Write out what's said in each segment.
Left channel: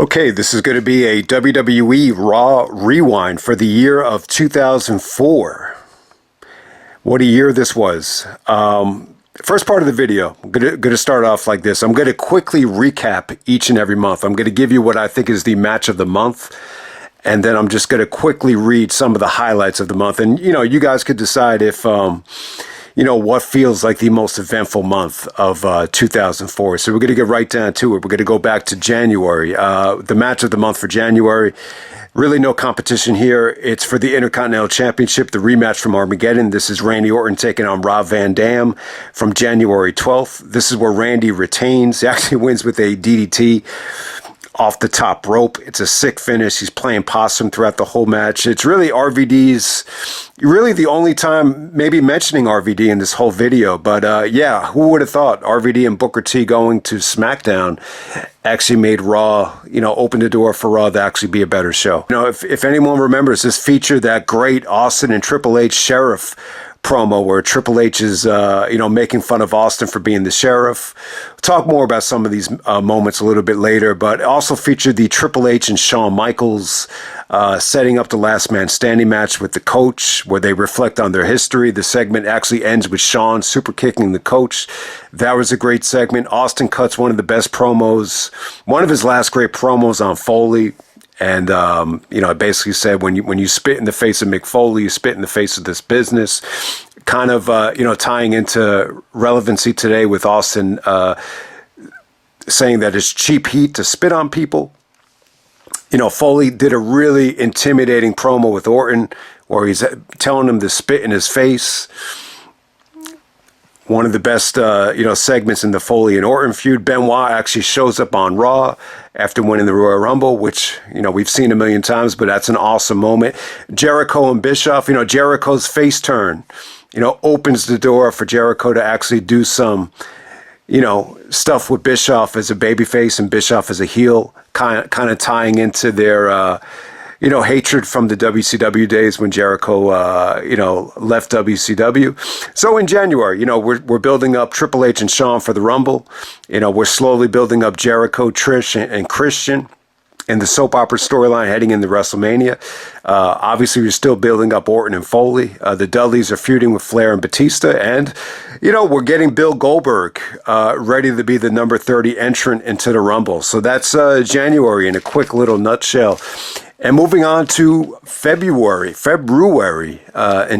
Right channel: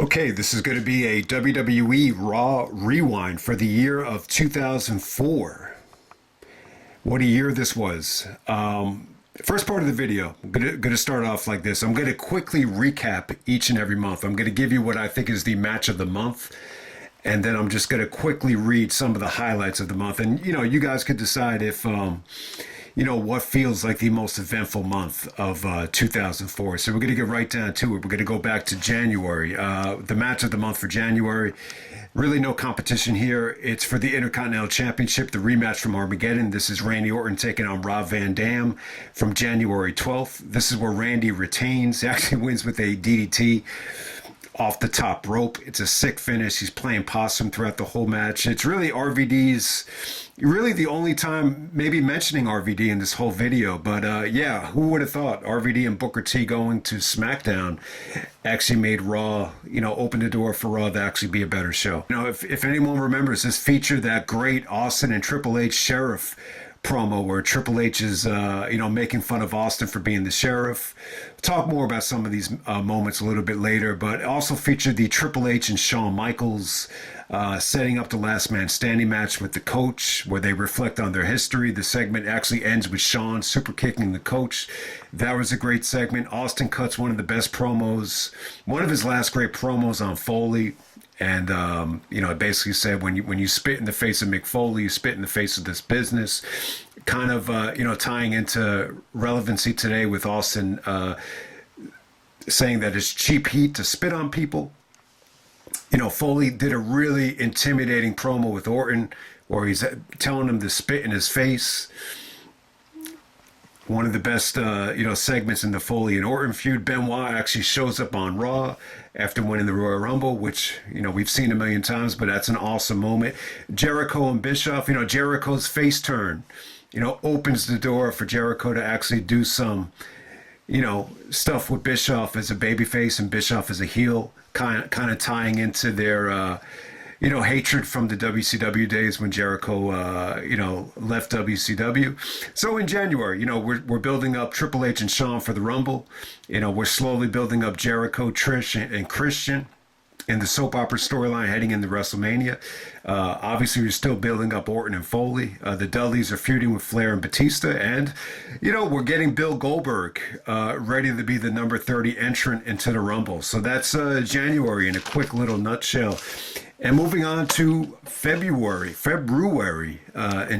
Okay, this is going to be a WWE RAW rewind for the year of 2004. What a year this was. First part of the video, I'm going to start off like this. I'm going to quickly recap each and every month. I'm going to give you what I think is the match of the month. And then I'm just going to quickly read some of the highlights of the month. And, you guys could decide if, what feels like the most eventful month of 2004. So we're going to get right down to it. We're going to go back to January. The match of the month for January, really no competition here. It's for the Intercontinental Championship, the rematch from Armageddon. This is Randy Orton taking on Rob Van Dam from January 12th. This is where Randy retains. He actually wins with a DDT off the top rope. It's a sick finish. He's playing possum throughout the whole match. It's really RVD's, really the only time maybe mentioning RVD in this whole video. But yeah, who would have thought RVD and Booker T going to Smackdown actually made Raw, opened the door for Raw to actually be a better show. If anyone remembers, this featured that great Austin and Triple H Sheriff promo where Triple H is, making fun of Austin for being the sheriff. We'll talk more about some of these moments a little bit later, but it also featured the Triple H and Shawn Michaels setting up the last man standing match with the coach where they reflect on their history. The segment actually ends with Shawn super kicking the coach. That was a great segment. Austin cuts one of the best promos, one of his last great promos on Foley. And, I basically said, when you spit in the face of Mick Foley, you spit in the face of this business, kind of, tying into relevancy today with Austin saying that it's cheap heat to spit on people. Foley did a really intimidating promo with Orton where he's telling him to spit in his face. One of the best, segments in the Foley and Orton feud. Benoit actually shows up on Raw after winning the Royal Rumble, which, we've seen a million times, but that's an awesome moment. Jericho and Bischoff, Jericho's face turn, opens the door for Jericho to actually do some, stuff with Bischoff as a babyface and Bischoff as a heel, kind of tying into their, hatred from the WCW days when Jericho, left WCW. So in January, we're building up Triple H and Shawn for the Rumble. We're slowly building up Jericho, Trish, and Christian in the soap opera storyline heading into WrestleMania. Obviously, we're still building up Orton and Foley. The Dudleys are feuding with Flair and Batista. And, we're getting Bill Goldberg ready to be the number 30 entrant into the Rumble. So that's January in a quick little nutshell. And moving on to February in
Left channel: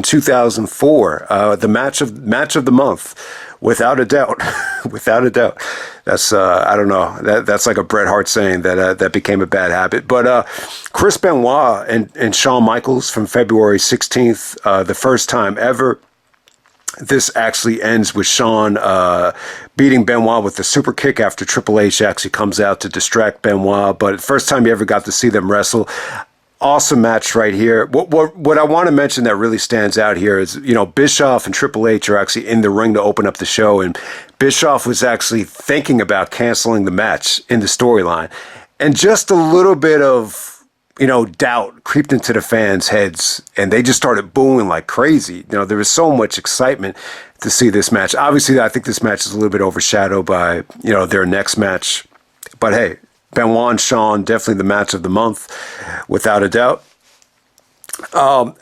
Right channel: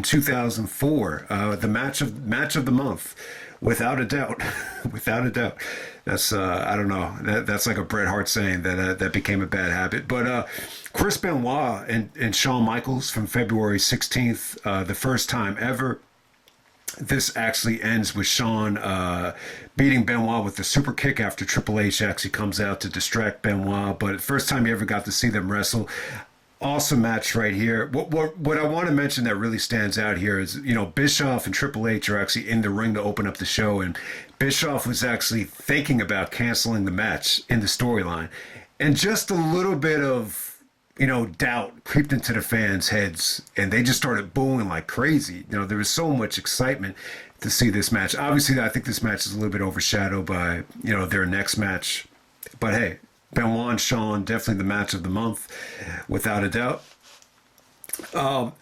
2004, the match of the month, without a doubt, without a doubt. That's I don't know. That's like a Bret Hart saying that became a bad habit. But Chris Benoit and Shawn Michaels from February 16th, the first time ever. This actually ends with Shawn beating Benoit with the super kick after Triple H actually comes out to distract Benoit. But first time you ever got to see them wrestle. Awesome match right here. What I want to mention that really stands out here is, Bischoff and Triple H are actually in the ring to open up the show. And Bischoff was actually thinking about canceling the match in the storyline. And just a little bit of doubt creeped into the fans' heads, and they just started booing like crazy. There was so much excitement to see this match. Obviously, I think this match is a little bit overshadowed by, their next match. But hey, Benoit and Shawn, definitely the match of the month, without a doubt. So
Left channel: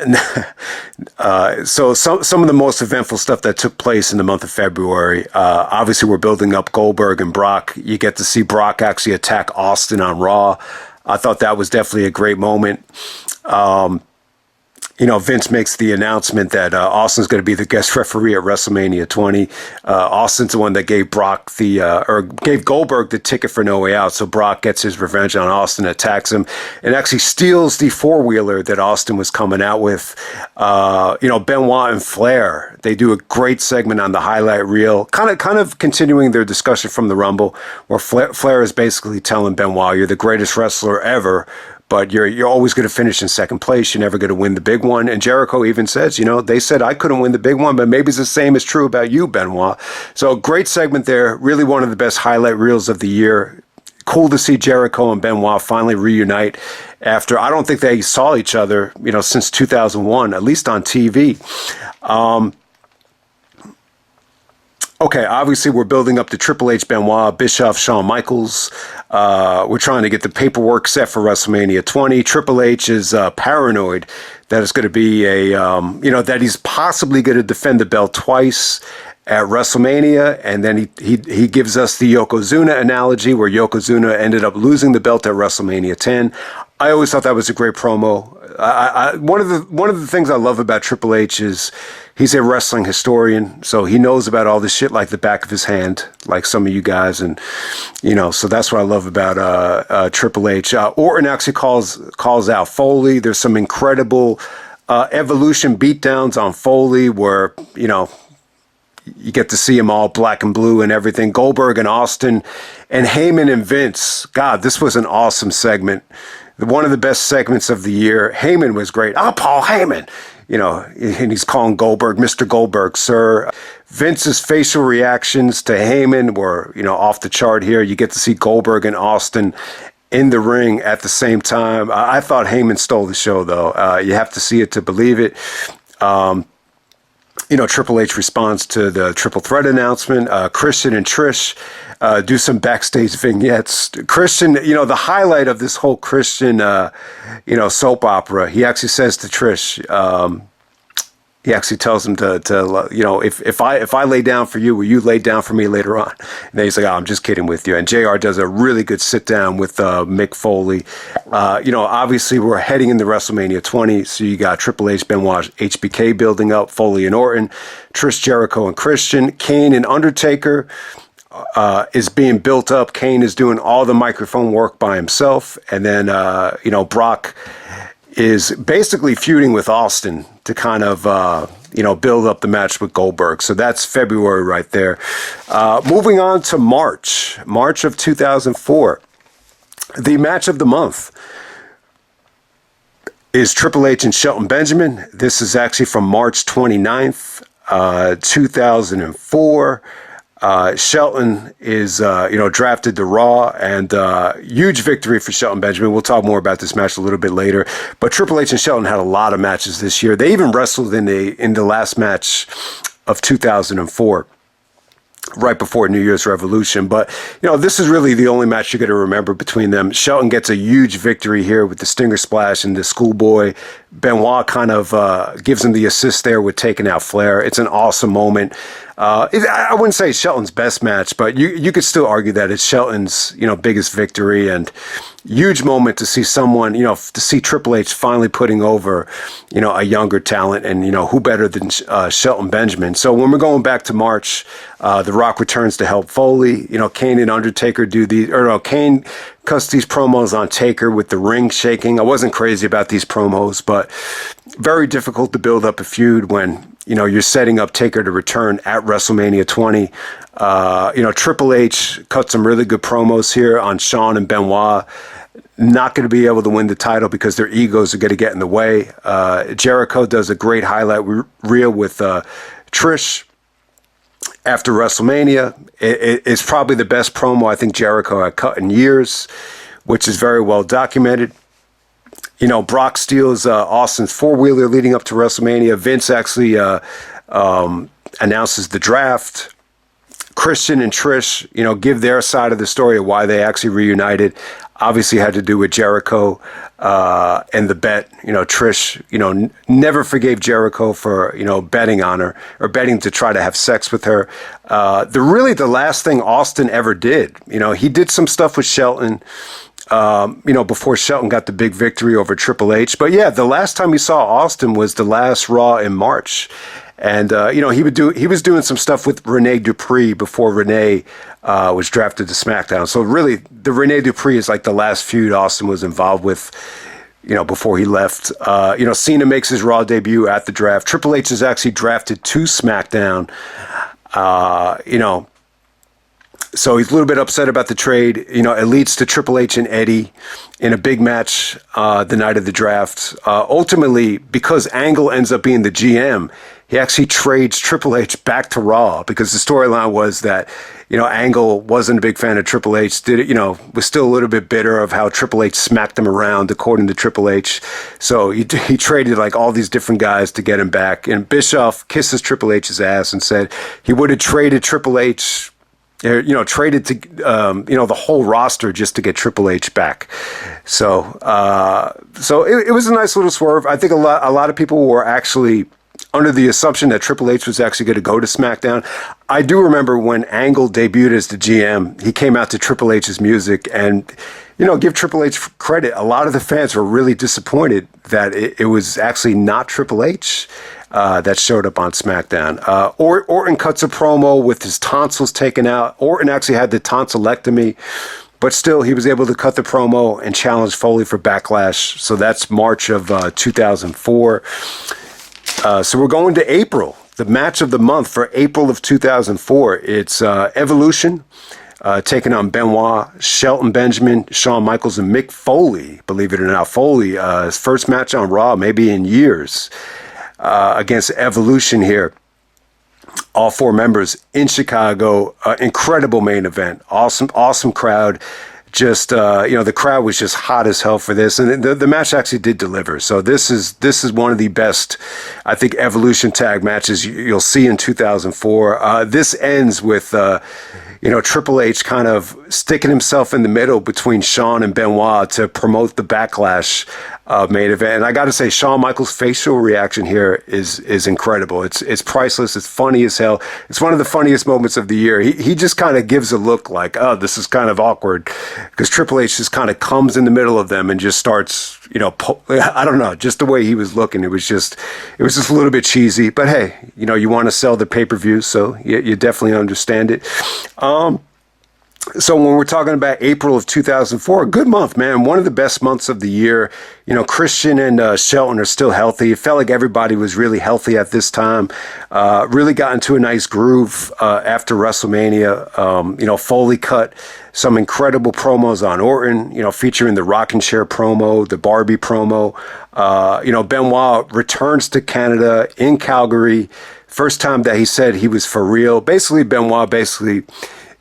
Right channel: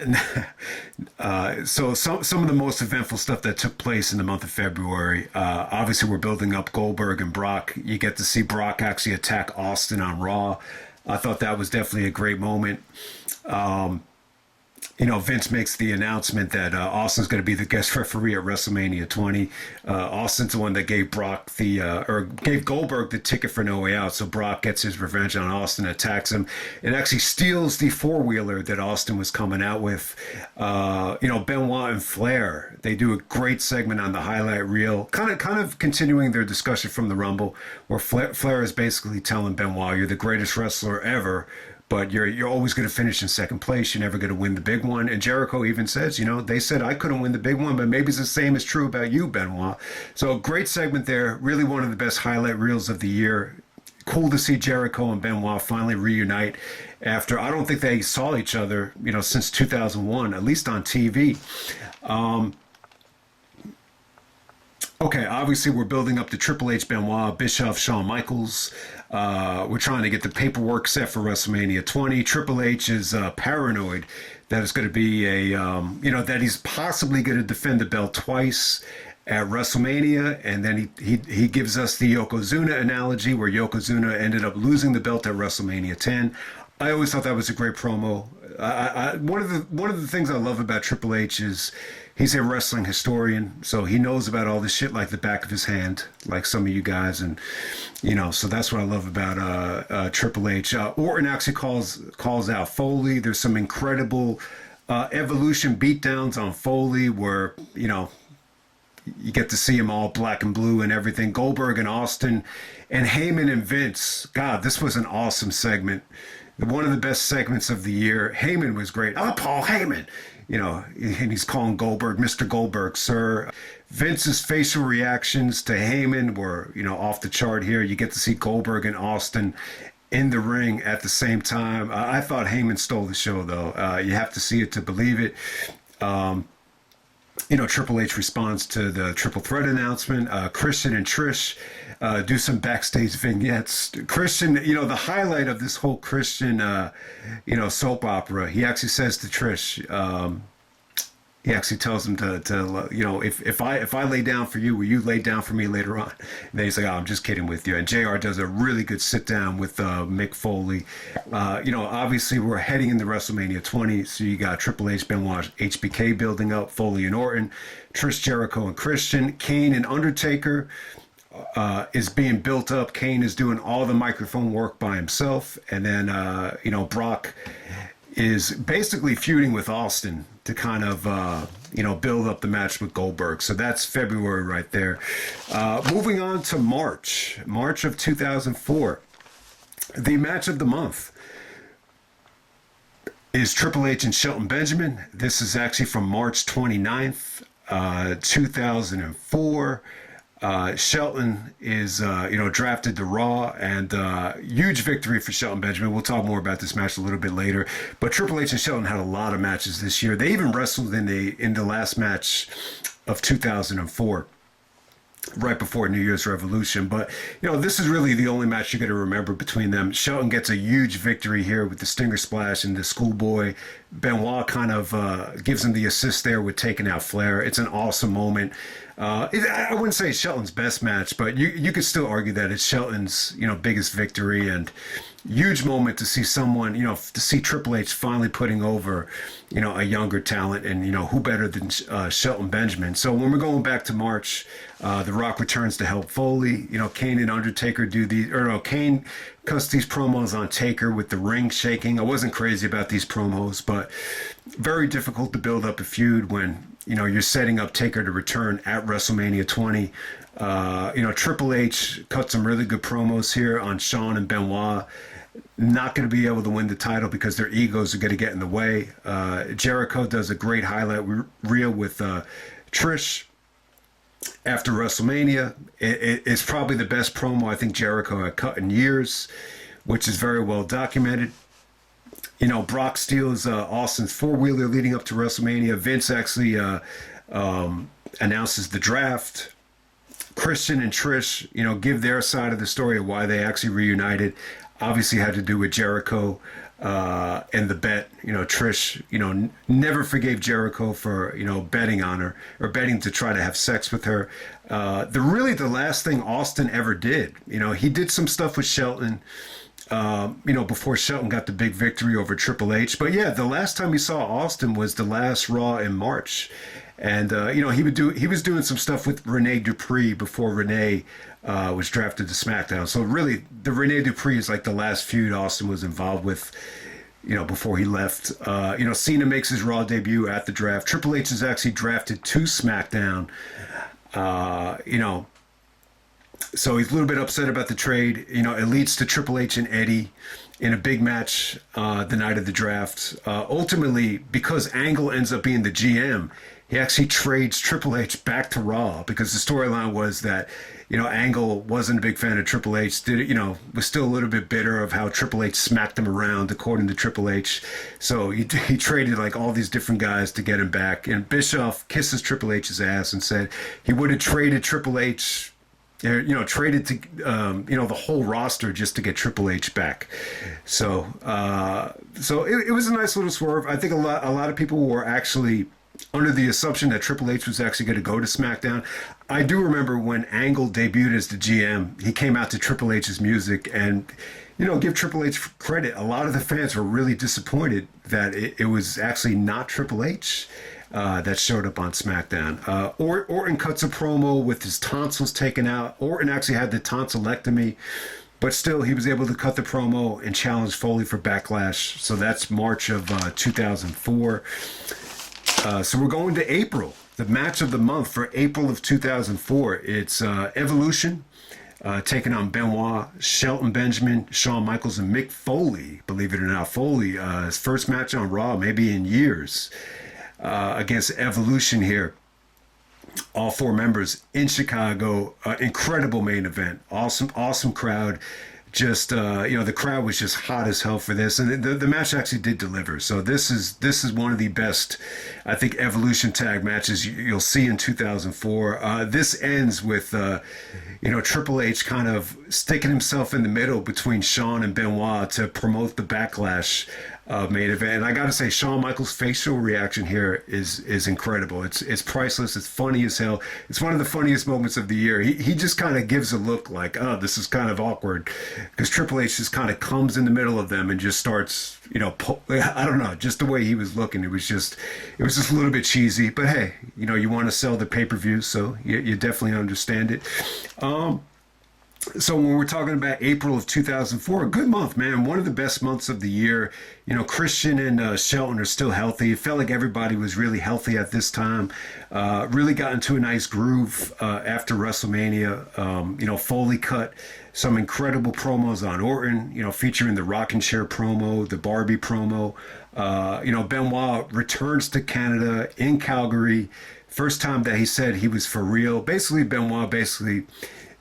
some of the most eventful stuff that took place in the month of February, obviously we're building up Goldberg and Brock. You get to see Brock actually attack Austin on Raw. I thought that was definitely a great moment. Vince makes the announcement that Austin's going to be the guest referee at WrestleMania 20. Austin's the one that gave gave Goldberg the ticket for No Way Out. So Brock gets his revenge on Austin, attacks him, and actually steals the four-wheeler that Austin was coming out with. Benoit and Flair, they do a great segment on the highlight reel, kind of continuing their discussion from the Rumble, where Flair is basically telling Benoit, "You're the greatest wrestler ever, but you're always going to finish in second place. You're never going to win the big one." And Jericho even says, they said I couldn't win the big one, but maybe it's the same is true about you, Benoit. So great segment there. Really one of the best highlight reels of the year. Cool to see Jericho and Benoit finally reunite after, I don't think they saw each other, since 2001, at least on TV. Okay, obviously we're building up to Triple H, Benoit, Bischoff, Shawn Michaels. We're trying to get the paperwork set for WrestleMania 20. Triple H is paranoid that it's going to be that he's possibly going to defend the belt twice at WrestleMania, and then he gives us the Yokozuna analogy where Yokozuna ended up losing the belt at WrestleMania 10. I always thought that was a great promo. One of the things I love about Triple H is he's a wrestling historian, so he knows about all this shit like the back of his hand, like some of you guys, and so that's what I love about Triple H. Orton actually calls out Foley. There's some incredible Evolution beatdowns on Foley where you get to see him all black and blue and everything. Goldberg and Austin and Heyman and Vince. God, this was an awesome segment. One of the best segments of the year. Heyman was great. Oh, Paul Heyman. And he's calling Goldberg, Mr. Goldberg, sir. Vince's facial reactions to Heyman were, off the chart here. You get to see Goldberg and Austin in the ring at the same time. I thought Heyman stole the show, though. You have to see it to believe it. Triple H responds to the triple threat announcement. Christian and Trish do some backstage vignettes. Christian, the highlight of this whole Christian, soap opera, he actually says to Trish, he actually tells him to if I lay down for you, will you lay down for me later on? And then he's like, oh, I'm just kidding with you. And JR does a really good sit down with Mick Foley. Obviously we're heading into WrestleMania 20, so you got Triple H, Benoit, HBK building up, Foley and Orton, Trish, Jericho, and Christian, Kane and Undertaker is being built up. Kane is doing all the microphone work by himself, and then Brock is basically feuding with Austin to kind of, build up the match with Goldberg. So that's February right there. Moving on to March of 2004. The match of the month is Triple H and Shelton Benjamin. This is actually from March 29th, 2004. Shelton is, drafted to Raw, and huge victory for Shelton Benjamin. We'll talk more about this match a little bit later. But Triple H and Shelton had a lot of matches this year. They even wrestled in the last match of 2004, right before New Year's Revolution. But, this is really the only match you're going to remember between them. Shelton gets a huge victory here with the Stinger Splash and the Schoolboy. Benoit kind of gives him the assist there with taking out Flair. It's an awesome moment. I wouldn't say Shelton's best match, but you could still argue that it's Shelton's, biggest victory, and huge moment to see someone, to see Triple H finally putting over, a younger talent, and, who better than Shelton Benjamin. So when we're going back to March, The Rock returns to help Foley. Kane and Undertaker Kane cuts these promos on Taker with the ring shaking. I wasn't crazy about these promos, but very difficult to build up a feud when, you're setting up Taker to return at WrestleMania 20. Triple H cut some really good promos here on Shawn and Benoit. Not going to be able to win the title because their egos are going to get in the way. Jericho does a great highlight reel with Trish after WrestleMania. It's probably the best promo I think Jericho had cut in years, which is very well documented. Brock steals Austin's four-wheeler leading up to WrestleMania. Vince actually announces the draft. Christian and Trish, give their side of the story of why they actually reunited. Obviously had to do with Jericho and the bet. Trish, never forgave Jericho for, betting on her or betting to try to have sex with her. The last thing Austin ever did, he did some stuff with Shelton, before Shelton got the big victory over Triple H. But yeah, the last time we saw Austin was the last Raw in March. And, he was doing some stuff with Rene Dupree before Rene was drafted to SmackDown. So really, the Rene Dupree is like the last feud Austin was involved with, before he left. Cena makes his Raw debut at the draft. Triple H is actually drafted to SmackDown. So he's a little bit upset about the trade. It leads to Triple H and Eddie in a big match the night of the draft. Ultimately, because Angle ends up being the GM, he actually trades Triple H back to Raw because the storyline was that, Angle wasn't a big fan of Triple H, was still a little bit bitter of how Triple H smacked him around, according to Triple H. So he traded like all these different guys to get him back. And Bischoff kisses Triple H's ass and said he would have traded Triple H traded to, the whole roster just to get Triple H back. So, it was a nice little swerve. I think a lot of people were actually under the assumption that Triple H was actually going to go to SmackDown. I do remember when Angle debuted as the GM, he came out to Triple H's music, and give Triple H credit. A lot of the fans were really disappointed that it was actually not Triple H that showed up on SmackDown. Orton cuts a promo with his tonsils taken out. Orton actually had the tonsillectomy, but still he was able to cut the promo and challenge Foley for Backlash. So that's March of 2004. So we're going to April, the match of the month for April of 2004. It's Evolution. Taking on Benoit, Shelton Benjamin, Shawn Michaels, and Mick Foley. Believe it or not, Foley, his first match on Raw, maybe in years, against Evolution here. All four members in Chicago. Incredible main event. Awesome crowd. Just the crowd was just hot as hell for this, and the match actually did deliver. So this is one of the best, I think, Evolution tag matches you'll see in 2004. This ends with Triple H kind of sticking himself in the middle between Shawn and Benoit to promote the Backlash main event. And I got to say, Shawn Michaels' facial reaction here is incredible. It's priceless. It's funny as hell. It's one of the funniest moments of the year. He just kind of gives a look like, oh, this is kind of awkward, because Triple H just kind of comes in the middle of them and just starts, I don't know, just the way he was looking. It was just a little bit cheesy. But hey, you want to sell the pay-per-view, so you definitely understand it. So when we're talking about April of 2004, a good month, man. One of the best months of the year. Christian and Shelton are still healthy. It felt like everybody was really healthy at this time. Really got into a nice groove after WrestleMania. Foley cut some incredible promos on Orton, featuring the rocking chair promo, the Barbie promo. Benoit returns to Canada in Calgary. First time that he said he was for real. Benoit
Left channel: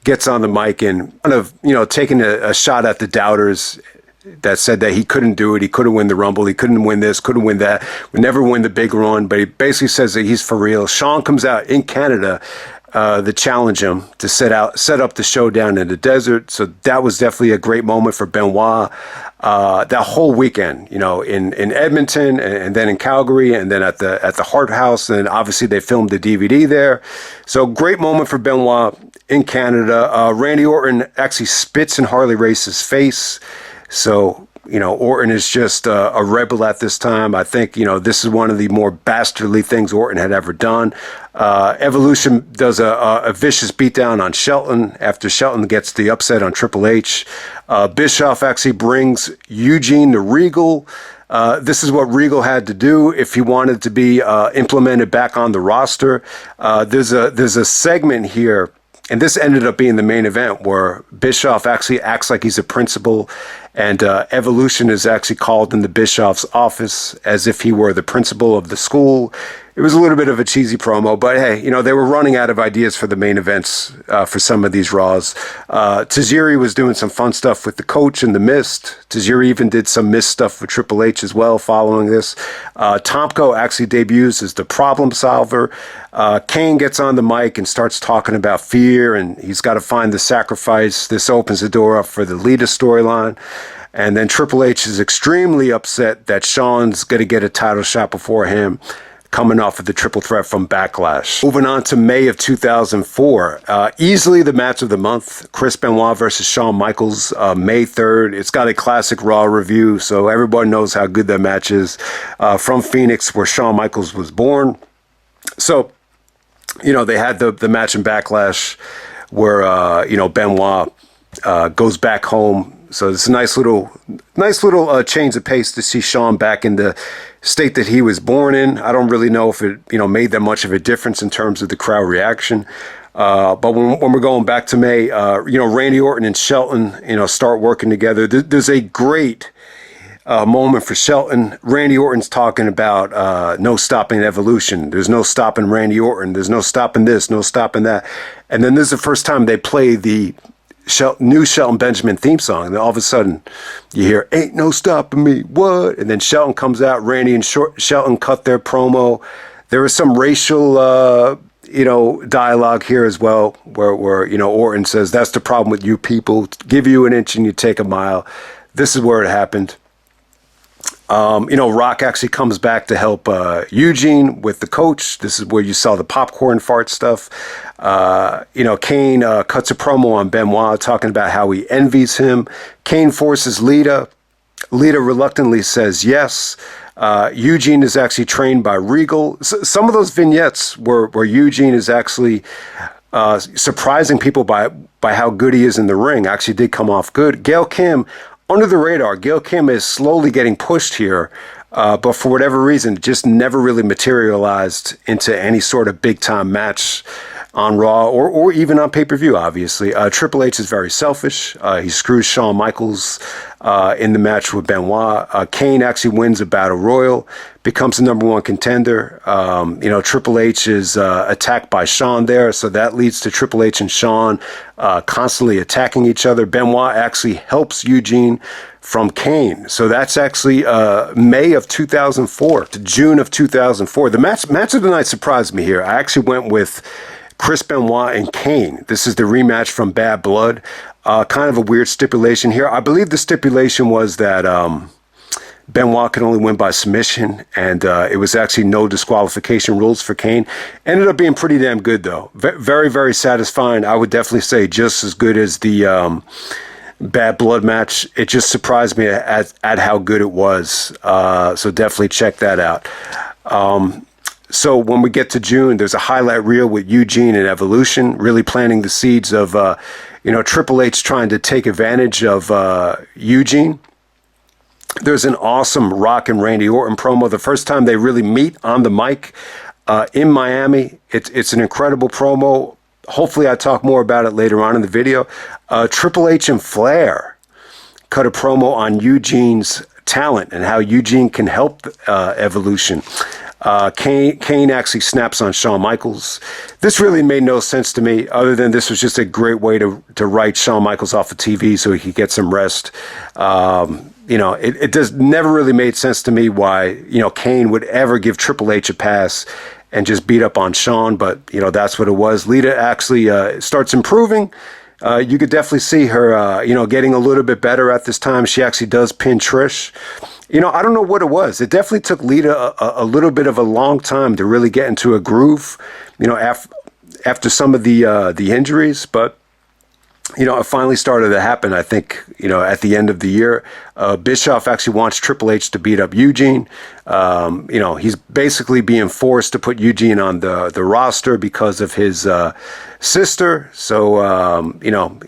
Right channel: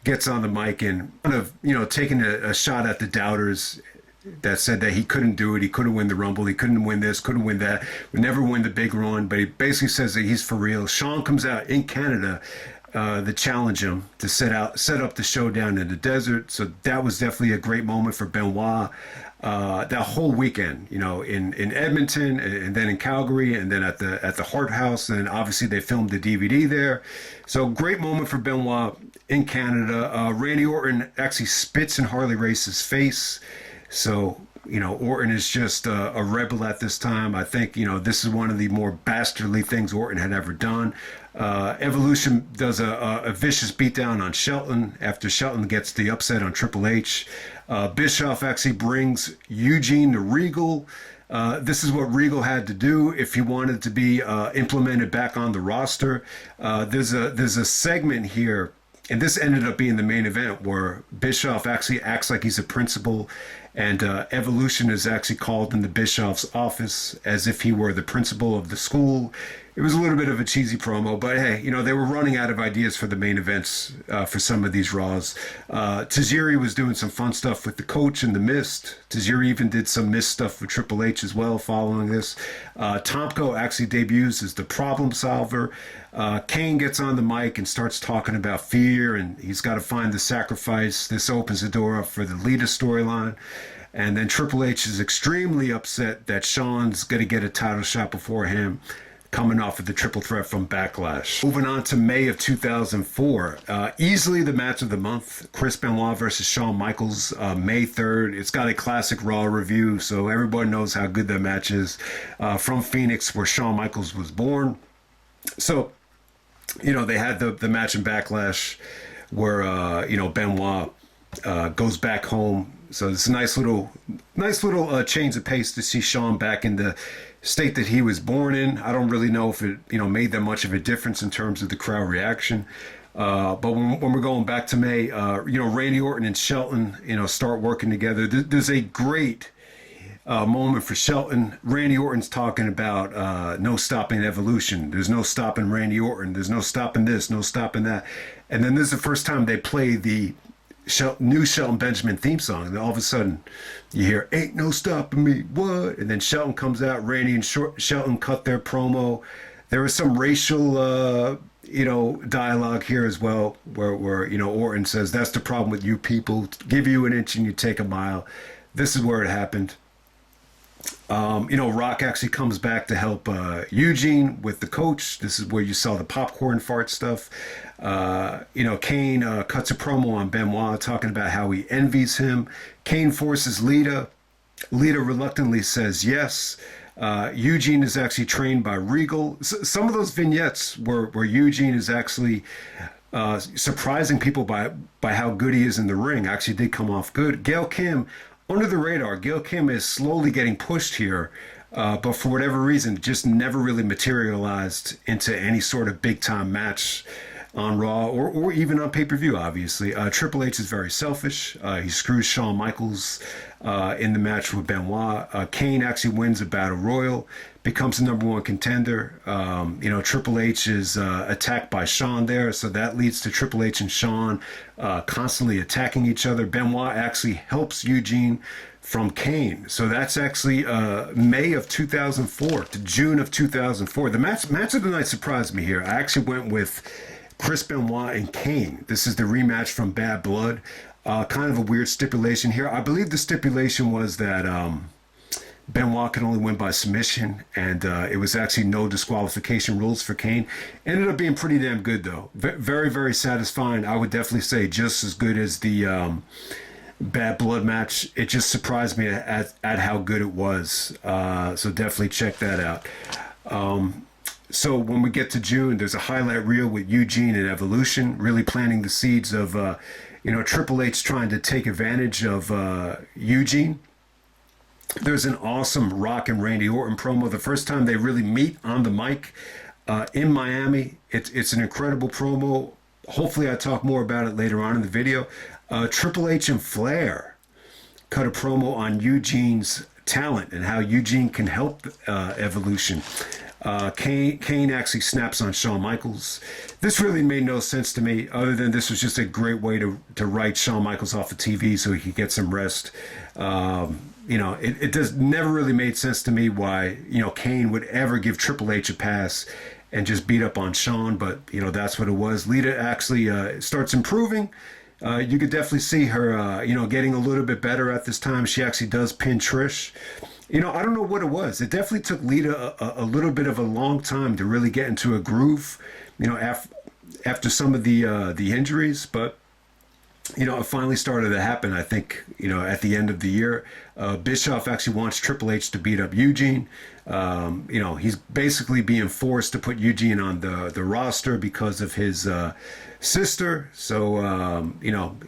gets on the mic and kind of, taking a shot at the doubters that said that he couldn't do it. He couldn't win the Rumble. He couldn't win this, couldn't win that, would never win the big run. But he basically says that he's for real. Shawn comes out in Canada to challenge him to set up the showdown in the desert. So that was definitely a great moment for Benoit. That whole weekend, in Edmonton and then in Calgary and then at the Hart House, and obviously they filmed the DVD there. So great moment for Benoit in Canada. Randy Orton actually spits in Harley Race's face. So, Orton is just a rebel at this time. I think, this is one of the more bastardly things Orton had ever done. Evolution does a vicious beatdown on Shelton after Shelton gets the upset on Triple H. Bischoff actually brings Eugene to Regal. This is what Regal had to do if he wanted to be implemented back on the roster. There's a segment here, and this ended up being the main event, where Bischoff actually acts like he's a principal, and Evolution is actually called into Bischoff's office as if he were the principal of the school. It was a little bit of a cheesy promo, but hey, they were running out of ideas for the main events for some of these Raws. Tajiri was doing some fun stuff with the coach and the Mist. Tajiri even did some Mist stuff with Triple H as well following this. Tomko actually debuts as the problem solver. Kane gets on the mic and starts talking about fear, and he's got to find the sacrifice. This opens the door up for the Lita storyline. And then Triple H is extremely upset that Shawn's going to get a title shot before him, coming off of the triple threat from Backlash. Moving on to May of 2004. Easily the match of the month. Chris Benoit versus Shawn Michaels, May 3rd. It's got a classic Raw review, so everybody knows how good that match is. From Phoenix, where Shawn Michaels was born. So, they had the match in Backlash where, Benoit goes back home. So it's a nice little change of pace to see Shawn back in the state that he was born in. I don't really know if it, made that much of a difference in terms of the crowd reaction. But when we're going back to May, Randy Orton and Shelton, start working together. There's a great moment for Shelton. Randy Orton's talking about no stopping Evolution. There's no stopping Randy Orton. There's no stopping this, no stopping that. And then this is the first time they play the new Shelton Benjamin theme song. And then all of a sudden you hear, "Ain't no stopping me, what?" And then Shelton comes out. Randy and Shelton cut their promo. There was some racial dialogue here as well, where Orton says, "That's the problem with you people. Give you an inch and you take a mile." This is where it happened. Rock actually comes back to help Eugene with the coach. This is where you saw the popcorn fart stuff. Kane cuts a promo on Benoit talking about how he envies him. Kane forces Lita. Lita reluctantly says yes. Eugene is actually trained by Regal. Some of those vignettes where Eugene is actually surprising people by how good he is in the ring actually did come off good. Gail Kim, under the radar. Gail Kim is slowly getting pushed here, but for whatever reason, just never really materialized into any sort of big time match on Raw or even on pay-per-view, obviously. Triple H is very selfish. He screws Shawn Michaels in the match with Benoit. Kane actually wins a battle royal, becomes the #1 contender. Triple H is attacked by Shawn there, so that leads to Triple H and Shawn constantly attacking each other. Benoit actually helps Eugene from Kane. So that's actually May of 2004 to June of 2004. The match of the night surprised me here. I actually went with Chris Benoit and Kane. This is the rematch from Bad Blood. Kind of a weird stipulation here. I believe the stipulation was that Benoit could only win by submission, and it was actually no disqualification rules for Kane. Ended up being pretty damn good, though. Very, very satisfying. I would definitely say just as good as the Bad Blood match. It just surprised me at how good it was. So definitely check that out. So when we get to June, there's a highlight reel with Eugene and Evolution, really planting the seeds of, Triple H trying to take advantage of Eugene. There's an awesome Rock and Randy Orton promo. The first time they really meet on the mic in Miami. It's an incredible promo. Hopefully I talk more about it later on in the video. Triple H and Flair cut a promo on Eugene's talent and how Eugene can help Evolution. Kane actually snaps on Shawn Michaels. This really made no sense to me, other than this was just a great way to write Shawn Michaels off of TV so he could get some rest. It does never really made sense to me why, Kane would ever give Triple H a pass and just beat up on Shawn, but, that's what it was. Lita actually starts improving. You could definitely see her, getting a little bit better at this time. She actually does pin Trish. I don't know what it was. It definitely took Lita a little bit of a long time to really get into a groove, after some of the injuries. But, it finally started to happen, I think, at the end of the year. Bischoff actually wants Triple H to beat up Eugene. He's basically being forced to put Eugene on the roster because of his sister. So,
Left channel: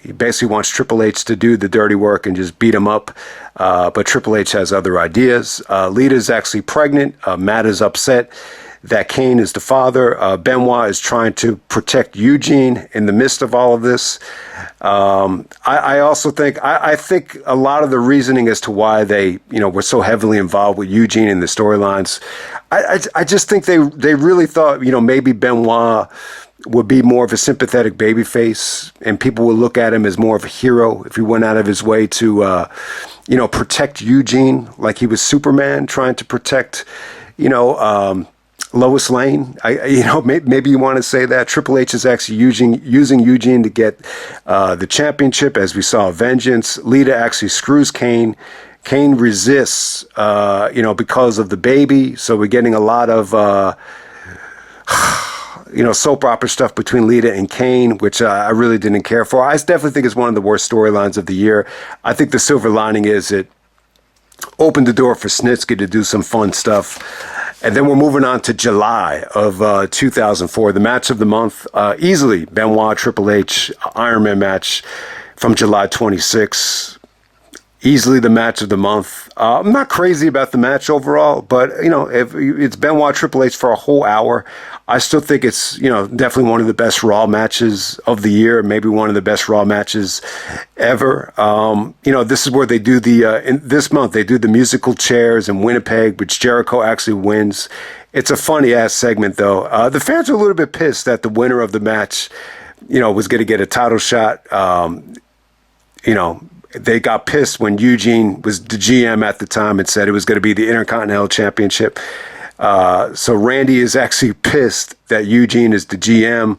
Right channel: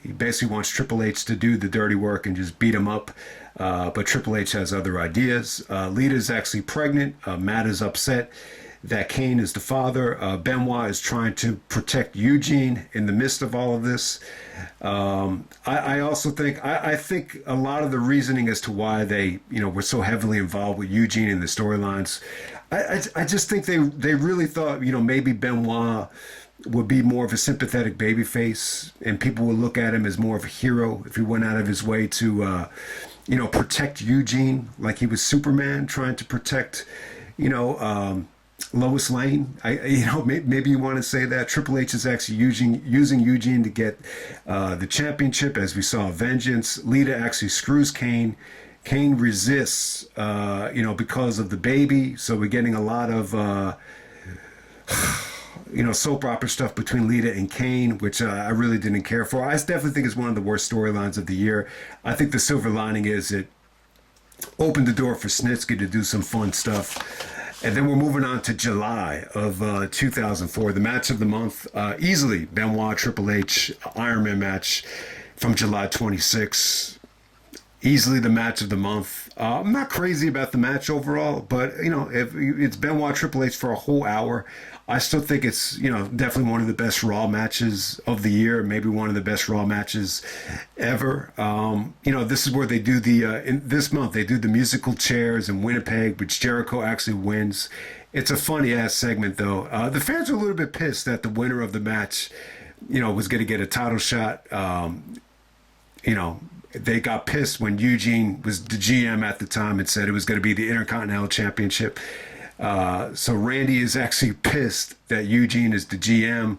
he basically wants Triple H to do the dirty work and just beat him up. But Triple H has other ideas. Lita's actually pregnant. Matt is upset that Kane is the father. Benoit is trying to protect Eugene in the midst of all of this. I also think, I think a lot of the reasoning as to why they, were so heavily involved with Eugene in the storylines, I just think they really thought, maybe Benoit would be more of a sympathetic babyface and people would look at him as more of a hero if he went out of his way to, protect Eugene like he was Superman trying to protect, Lois Lane. Maybe you want to say that. Triple H is actually using Eugene to get the championship, as we saw Vengeance. Lita actually screws Kane. Kane resists, because of the baby. So we're getting a lot of, soap opera stuff between Lita and Kane, which I really didn't care for. I definitely think it's one of the worst storylines of the year. I think the silver lining is it opened the door for Snitsky to do some fun stuff. And then we're moving on to July of 2004, the match of the month, easily Benoit Triple H Iron Man match from July 26. Easily the match of the month. I'm not crazy about the match overall, but if it's Benoit Triple H for a whole hour, I still think it's, definitely one of the best Raw matches of the year, maybe one of the best Raw matches ever. This is where they do this month, they do the musical chairs in Winnipeg, which Jericho actually wins. It's a funny ass segment though. The fans are a little bit pissed that the winner of the match, was going to get a title shot. They got pissed when Eugene was the GM at the time and said it was going to be the Intercontinental Championship. So Randy is actually pissed that Eugene is the GM.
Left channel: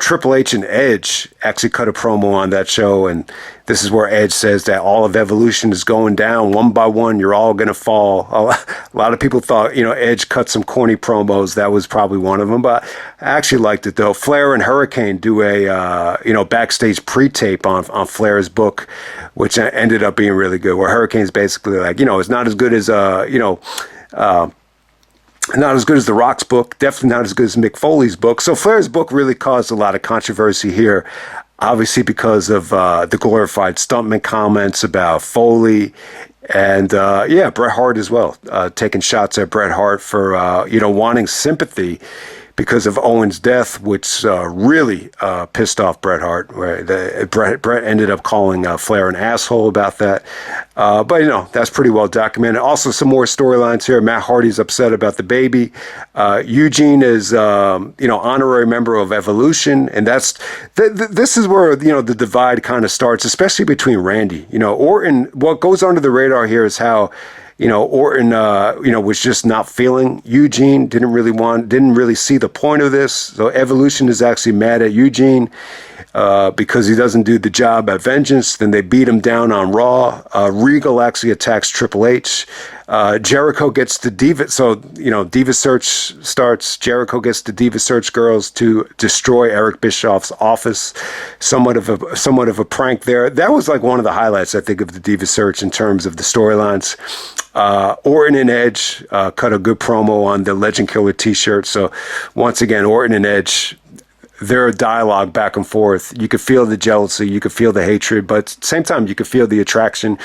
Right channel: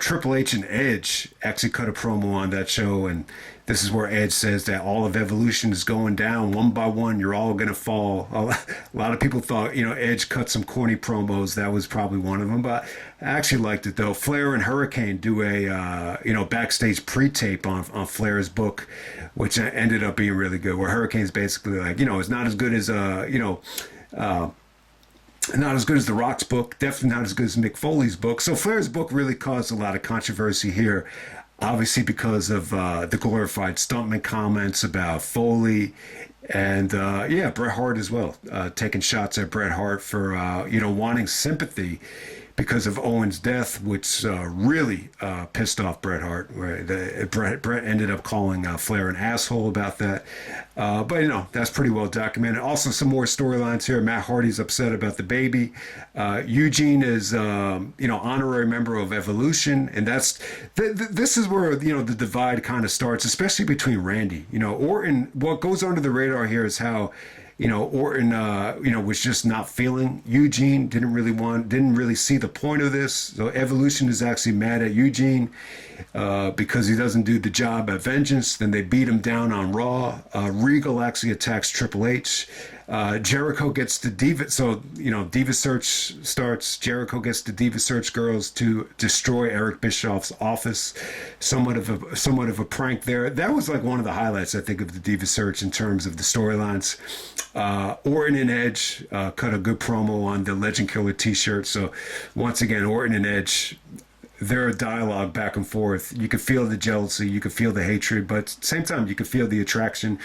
Triple H and Edge actually cut a promo on that show, and this is where Edge says that all of Evolution is going down one by one. You're all going to fall. A lot of people thought, Edge cut some corny promos. That was probably one of them, but I actually liked it, though. Flair and Hurricane do a, backstage pre-tape on Flair's book, which ended up being really good, where Hurricane's basically like, it's not as good as, not as good as The Rock's book, definitely not as good as Mick Foley's book. So Flair's book really caused a lot of controversy here, obviously because of the glorified stuntman comments about Foley. And, Bret Hart as well, taking shots at Bret Hart for, wanting sympathy because of Owen's death, which really pissed off Bret Hart. Bret ended up calling Flair an asshole about that. But that's pretty well documented. Also, some more storylines here. Matt Hardy's upset about the baby. Eugene is, honorary member of Evolution. And this is where, the divide kind of starts, especially between Randy. Orton, what goes under the radar here is how, Orton, was just not feeling Eugene, didn't really see the point of this. So Evolution is actually mad at Eugene because he doesn't do the job at Vengeance. Then they beat him down on Raw. Regal actually attacks Triple H. Jericho gets the Diva. So, Diva Search starts. Jericho gets the Diva Search girls to destroy Eric Bischoff's office. Somewhat of a prank there. That was like one of the highlights, I think, of the Diva Search in terms of the storylines. Orton and Edge cut a good promo on the Legend Killer t-shirt. So once again, Orton and Edge, their dialogue back and forth, you could feel the jealousy, you could feel the hatred, but at the same time, you could feel the attraction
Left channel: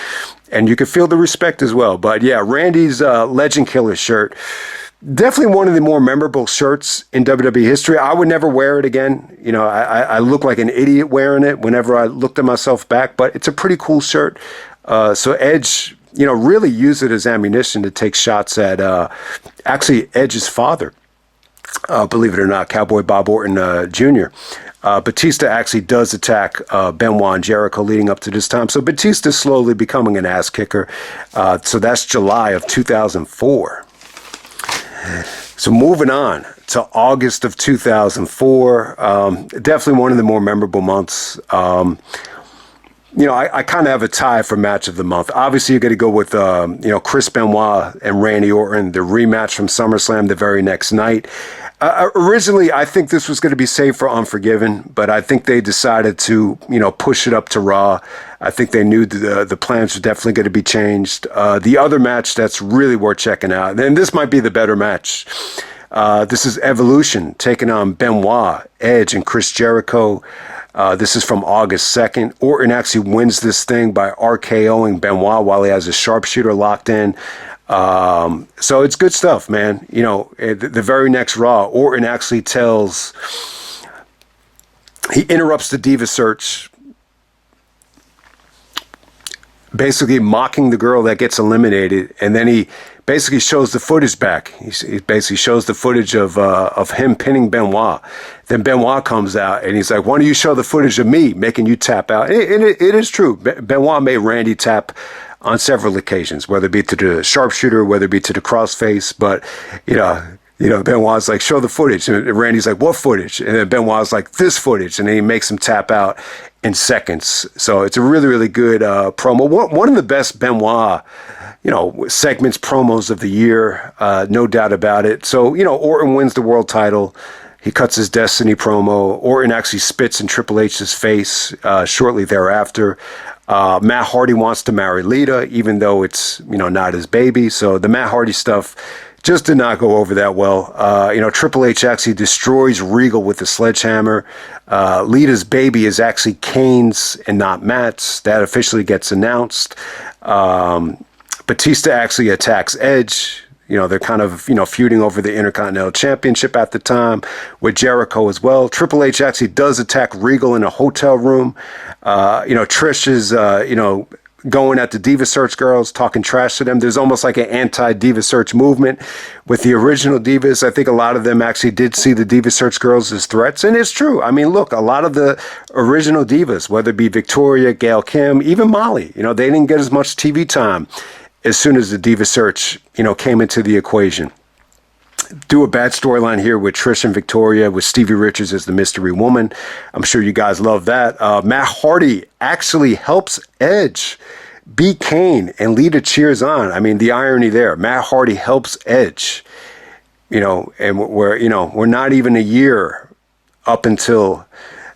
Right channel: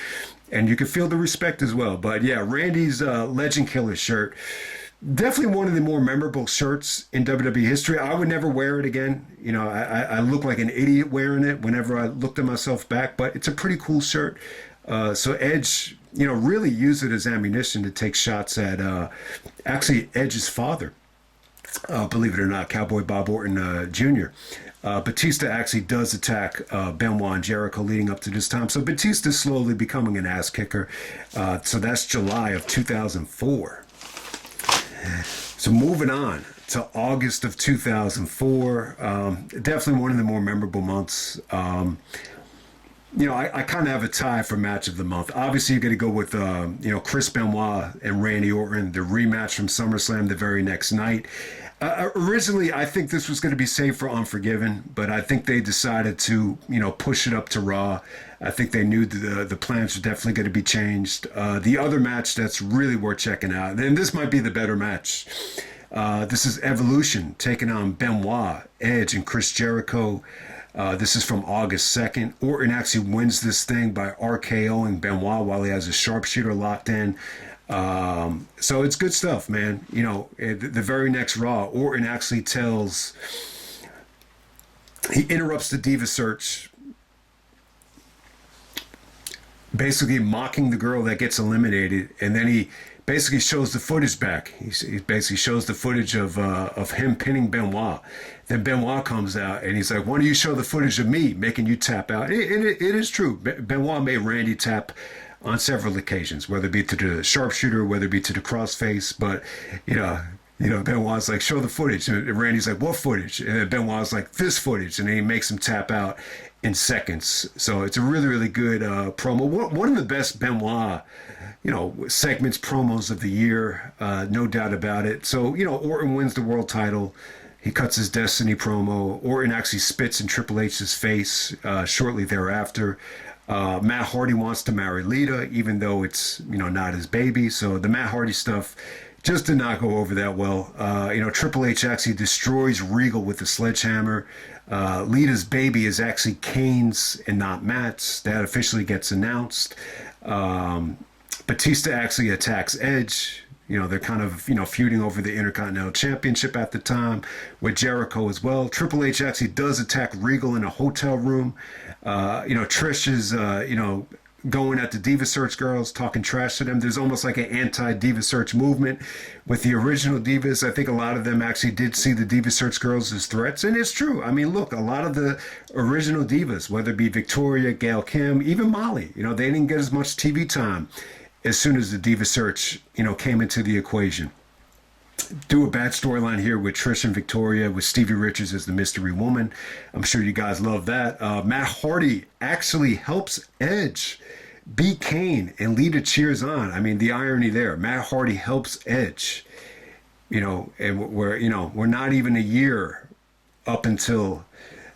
and you could feel the respect as well. But yeah, Randy's Legend Killer shirt, definitely one of the more memorable shirts in WWE history. I would never wear it again. I look like an idiot wearing it whenever I looked at myself back, but it's a pretty cool shirt. So Edge, really used it as ammunition to take shots at actually Edge's father. Believe it or not, Cowboy Bob Orton Jr. Batista actually does attack Benoit and Jericho leading up to this time. So Batista's slowly becoming an ass kicker. So that's July of 2004. So moving on to August of 2004. Definitely one of the more memorable months. I kind of have a tie for match of the month. Obviously, you're going to go with, Chris Benoit and Randy Orton, the rematch from SummerSlam the very next night. Originally, I think this was going to be saved for Unforgiven, but I think they decided to, push it up to Raw. I think they knew the plans were definitely going to be changed. The other match that's really worth checking out, and this might be the better match. This is Evolution taking on Benoit, Edge, and Chris Jericho. This is from August 2nd. Orton actually wins this thing by RKOing Benoit while he has a sharpshooter locked in. So it's good stuff, man. The very next Raw, Orton actually he interrupts the Diva Search, basically mocking the girl that gets eliminated, and then he basically shows the footage back. He basically shows the footage of him pinning Benoit. Then Benoit comes out and he's like, "Why don't you show the footage of me making you tap out?" It is true. Benoit made Randy tap on several occasions, whether it be to the sharpshooter, whether it be to the crossface. But Benoit's like, "Show the footage," and Randy's like, "What footage?" And then Benoit's like, "This footage," and then he makes him tap out in seconds. So it's a really, really good promo. One of the best Benoit segments, promos of the year, no doubt about it. So, Orton wins the world title. He cuts his Destiny promo. Orton actually spits in Triple H's face shortly thereafter. Matt Hardy wants to marry Lita, even though it's, not his baby. So the Matt Hardy stuff just did not go over that well. Triple H actually destroys Regal with a sledgehammer. Lita's baby is actually Kane's and not Matt's. That officially gets announced. Batista actually attacks Edge. They're kind of, feuding over the Intercontinental Championship at the time with Jericho as well. Triple H actually does attack Regal in a hotel room. Trish is, going at the Diva Search girls, talking trash to them. There's almost like an anti-Diva Search movement with the original Divas. I think a lot of them actually did see the Diva Search girls as threats. And it's true. I mean, look, a lot of the original Divas, whether it be Victoria, Gail Kim, even Molly, they didn't get as much TV time as soon as the Diva Search, came into the equation. do a bad storyline here with Trish and Victoria with Stevie Richards as the mystery woman. I'm sure you guys love that. Matt Hardy actually helps Edge beat Kane, and Lita cheers on. I mean, the irony there. Matt Hardy helps Edge, and we're not even a year up until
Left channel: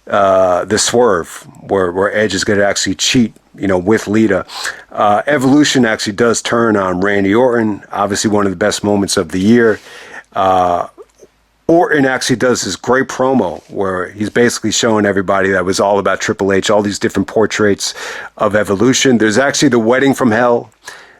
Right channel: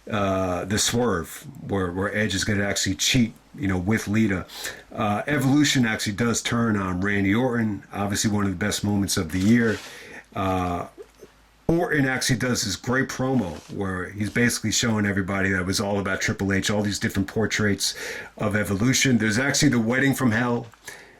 the swerve where Edge is going to actually cheat, with Lita. Evolution actually does turn on Randy Orton, obviously one of the best moments of the year. Orton actually does this great promo where he's basically showing everybody that it was all about Triple H, all these different portraits of Evolution. There's actually the wedding from hell,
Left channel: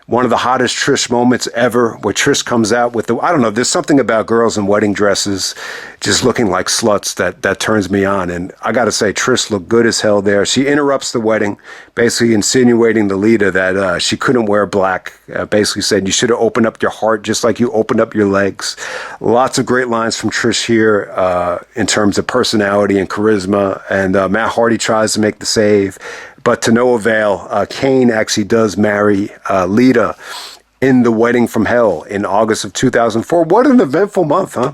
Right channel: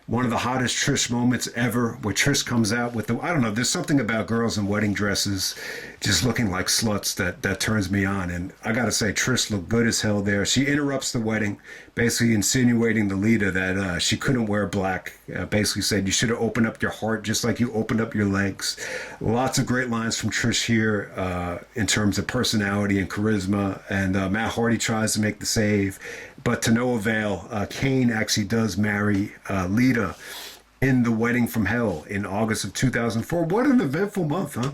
one of the hottest Trish moments ever, where Trish comes out with I don't know, there's something about girls in wedding dresses just looking like sluts that turns me on. And I got to say, Trish looked good as hell there. She interrupts the wedding, basically insinuating to Lita that she couldn't wear black. Basically said, you should have opened up your heart just like you opened up your legs. Lots of great lines from Trish here in terms of personality and charisma. And Matt Hardy tries to make the save, but to no avail. Kane actually does marry Lita in the wedding from hell in August of 2004. What an eventful month, huh?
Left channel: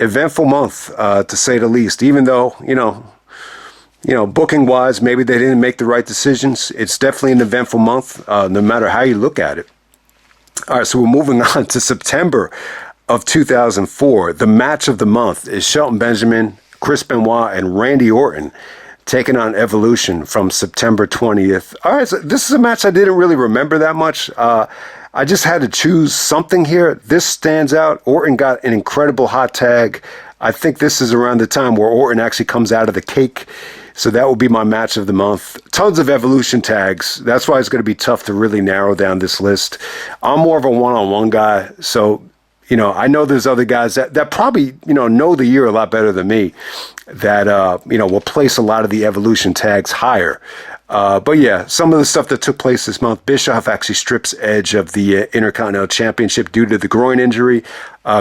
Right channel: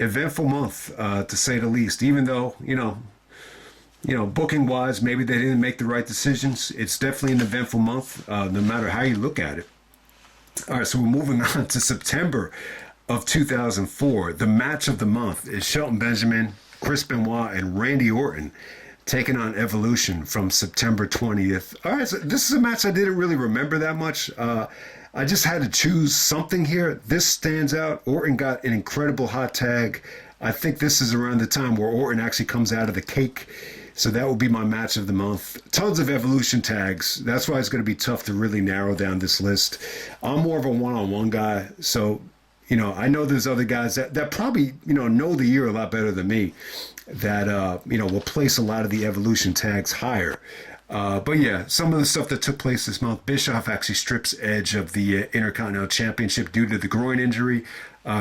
Eventful month, to say the least. Even though, booking wise, maybe they didn't make the right decisions. It's definitely an eventful month, no matter how you look at it. All right, so we're moving on to September of 2004. The match of the month is Shelton Benjamin, Chris Benoit, and Randy Orton taking on Evolution from September 20th. All right, so this is a match I didn't really remember that much. I just had to choose something here. This stands out. Orton got an incredible hot tag. I think this is around the time where Orton actually comes out of the cake. So that will be my match of the month. Tons of Evolution tags. That's why it's going to be tough to really narrow down this list. I'm more of a one-on-one guy. So, I know there's other guys that probably, know the year a lot better than me that, will place a lot of the Evolution tags higher. But yeah, some of the stuff that took place this month, Bischoff actually strips Edge of the Intercontinental Championship due to the groin injury.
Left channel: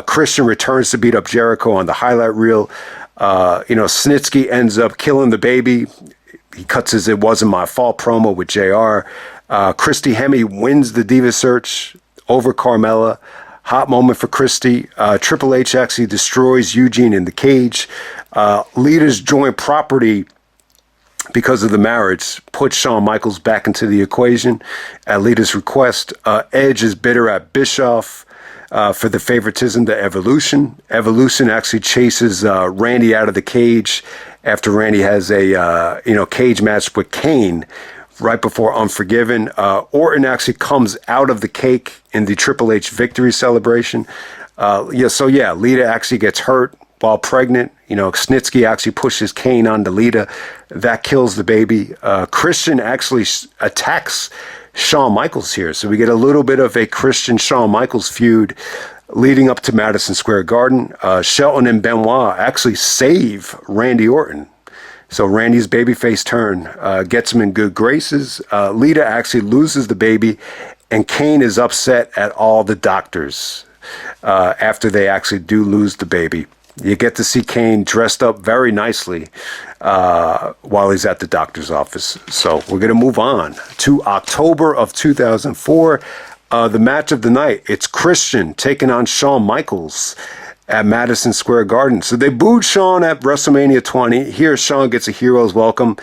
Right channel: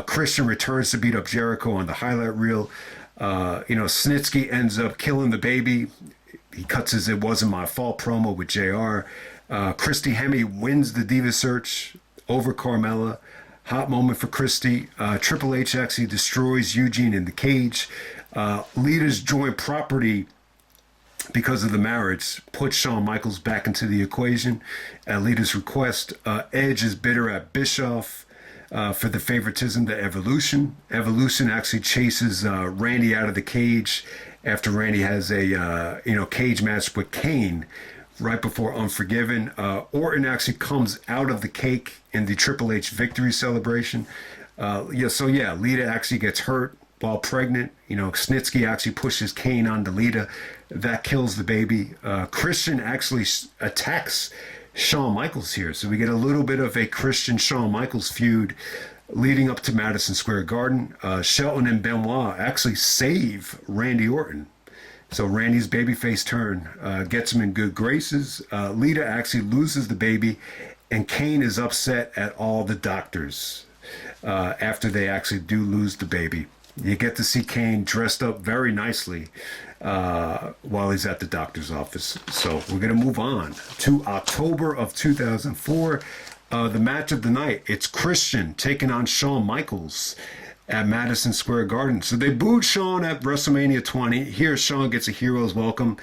Christian returns to beat up Jericho on the highlight reel. Snitsky ends up killing the baby. He cuts his "It Wasn't My Fault" promo with JR. Christy Hemme wins the Diva Search over Carmella. Hot moment for Christy. Triple H actually destroys Eugene in the cage. Lita's joint property, because of the marriage, puts Shawn Michaels back into the equation at Lita's request. Edge is bitter at Bischoff for the favoritism to Evolution. Evolution actually chases Randy out of the cage after Randy has a cage match with Kane right before Unforgiven. Orton actually comes out of the cake in the Triple H victory celebration. Lita actually gets hurt while pregnant. Snitsky actually pushes Kane onto Lita. That kills the baby. Christian actually attacks Shawn Michaels here. So we get a little bit of a Christian-Shawn Michaels feud leading up to Madison Square Garden. Shelton and Benoit actually save Randy Orton. So Randy's babyface turn gets him in good graces. Lita actually loses the baby, and Kane is upset at all the doctors after they actually do lose the baby. You get to see Kane dressed up very nicely while he's at the doctor's office. So we're going to move on to October of 2004. The match of the night, it's Christian taking on Shawn Michaels at Madison Square Garden. So they booed Shawn at WrestleMania 20. Here, Shawn gets a hero's welcome.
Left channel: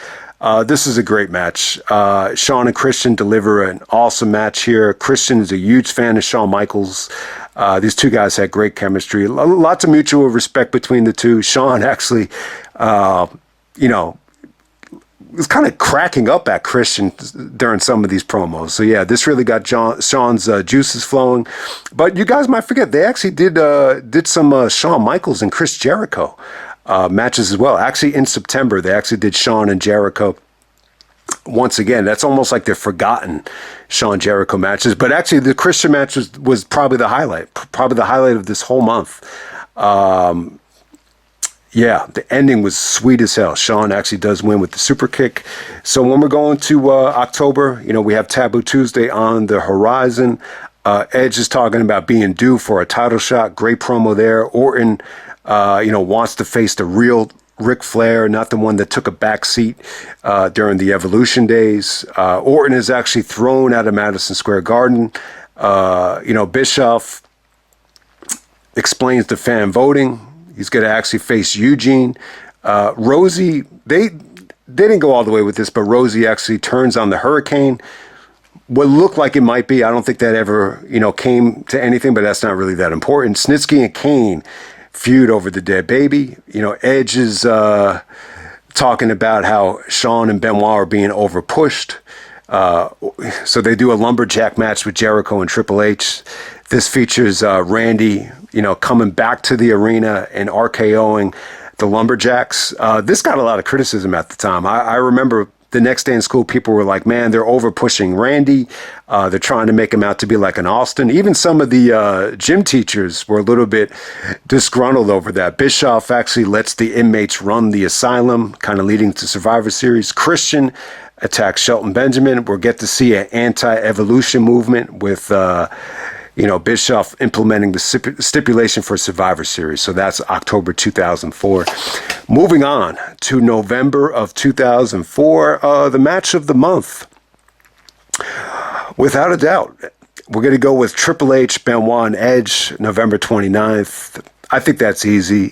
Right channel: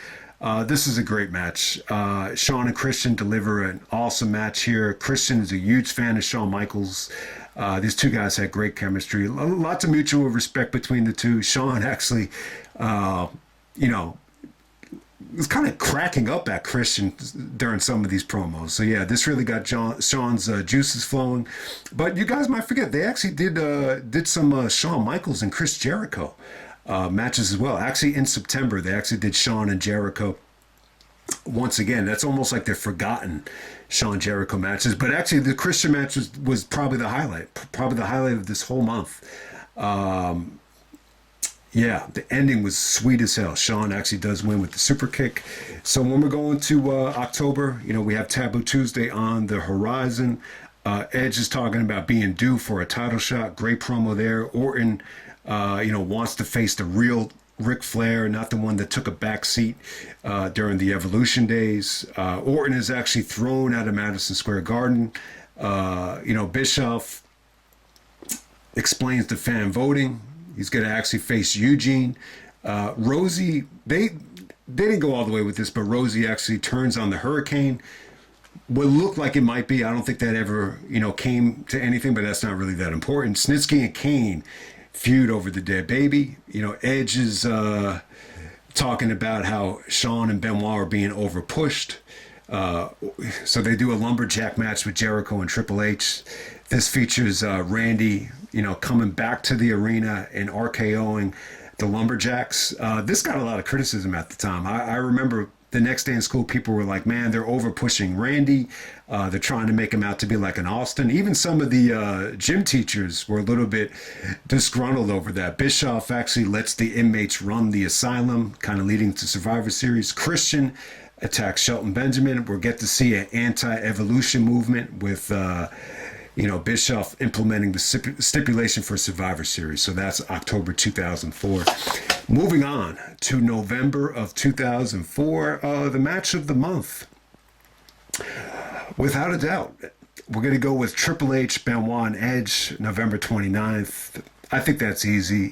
This is a great match. Shawn and Christian deliver an awesome match here. Christian is a huge fan of Shawn Michaels. These two guys had great chemistry. Lots of mutual respect between the two. Shawn actually, was kind of cracking up at Christian during some of these promos. So yeah, this really got Shawn's juices flowing. But you guys might forget, they actually did some Shawn Michaels and Chris Jericho matches as well. Actually, in September, they actually did Shawn and Jericho. Once again, that's almost like they're forgotten Shawn Jericho matches. But actually, the Christian match was probably the highlight of this whole month. Yeah, the ending was sweet as hell. Shawn actually does win with the super kick. So when we're going to October, we have Taboo Tuesday on the horizon. Edge is talking about being due for a title shot. Great promo there. Orton, wants to face the real Ric Flair, not the one that took a back seat during the Evolution days. Orton is actually thrown out of Madison Square Garden. Bischoff explains the fan voting. He's going to actually face Eugene. Rosie, they didn't go all the way with this, but Rosie actually turns on the Hurricane. What looked like it might be, I don't think that ever, came to anything, but that's not really that important. Snitsky and Kane feud over the dead baby. Edge is talking about how Shawn and Benoit are being overpushed. So they do a lumberjack match with Jericho and Triple H. This features Randy, coming back to the arena and RKOing the lumberjacks. This got a lot of criticism at the time. I remember the next day in school, people were like, man, they're over pushing Randy. They're trying to make him out to be like an Austin. Even some of the gym teachers were a little bit disgruntled over that. Bischoff actually lets the inmates run the asylum, kind of leading to Survivor Series. Christian attacks Shelton Benjamin. We'll get to see an anti-evolution movement with Bischoff implementing the stipulation for Survivor Series. So that's October 2004. Moving on to November of 2004, the match of the month. Without a doubt, we're going to go with Triple H, Benoit, and Edge, November 29th. I think that's easy.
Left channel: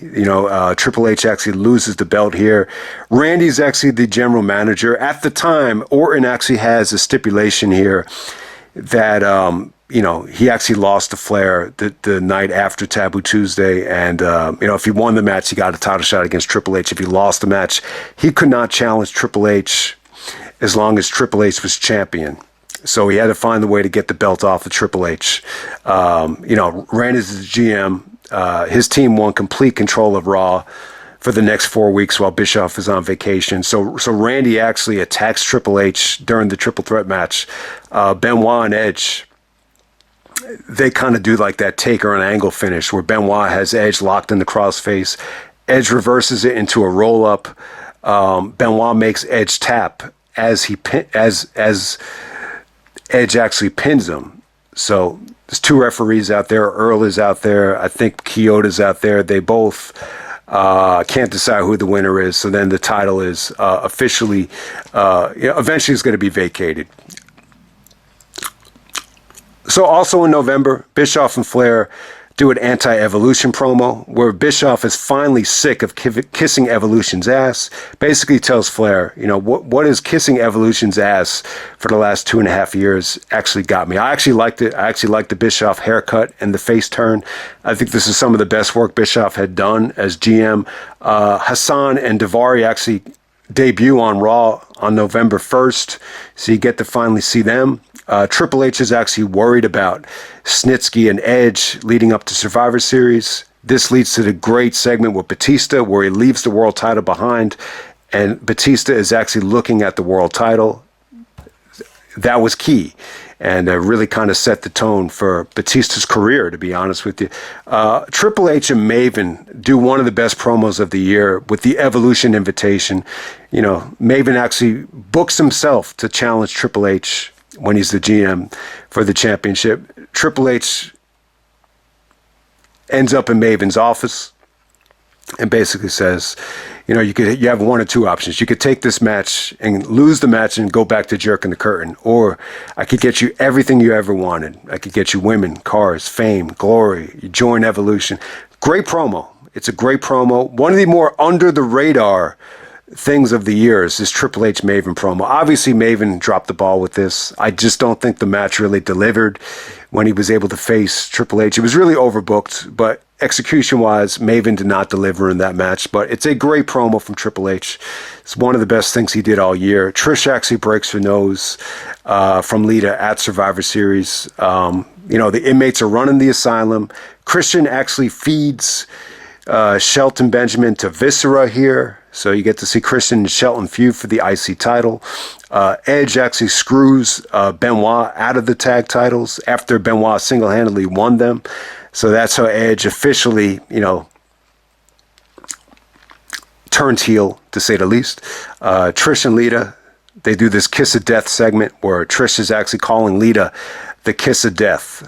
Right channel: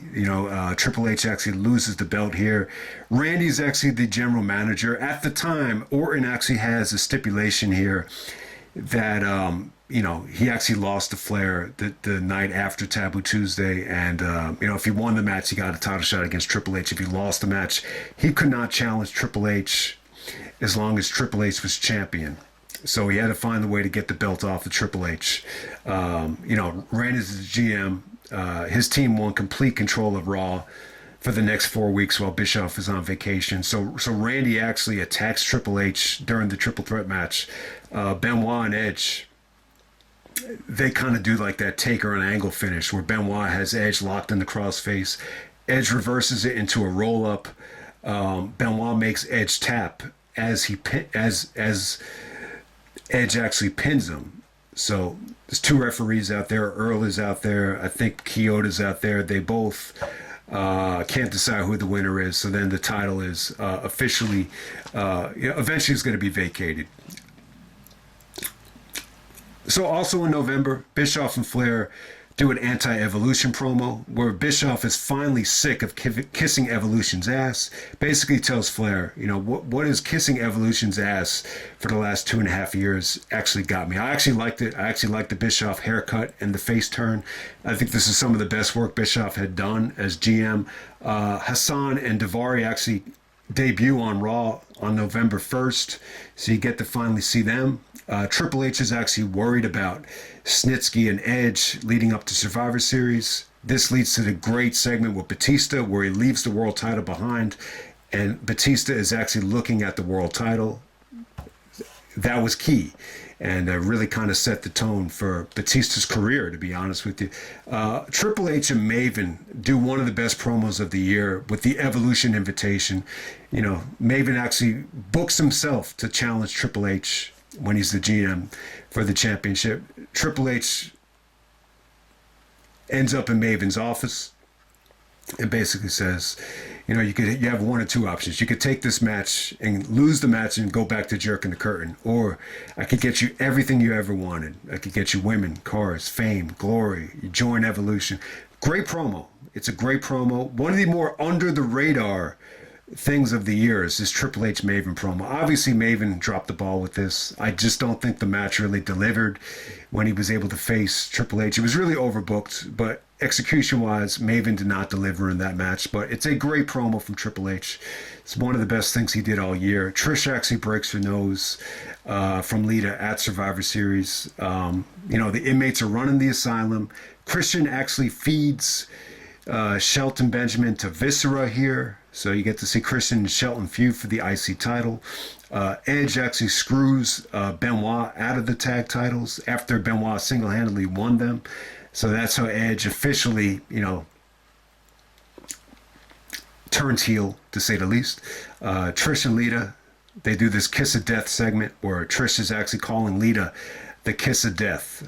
Triple H actually loses the belt here. Randy's actually the general manager. At the time, Orton actually has a stipulation here that he actually lost to Flair the night after Taboo Tuesday. And, if he won the match, he got a title shot against Triple H. If he lost the match, he could not challenge Triple H as long as Triple H was champion. So he had to find the way to get the belt off of Triple H. Randy's the GM. His team won complete control of Raw for the next 4 weeks while Bischoff is on vacation. So Randy actually attacks Triple H during the triple threat match. Benoit and Edge, they kind of do like that taker and angle finish where Benoit has Edge locked in the crossface. Edge reverses it into a roll up. Benoit makes Edge tap as Edge actually pins him. So there's two referees out there. Earl is out there. I think Kyoto's out there. They both can't decide who the winner is. So then the title is officially, eventually it's going to be vacated. So also in November, Bischoff and Flair do an anti-Evolution promo where Bischoff is finally sick of kissing Evolution's ass. Basically tells Flair, what is kissing Evolution's ass for the last 2.5 years actually got me. I actually liked it. I actually liked the Bischoff haircut and the face turn. I think this is some of the best work Bischoff had done as GM. Hassan and Daivari actually debut on Raw on November 1st, so you get to finally see them. Triple H is actually worried about Snitsky and Edge leading up to Survivor Series. This leads to the great segment with Batista where he leaves the world title behind, and Batista is actually looking at the world title. That was key, and really kind of set the tone for Batista's career, to be honest with you. Triple H and Maven do one of the best promos of the year with the Evolution invitation. Maven actually books himself to challenge Triple H when he's the GM for the championship. Triple H ends up in Maven's office and basically says, you have one or two options. You could take this match and lose the match and go back to jerking the curtain, or I could get you everything you ever wanted. I could get you women, cars, fame, glory. You join Evolution. Great promo. It's a great promo. One of the more under the radar things of the year is this Triple H Maven promo. Obviously, Maven dropped the ball with this. I just don't think the match really delivered when he was able to face Triple H. It was really overbooked, but execution-wise, Maven did not deliver in that match. But it's a great promo from Triple H. It's one of the best things he did all year. Trish actually breaks her nose from Lita at Survivor Series. The inmates are running the asylum. Christian actually feeds Shelton Benjamin to Viscera here. So you get to see Christian and Shelton feud for the IC title. Edge actually screws Benoit out of the tag titles after Benoit single-handedly won them. So that's how Edge officially, turns heel, to say the least. Trish and Lita, they do this kiss of death segment where Trish is actually calling Lita the kiss of death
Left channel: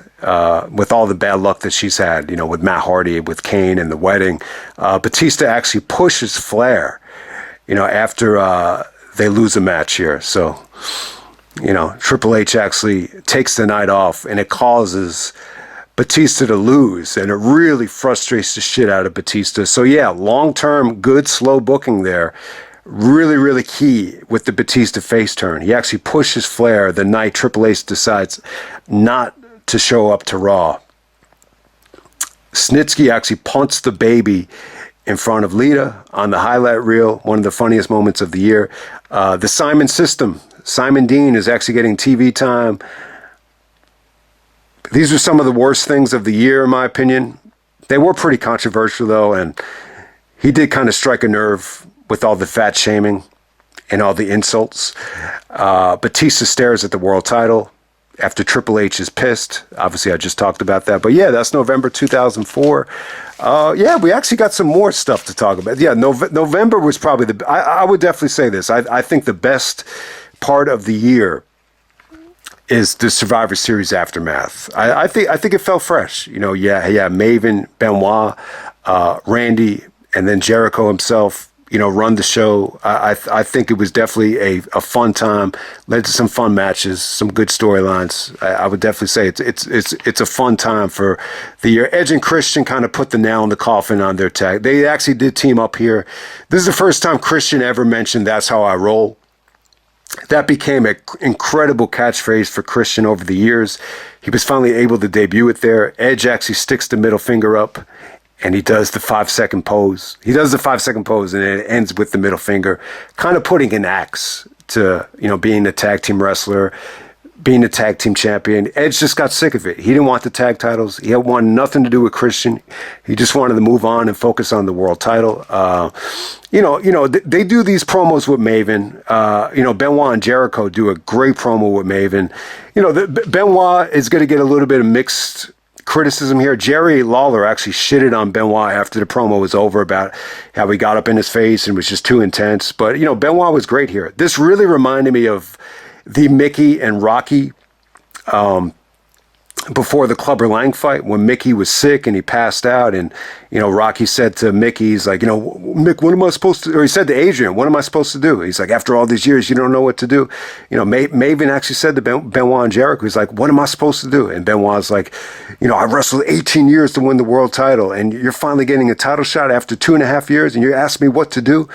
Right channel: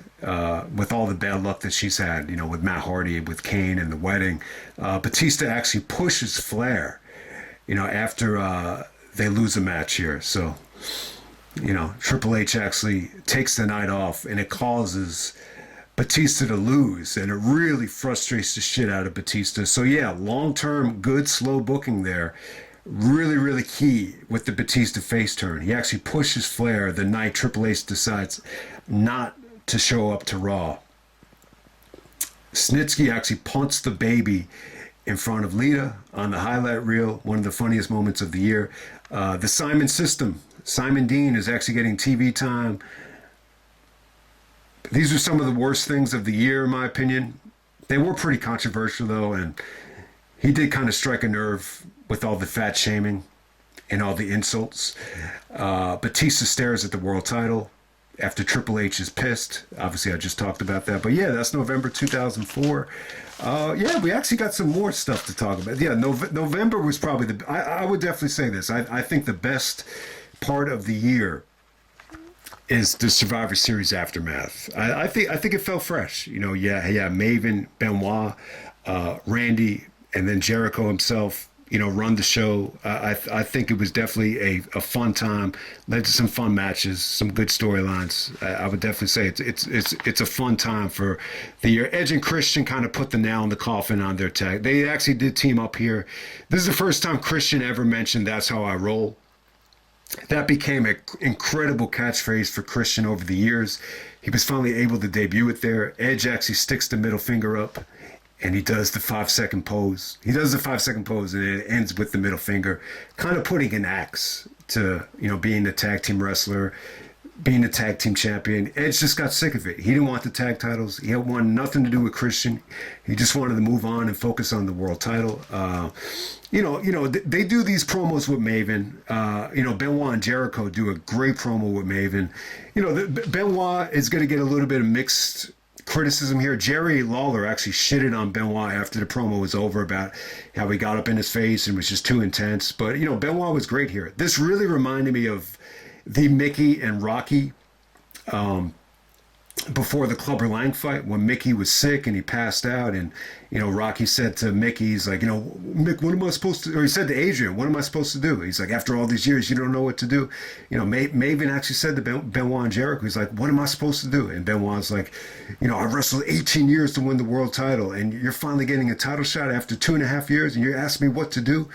with all the bad luck that she's had, with Matt Hardy, with Kane and the wedding. Batista actually pushes Flair, after they lose a match here. So, Triple H actually takes the night off, and it causes Batista to lose, and it really frustrates the shit out of Batista. So yeah, long-term, good, slow booking there. Really, really key with the Batista face turn. He actually pushes Flair the night Triple H decides not to show up to Raw. Snitsky actually punts the baby in front of Lita on the highlight reel, one of the funniest moments of the year. The Simon system. Simon Dean is actually getting TV time. These are some of the worst things of the year, in my opinion. They were pretty controversial, though, and he did kind of strike a nerve with all the fat shaming and all the insults. Batista stares at the world title after Triple H is pissed. Obviously, I just talked about that. But yeah, that's November 2004. Yeah, we actually got some more stuff to talk about. Yeah, November was probably I would definitely say this. I think the best part of the year is the Survivor Series aftermath. I think it felt fresh. You know, yeah, Maven, Benoit, Randy, and then Jericho himself, you know, run the show. I think it was definitely a fun time. Led to some fun matches, some good storylines. I would definitely say it's a fun time for the year. Edge and Christian kind of put the nail in the coffin on their tag. They actually did team up here. This is the first time Christian ever mentioned "That's how I roll." That became an incredible catchphrase for Christian over the years. He was finally able to debut it there. Edge actually sticks the middle finger up, and he does the 5-second pose. He does the 5-second pose, and it ends with the middle finger, kind of putting an axe to, you know, being a tag team wrestler, being a tag team champion. Edge just got sick of it. He didn't want the tag titles. He wanted nothing to do with Christian. He just wanted to move on and focus on the world title. They do these promos with Maven. Benoit and Jericho do a great promo with Maven. You know, Benoit is going to get a little bit of mixed criticism here. Jerry Lawler actually shitted on Benoit after the promo was over about how he got up in his face and was just too intense. But, you know, Benoit was great here. This really reminded me of the Mickey and Rocky before the Clubber Lang fight, when Mickey was sick and he passed out, and, you know, Rocky said to Mickey, he's like, you know, Mick, what am I supposed to, or he said to Adrian, what am I supposed to do? He's like, after all these years, you don't know what to do. You know, Maven actually said to Benoit and Jericho, he's like, what am I supposed to do? And Benoit's like, you know, I wrestled 18 years to win the world title, and you're finally getting a title shot after 2.5 years, and you're asking me what to do?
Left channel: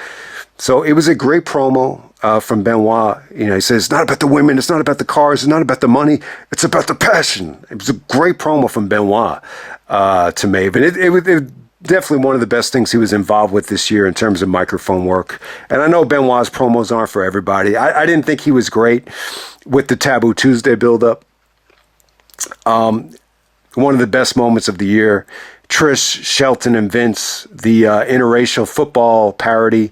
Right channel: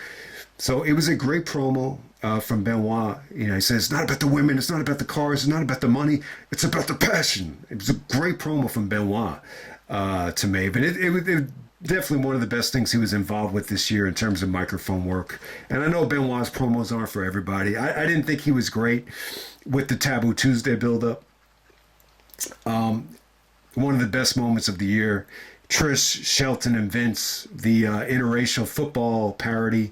So it was a great promo from Benoit. You know, he says, it's not about the women, it's not about the cars, it's not about the money, it's about the passion. It was a great promo from Benoit to Maven. It was definitely one of the best things he was involved with this year in terms of microphone work. And I know Benoit's promos aren't for everybody. I didn't think he was great with the Taboo Tuesday build-up. One of the best moments of the year, Trish, Shelton, and Vince, the interracial football parody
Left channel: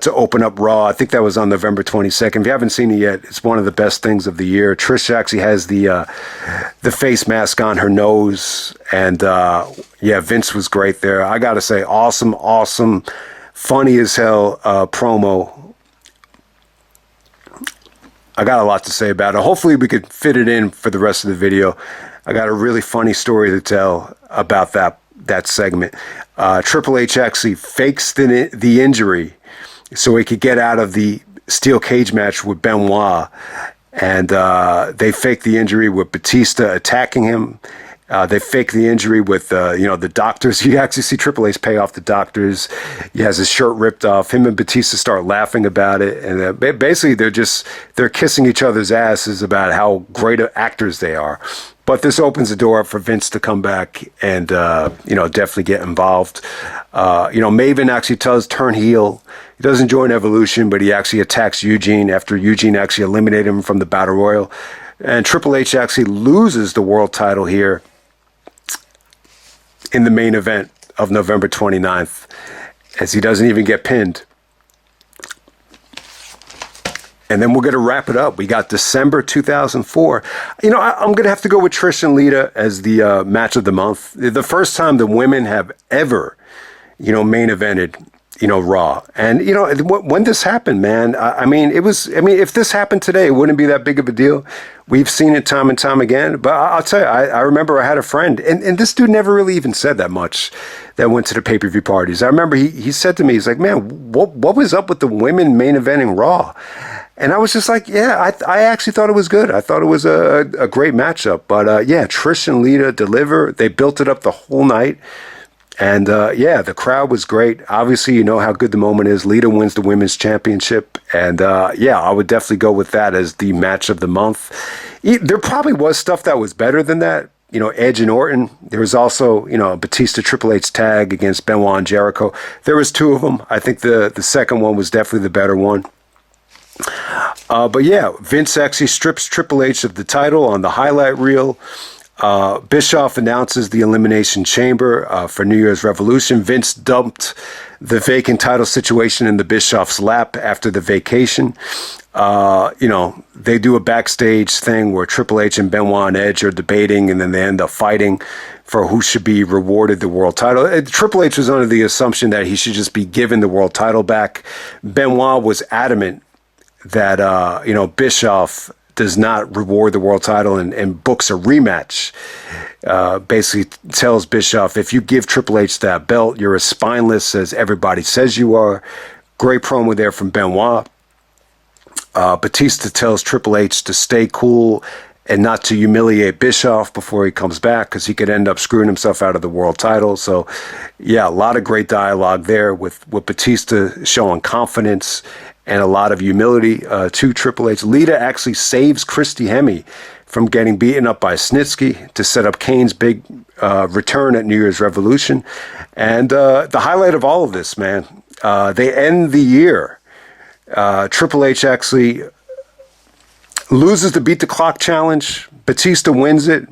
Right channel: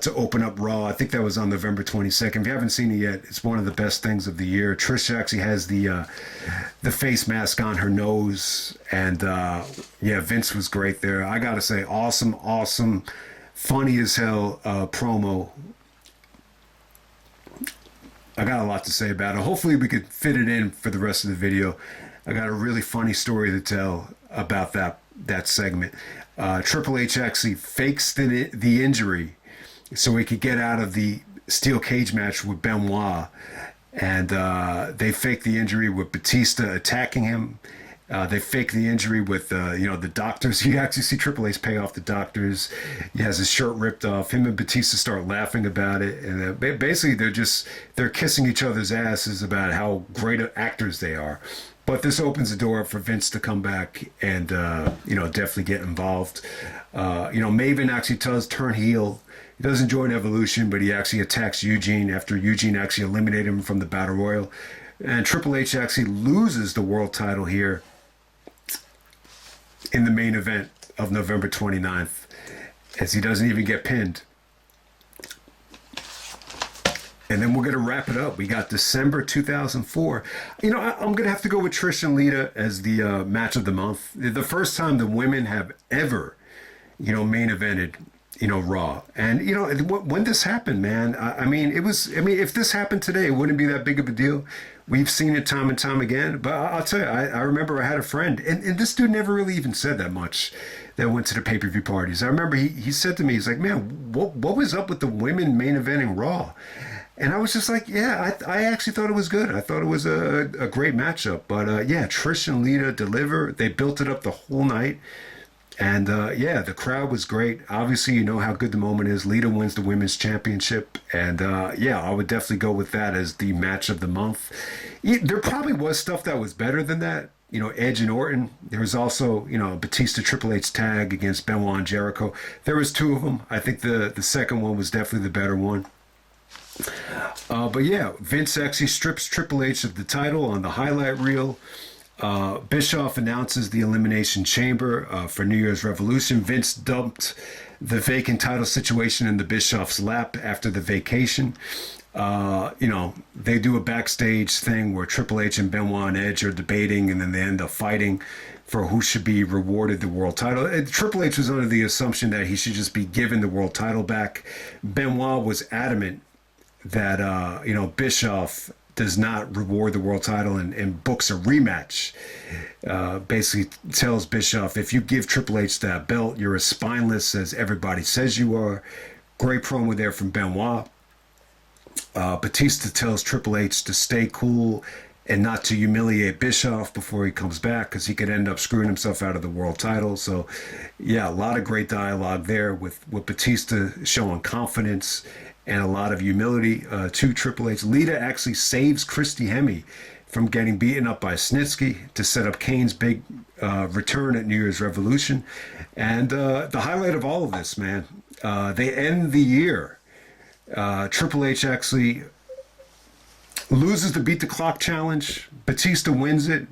to open up Raw. I think that was on November 22nd. If you haven't seen it yet, it's one of the best things of the year. Trish actually has the face mask on her nose, and Vince was great there. I gotta say, awesome, funny as hell promo. I got a lot to say about it. Hopefully we could fit it in for the rest of the video. I got a really funny story to tell about that segment. Triple H actually fakes the injury so he could get out of the steel cage match with Benoit. And they fake the injury with Batista attacking him. They fake the injury with, the doctors. You actually see Triple H pay off the doctors. He has his shirt ripped off. Him and Batista start laughing about it. And basically they're kissing each other's asses about how great actors they are. But this opens the door up for Vince to come back and, definitely get involved. Maven actually does turn heel. He doesn't join Evolution, but he actually attacks Eugene after Eugene actually eliminated him from the Battle Royal. And Triple H actually loses the world title here in the main event of November 29th, as he doesn't even get pinned. And then we're going to wrap it up. We got December 2004. I'm going to have to go with Trish and Lita as the match of the month. The first time the women have ever, main evented, Raw. And, when this happened, man, if this happened today, it wouldn't be that big of a deal. We've seen it time and time again. But I'll tell you, I remember I had a friend, and this dude never really even said that much, that went to the pay-per-view parties. I remember he said to me, he's like, man, what was up with the women main eventing Raw? And I was just like, yeah, I actually thought it was good. I thought it was a great matchup. But yeah, Trish and Lita deliver. They built it up the whole night. And yeah, the crowd was great. Obviously, you know how good the moment is. Lita wins the women's championship. And yeah, I would definitely go with that as the match of the month. There probably was stuff that was better than that. You know, Edge and Orton. There was also, you know, Batista Triple H tag against Benoit and Jericho. There was two of them. I think the second one was definitely the better one. But yeah, Vince actually strips Triple H of the title on the highlight reel. Bischoff announces the Elimination Chamber for New Year's Revolution. Vince dumped the vacant title situation in the Bischoff's lap after the vacation. You know, they do a backstage thing where Triple H and Benoit and Edge are debating, and then they end up fighting for who should be rewarded the world title. Triple H was under the assumption that he should just be given the world title back. Benoit was adamant that, you know, Bischoff does not reward the world title and books a rematch. Basically tells Bischoff, if you give Triple H that belt, you're as spineless as everybody says you are. Great promo there from Benoit. Batista tells Triple H to stay cool and not to humiliate Bischoff before he comes back, because he could end up screwing himself out of the world title. So yeah, a lot of great dialogue there with Batista showing confidence and a lot of humility to Triple H. Lita actually saves Christy Hemme from getting beaten up by Snitsky to set up Kane's big return at New Year's Revolution. And the highlight of all of this, man, they end the year. Triple H actually loses the Beat the Clock challenge. Batista wins it.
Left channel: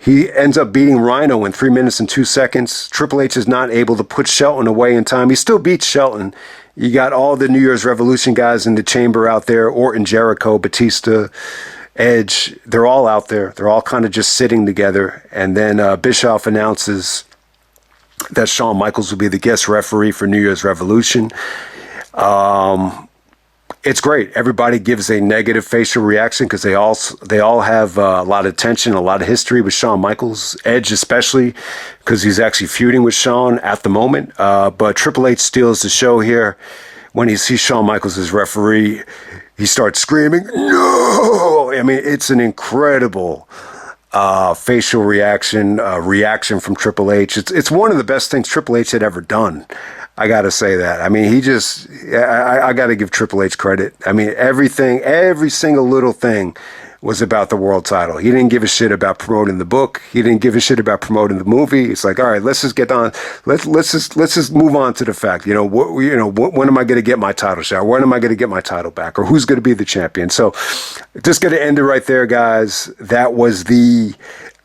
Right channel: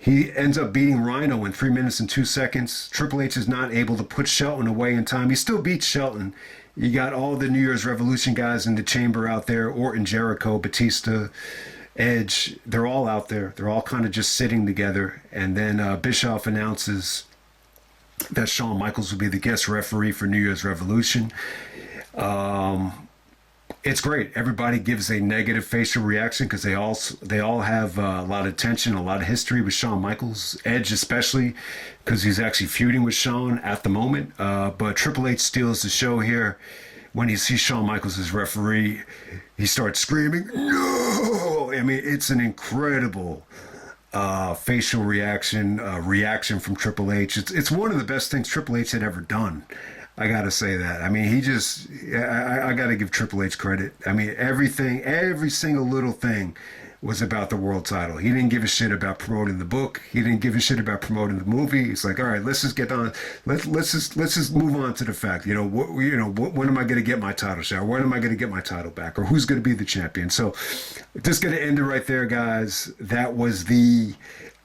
He ends up beating Rhino in 3 minutes and 2 seconds. Triple H is not able to put Shelton away in time. He still beats Shelton. You got all the New Year's Revolution guys in the chamber out there. Orton, Jericho, Batista, Edge. They're all out there. They're all kind of just sitting together. And then Bischoff announces that Shawn Michaels will be the guest referee for New Year's Revolution. It's great. Everybody gives a negative facial reaction because they all have a lot of tension, a lot of history with Shawn Michaels. Edge especially, because he's actually feuding with Shawn at the moment. But Triple H steals the show here. When he sees Shawn Michaels as referee, he starts screaming, "No!" I mean, it's an incredible facial reaction from Triple H. It's one of the best things Triple H had ever done. I got to say that. I mean, I got to give Triple H credit. I mean, every single little thing was about the world title. He didn't give a shit about promoting the book. He didn't give a shit about promoting the movie. It's like, all right, let's just get on. Let's just move on to the fact. You know, when am I going to get my title shot? When am I going to get my title back? Or who's going to be the champion? So, just going to end it right there, guys. That was the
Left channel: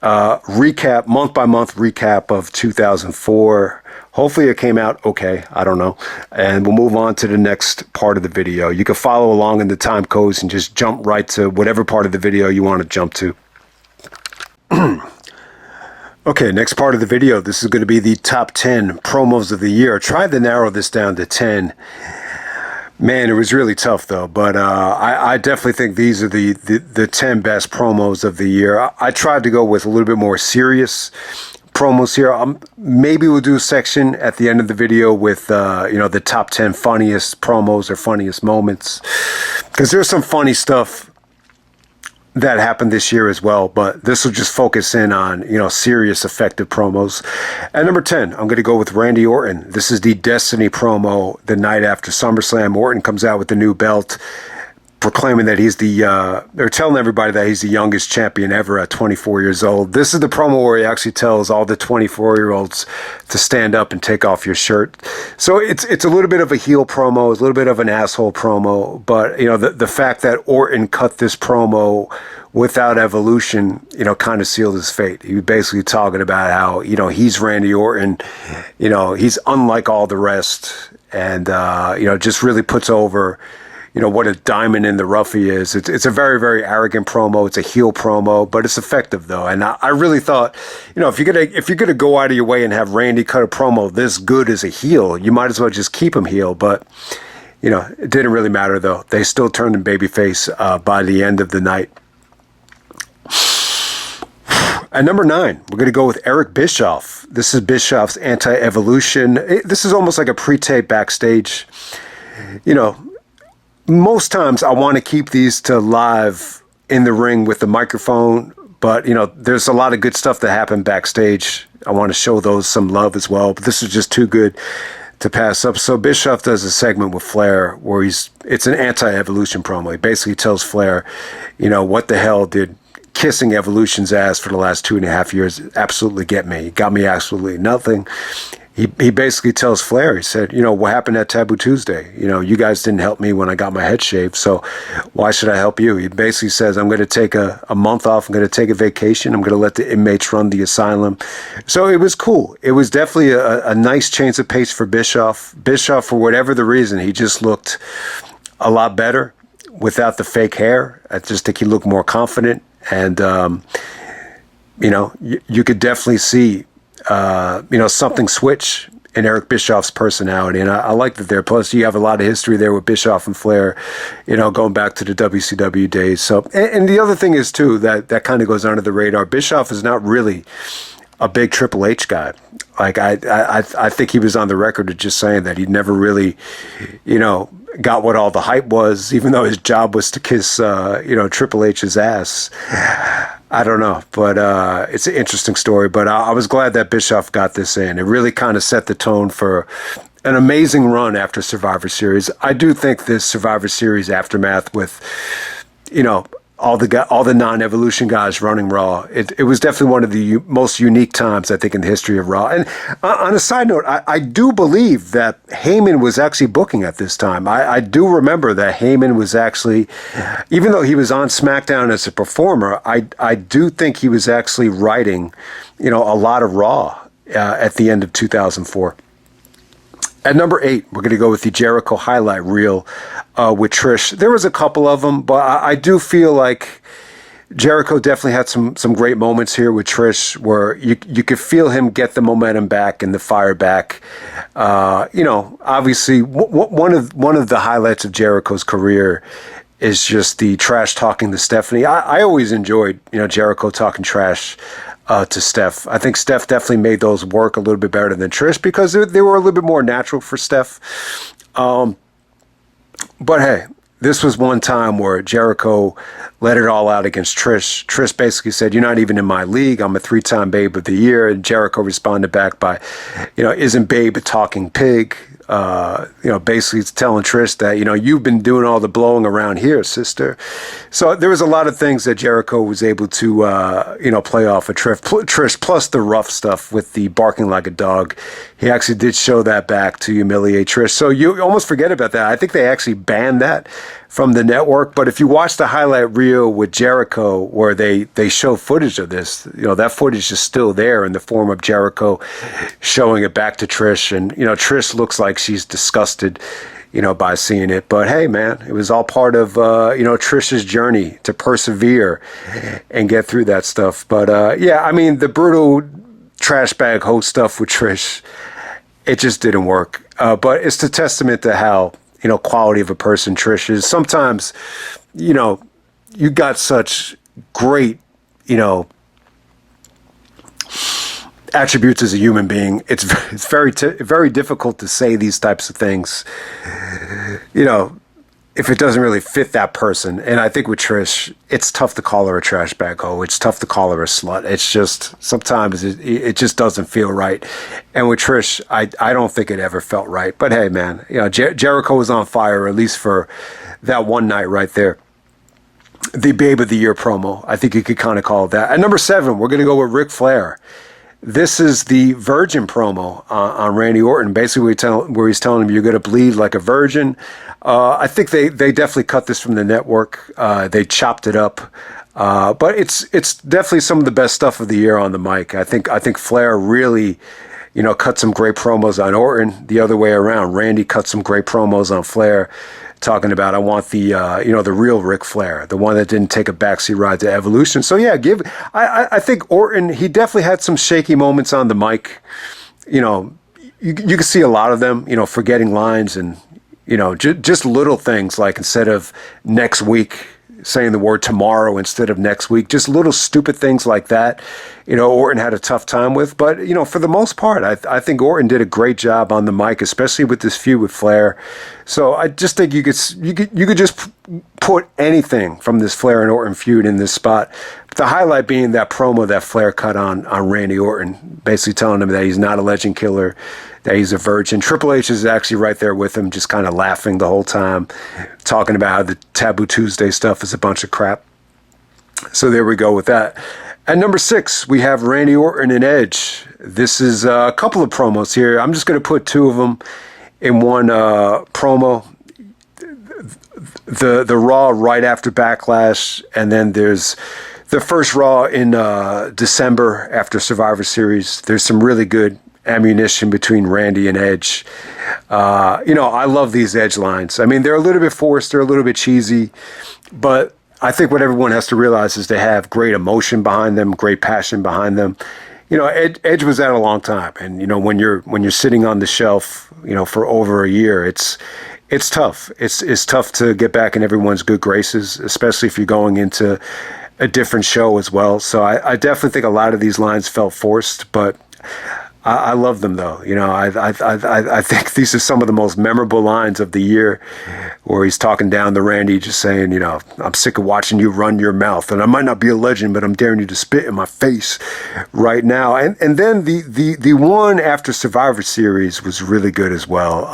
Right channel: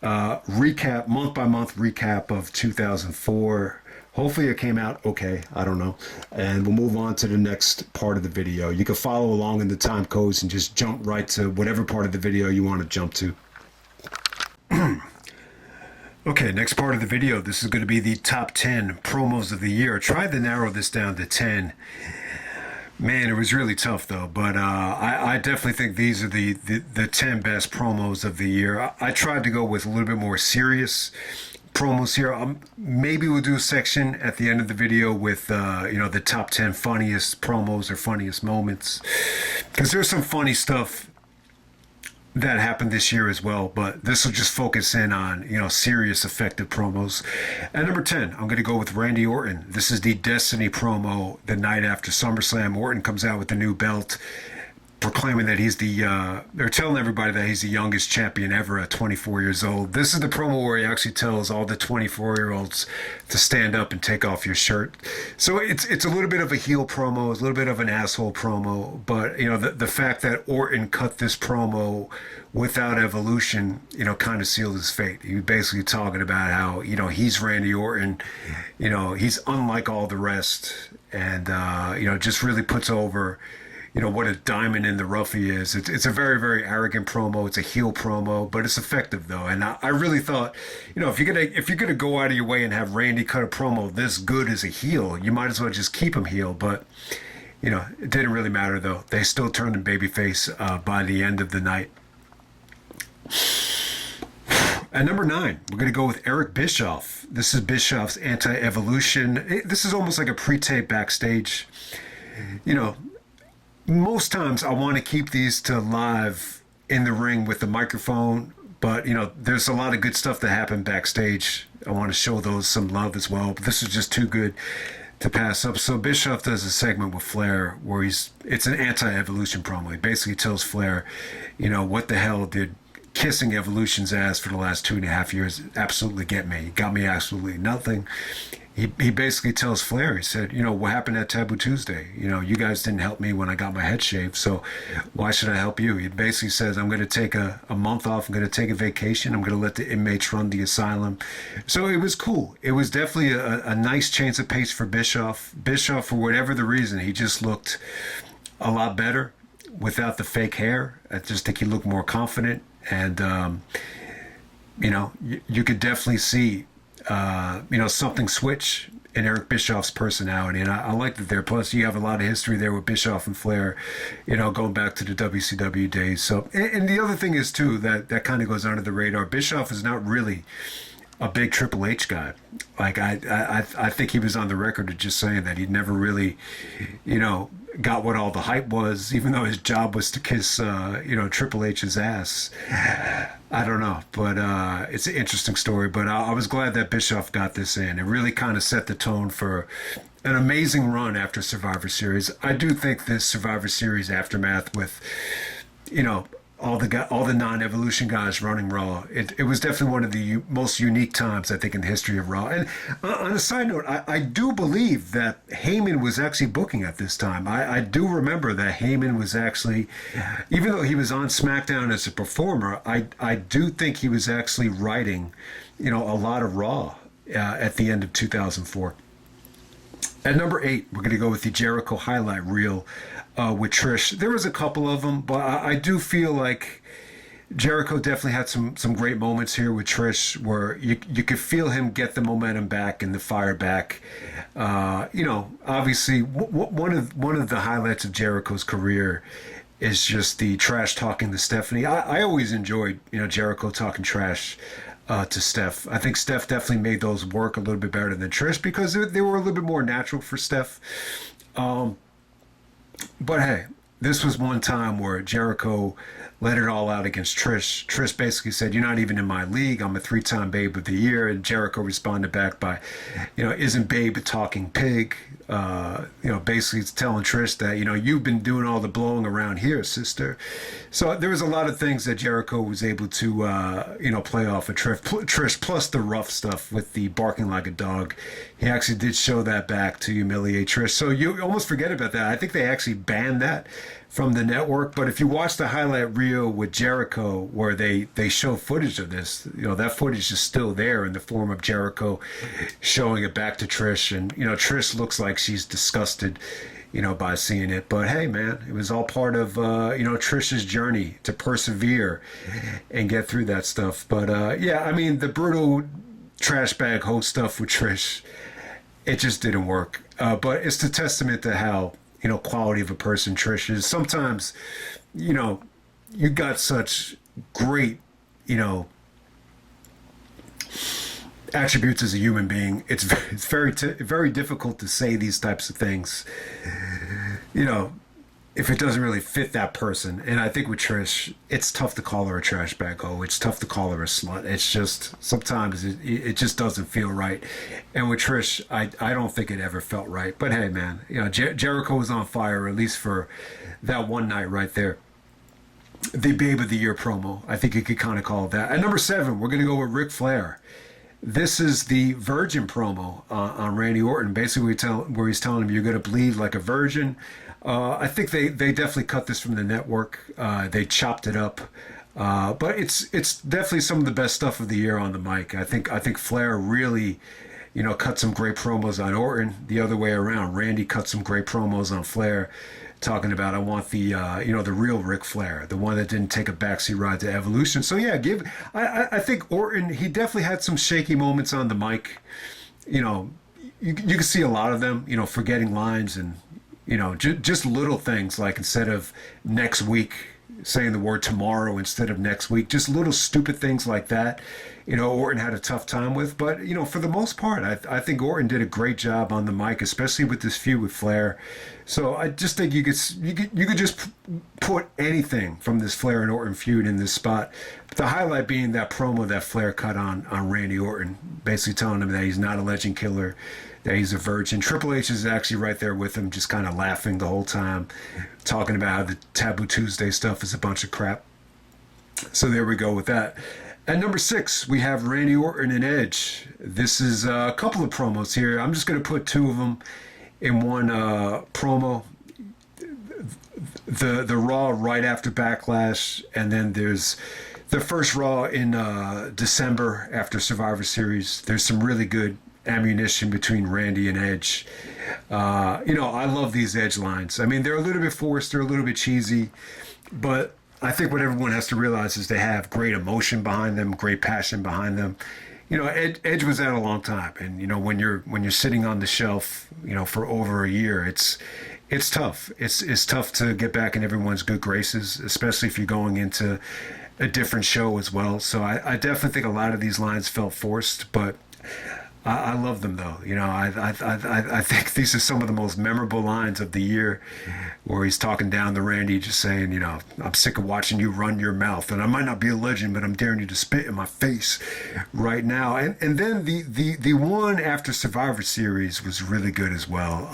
recap, month by month recap of 2004. Hopefully it came out okay. I don't know. And we'll move on to the next part of the video. You can follow along in the time codes and just jump right to whatever part of the video you want to jump to. Okay, next part of the video. This is going to be the top 10 promos of the year. I tried to narrow this down to 10. Man, it was really tough though. But I definitely think these are the 10 best promos of the year. I tried to go with a little bit more serious promos here. Maybe we'll do a section at the end of the video with the top 10 funniest promos or funniest moments, because there's some funny stuff that happened this year as well, but this will just focus in on serious effective promos. At number 10, I'm going to go with Randy Orton. This is the Destiny promo the night after SummerSlam. Orton comes out with the new belt, proclaiming that he's they're telling everybody that he's the youngest champion ever at 24 years old. This is the promo where he actually tells all the 24-year-olds to stand up and take off your shirt. So it's a little bit of a heel promo, it's a little bit of an asshole promo, but the fact that Orton cut this promo without Evolution, kind of sealed his fate. He was basically talking about how, he's Randy Orton, he's unlike all the rest, and just really puts over what a diamond in the rough he is. It's a very, very arrogant promo. It's a heel promo, but it's effective though. And I really thought, if you're gonna go out of your way and have Randy cut a promo this good as a heel, you might as well just keep him heel. But it didn't really matter though. They still turned him babyface by the end of the night. At number 9, we're going to go with Eric Bischoff. This is Bischoff's Anti-Evolution. This is almost like a pre-tape backstage. Most times I want to keep these to live in the ring with the microphone, but there's a lot of good stuff that happened backstage. I want to show those some love as well, but this is just too good to pass up. So Bischoff does a segment with Flair where it's an anti-evolution promo. He basically tells Flair, what the hell did kissing Evolution's ass for the last 2.5 years absolutely get me? He got me absolutely nothing. He basically tells Flair, he said, what happened at Taboo Tuesday? You guys didn't help me when I got my head shaved, so why should I help you? He basically says, I'm going to take a month off. I'm going to take a vacation. I'm going to let the inmates run the asylum. So it was cool. It was definitely a nice change of pace for Bischoff. Bischoff, for whatever the reason, he just looked a lot better without the fake hair. I just think he looked more confident. And, you could definitely see something switch in Eric Bischoff's personality. And I like that there. Plus, you have a lot of history there with Bischoff and Flair, going back to the WCW days. So, and the other thing is, too, that kind of goes under the radar. Bischoff is not really a big Triple H guy. Like, I think he was on the record of just saying that he never really, got what all the hype was, even though his job was to kiss, Triple H's ass. I don't know, but it's an interesting story. But I was glad that Bischoff got this in. It really kind of set the tone for an amazing run after Survivor Series. I do think this Survivor Series aftermath with, all the non-evolution guys running Raw. It was definitely one of the most unique times, I think, in the history of Raw. And on a side note, I do believe that Heyman was actually booking at this time. I do remember that Heyman was actually, even though he was on SmackDown as a performer, I do think he was actually writing, a lot of Raw at the end of 2004. At number 8, we're going to go with the Jericho highlight reel with Trish. There was a couple of them, but I do feel like Jericho definitely had some great moments here with Trish where you could feel him get the momentum back and the fire back. Obviously, one of the highlights of Jericho's career is just the trash talking to Stephanie. I always enjoyed, Jericho talking trash to Steph. I think Steph definitely made those work a little bit better than Trish because they were a little bit more natural for Steph. But hey, this was one time where Jericho let it all out against Trish. Trish basically said, "You're not even in my league. I'm a 3-time Babe of the Year." And Jericho responded back by, "Isn't Babe a talking pig?" Basically telling Trish that, you've been doing all the blowing around here, sister. So there was a lot of things that Jericho was able to, play off of Trish, plus the rough stuff with the barking like a dog. He actually did show that back to humiliate Trish. So you almost forget about that. I think they actually banned that from the network. But if you watch the highlight reel with Jericho where they show footage of this, that footage is still there in the form of Jericho showing it back to Trish. And, Trish looks like she's disgusted, by seeing it. But hey, man, it was all part of, Trish's journey to persevere and get through that stuff. But the brutal trash bag host stuff with Trish, it just didn't work. But it's a testament to how, quality of a person Trish is. Sometimes, you got such great, attributes as a human being. It's very difficult to say these types of things, if it doesn't really fit that person. And I think with Trish, it's tough to call her a trash bag hoe. It's tough to call her a slut. It's just, sometimes it just doesn't feel right. And with Trish, I don't think it ever felt right. But hey, man, Jericho was on fire, at least for that one night right there. The Babe of the Year promo, I think you could kind of call it that. At number 7, we're going to go with Ric Flair. This is the virgin promo on Randy Orton, basically where he's telling him you're going to bleed like a virgin. I think they definitely cut this from the network. They chopped it up. But it's definitely some of the best stuff of the year on the mic. I think Flair really, cut some great promos on Orton. The other way around, Randy cut some great promos on Flair, talking about, I want the the real Ric Flair, the one that didn't take a backseat ride to Evolution. So yeah, I think Orton, he definitely had some shaky moments on the mic. You can see a lot of them, forgetting lines and just little things like instead of next week, saying the word tomorrow instead of next week. Just little stupid things like that, Orton had a tough time with. But, for the most part, I think Orton did a great job on the mic, especially with this feud with Flair. So I just think you could just put anything from this Flair and Orton feud in this spot. The highlight being that promo that Flair cut on Randy Orton, basically telling him that he's not a legend killer, that he's a virgin. Triple H is actually right there with him, just kind of laughing the whole time, talking about how the Taboo Tuesday stuff is a bunch of crap. So there we go with that. At number 6, we have Randy Orton and Edge. This is a couple of promos here. I'm just going to put two of them in one promo. The Raw right after Backlash, and then there's the first Raw in December after Survivor Series. There's some really good ammunition between Randy and Edge. I love these Edge lines. I mean, they're a little bit forced, they're a little bit cheesy, but I think what everyone has to realize is they have great emotion behind them, great passion behind them. Edge was out a long time, and when you're sitting on the shelf, for over a year, it's tough. It's tough to get back in everyone's good graces, especially if you're going into a different show as well. So I definitely think a lot of these lines felt forced, but I love them though. I think these are some of the most memorable lines of the year, where he's talking down to Randy, just saying, I'm sick of watching you run your mouth, and I might not be a legend, but I'm daring you to spit in my face right now. And then the one after Survivor Series was really good as well.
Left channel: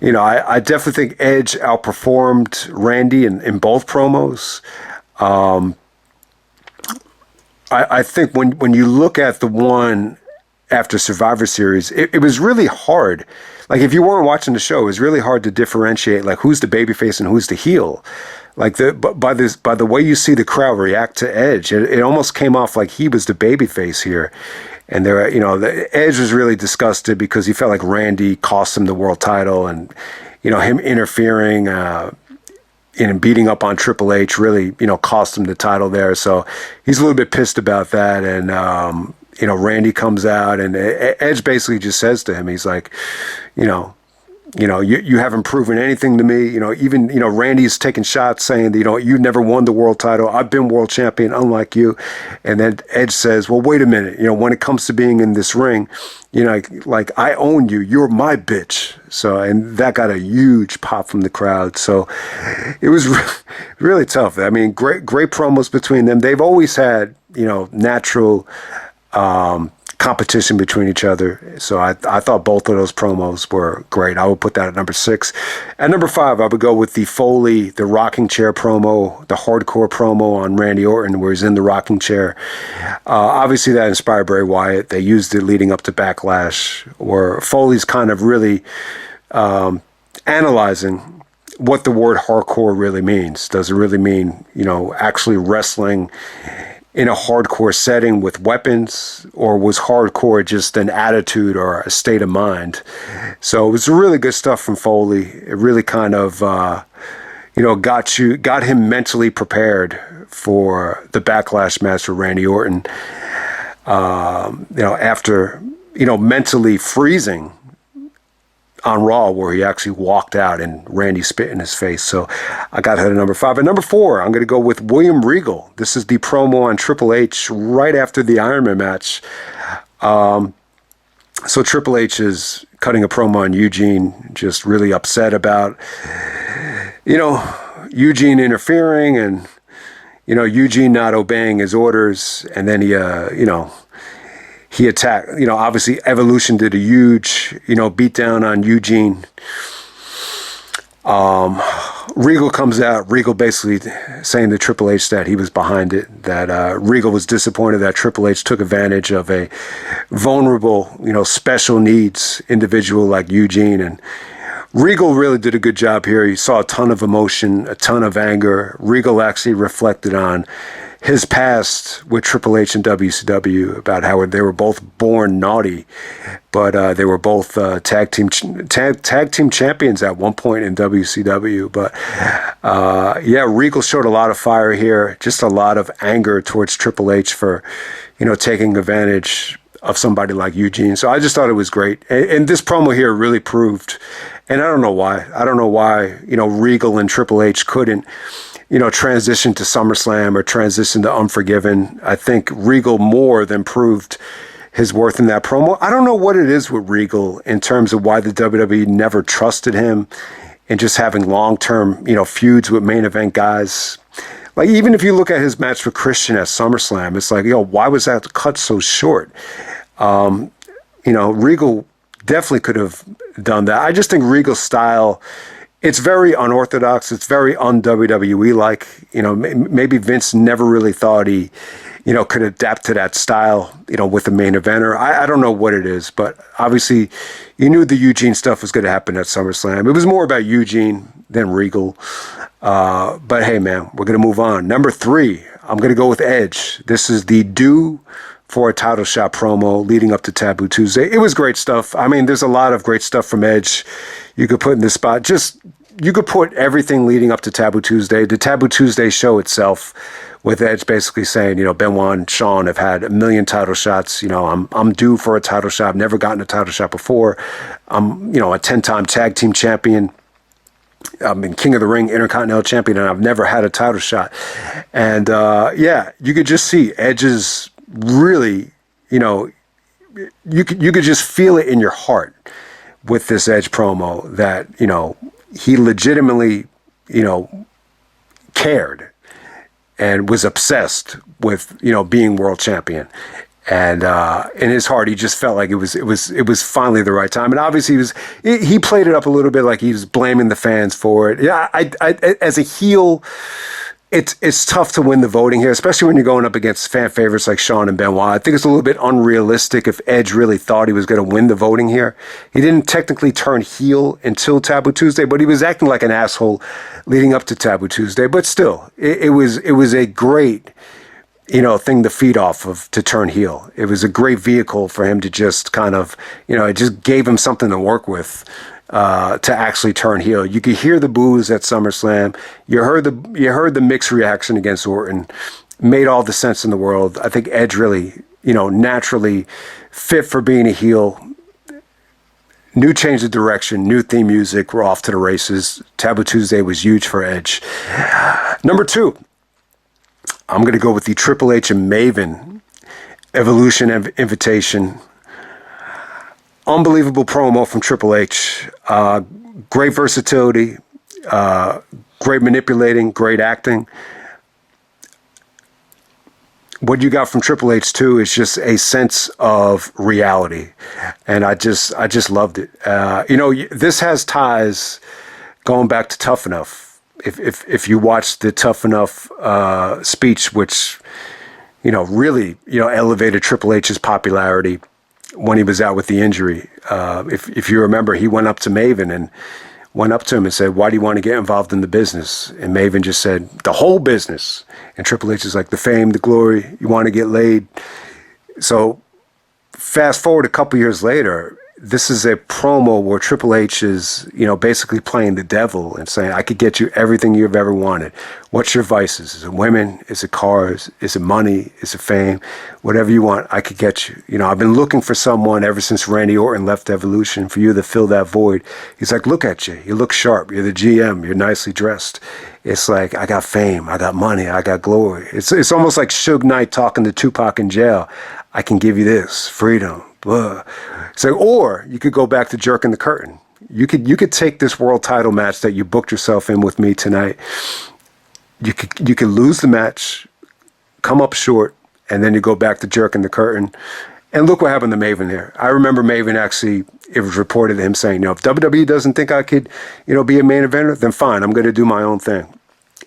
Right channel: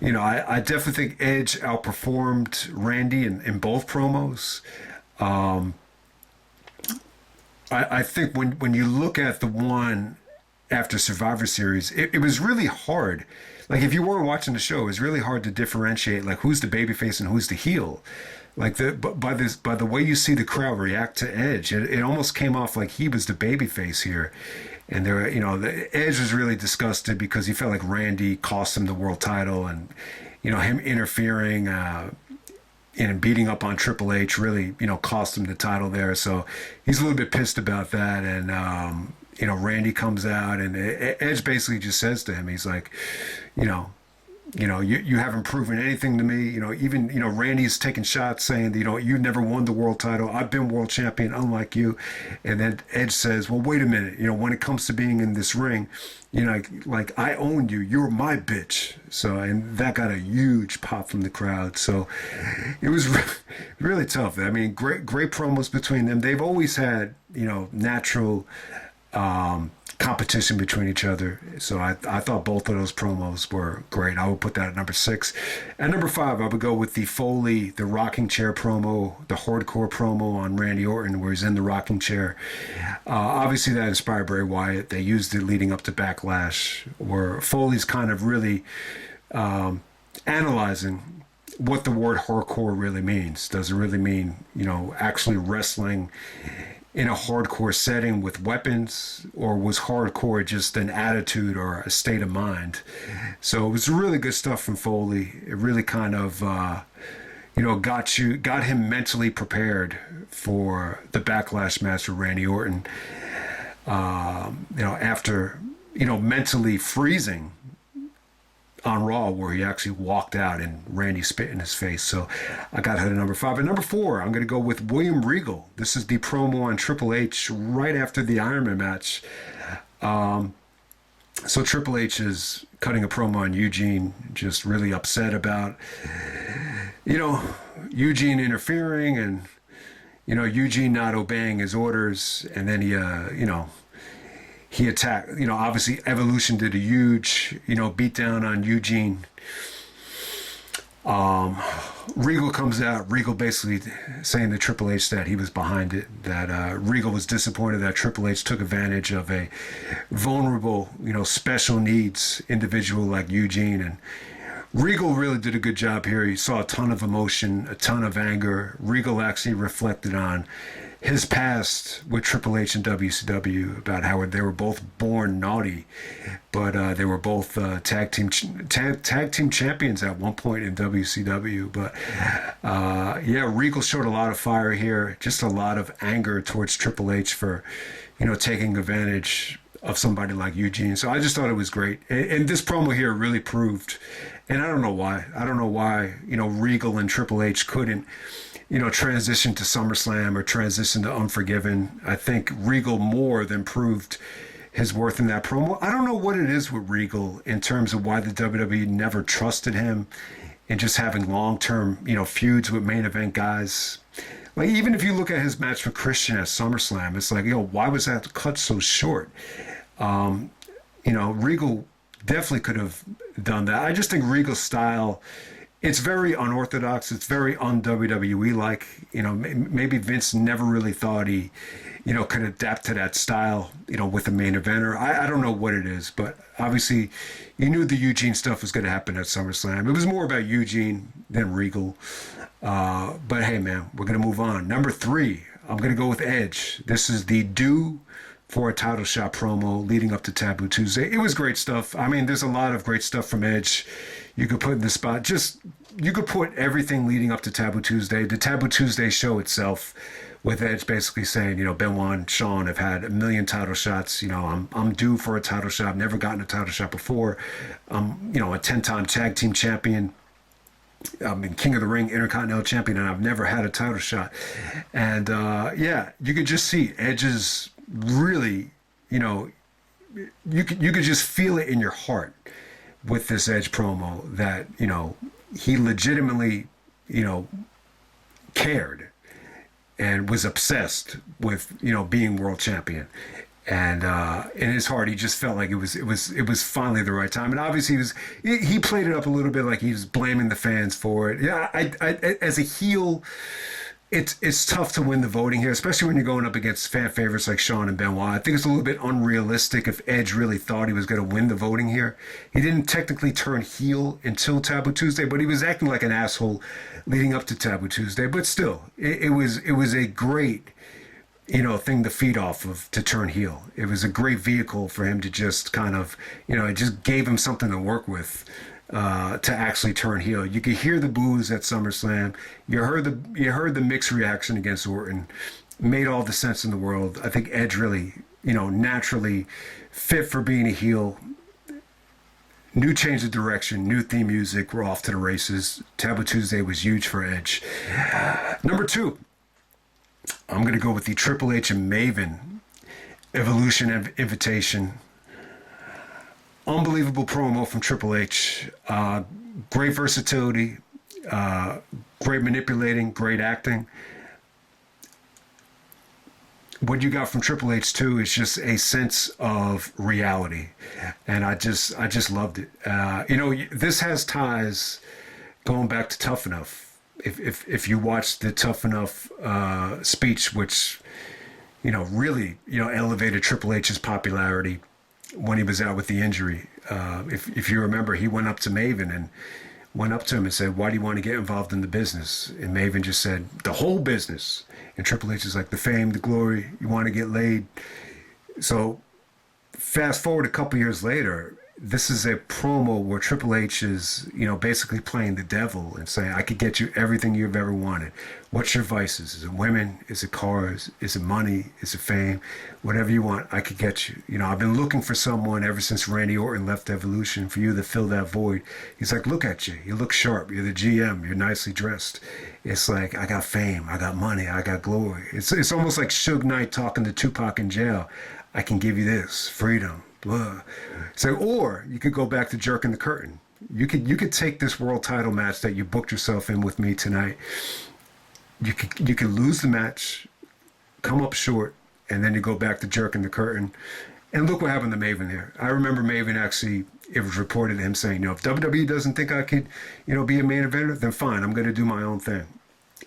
I definitely think Edge outperformed Randy in both promos. I think when you look at the one after Survivor Series, it was really hard. Like, if you weren't watching the show, it was really hard to differentiate, like, who's the babyface and who's the heel. Like, by the way you see the crowd react to Edge, it almost came off like he was the babyface here. And the Edge was really disgusted because he felt like Randy cost him the world title, and him interfering and beating up on Triple H really cost him the title there. So he's a little bit pissed about that. And Randy comes out, and Edge basically just says to him, he's like, you haven't proven anything to me. Even Randy's taking shots saying that, you never won the world title. I've been world champion, unlike you. And then Edge says, well, wait a minute. When it comes to being in this ring, like I own you. You're my bitch. So, and that got a huge pop from the crowd. So it was really tough. I mean, great promos between them. They've always had, natural competition between each other. So I thought both of those promos were great. I would put that at number 6. At number 5, I would go with the Foley, the rocking chair promo, the hardcore promo on Randy Orton, where he's in the rocking chair. Obviously, that inspired Bray Wyatt. They used it leading up to Backlash, where Foley's kind of really analyzing what the word hardcore really means. Does it really mean, actually wrestling in a hardcore setting with weapons, or was hardcore just an attitude or a state of mind? So it was really good stuff from Foley. It really kind of, got him mentally prepared for the Backlash match with Randy Orton. After, mentally freezing on Raw, where he actually walked out and Randy spit in his face. So I got her to number 5. At number 4, I'm going to go with William Regal. This is the promo on Triple H right after the Iron Man match. So Triple H is cutting a promo on Eugene, just really upset about, Eugene interfering and, Eugene not obeying his orders. And then he attacked, obviously Evolution did a huge, beatdown on Eugene. Regal comes out, Regal basically saying to Triple H that he was behind it, that Regal was disappointed that Triple H took advantage of a vulnerable, special needs individual like Eugene. And Regal really did a good job here. He saw a ton of emotion, a ton of anger. Regal actually reflected on his past with Triple H and WCW, about how they were both born naughty, but they were both tag team champions at one point in WCW. But Regal showed a lot of fire here, just a lot of anger towards Triple H for, taking advantage of somebody like Eugene. So I just thought it was great. And this promo here really proved, and I don't know why, Regal and Triple H couldn't transition to SummerSlam or transition to Unforgiven. I think Regal more than proved his worth in that promo. I don't know what it is with Regal in terms of why the WWE never trusted him in just having long-term, feuds with main event guys. Like, even if you look at his match with Christian at SummerSlam, it's like, why was that cut so short? Regal definitely could have done that. I just think Regal's style, it's very unorthodox. It's very un-WWE-like. Maybe Vince never really thought he, could adapt to that style, with the main eventer. I don't know what it is, but obviously you knew the Eugene stuff was going to happen at SummerSlam. It was more about Eugene than Regal. But hey, man, we're going to move on. Number 3, I'm going to go with Edge. This is the due for a title shot promo leading up to Taboo Tuesday. It was great stuff. I mean, there's a lot of great stuff from Edge you could put in this spot. You could put everything leading up to Taboo Tuesday. The Taboo Tuesday show itself, with Edge basically saying, Benoit and Shawn have had 1 million title shots. I'm due for a title shot. I've never gotten a title shot before. I'm, a 10-time tag team champion. I've been King of the Ring, Intercontinental Champion, and I've never had a title shot. And you could just see Edge's really, you could just feel it in your heart with this Edge promo that, he legitimately, cared and was obsessed with, being world champion. And in his heart, he just felt like it was finally the right time. And obviously, he played it up a little bit, like he was blaming the fans for it. Yeah, I as a heel, it's tough to win the voting here, especially when you're going up against fan favorites like Shawn and Benoit. I think it's a little bit unrealistic if Edge really thought he was going to win the voting here. He didn't technically turn heel until Taboo Tuesday, but he was acting like an asshole leading up to Taboo Tuesday. But still, it was a great thing to feed off of to turn heel. It was a great vehicle for him to just kind of, it just gave him something to work with to actually turn heel. You could hear the boos at SummerSlam. You heard the mixed reaction against Orton. Made all the sense in the world. I think Edge really, naturally fit for being a heel. New change of direction, new theme music. We're off to the races. Taboo Tuesday was huge for Edge. Number 2. I'm going to go with the Triple H and Maven Evolution Invitation. Unbelievable promo from Triple H. Great versatility, great manipulating, great acting. What you got from Triple H too is just a sense of reality, and I just loved it. This has ties going back to Tough Enough. If you watch the Tough Enough speech, which really elevated Triple H's popularity when he was out with the injury. If you remember, he went up to Maven and went up to him and said, "Why do you want to get involved in the business?" And Maven just said, "The whole business." And Triple H is like, "The fame, the glory, you want to get laid." So fast forward a couple years later, this is a promo where Triple H is, basically playing the devil and saying, "I could get you everything you've ever wanted. What's your vices? Is it women? Is it cars? Is it money? Is it fame? Whatever you want, I could get you. I've been looking for someone ever since Randy Orton left Evolution for you to fill that void." He's like, "Look at you. You look sharp. You're the GM. You're nicely dressed." It's like, I got fame. I got money. I got glory. It's almost like Suge Knight talking to Tupac in jail. "I can give you this, freedom." Blah. So, or you could go back to jerking the curtain. You could take this world title match that you booked yourself in with me tonight. You could lose the match, come up short, and then you go back to jerking the curtain. And look what happened to Maven here. I remember Maven actually, it was reported to him saying, if WWE doesn't think I could, be a main eventer, then fine, I'm going to do my own thing.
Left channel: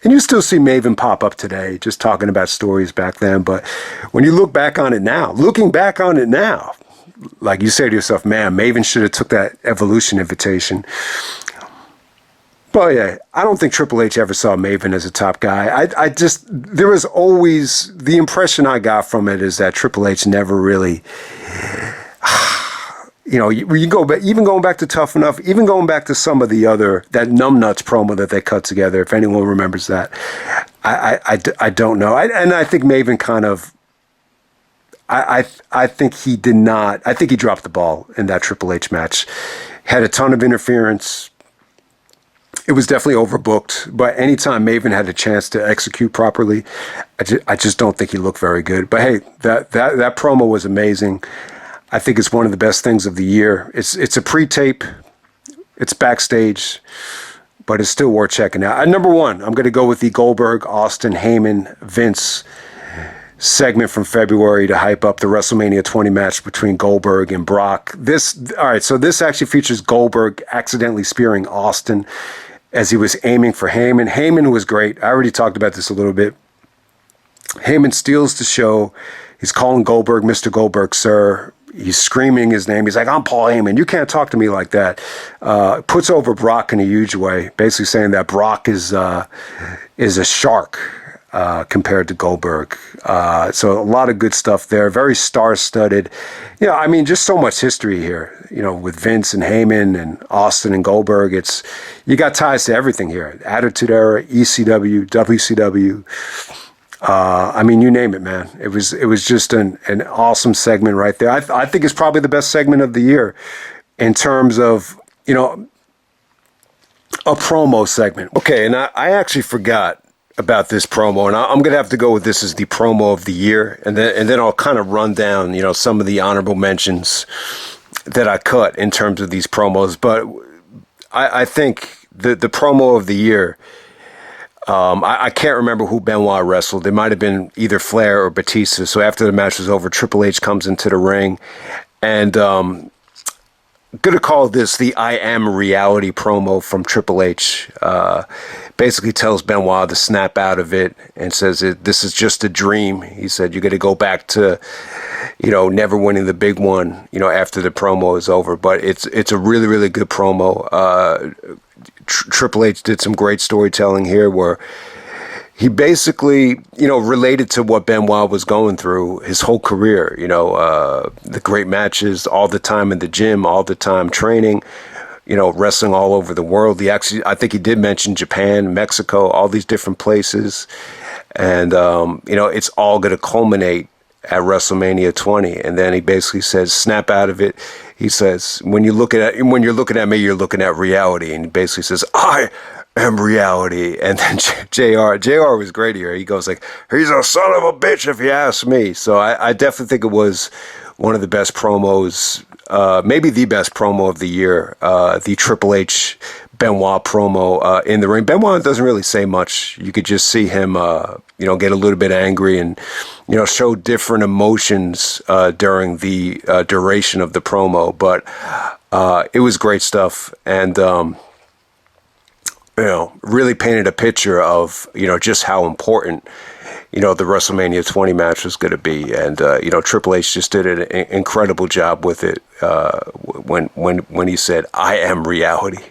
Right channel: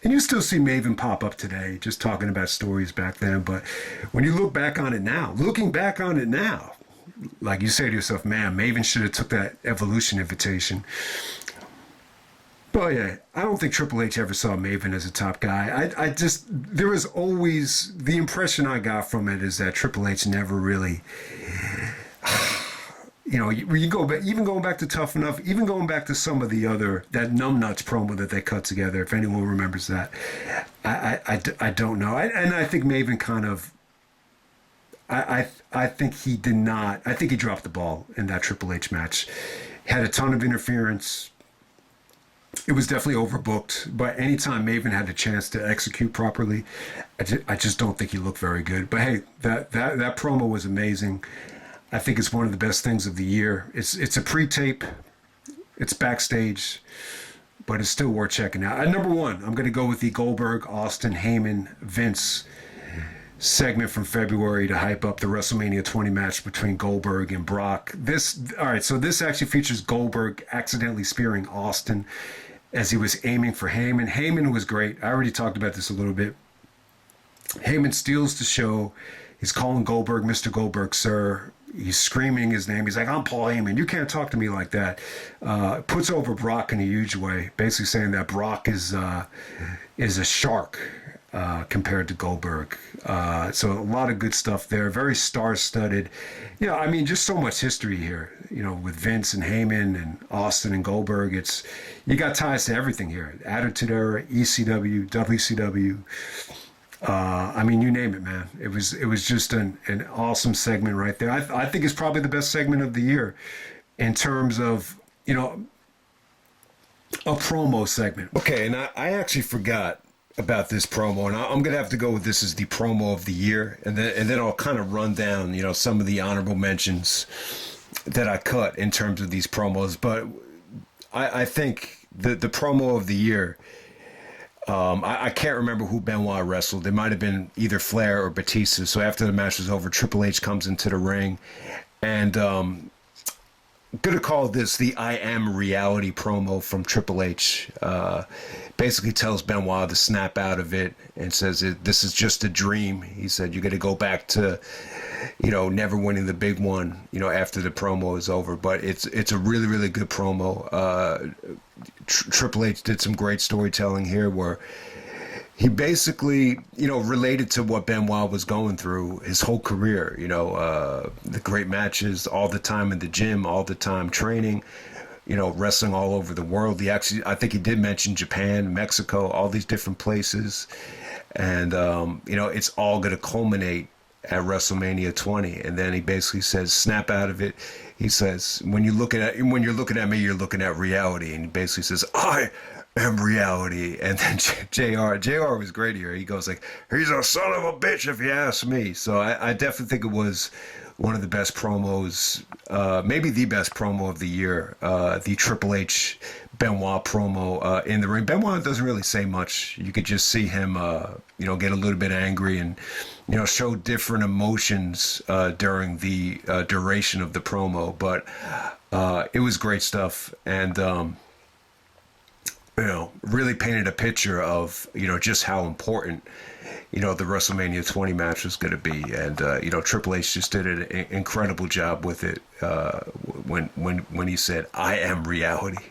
And you still see Maven pop up today, just talking about stories back then. But when you look back on it now, like you say to yourself, man, Maven should have took that Evolution invitation. But yeah, I don't think Triple H ever saw Maven as a top guy. There was always, the impression I got from it is that Triple H never really, you go back, even going back to Tough Enough, even going back to some of the other, that Numbnuts promo that they cut together, if anyone remembers that, I don't know. And I think Maven kind of, I think he did not. I think he dropped the ball in that Triple H match. Had a ton of interference. It was definitely overbooked, but anytime Maven had a chance to execute properly, I just don't think he looked very good. But hey, that promo was amazing. I think it's one of the best things of the year. It's a pre-tape, it's backstage, but it's still worth checking out. At number one, I'm going to go with the Goldberg, Austin, Heyman, Vince segment from February to hype up the WrestleMania 20 match between Goldberg and Brock. All right, so this actually features Goldberg accidentally spearing Austin as he was aiming for Heyman. Heyman was great. I already talked about this a little bit. Heyman steals the show. He's calling Goldberg, Mr. Goldberg, sir. He's screaming his name. He's like, I'm Paul Heyman. You can't talk to me like that. Puts over Brock in a huge way, basically saying that Brock is a shark compared to Goldberg. So a lot of good stuff there. Very star-studded. I mean, just so much history here, with Vince and Heyman and Austin and Goldberg. You got ties to everything here. Attitude Era, ECW, WCW. I mean, you name it, man. It was just an awesome segment right there. I think it's probably the best segment of the year in terms of, a promo segment. Okay, and I actually forgot about this promo, and I'm going to have to go with this as the promo of the year, and then I'll kind of run down, some of the honorable mentions that I cut in terms of these promos. But I think the promo of the year, I can't remember who Benoit wrestled. It might have been either Flair or Batista. So after the match was over, Triple H comes into the ring, and going to call this the I Am Reality promo from Triple H. Basically tells Benoit to snap out of it and says this is just a dream. He said, you got to go back to, never winning the big one, after the promo is over. But it's a really, really good promo. Triple H did some great storytelling here where he basically, related to what Benoit was going through his whole career, the great matches, all the time in the gym, all the time training, wrestling all over the world. I think he did mention Japan, Mexico, all these different places. And, it's all going to culminate at WrestleMania 20. And then he basically says, snap out of it. He says, when you're looking at me, you're looking at reality. And he basically says, I am reality. And then JR was great here. He goes like, he's a son of a bitch if you ask me. So I definitely think it was one of the best promos, maybe the best promo of the year, the Triple H Benoit promo in the ring. Benoit doesn't really say much. You could just see him, get a little bit angry and, show different emotions during the duration of the promo. But it was great stuff, and really painted a picture of just how important the WrestleMania 20 match was going to be. And, Triple H just did an incredible job with it when he said, I am reality.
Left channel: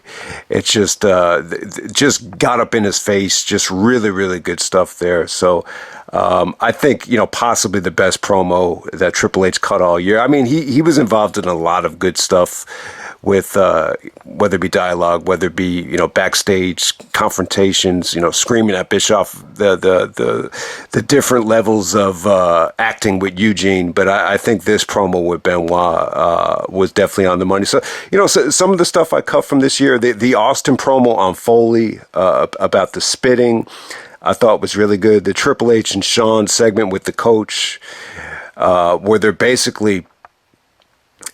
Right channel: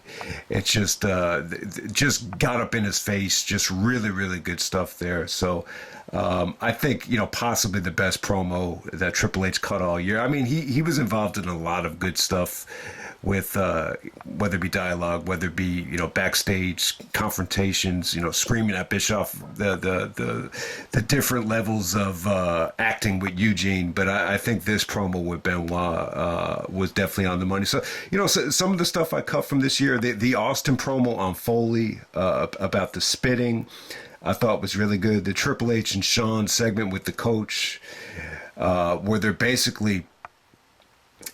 It just got up in his face, just really, really good stuff there. So I think, possibly the best promo that Triple H cut all year. I mean, he was involved in a lot of good stuff with whether it be dialogue, whether it be backstage confrontations, screaming at Bischoff, the different levels of acting with Eugene. But I think this promo with Benoit was definitely on the money. So so some of the stuff I cut from this year, the Austin promo on Foley about the spitting, I thought was really good. The Triple H and Shawn segment with the coach, where they're basically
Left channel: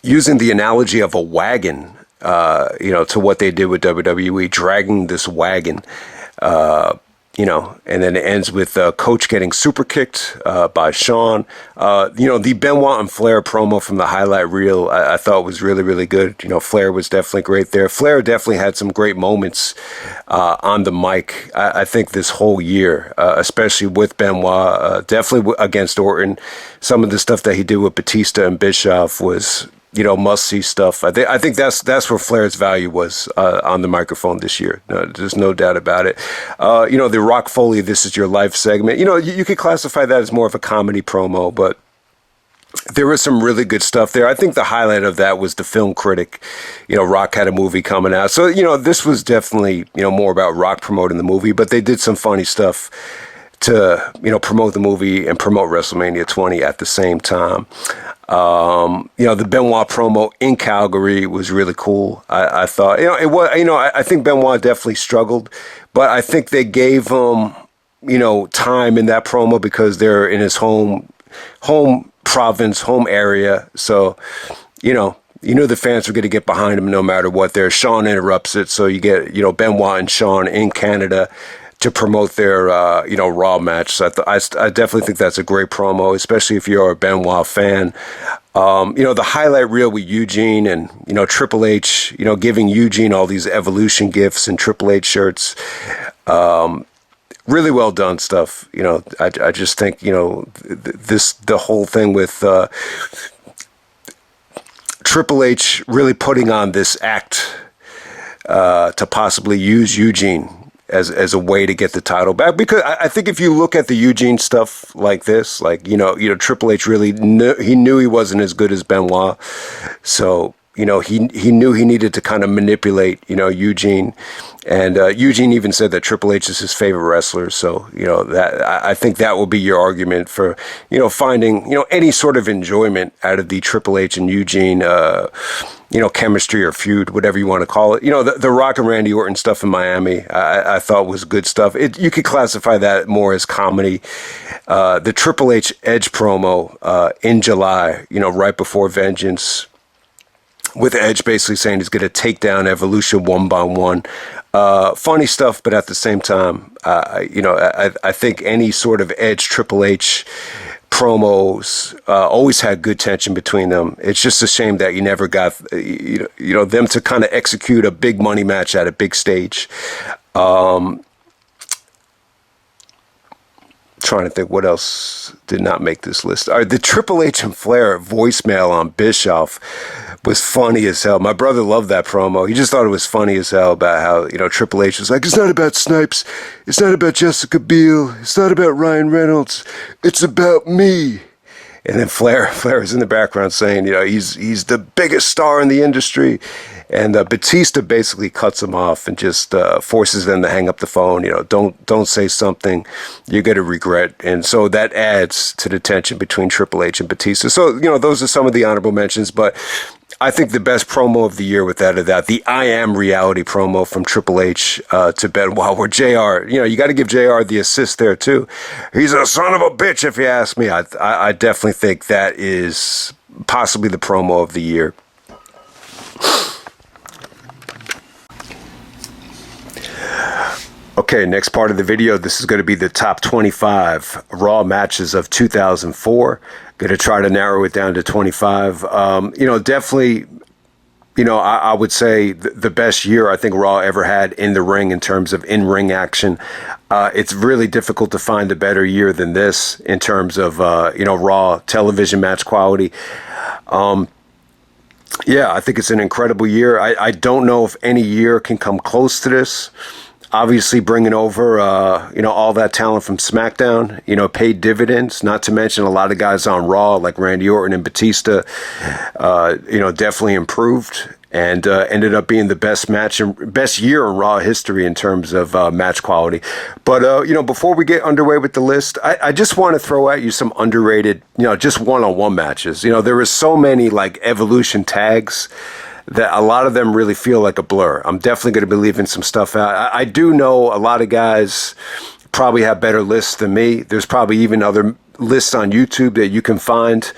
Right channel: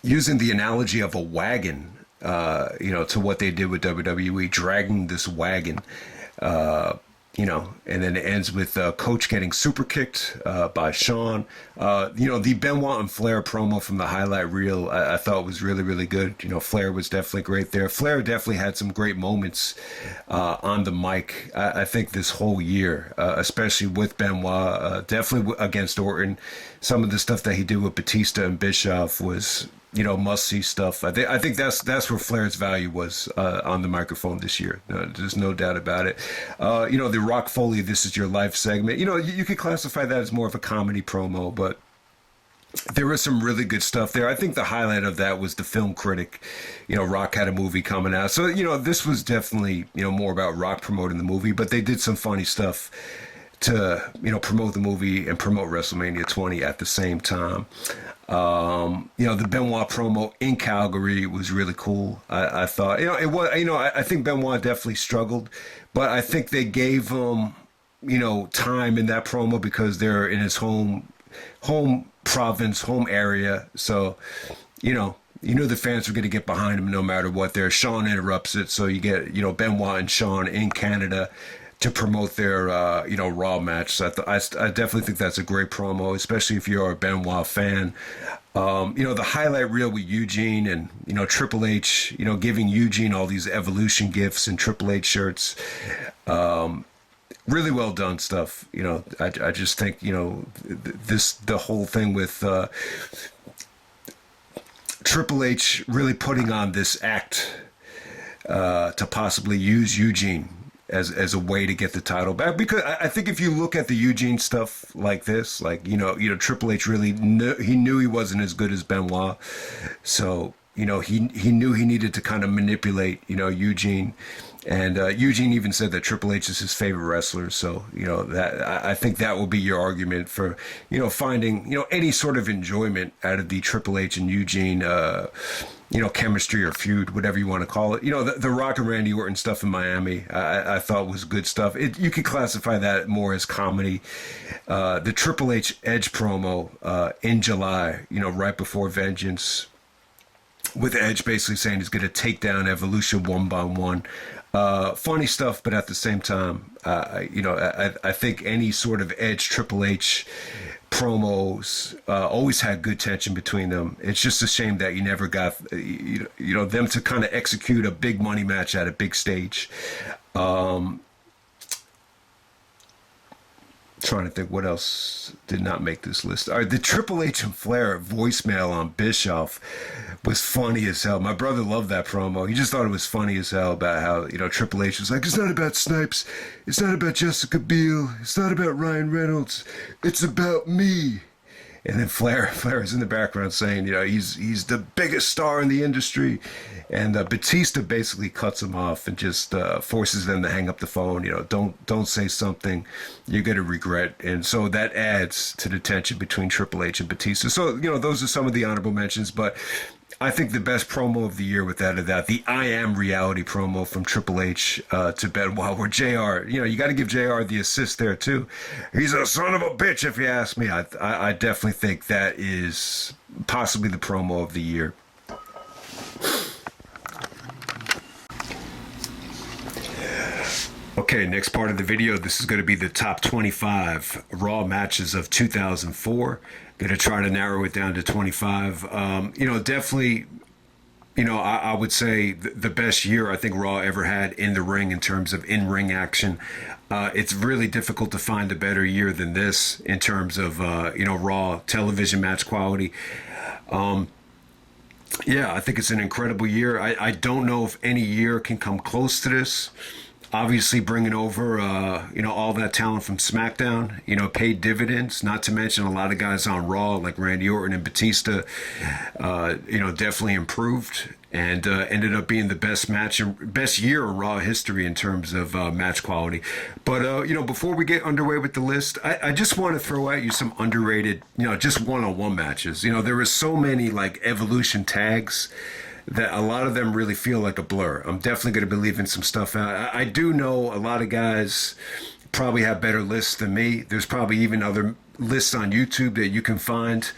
using the analogy of a wagon, to what they did with WWE, dragging this wagon, and then it ends with Coach getting super kicked by Shawn. The Benoit and Flair promo from the highlight reel, I thought was really, really good. Flair was definitely great there. Flair definitely had some great moments on the mic. I think this whole year, especially with Benoit, definitely against Orton. Some of the stuff that he did with Batista and Bischoff was must-see stuff. I think that's where Flair's value was on the microphone this year. No, there's no doubt about it. The Rock Foley "This Is Your Life" segment. You could classify that as more of a comedy promo, but there was some really good stuff there. I think the highlight of that was the film critic. Rock had a movie coming out, so this was definitely more about Rock promoting the movie, but they did some funny stuff to promote the movie and promote WrestleMania 20 at the same time. The Benoit promo in Calgary was really cool. I thought, I think Benoit definitely struggled, but I think they gave him, time in that promo because they're in his home province, home area. So, you knew the fans were going to get behind him no matter what. There, Sean interrupts it, so you get Benoit and Sean in Canada to promote their Raw match. So I definitely think that's a great promo, especially if you're a Benoit fan. The highlight reel with Eugene and Triple H, giving Eugene all these Evolution gifts and Triple H shirts. Really well done stuff. I just think the whole thing with Triple H really putting on this act to possibly use Eugene as a way to get the title back, because I think if you look at the Eugene stuff like this, Triple H really knew he wasn't as good as Benoit, so he knew he needed to kind of manipulate Eugene, and Eugene even said that Triple H is his favorite wrestler, so that I think that will be your argument for finding any sort of enjoyment out of the Triple H and Eugene chemistry or feud, whatever you want to call it. The Rock and Randy Orton stuff in Miami, I thought was good stuff. You could classify that more as comedy. The Triple H Edge promo in July, right before Vengeance, with Edge basically saying he's going to take down Evolution one by one. Funny stuff, but at the same time, I think any sort of Edge Triple H promos always had good tension between them. It's just a shame that you never got them to kind of execute a big money match at a big stage. Trying to think what else did not make this list. The Triple H and Flair voicemail on Bischoff was funny as hell. My brother loved that promo. He just thought it was funny as hell about how, Triple H was like, it's not about Snipes. It's not about Jessica Biel. It's not about Ryan Reynolds. It's about me. And then Flair is in the background saying, he's the biggest star in the industry. And Batista basically cuts him off and just forces them to hang up the phone. Don't say something you're going to regret. And so that adds to the tension between Triple H and Batista. So, those are some of the honorable mentions. But I think the best promo of the year, without a doubt, the I Am Reality promo from Triple H to Benoit, where JR, you got to give JR the assist there too. He's a son of a bitch, if you ask me. I definitely think that is possibly the promo of the year. Okay, next part of the video, this is going to be the top 25 Raw matches of 2004. Going to try to narrow it down to 25. Definitely, I would say the best year I think Raw ever had in the ring in terms of in-ring action. It's really difficult to find a better year than this in terms of, Raw television match quality. I think it's an incredible year. I don't know if any year can come close to this. Obviously, bringing over, all that talent from Smackdown, paid dividends, not to mention a lot of guys on Raw like Randy Orton and Batista, definitely improved and ended up being the best year in Raw history in terms of match quality. But, before we get underway with the list, I just want to throw at you some underrated, just one-on-one matches. There were so many like Evolution tags that a lot of them really feel like a blur. I'm definitely going to be leaving some stuff out. I do know a lot of guys probably have better lists than me. There's probably even other lists on YouTube that you can find.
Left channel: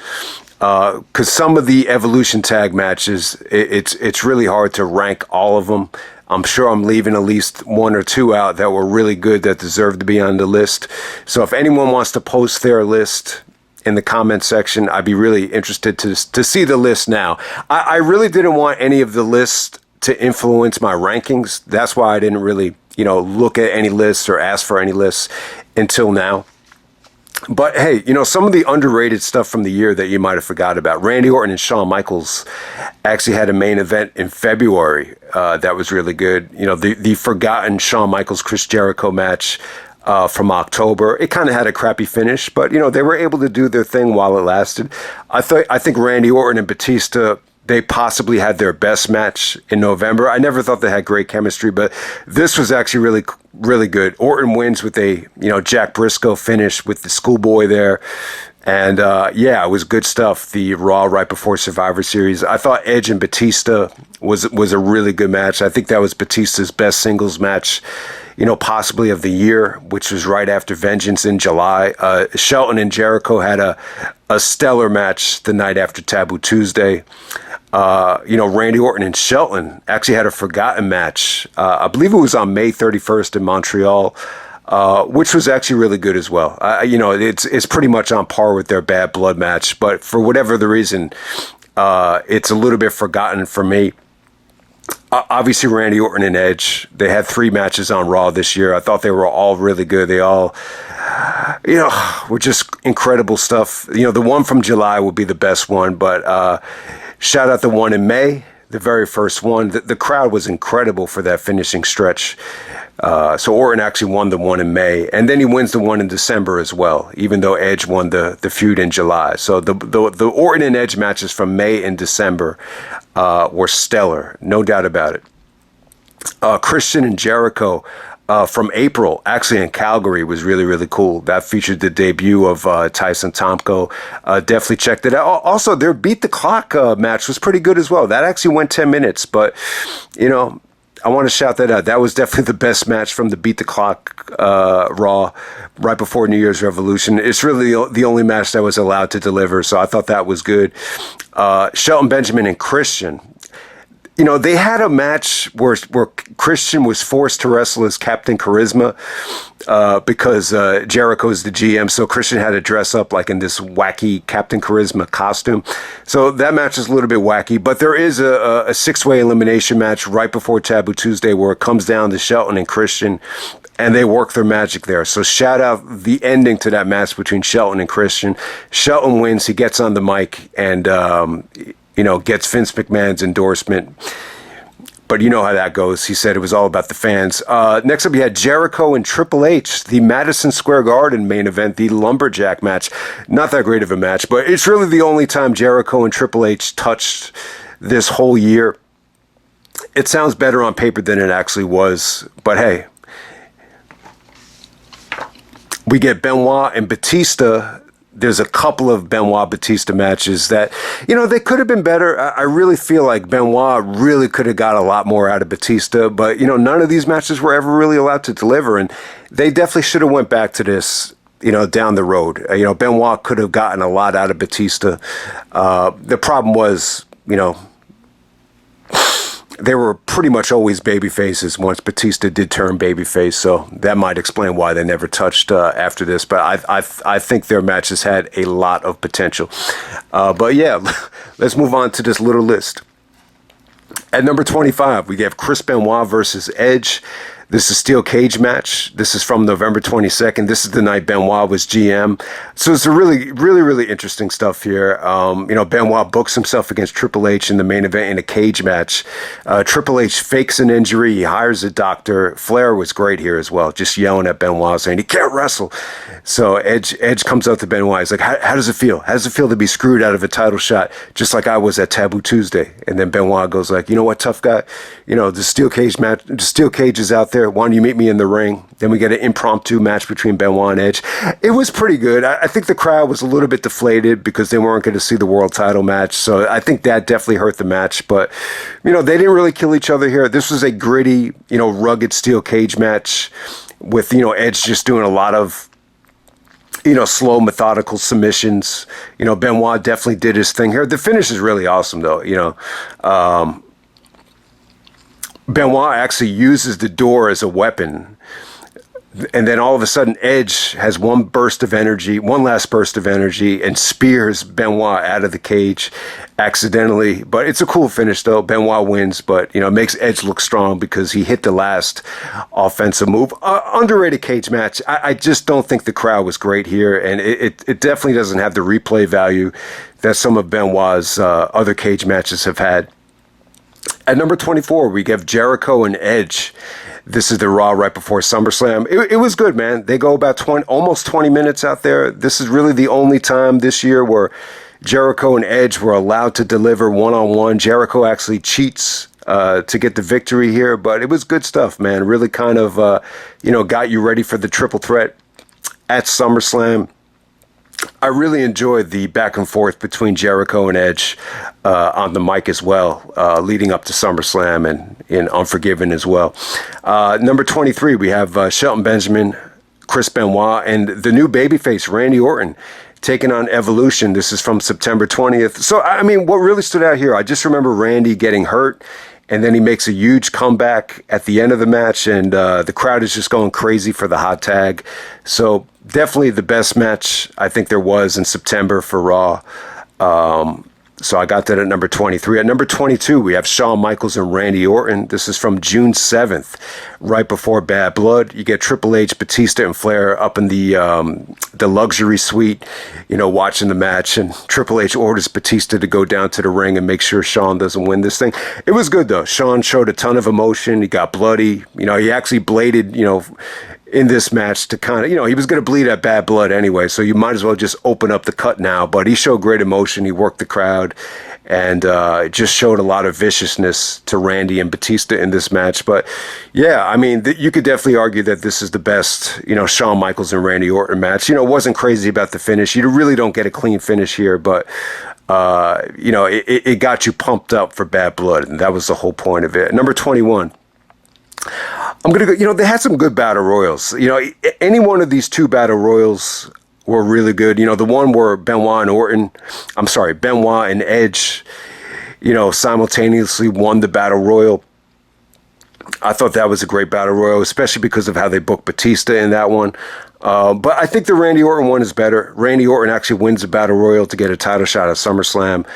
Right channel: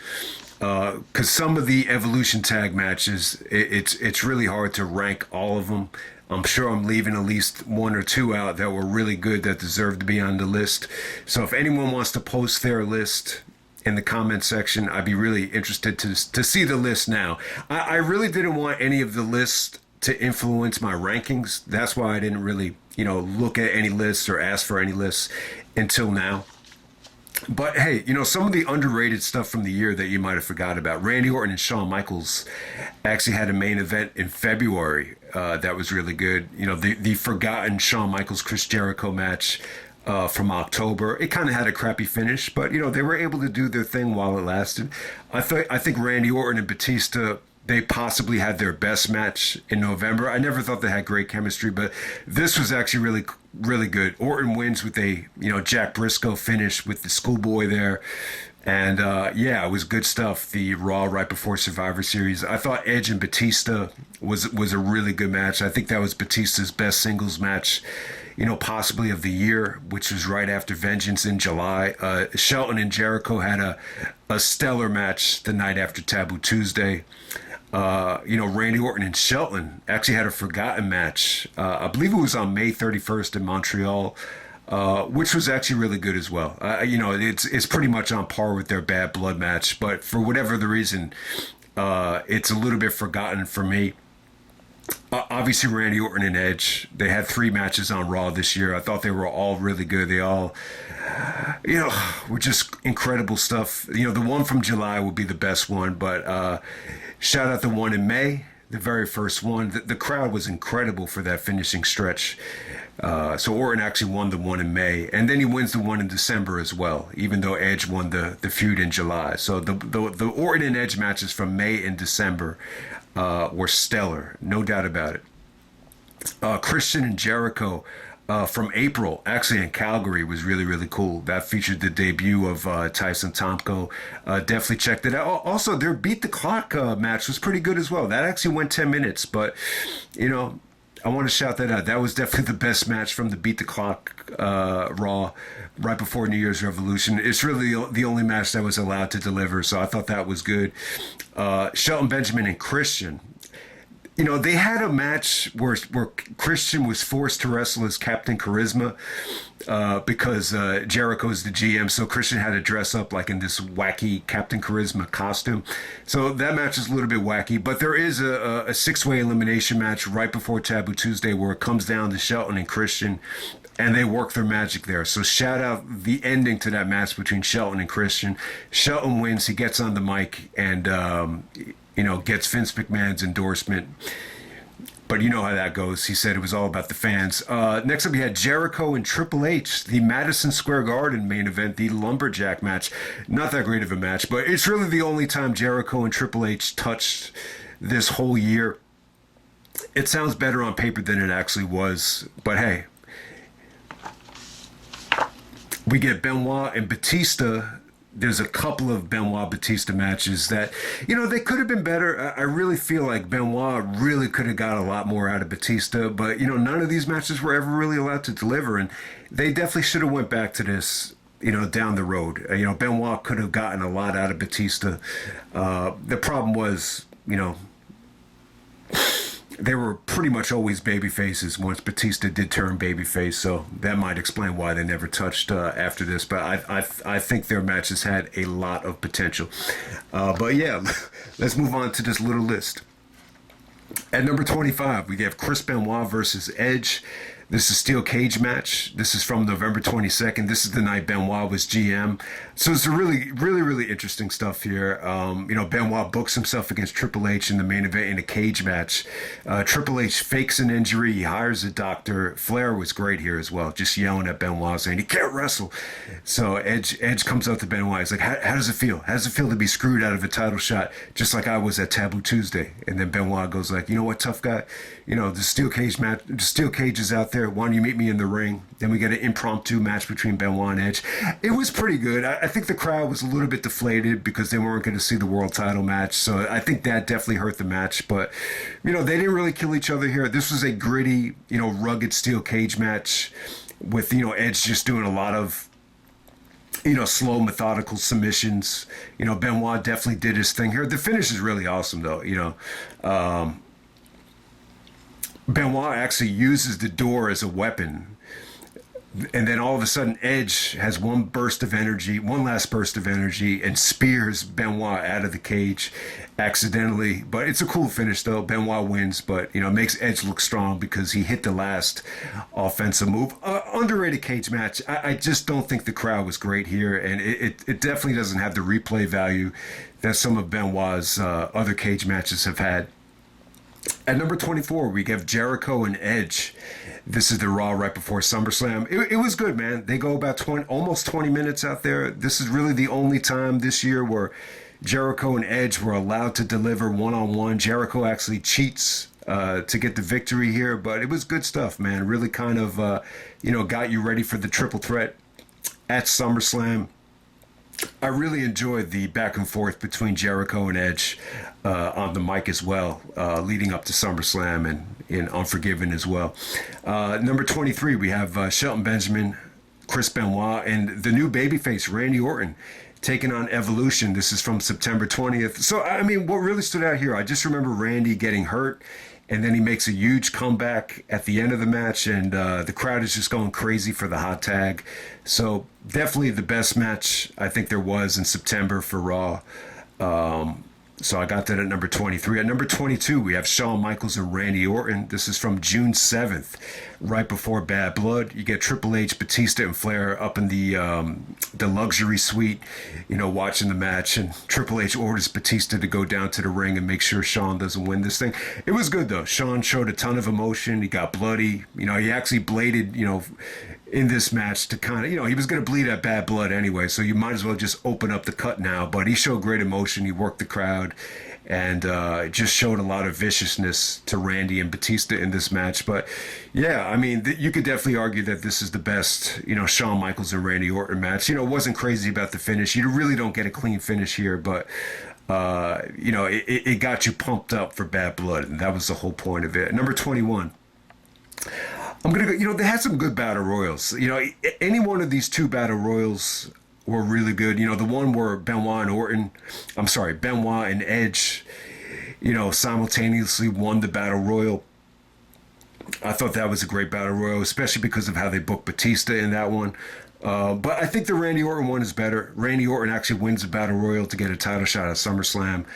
Because some of the Evolution tag matches, it's really hard to rank all of them. I'm sure I'm leaving at least one or two out that were really good that deserve to be on the list. So if anyone wants to post their list in the comment section, I'd be really interested to see the list now. I really didn't want any of the lists to influence my rankings. That's why I didn't really, look at any lists or ask for any lists until now. But hey, some of the underrated stuff from the year that you might have forgot about. Randy Orton and Shawn Michaels actually had a main event in February that was really good. The forgotten Shawn Michaels Chris Jericho match from October. It kind of had a crappy finish, but they were able to do their thing while it lasted. I think Randy Orton and Batista, they possibly had their best match in November. I never thought they had great chemistry, but this was actually really, really good. Orton wins with a Jack Briscoe finish with the schoolboy there. And yeah, it was good stuff. The Raw right before Survivor Series. I thought Edge and Batista was a really good match. I think that was Batista's best singles match, possibly of the year, which was right after Vengeance in July. Shelton and Jericho had a stellar match the night after Taboo Tuesday. Randy Orton and Shelton actually had a forgotten match. I believe it was on May 31st in Montreal. Which was actually really good as well. It's pretty much on par with their Bad Blood match, but for whatever the reason, it's a little bit forgotten for me. Obviously, Randy Orton and Edge, they had 3 matches on Raw this year. I thought they were all really good. They all, were just incredible stuff. The one from July would be the best one, but shout out the one in May, the very first one. The crowd was incredible for that finishing stretch. So Orton actually won the one in May, and then he wins the one in December as well, even though Edge won the feud in July. So the Orton and Edge matches from May and December were stellar, no doubt about it. Christian and Jericho from April, actually in Calgary, was really, really cool. That featured the debut of Tyson Tomko. Definitely checked it out. Also, their Beat the Clock match was pretty good as well. That actually went 10 minutes, but, I want to shout that out. That was definitely the best match from the Beat the Clock Raw right before New Year's Revolution. It's really the only match that was allowed to deliver, so I thought that was good. Shelton Benjamin and Christian. They had a match where Christian was forced to wrestle as Captain Charisma because Jericho's the GM, so Christian had to dress up like in this wacky Captain Charisma costume. So that match is a little bit wacky, but there is a 6-way elimination match right before Taboo Tuesday where it comes down to Shelton and Christian, and they work their magic there. So shout out the ending to that match between Shelton and Christian. Shelton wins, he gets on the mic, and gets Vince McMahon's endorsement. But you know how that goes. He said it was all about the fans. Next up, we had Jericho and Triple H, the Madison Square Garden main event, the Lumberjack match. Not that great of a match, but it's really the only time Jericho and Triple H touched this whole year. It sounds better on paper than it actually was, but hey. We get Benoit and Batista. There's a couple of Benoit-Batista matches that, they could have been better. I really feel like Benoit really could have got a lot more out of Batista, but, none of these matches were ever really allowed to deliver, and they definitely should have went back to this, down the road. Benoit could have gotten a lot out of Batista. The problem was, they were pretty much always baby faces once Batista did turn babyface, so that might explain why they never touched after this. But I think their matches had a lot of potential. But yeah, let's move on to this little list. At number 25, we have Chris Benoit versus Edge. This is a steel cage match. This is from November 22nd. This is the night Benoit was GM. So it's a really, really, really interesting stuff here. Benoit books himself against Triple H in the main event in a cage match. Triple H fakes an injury. He hires a doctor. Flair was great here as well, just yelling at Benoit, saying he can't wrestle. So Edge comes up to Benoit. He's like, how does it feel? How does it feel to be screwed out of a title shot, just like I was at Taboo Tuesday? And then Benoit goes like, you know what, tough guy? The steel cage match, the steel cage is out there. Why don't you meet me in the ring? Then we get an impromptu match between Benoit and Edge. It was pretty good. I think the crowd was a little bit deflated because they weren't going to see the world title match. So I think that definitely hurt the match. But, they didn't really kill each other here. This was a gritty, rugged steel cage match with, Edge just doing a lot of, slow, methodical submissions. Benoit definitely did his thing here. The finish is really awesome, though. Benoit actually uses the door as a weapon. And then all of a sudden, Edge has one last burst of energy, and spears Benoit out of the cage accidentally. But it's a cool finish, though. Benoit wins, but, it makes Edge look strong because he hit the last offensive move. Underrated cage match. I just don't think the crowd was great here, and it definitely doesn't have the replay value that some of Benoit's other cage matches have had. At number 24, we have Jericho and Edge. This is the Raw right before SummerSlam. It was good, man. They go about almost 20 minutes out there. This is really the only time this year where Jericho and Edge were allowed to deliver one-on-one. Jericho actually cheats to get the victory here, but it was good stuff, man. Really kind of, got you ready for the triple threat at SummerSlam. I really enjoyed the back and forth between Jericho and Edge on the mic as well, leading up to SummerSlam and in Unforgiven as well. Number 23, we have Shelton Benjamin, Chris Benoit, and the new babyface, Randy Orton, taking on Evolution. This is from September 20th. So, I mean, what really stood out here, I just remember Randy getting hurt, and then he makes a huge comeback at the end of the match, and the crowd is just going crazy for the hot tag. So definitely the best match I think there was in September for Raw. So I got that at number 23. At number 22, we have Shawn Michaels and Randy Orton. This is from June 7th, right before Bad Blood. You get Triple H, Batista, and Flair up in the luxury suite, you know, watching the match. And Triple H orders Batista to go down to the ring and make sure Shawn doesn't win this thing. It was good, though. Shawn showed a ton of emotion. He got bloody. You know, he actually bladed, you know, in this match to kind of, you know, he was going to bleed at Bad Blood anyway, so you might as well just open up the cut now. But he showed great emotion. He worked the crowd and just showed a lot of viciousness to Randy and Batista in this match. But yeah, I mean, you could definitely argue that this is the best, you know, Shawn Michaels and Randy Orton match. You know, wasn't crazy about the finish. You really don't get a clean finish here, but you know, it got you pumped up for Bad Blood, and that was the whole point of it. Number 21. I'm going to go, you know, they had some good battle royals. You know, any one of these two battle royals were really good. You know, the one where Benoit and Edge, you know, simultaneously won the battle royal. I thought that was a great battle royal, especially because of how they booked Batista in that one. But I think the Randy Orton one is better. Randy Orton actually wins the battle royal to get a title shot at SummerSlam.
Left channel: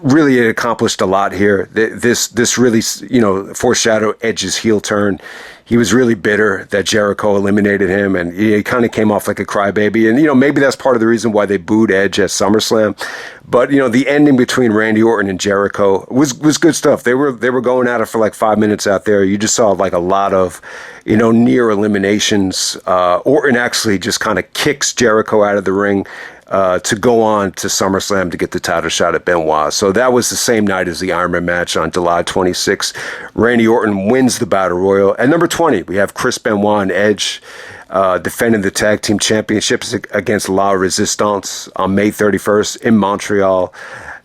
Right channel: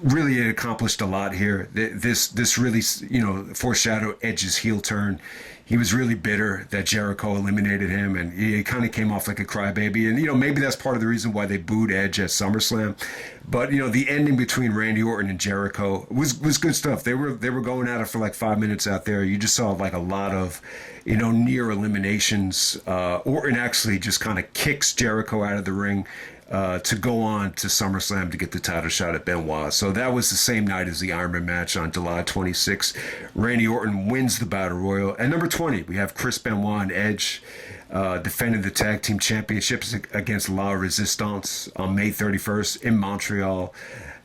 Really, it accomplished a lot here. This really, you know, foreshadowed Edge's heel turn. He was really bitter that Jericho eliminated him, and he kind of came off like a crybaby. And, you know, maybe that's part of the reason why they booed Edge at SummerSlam. But, you know, the ending between Randy Orton and Jericho was good stuff. They were going at it for like 5 minutes out there. You just saw like a lot of, you know, near eliminations. Orton actually just kind of kicks Jericho out of the ring to go on to SummerSlam to get the title shot at Benoit. So that was the same night as the Iron Man match on July 26th. Randy Orton wins the Battle Royal. At number 20, we have Chris Benoit and Edge defending the Tag Team Championships against La Resistance on May 31st in Montreal.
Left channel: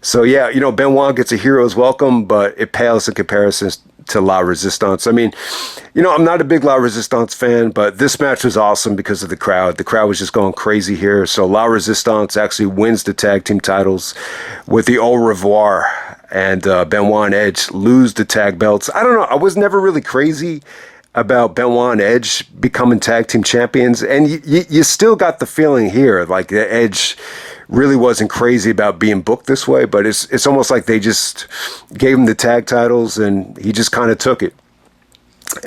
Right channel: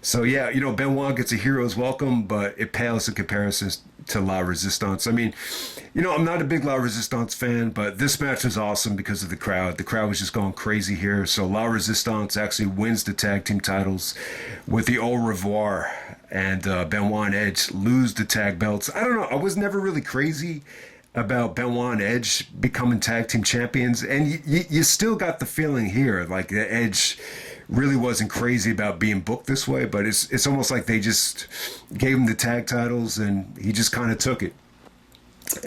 So, yeah, you know, Benoit gets a hero's welcome, but it pales in comparison to La Resistance. I mean, you know, I'm not a big La Resistance fan, but this match was awesome because of the crowd. The crowd was just going crazy here. So La Resistance actually wins the tag team titles with the au revoir, and Benoit and Edge lose the tag belts. I don't know. I was never really crazy about Benoit and Edge becoming tag team champions, and you still got the feeling here, like the Edge really wasn't crazy about being booked this way, but it's almost like they just gave him the tag titles and he just kind of took it.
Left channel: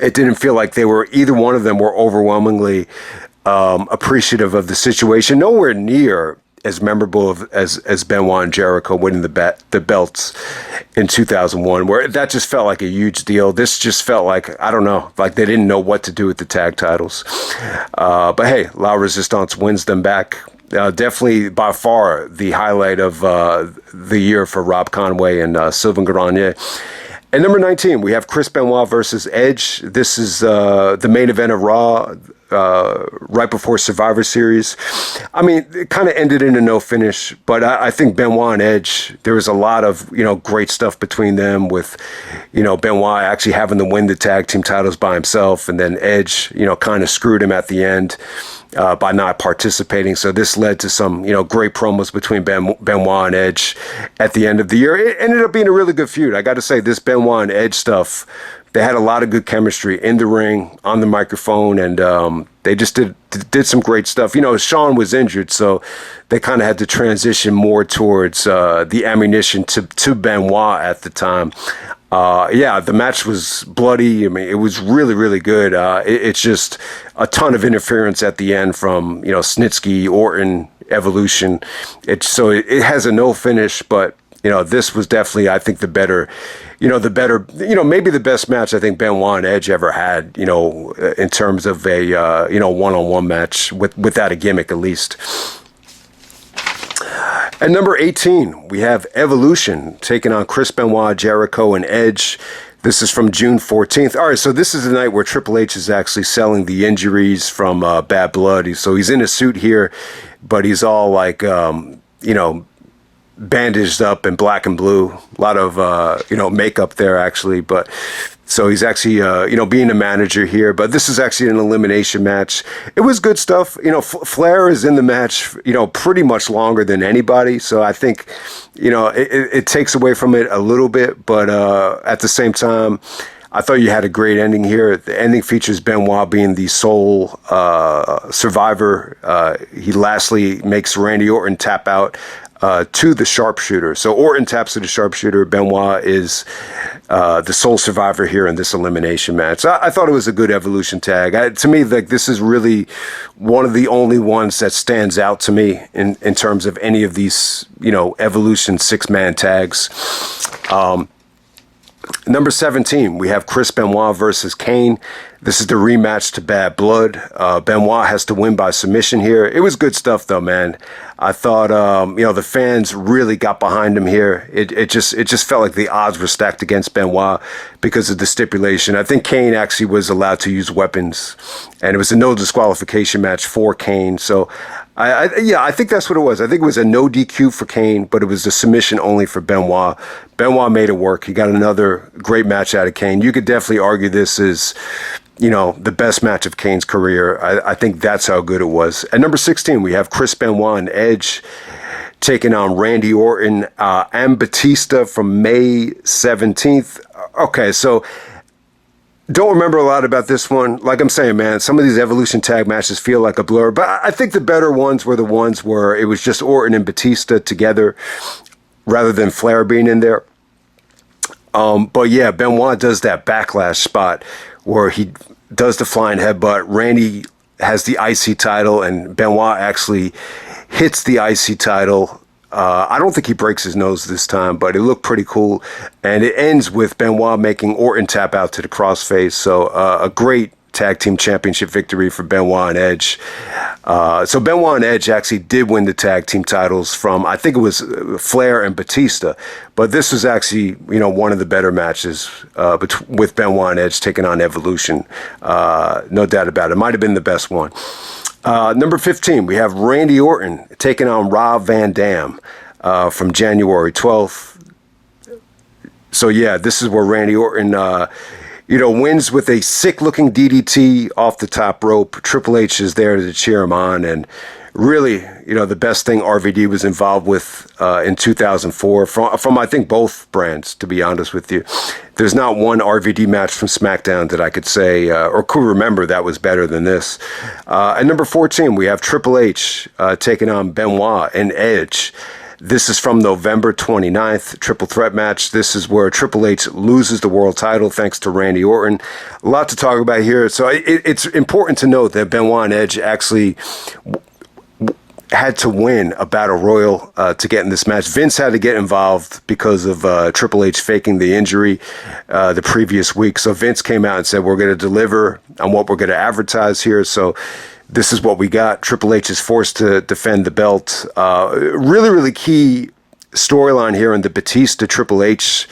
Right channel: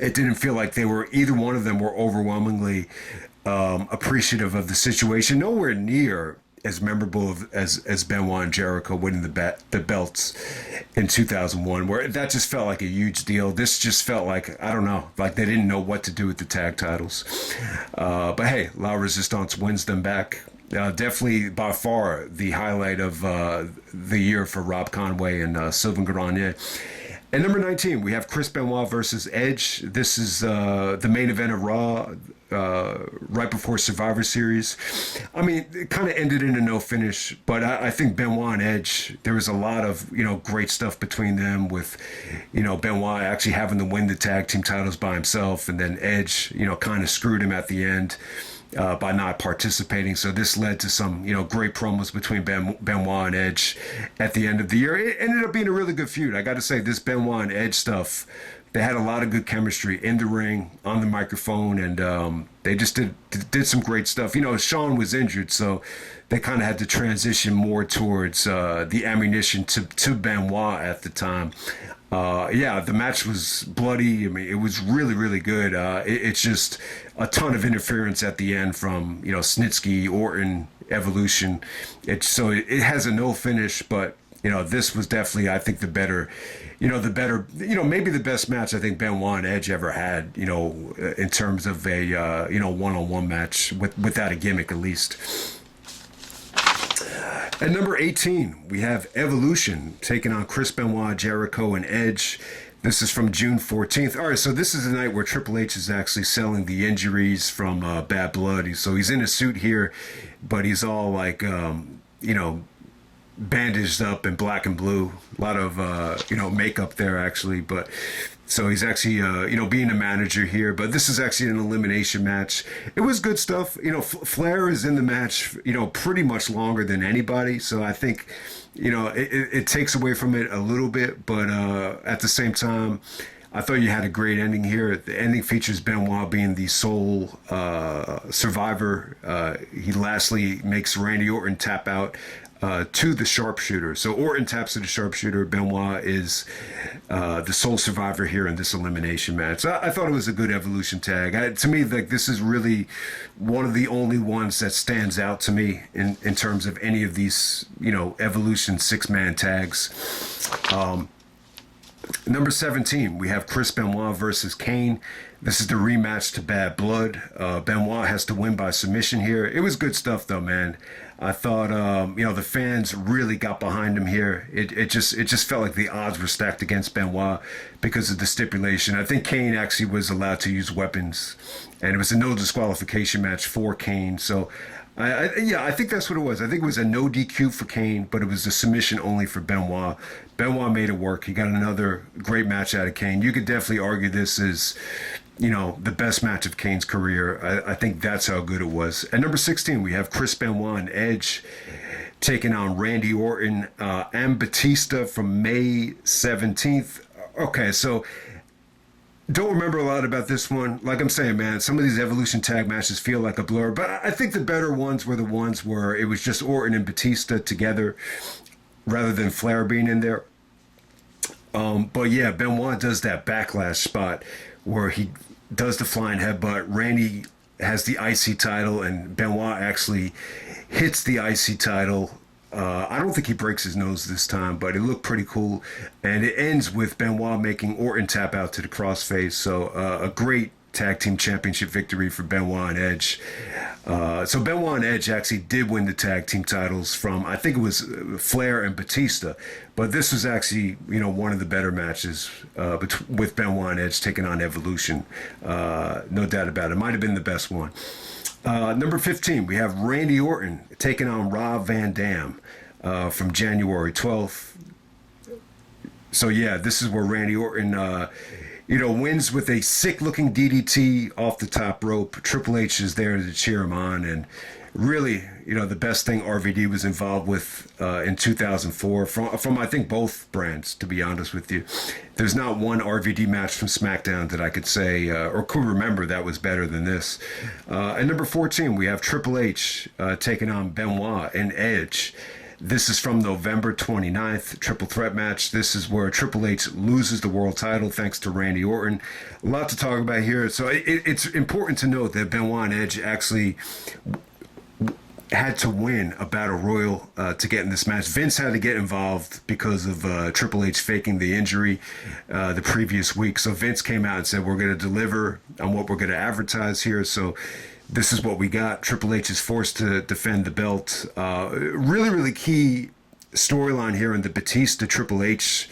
It didn't feel like either one of them were overwhelmingly appreciative of the situation. Nowhere near as memorable as Benoit and Jericho winning the belts in 2001, where that just felt like a huge deal. This just felt like, I don't know, like they didn't know what to do with the tag titles. But hey, La Resistance wins them back. Definitely by far the highlight of the year for Rob Conway and Sylvain Grenier. At number 19, we have Chris Benoit versus Edge. This is the main event of Raw right before Survivor Series. I mean, it kind of ended in a no finish, but I think Benoit and Edge, there was a lot of, you know, great stuff between them with, you know, Benoit actually having to win the tag team titles by himself, and then Edge, you know, kind of screwed him at the end by not participating. So this led to some, you know, great promos between Benoit and Edge at the end of the year. It ended up being a really good feud. I got to say, this Benoit and Edge stuff, they had a lot of good chemistry in the ring, on the microphone, and they just did some great stuff. You know, Shawn was injured, so they kind of had to transition more towards the ammunition to Benoit at the time. Yeah, the match was bloody. I mean, it was really, really good. It's just a ton of interference at the end from, you know, Snitsky, Orton, Evolution. It has a no finish, but, you know, this was definitely, I think, maybe the best match I think Benoit and Edge ever had, you know, in terms of a, you know, one-on-one match without a gimmick, at least. At number 18, we have Evolution taking on Chris Benoit, Jericho, and Edge. This is from June 14th. All right, so this is the night where Triple H is actually selling the injuries from Bad Blood. So he's in a suit here, but he's all like, bandaged up in black and blue. A lot of, makeup there, actually. But so he's actually, being a manager here. But this is actually an elimination match. It was good stuff. Flair is in the match, pretty much longer than anybody. So I think, it takes away from it a little bit. But at the same time, I thought you had a great ending here. The ending features Benoit being the sole survivor. He lastly makes Randy Orton tap out to the sharpshooter. So Orton taps to the sharpshooter. Benoit is the sole survivor here in this elimination match. I thought it was a good Evolution tag. To me, like, this is really one of the only ones that stands out to me in terms of any of these, Evolution 6-man tags. Number 17, we have Chris Benoit versus Kane. This is the rematch to Bad Blood. Benoit has to win by submission here. It was good stuff, though, man. I thought, the fans really got behind him here. It just felt like the odds were stacked against Benoit because of the stipulation. I think Kane actually was allowed to use weapons, and it was a no disqualification match for Kane. So, I think that's what it was. I think it was a no DQ for Kane, but it was a submission only for Benoit. Benoit made it work. He got another great match out of Kane. You could definitely argue this is, the best match of Kane's career. I think that's how good it was. At number 16, we have Chris Benoit and Edge taking on Randy Orton and Batista from May 17th. Okay, so don't remember a lot about this one. Like I'm saying, man, some of these Evolution tag matches feel like a blur, but I think the better ones were the ones where it was just Orton and Batista together rather than Flair being in there. But yeah, Benoit does that backlash spot where he does the flying headbutt. Randy has the IC title, and Benoit actually hits the IC title. I don't think he breaks his nose this time, but it looked pretty cool. And it ends with Benoit making Orton tap out to the crossface. So a great tag team championship victory for Benoit and Edge. So Benoit and Edge actually did win the tag team titles from, I think it was Flair and Batista. But this was actually, one of the better matches with Benoit and Edge taking on Evolution. No doubt about it. Might have been the best one. Number 15, we have Randy Orton taking on Rob Van Dam from January 12th. So yeah, this is where Randy Orton wins with a sick-looking DDT off the top rope. Triple H is there to cheer him on, and really, the best thing RVD was involved with in 2004 from I think both brands, to be honest with you. There's not one RVD match from Smackdown that I could say or could remember that was better than this. At number 14, we have Triple H taking on Benoit and Edge. This is from November 29th, triple threat match. This is where Triple H loses the world title thanks to Randy Orton. A lot to talk about here. So it's important to note that Benoit and Edge actually had to win a battle royal to get in this match. Vince had to get involved because of Triple H faking the injury the previous week. So Vince came out and said, we're going to deliver on what we're going to advertise here. So this is what we got. Triple H is forced to defend the belt. Really, really key storyline here in the Batista Triple H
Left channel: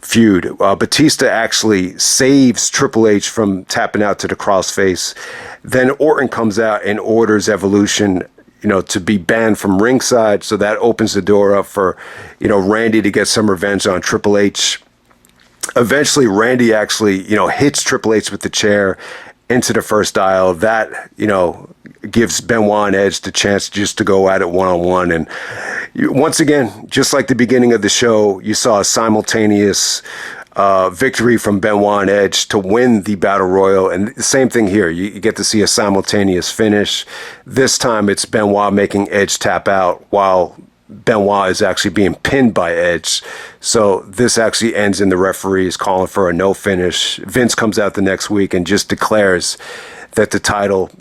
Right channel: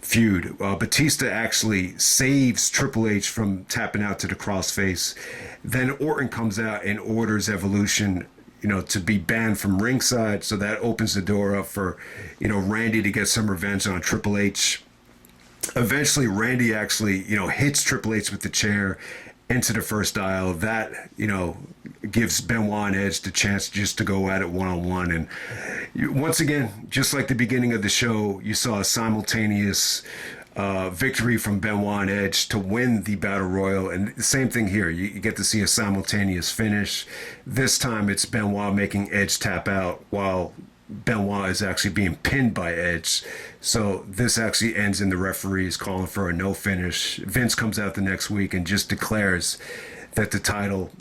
feud. Batista actually saves Triple H from tapping out to the crossface. Then Orton comes out and orders Evolution, to be banned from ringside. So that opens the door up for, Randy to get some revenge on Triple H. Eventually, Randy actually, hits Triple H with the chair into the first dial. That, gives Benoit and Edge the chance just to go at it one-on-one. And once again, just like the beginning of the show, you saw a simultaneous victory from Benoit and Edge to win the Battle Royal. And the same thing here. You get to see a simultaneous finish. This time it's Benoit making Edge tap out while Benoit is actually being pinned by Edge. So this actually ends in the referees calling for a no finish. Vince comes out the next week and just declares that the title,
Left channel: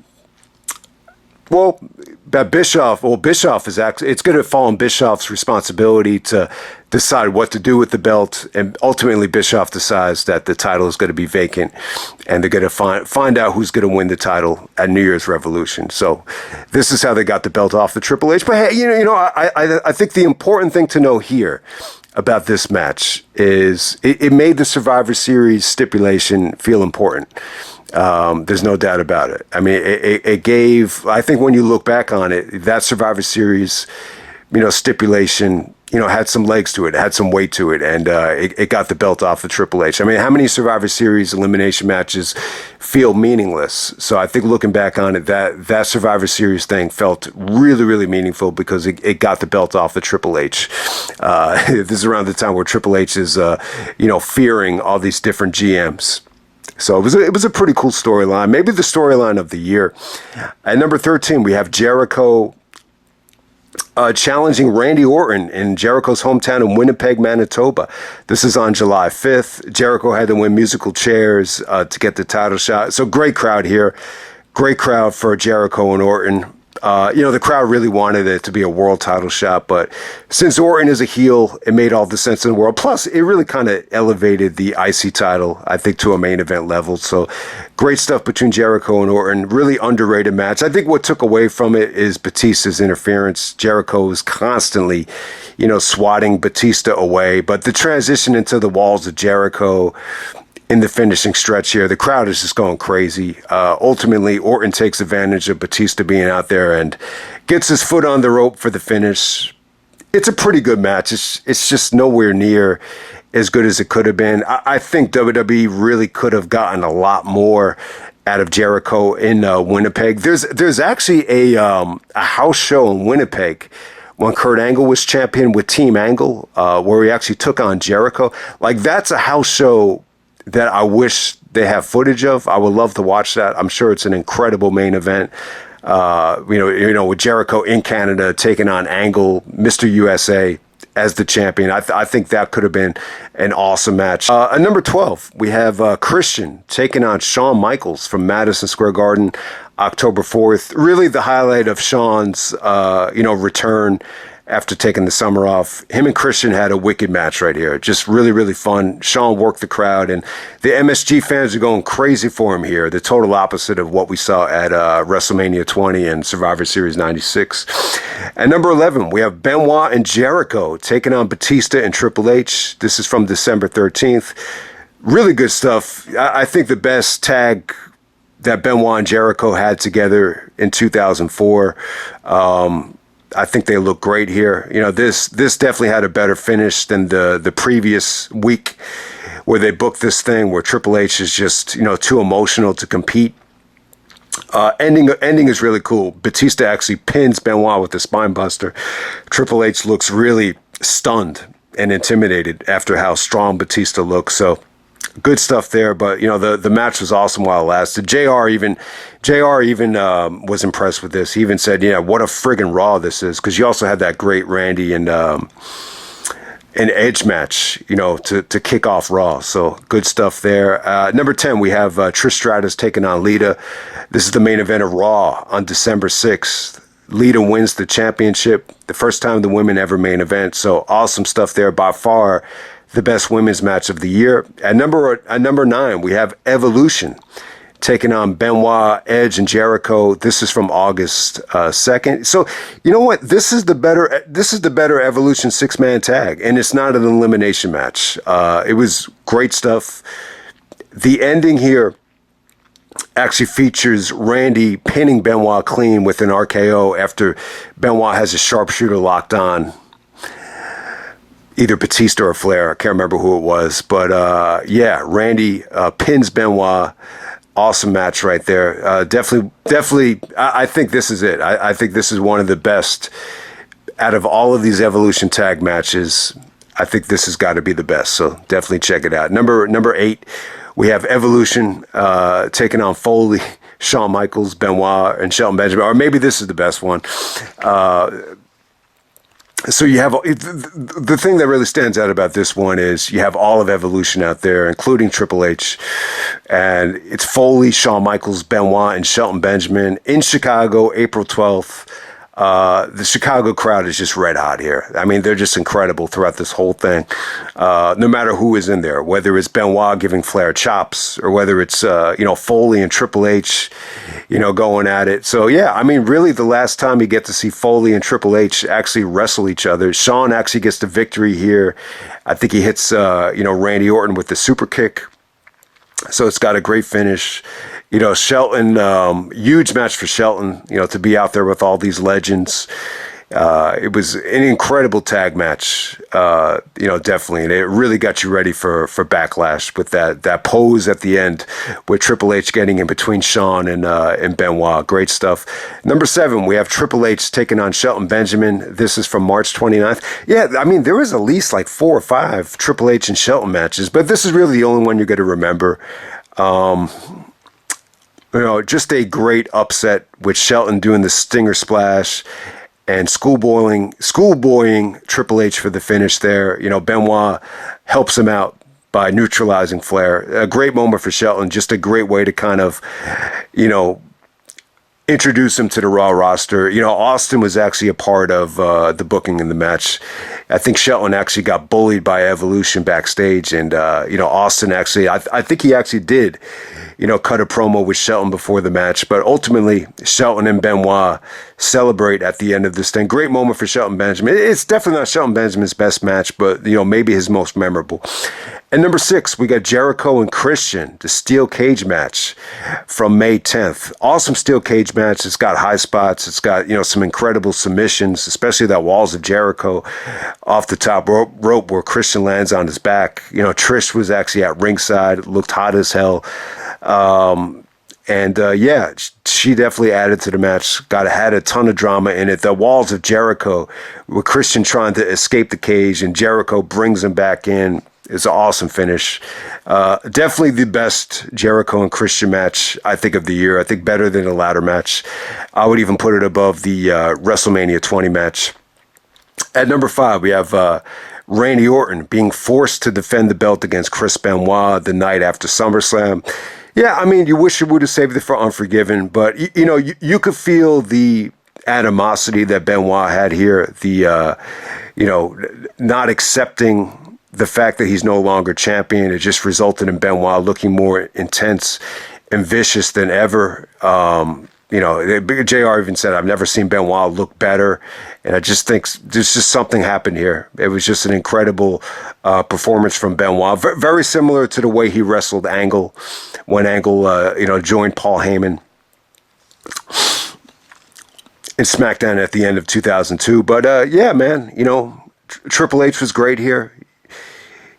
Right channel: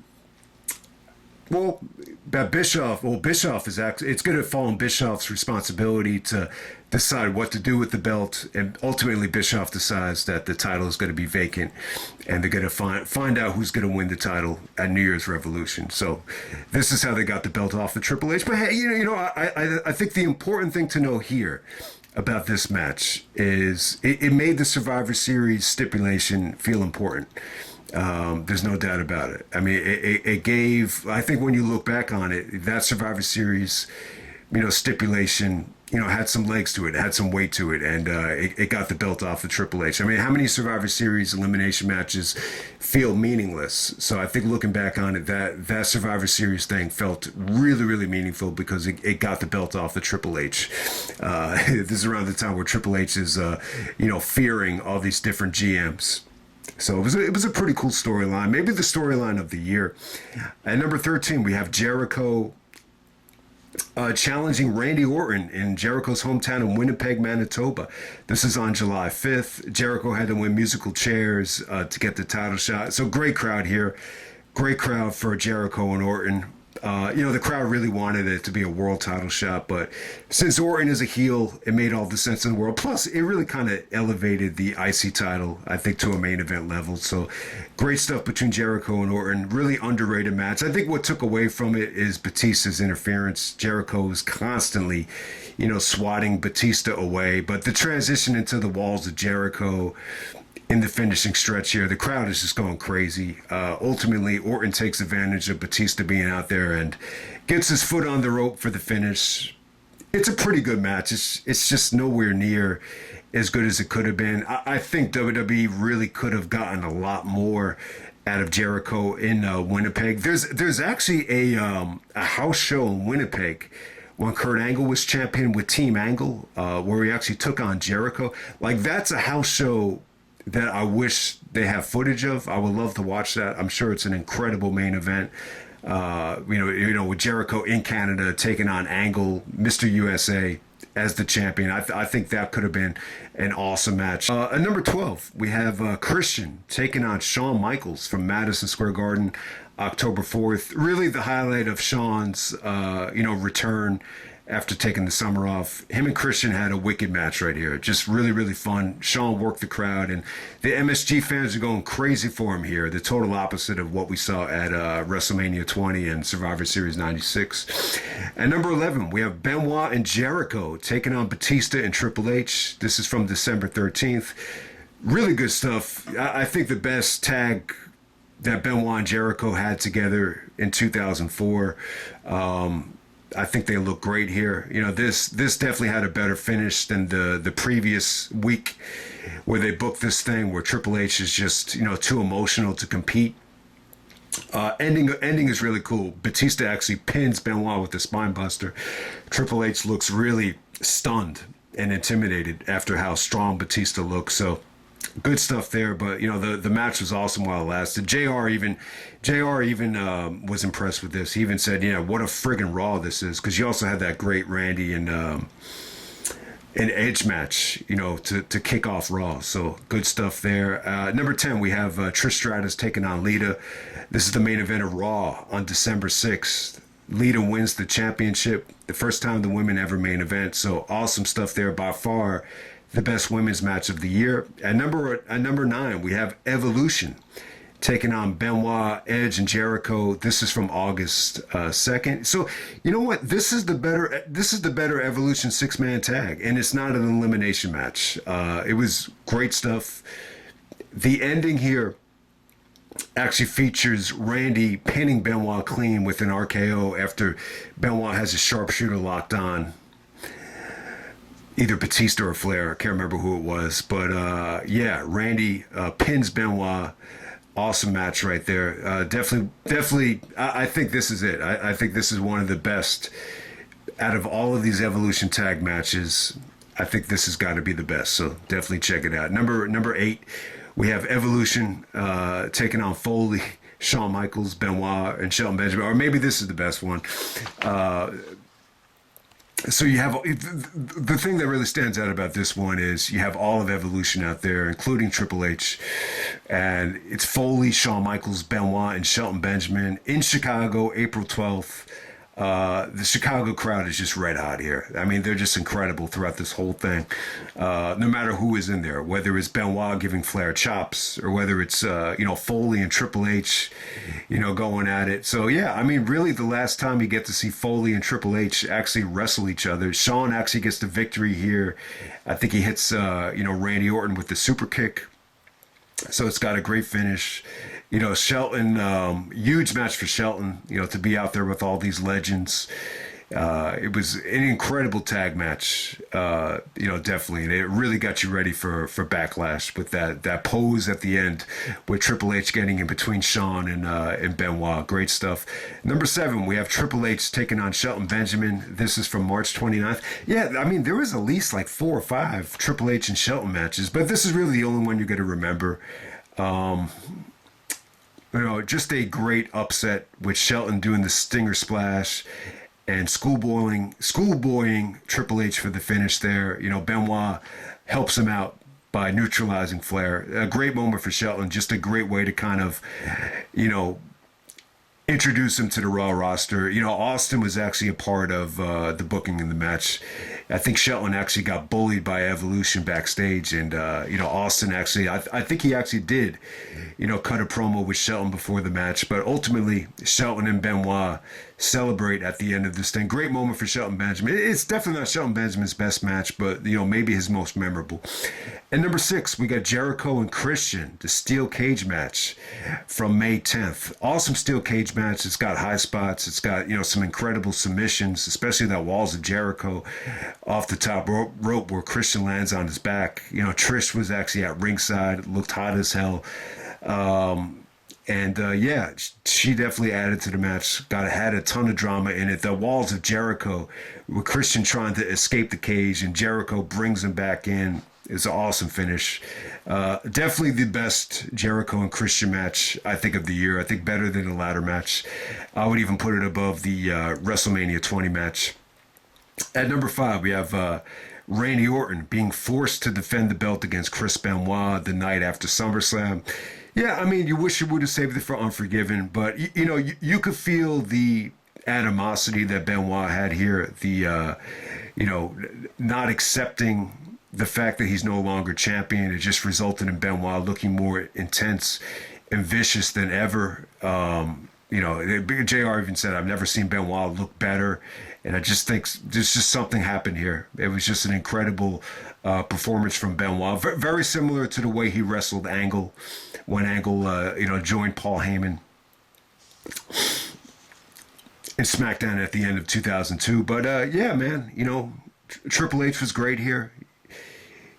Bischoff is actually, it's going to fall on Bischoff's responsibility to decide what to do with the belt. And ultimately Bischoff decides that the title is going to be vacant and they're going to find out who's going to win the title at New Year's Revolution. So this is how they got the belt off the Triple H. But hey, I think the important thing to know here, about this match is it made the Survivor Series stipulation feel important. There's no doubt about it. I mean, it gave, I think when you look back on it, that Survivor Series, stipulation, had some legs to it, had some weight to it, and it got the belt off of Triple H. I mean, how many Survivor Series elimination matches feel meaningless? So I think looking back on it, that Survivor Series thing felt really, really meaningful because it got the belt off of Triple H. This is around the time where Triple H is, fearing all these different GMs. So it was a pretty cool storyline, maybe the storyline of the year. At number 13, we have Jericho challenging Randy Orton in Jericho's hometown in Winnipeg, Manitoba. This is on July 5th. Jericho had to win musical chairs to get the title shot. So great crowd here. Great crowd for Jericho and Orton. The crowd really wanted it to be a world title shot, but since Orton is a heel, it made all the sense in the world. Plus, it really kind of elevated the IC title, I think, to a main event level. So great stuff between Jericho and Orton. Really underrated match. I think what took away from it is Batista's interference. Jericho was constantly, swatting Batista away, but the transition into the walls of Jericho in the finishing stretch here, the crowd is just going crazy. Ultimately, Orton takes advantage of Batista being out there and gets his foot on the rope for the finish. It's a pretty good match. It's just nowhere near as good as it could have been. I think WWE really could have gotten a lot more out of Jericho in Winnipeg. There's actually a house show in Winnipeg when Kurt Angle was champion with Team Angle, where he actually took on Jericho. Like, that's a house show that I wish they have footage of. I would love to watch that. I'm sure it's an incredible main event. With Jericho in Canada taking on Angle, Mr. USA as the champion. I think that could have been an awesome match. At number 12, we have Christian taking on Shawn Michaels from Madison Square Garden, October 4th. Really the highlight of Shawn's, return after taking the summer off. Him and Christian had a wicked match right here. Just really, really fun. Shawn worked the crowd, and the MSG fans are going crazy for him here. The total opposite of what we saw at WrestleMania 20 and Survivor Series 96. At number 11, we have Benoit and Jericho taking on Batista and Triple H. This is from December 13th. Really good stuff. I think the best tag that Benoit and Jericho had together in 2004. I think they look great here. This definitely had a better finish than the previous week where they booked this thing where Triple H is just, too emotional to compete. Ending is really cool. Batista actually pins Benoit with the spine buster. Triple H looks really stunned and intimidated after how strong Batista looks. So good stuff there, but the match was awesome while it lasted. JR even was impressed with this. He even said, what a friggin' Raw this is, because you also had that great Randy and Edge match, to kick off Raw. So good stuff there. Number 10, we have Trish Stratus taking on Lita. This is the main event of Raw on December 6th. Lita wins the championship, the first time the women ever main event. So awesome stuff there. By far the best women's match of the year. At number 9, we have Evolution taking on Benoit, Edge, and Jericho. This is from August 2nd. So you know what? This is the better Evolution 6-man tag, and it's not an elimination match. It was great stuff. The ending here actually features Randy pinning Benoit clean with an RKO after Benoit has a sharpshooter locked on either Batista or Flair. I can't remember who it was. But, Randy pins Benoit. Awesome match right there. Definitely, I think this is it. I think this is one of the best out of all of these Evolution tag matches. I think this has got to be the best. So definitely check it out. Number 8, we have Evolution taking on Foley, Shawn Michaels, Benoit, and Shelton Benjamin. Or maybe this is the best one. So you have the thing that really stands out about this one is you have all of Evolution out there, including Triple H, and it's Foley, Shawn Michaels, Benoit, and Shelton Benjamin in Chicago, April 12th. The Chicago crowd is just red hot here. I mean, they're just incredible throughout this whole thing. No matter who is in there, whether it's Benoit giving Flair chops or whether it's, Foley and Triple H, going at it. So, yeah, I mean, really the last time you get to see Foley and Triple H actually wrestle each other, Shawn actually gets the victory here. I think he hits, Randy Orton with the super kick. So it's got a great finish. Shelton, huge match for Shelton, to be out there with all these legends. It was an incredible tag match, definitely. And it really got you ready for Backlash with that pose at the end with Triple H getting in between Shawn and Benoit. Great stuff. Number 7, we have Triple H taking on Shelton Benjamin. This is from March 29th. Yeah, I mean, there was at least like 4 or 5 Triple H and Shelton matches, but this is really the only one you're going to remember. Just a great upset with Shelton doing the Stinger Splash and schoolboying Triple H for the finish there. Benoit helps him out by neutralizing Flair. A great moment for Shelton. Just a great way to kind of, introduce him to the Raw roster. Austin was actually a part of the booking in the match. I think Shelton actually got bullied by Evolution backstage, and Austin actually, I think he actually did, cut a promo with Shelton before the match. But ultimately, Shelton and Benoit celebrate at the end of this thing. Great moment for Shelton Benjamin. It's definitely not Shelton Benjamin's best match, but maybe his most memorable. And number 6, we got Jericho and Christian, the steel cage match from May 10th. Awesome steel cage match. It's got high spots. It's got, some incredible submissions, especially that Walls of Jericho off the top rope where Christian lands on his back. Trish was actually at ringside, looked hot as hell. She definitely added to the match. Had a ton of drama in it. The Walls of Jericho, with Christian trying to escape the cage, and Jericho brings him back in. It's an awesome finish. Definitely the best Jericho and Christian match, I think, of the year. I think better than the ladder match. I would even put it above the WrestleMania 20 match. At number 5, we have Randy Orton being forced to defend the belt against Chris Benoit the night after SummerSlam. Yeah, I mean, you wish you would have saved it for Unforgiven, but, you could feel the animosity that Benoit had here, the, not accepting the fact that he's no longer champion. It just resulted in Benoit looking more intense and vicious than ever. JR even said, I've never seen Benoit look better. And I just think there's just something happened here. It was just an incredible performance from Benoit. Very similar to the way he wrestled Angle when Angle, joined Paul Heyman in Smackdown at the end of 2002. But yeah, man, Triple H was great here.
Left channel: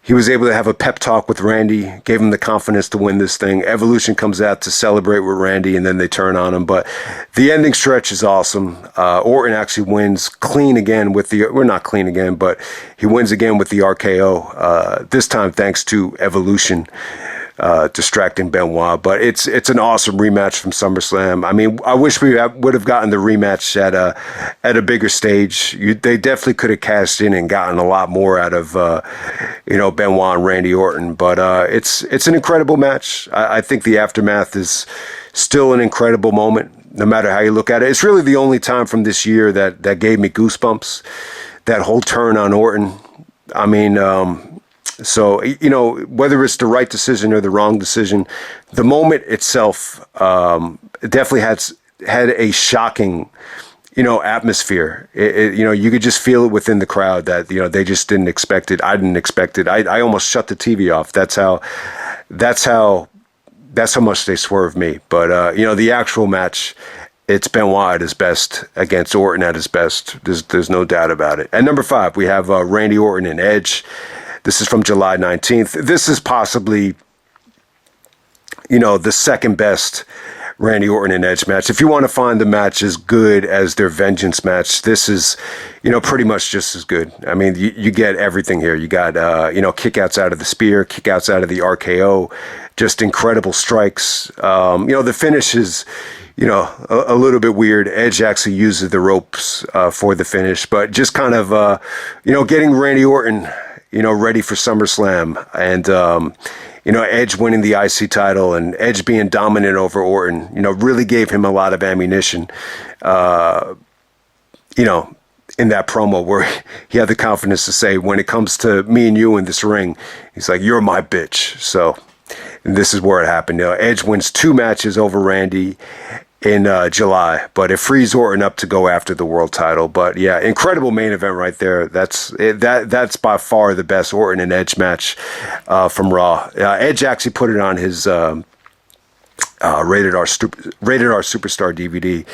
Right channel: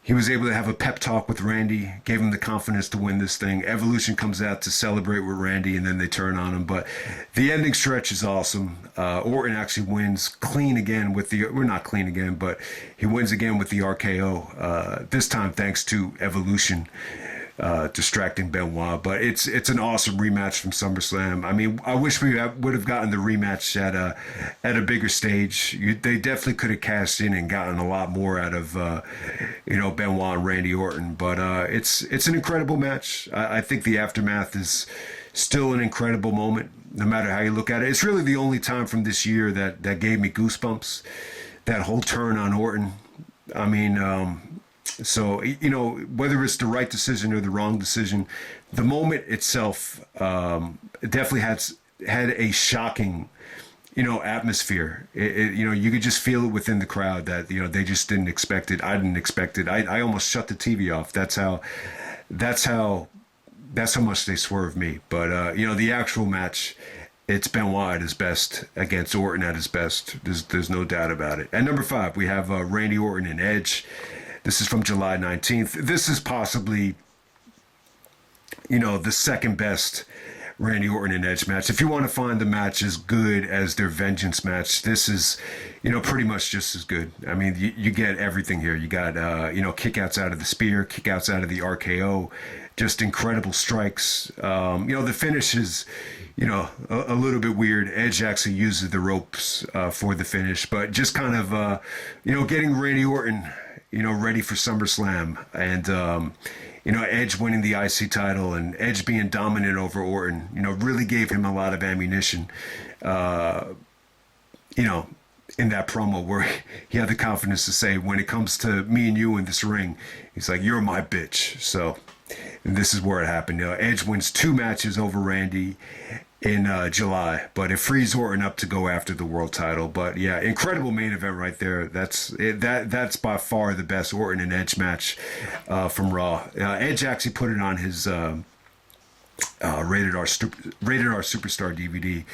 He was able to have a pep talk with Randy, gave him the confidence to win this thing. Evolution comes out to celebrate with Randy, and then they turn on him. But the ending stretch is awesome. Orton actually wins clean again with not clean again, but he wins again with the RKO. This time thanks to Evolution distracting Benoit. But it's an awesome rematch from SummerSlam. I mean, I wish we would have gotten the rematch at a bigger stage. They definitely could have cashed in and gotten a lot more out of Benoit and Randy Orton. But it's an incredible match. I think the aftermath is still an incredible moment, no matter how you look at it. It's really the only time from this year that gave me goosebumps. That whole turn on Orton. I mean, so, whether it's the right decision or the wrong decision, the moment itself definitely had a shocking, atmosphere. You could just feel it within the crowd that, they just didn't expect it. I didn't expect it. I almost shut the TV off. That's how much they swerved me. But, the actual match, it's Benoit at his best against Orton at his best. There's no doubt about it. At number 5, we have Randy Orton and Edge. This is from July 19th. This is possibly, the second best Randy Orton and Edge match. If you want to find the match as good as their Vengeance match, this is, pretty much just as good. I mean, you get everything here. You got, kickouts out of the spear, kickouts out of the RKO, just incredible strikes. The finish is, a little bit weird. Edge actually uses the ropes for the finish, but just kind of, getting Randy Orton, ready for SummerSlam, and Edge winning the IC title and Edge being dominant over Orton, really gave him a lot of ammunition. you know, in that promo where he had the confidence to say, when it comes to me and you in this ring, he's like, you're my bitch. So this is where it happened. Edge wins 2 matches over Randy in July, but it frees Orton up to go after the world title. But yeah, incredible main event right there. That's by far the best Orton and Edge match from Raw. Edge actually put it on his rated R Superstar DVD,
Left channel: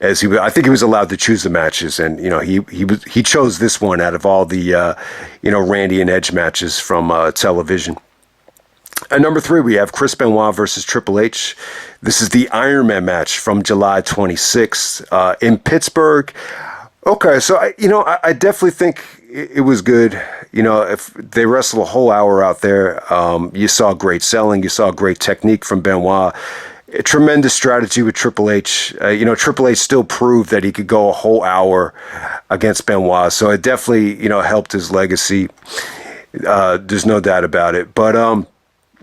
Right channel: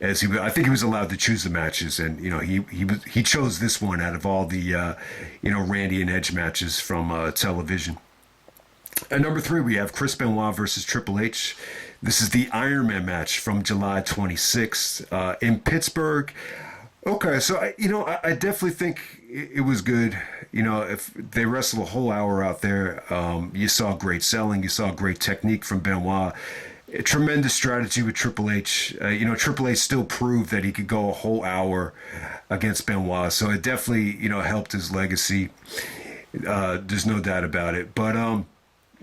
as I think he was allowed to choose the matches, and he chose this one out of all the Randy and Edge matches from television. At number 3, we have Chris Benoit versus Triple H. This is the Iron Man match from July 26th in Pittsburgh. Okay, so I definitely think it was good. If they wrestled a whole hour out there, you saw great selling, you saw great technique from Benoit. A tremendous strategy with Triple H. Triple H still proved that he could go a whole hour against Benoit, so it definitely helped his legacy. There's no doubt about it. But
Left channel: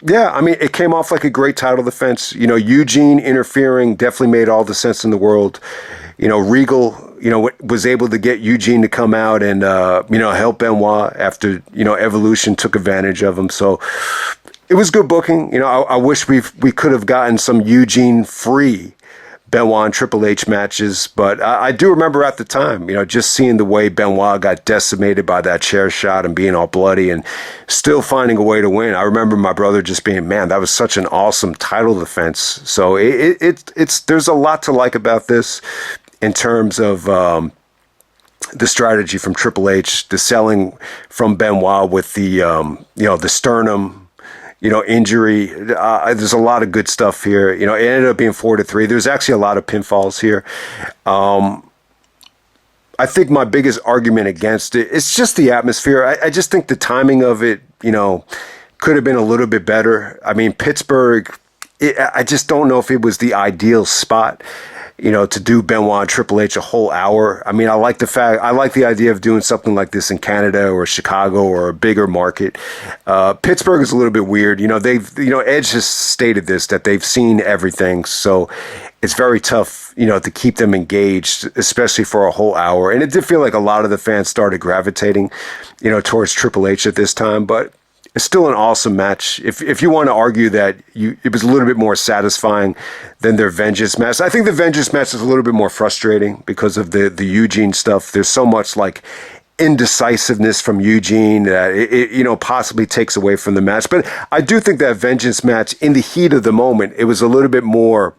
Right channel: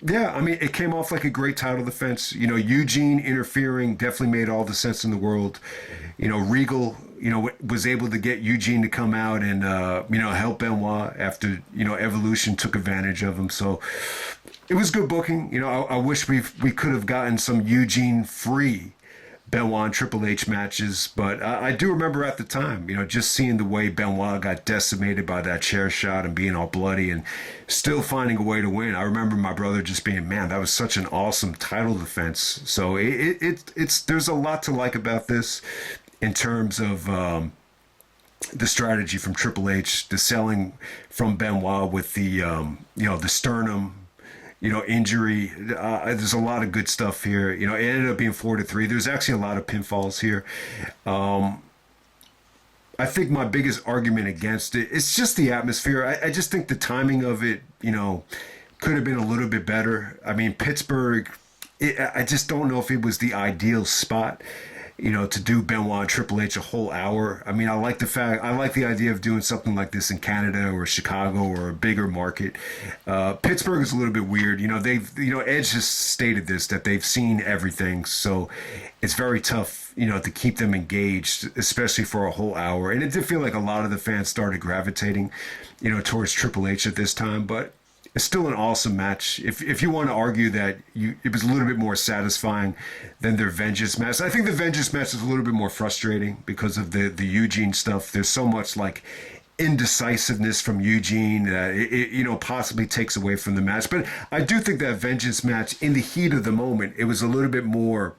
yeah, I mean, it came off like a great title defense. Eugene interfering definitely made all the sense in the world. Regal, was able to get Eugene to come out and, help Benoit after, Evolution took advantage of him. So it was good booking. I wish we could have gotten some Eugene free Benoit and Triple H matches, but I do remember at the time, just seeing the way Benoit got decimated by that chair shot and being all bloody and still finding a way to win. I remember my brother just being, man, that was such an awesome title defense. So it's there's a lot to like about this in terms of the strategy from Triple H, the selling from Benoit with the the sternum injury. There's a lot of good stuff here. It ended up being 4-3. There's actually a lot of pinfalls here. I think my biggest argument against it, it's just the atmosphere. I just think the timing of it, could have been a little bit better. I mean, Pittsburgh, I just don't know if it was the ideal spot, to do Benoit and Triple H a whole hour. I mean, I like the idea of doing something like this in Canada or Chicago or a bigger market. Pittsburgh is a little bit weird. Edge has stated this, that they've seen everything. So it's very tough, to keep them engaged, especially for a whole hour. And it did feel like a lot of the fans started gravitating, towards Triple H at this time, but it's still an awesome match. If you want to argue that it was a little bit more satisfying than their Vengeance match, I think the Vengeance match is a little bit more frustrating because of the Eugene stuff. There's so much like indecisiveness from Eugene that it possibly takes away from the match. But I do think that Vengeance match, in the heat of the moment, it was a little bit more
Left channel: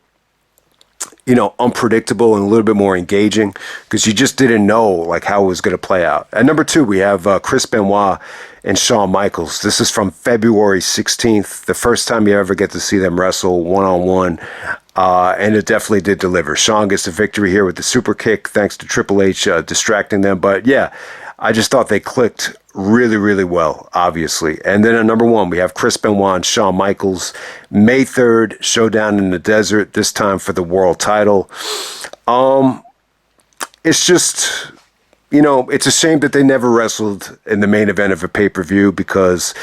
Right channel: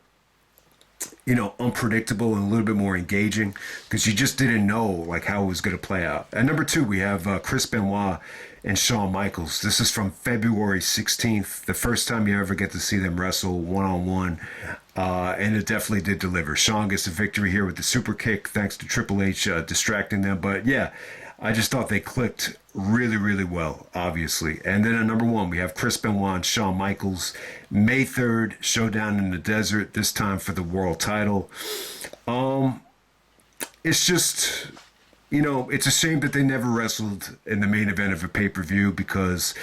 unpredictable and a little bit more engaging because you just didn't know like how it was going to play out. At number 2, we have Chris Benoit and Shawn Michaels. This is from February 16th, the first time you ever get to see them wrestle one-on-one, and it definitely did deliver. Shawn gets the victory here with the super kick, thanks to Triple H distracting them. But yeah, I just thought they clicked really, really well, obviously. And then at number 1, we have Chris Benoit and Shawn Michaels, May 3rd, Showdown in the Desert, this time for the world title. It's just... it's a shame that they never wrestled in the main event of a pay-per-view because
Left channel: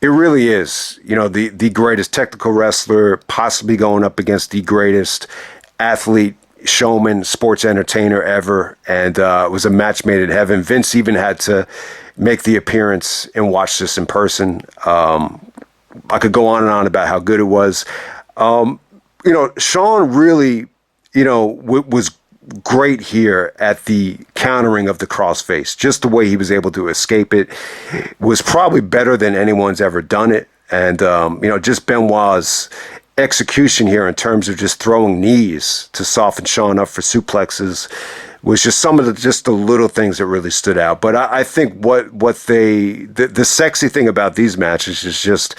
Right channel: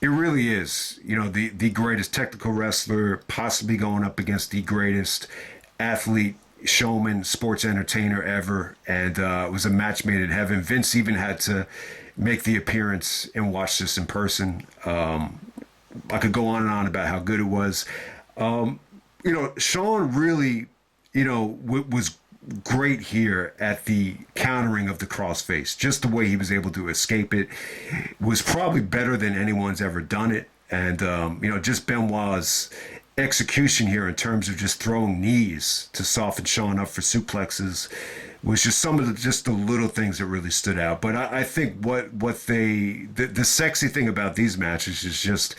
it really is, the greatest technical wrestler, possibly going up against the greatest athlete, showman, sports entertainer ever. And it was a match made in heaven. Vince even had to make the appearance and watch this in person. I could go on and on about how good it was. Shawn really, was great here at the countering of the crossface. Just the way he was able to escape it was probably better than anyone's ever done it. And, just Benoit's execution here in terms of just throwing knees to soften Shawn up for suplexes was just some of the little things that really stood out. But I think the sexy thing about these matches is just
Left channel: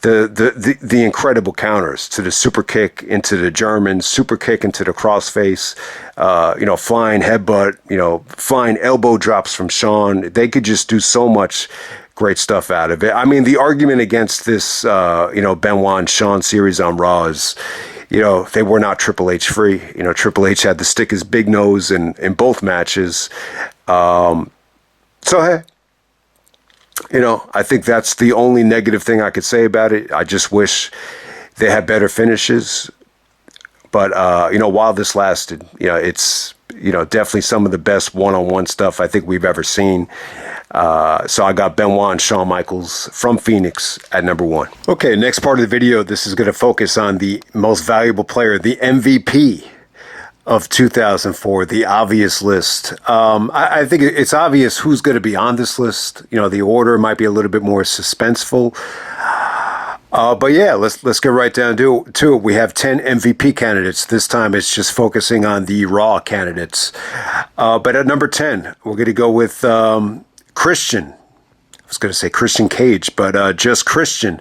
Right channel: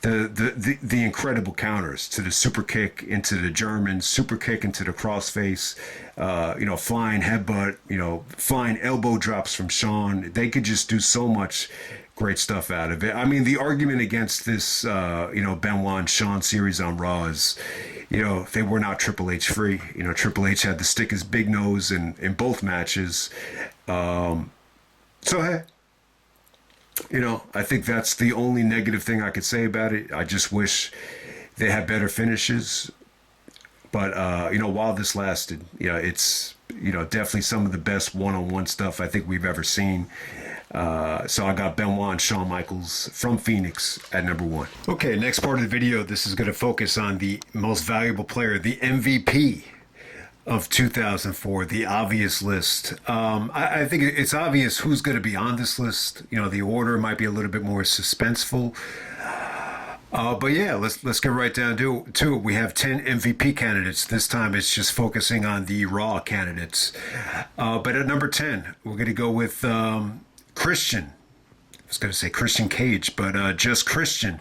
the incredible counters to the super kick into the German, super kick into the crossface, flying headbutt, flying elbow drops from Shawn. They could just do so much great stuff out of it. I mean, the argument against this, Benoit and Shawn series on Raw is, they were not Triple H free. Triple H had to stick his big nose in both matches. So, hey. I think that's the only negative thing I could say about it. I just wish they had better finishes. But, while this lasted, it's definitely some of the best one-on-one stuff I think we've ever seen. So I got Benoit and Shawn Michaels from Phoenix at number 1. Okay, next part of the video, this is going to focus on the most valuable player, the MVP of 2004, the obvious list. I think it's obvious who's going to be on this list. The order might be a little bit more suspenseful. But yeah, let's get right down to it. We have 10 MVP candidates. This time it's just focusing on the Raw candidates. But at number 10, we're going to go with Christian. I was going to say Christian Cage, but just Christian.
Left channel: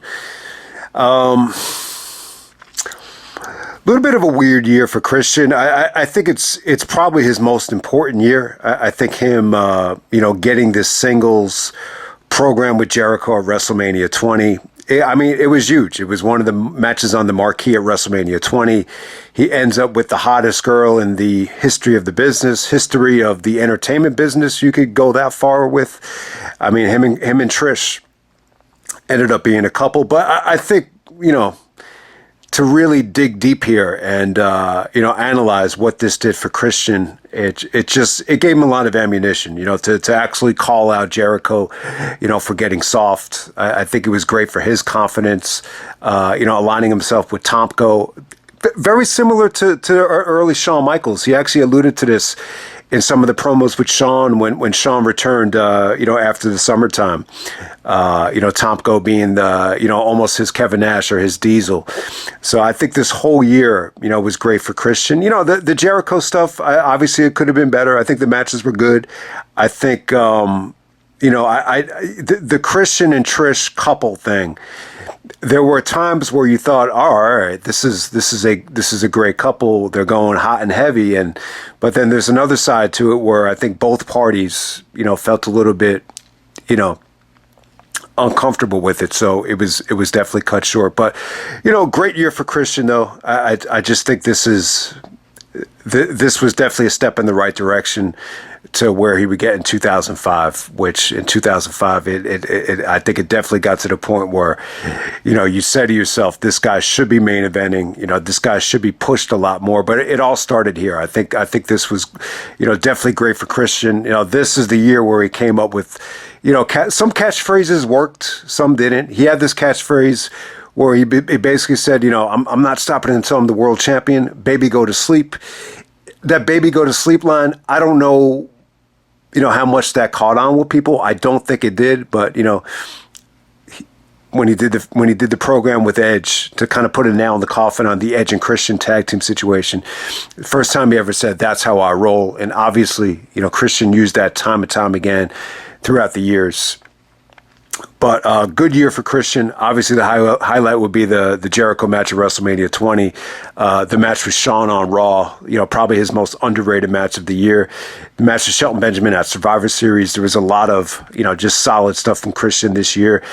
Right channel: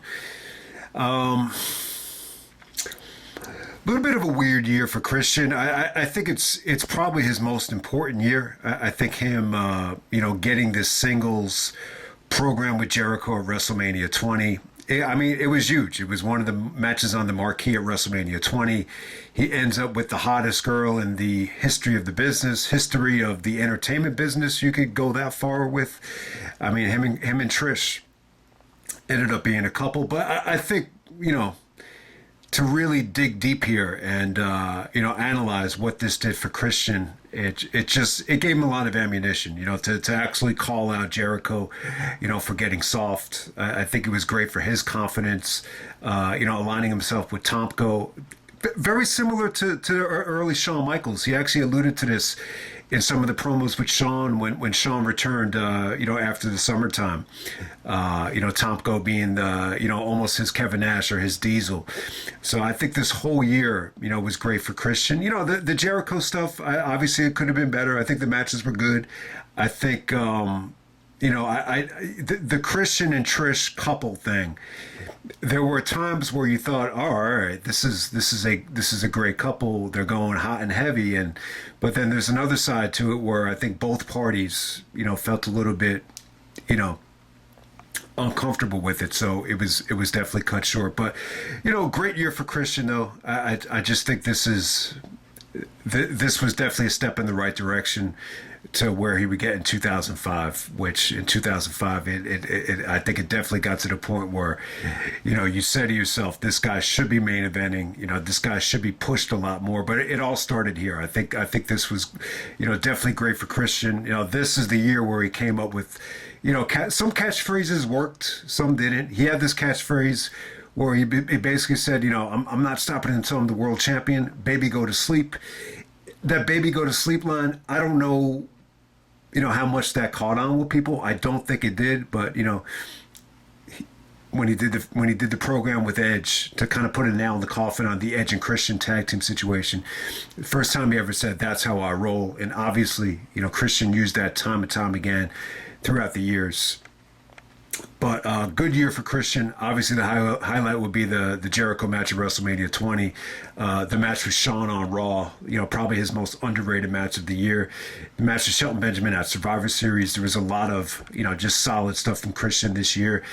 A little bit of a weird year for Christian. I think it's probably his most important year. I think him, getting this singles program with Jericho at WrestleMania 20. It was huge. It was one of the matches on the marquee at WrestleMania 20. He ends up with the hottest girl in the history of the business, history of the entertainment business. You could go that far with. Him and Trish ended up being a couple. But I think, to really dig deep here and, analyze what this did for Christian, it gave him a lot of ammunition, to actually call out Jericho, for getting soft. I think it was great for his confidence, aligning himself with Tomko. Very similar to early Shawn Michaels. He actually alluded to this in some of the promos with Shawn when Shawn returned, after the summertime. Tomko being almost his Kevin Nash or his Diesel. So I think this whole year, was great for Christian. The Jericho stuff, obviously it could have been better. I think the matches were good. I think, the Christian and Trish couple thing, there were times where you thought, oh, all right, this is a great couple. They're going hot and heavy, but then there's another side to it where I think both parties, felt a little bit, uncomfortable with it. So it was definitely cut short. But great year for Christian though. I just think this was definitely a step in the right direction to where he would get in 2005, which in 2005, I think it definitely got to the point where, you say to yourself, this guy should be main eventing, this guy should be pushed a lot more, but it all started here. I think this was, definitely great for Christian. This is the year where he came up with, some catchphrases worked, some didn't. He had this catchphrase where he basically said, I'm not stopping until I'm the world champion, baby go to sleep. That baby go to sleep line, I don't know, how much that caught on with people. I don't think it did, but when he did the program with Edge to kind of put a nail in the coffin on the Edge and Christian tag team situation, the first time he ever said, that's how I roll. And obviously, Christian used that time and time again throughout the years. But good year for Christian. Obviously, the highlight would be the Jericho match at WrestleMania 20. The match with Shawn on Raw, probably his most underrated match of the year. The match with Shelton Benjamin at Survivor Series. There was a lot of, just solid stuff from Christian this year.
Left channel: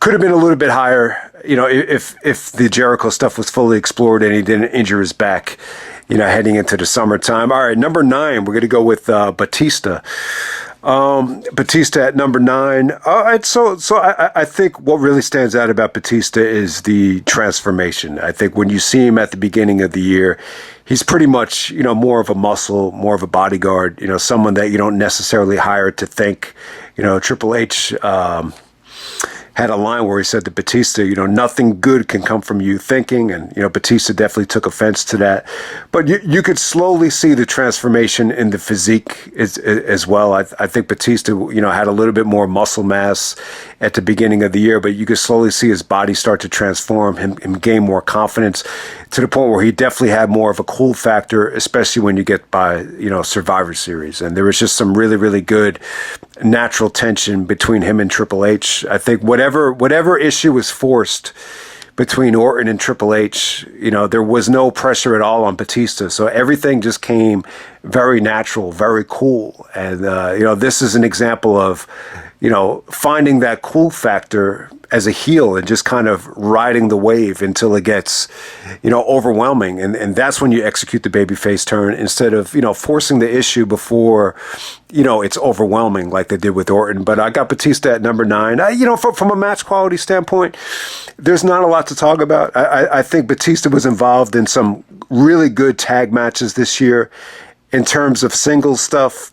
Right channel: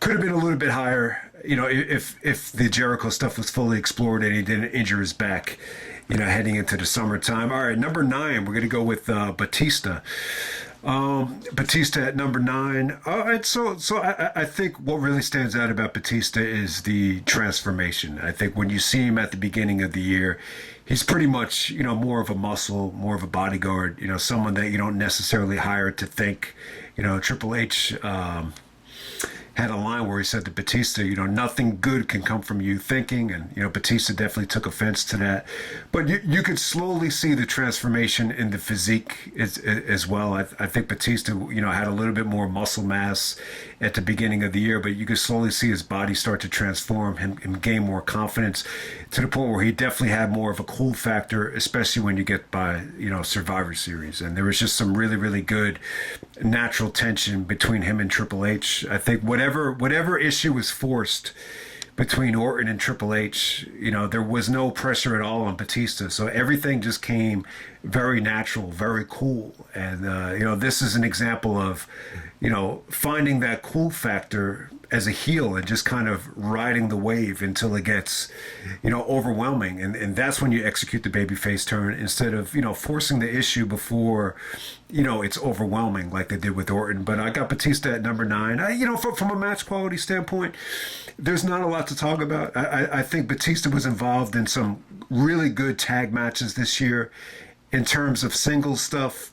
Could have been a little bit higher, if the Jericho stuff was fully explored and he didn't injure his back, heading into the summertime. All right, number 9, we're going to go with Batista. Batista at number 9. So I think what really stands out about Batista is the transformation. I think when you see him at the beginning of the year, he's pretty much, more of a muscle, more of a bodyguard, someone that you don't necessarily hire to think. Triple H had a line where he said to Batista, nothing good can come from you thinking. And, Batista definitely took offense to that. But you could slowly see the transformation in the physique as well. I think Batista, had a little bit more muscle mass at the beginning of the year, but you could slowly see his body start to transform, him gain more confidence to the point where he definitely had more of a cool factor, especially when you get by, Survivor Series. And there was just some really, really good natural tension between him and Triple H. I think whatever issue was forced between Orton and Triple H, there was no pressure at all on Batista. So everything just came very natural, very cool. And, this is an example of, finding that cool factor as a heel and just kind of riding the wave until it gets, overwhelming. And that's when you execute the babyface turn instead of, forcing the issue before, it's overwhelming like they did with Orton. But I got Batista at number 9. From a match quality standpoint, there's not a lot to talk about. I think Batista was involved in some really good tag matches this year. in terms of singles stuff,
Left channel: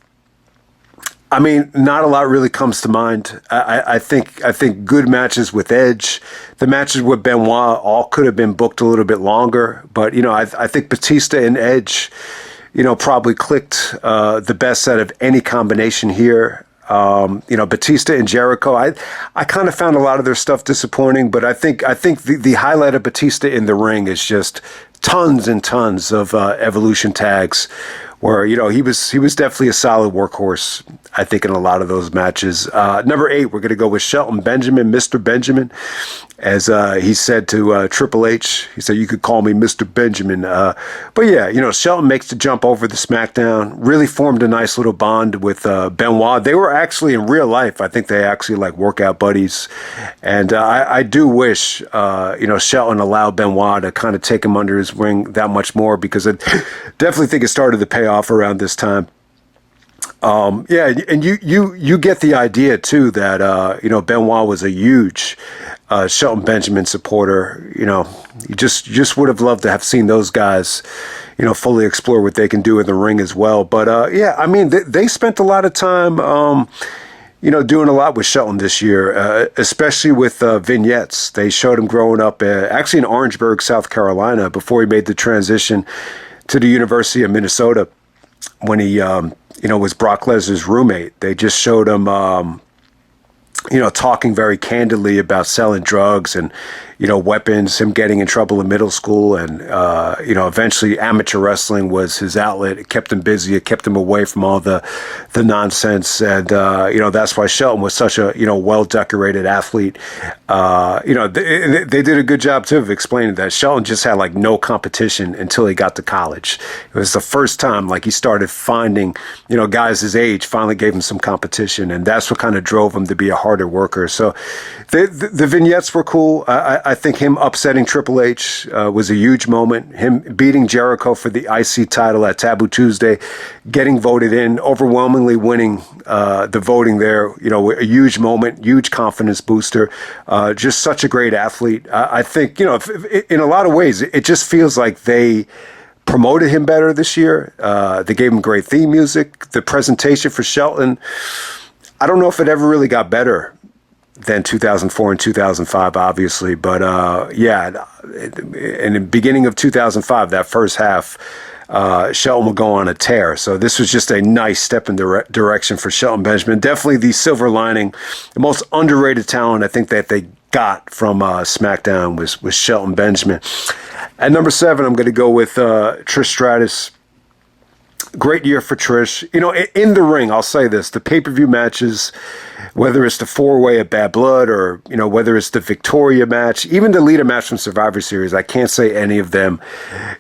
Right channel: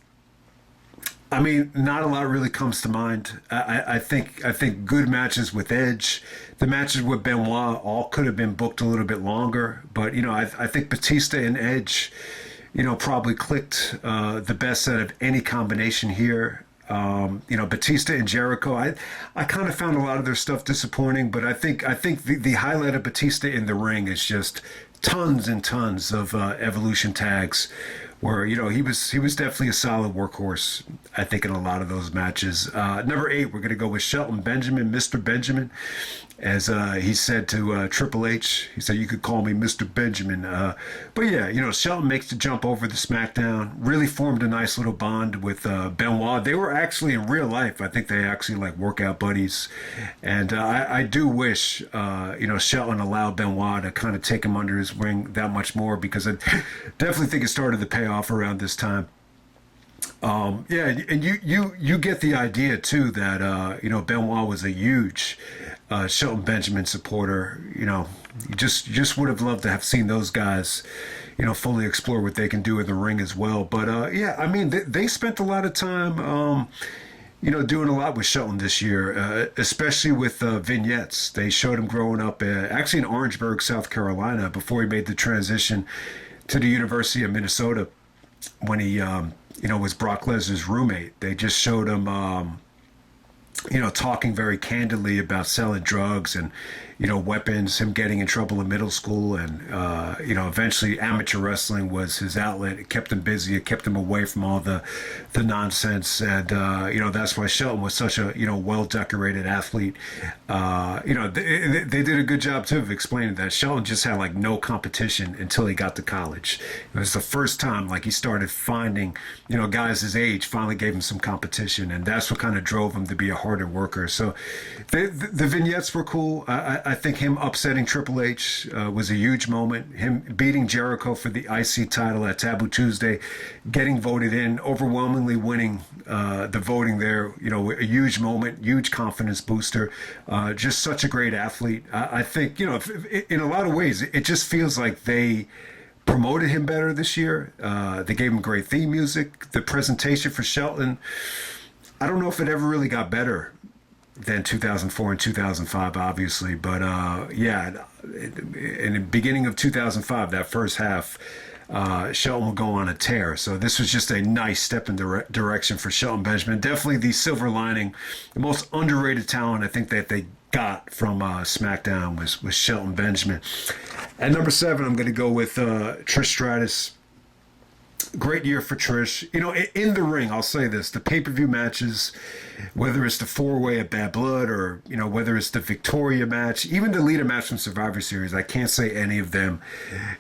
I mean, not a lot really comes to mind. I think good matches with Edge, the matches with Benoit, all could have been booked a little bit longer. But I think Batista and Edge, probably clicked the best out of any combination here. Batista and Jericho, I kind of found a lot of their stuff disappointing, but I think the highlight of Batista in the ring is just tons and tons of Evolution tags, where he was definitely a solid workhorse, I think, in a lot of those matches. Number 8, we're going to go with Shelton Benjamin, Mr. Benjamin, as he said to Triple H. He said, "You could call me Mr. Benjamin." But yeah, Shelton makes the jump over the SmackDown. Really formed a nice little bond with Benoit. They were actually in real life, I think they actually like workout buddies, and I do wish Shelton allowed Benoit to kind of take him under his wing that much more, because I definitely think it started to pay off around this time. Yeah, and you get the idea too that Benoit was a huge Shelton Benjamin supporter. You just would have loved to have seen those guys, fully explore what they can do in the ring as well. But yeah, I mean, they spent a lot of time, doing a lot with Shelton this year, especially with vignettes. They showed him growing up actually in Orangeburg, South Carolina, before he made the transition to the University of Minnesota, when he was Brock Lesnar's roommate. They just showed him talking very candidly about selling drugs and, weapons, him getting in trouble in middle school. And, eventually amateur wrestling was his outlet. It kept him busy. It kept him away from all the nonsense. And, that's why Shelton was such a, well-decorated athlete. They did a good job, too, of explaining that Shelton just had, like, no competition until he got to college. It was the first time, like, he started finding, guys his age finally gave him some competition. And that's what kind of drove him to be a harder worker. So the vignettes were cool. I think him upsetting Triple H was a huge moment. Him beating Jericho for the IC title at Taboo Tuesday, getting voted in, overwhelmingly winning the voting there. A huge moment, huge confidence booster. Just such a great athlete. I think, in a lot of ways, it just feels like they promoted him better this year. They gave him great theme music. The presentation for Shelton, I don't know if it ever really got better than 2004 and 2005, obviously. But yeah, in the beginning of 2005, that first half, Shelton will go on a tear. So this was just a nice step in the direction for Shelton Benjamin. Definitely the silver lining, the most underrated talent I think that they got from SmackDown was Shelton Benjamin. At number 7, I'm going to go with Trish Stratus. Great year for Trish. In the ring, I'll say this, the pay-per-view matches, whether it's the 4-way at Bad Blood or, whether it's the Victoria match, even the Lita match from Survivor Series, I can't say any of them,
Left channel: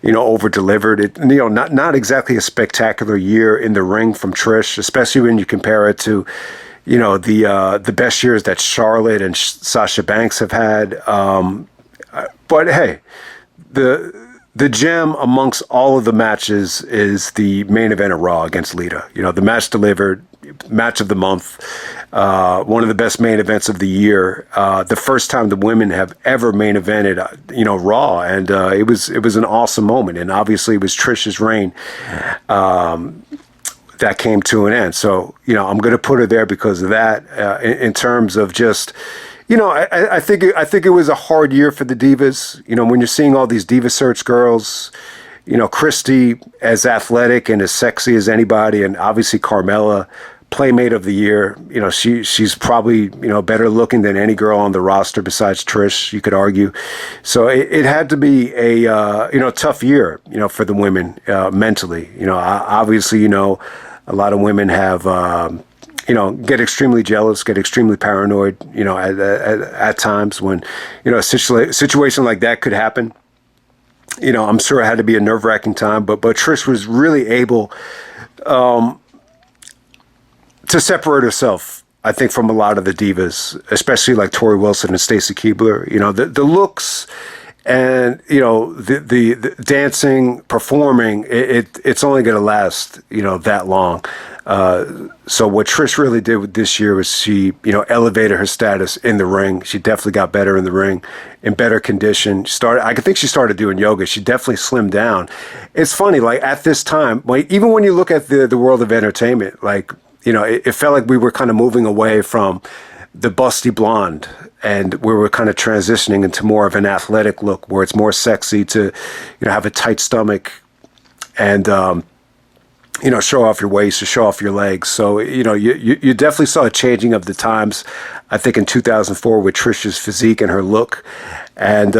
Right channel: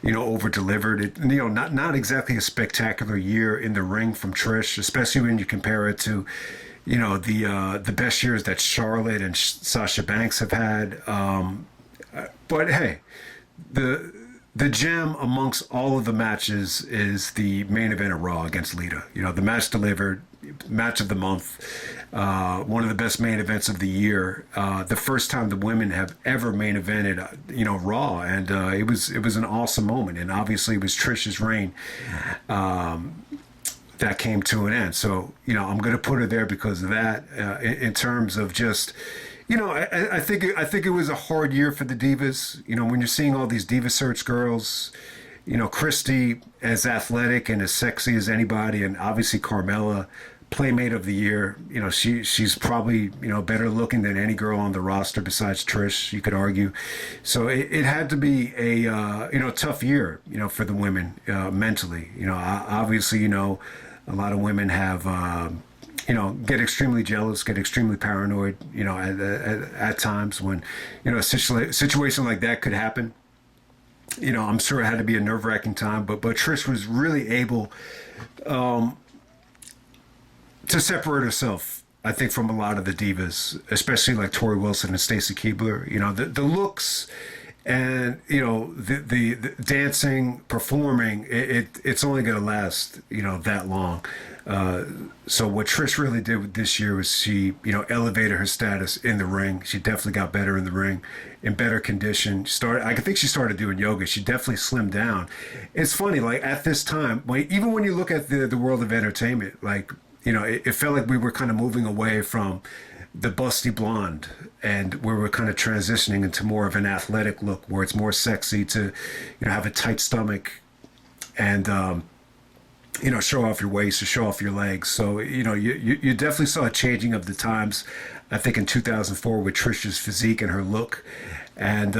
over-delivered. It, not exactly a spectacular year in the ring from Trish, especially when you compare it to, the best years that Charlotte and Sasha Banks have had. But hey, the gem amongst all of the matches is the main event of Raw against Lita. The match delivered, match of the month, one of the best main events of the year. The first time the women have ever main evented, Raw, and it was an awesome moment. And obviously, it was Trish's reign that came to an end. So I'm going to put her there because of that. In terms of just, I think it was a hard year for the divas. When you're seeing all these Diva Search girls, Christy as athletic and as sexy as anybody, and obviously Carmella, Playmate of the year. She's probably better looking than any girl on the roster besides Trish, you could argue. So it had to be a tough year for the women mentally. Obviously a lot of women have. Get extremely jealous, get extremely paranoid, at times when, a situation like that could happen. I'm sure it had to be a nerve-wracking time, but Trish was really able to separate herself, I think, from a lot of the divas, especially like Tori Wilson and Stacy Keibler. The looks and, the dancing, performing, it's only going to last, that long. So what Trish really did with this year was she, elevated her status in the ring. She definitely got better in the ring, in better condition. I think she started doing yoga. She definitely slimmed down. It's funny, like at this time, even when you look at the world of entertainment, like, it felt like we were kind of moving away from the busty blonde, and we were kind of transitioning into more of an athletic look where it's more sexy to, have a tight stomach and, show off your waist or show off your legs. So, you definitely saw a changing of the times, I think, in 2004 with Trish's physique and her look. And,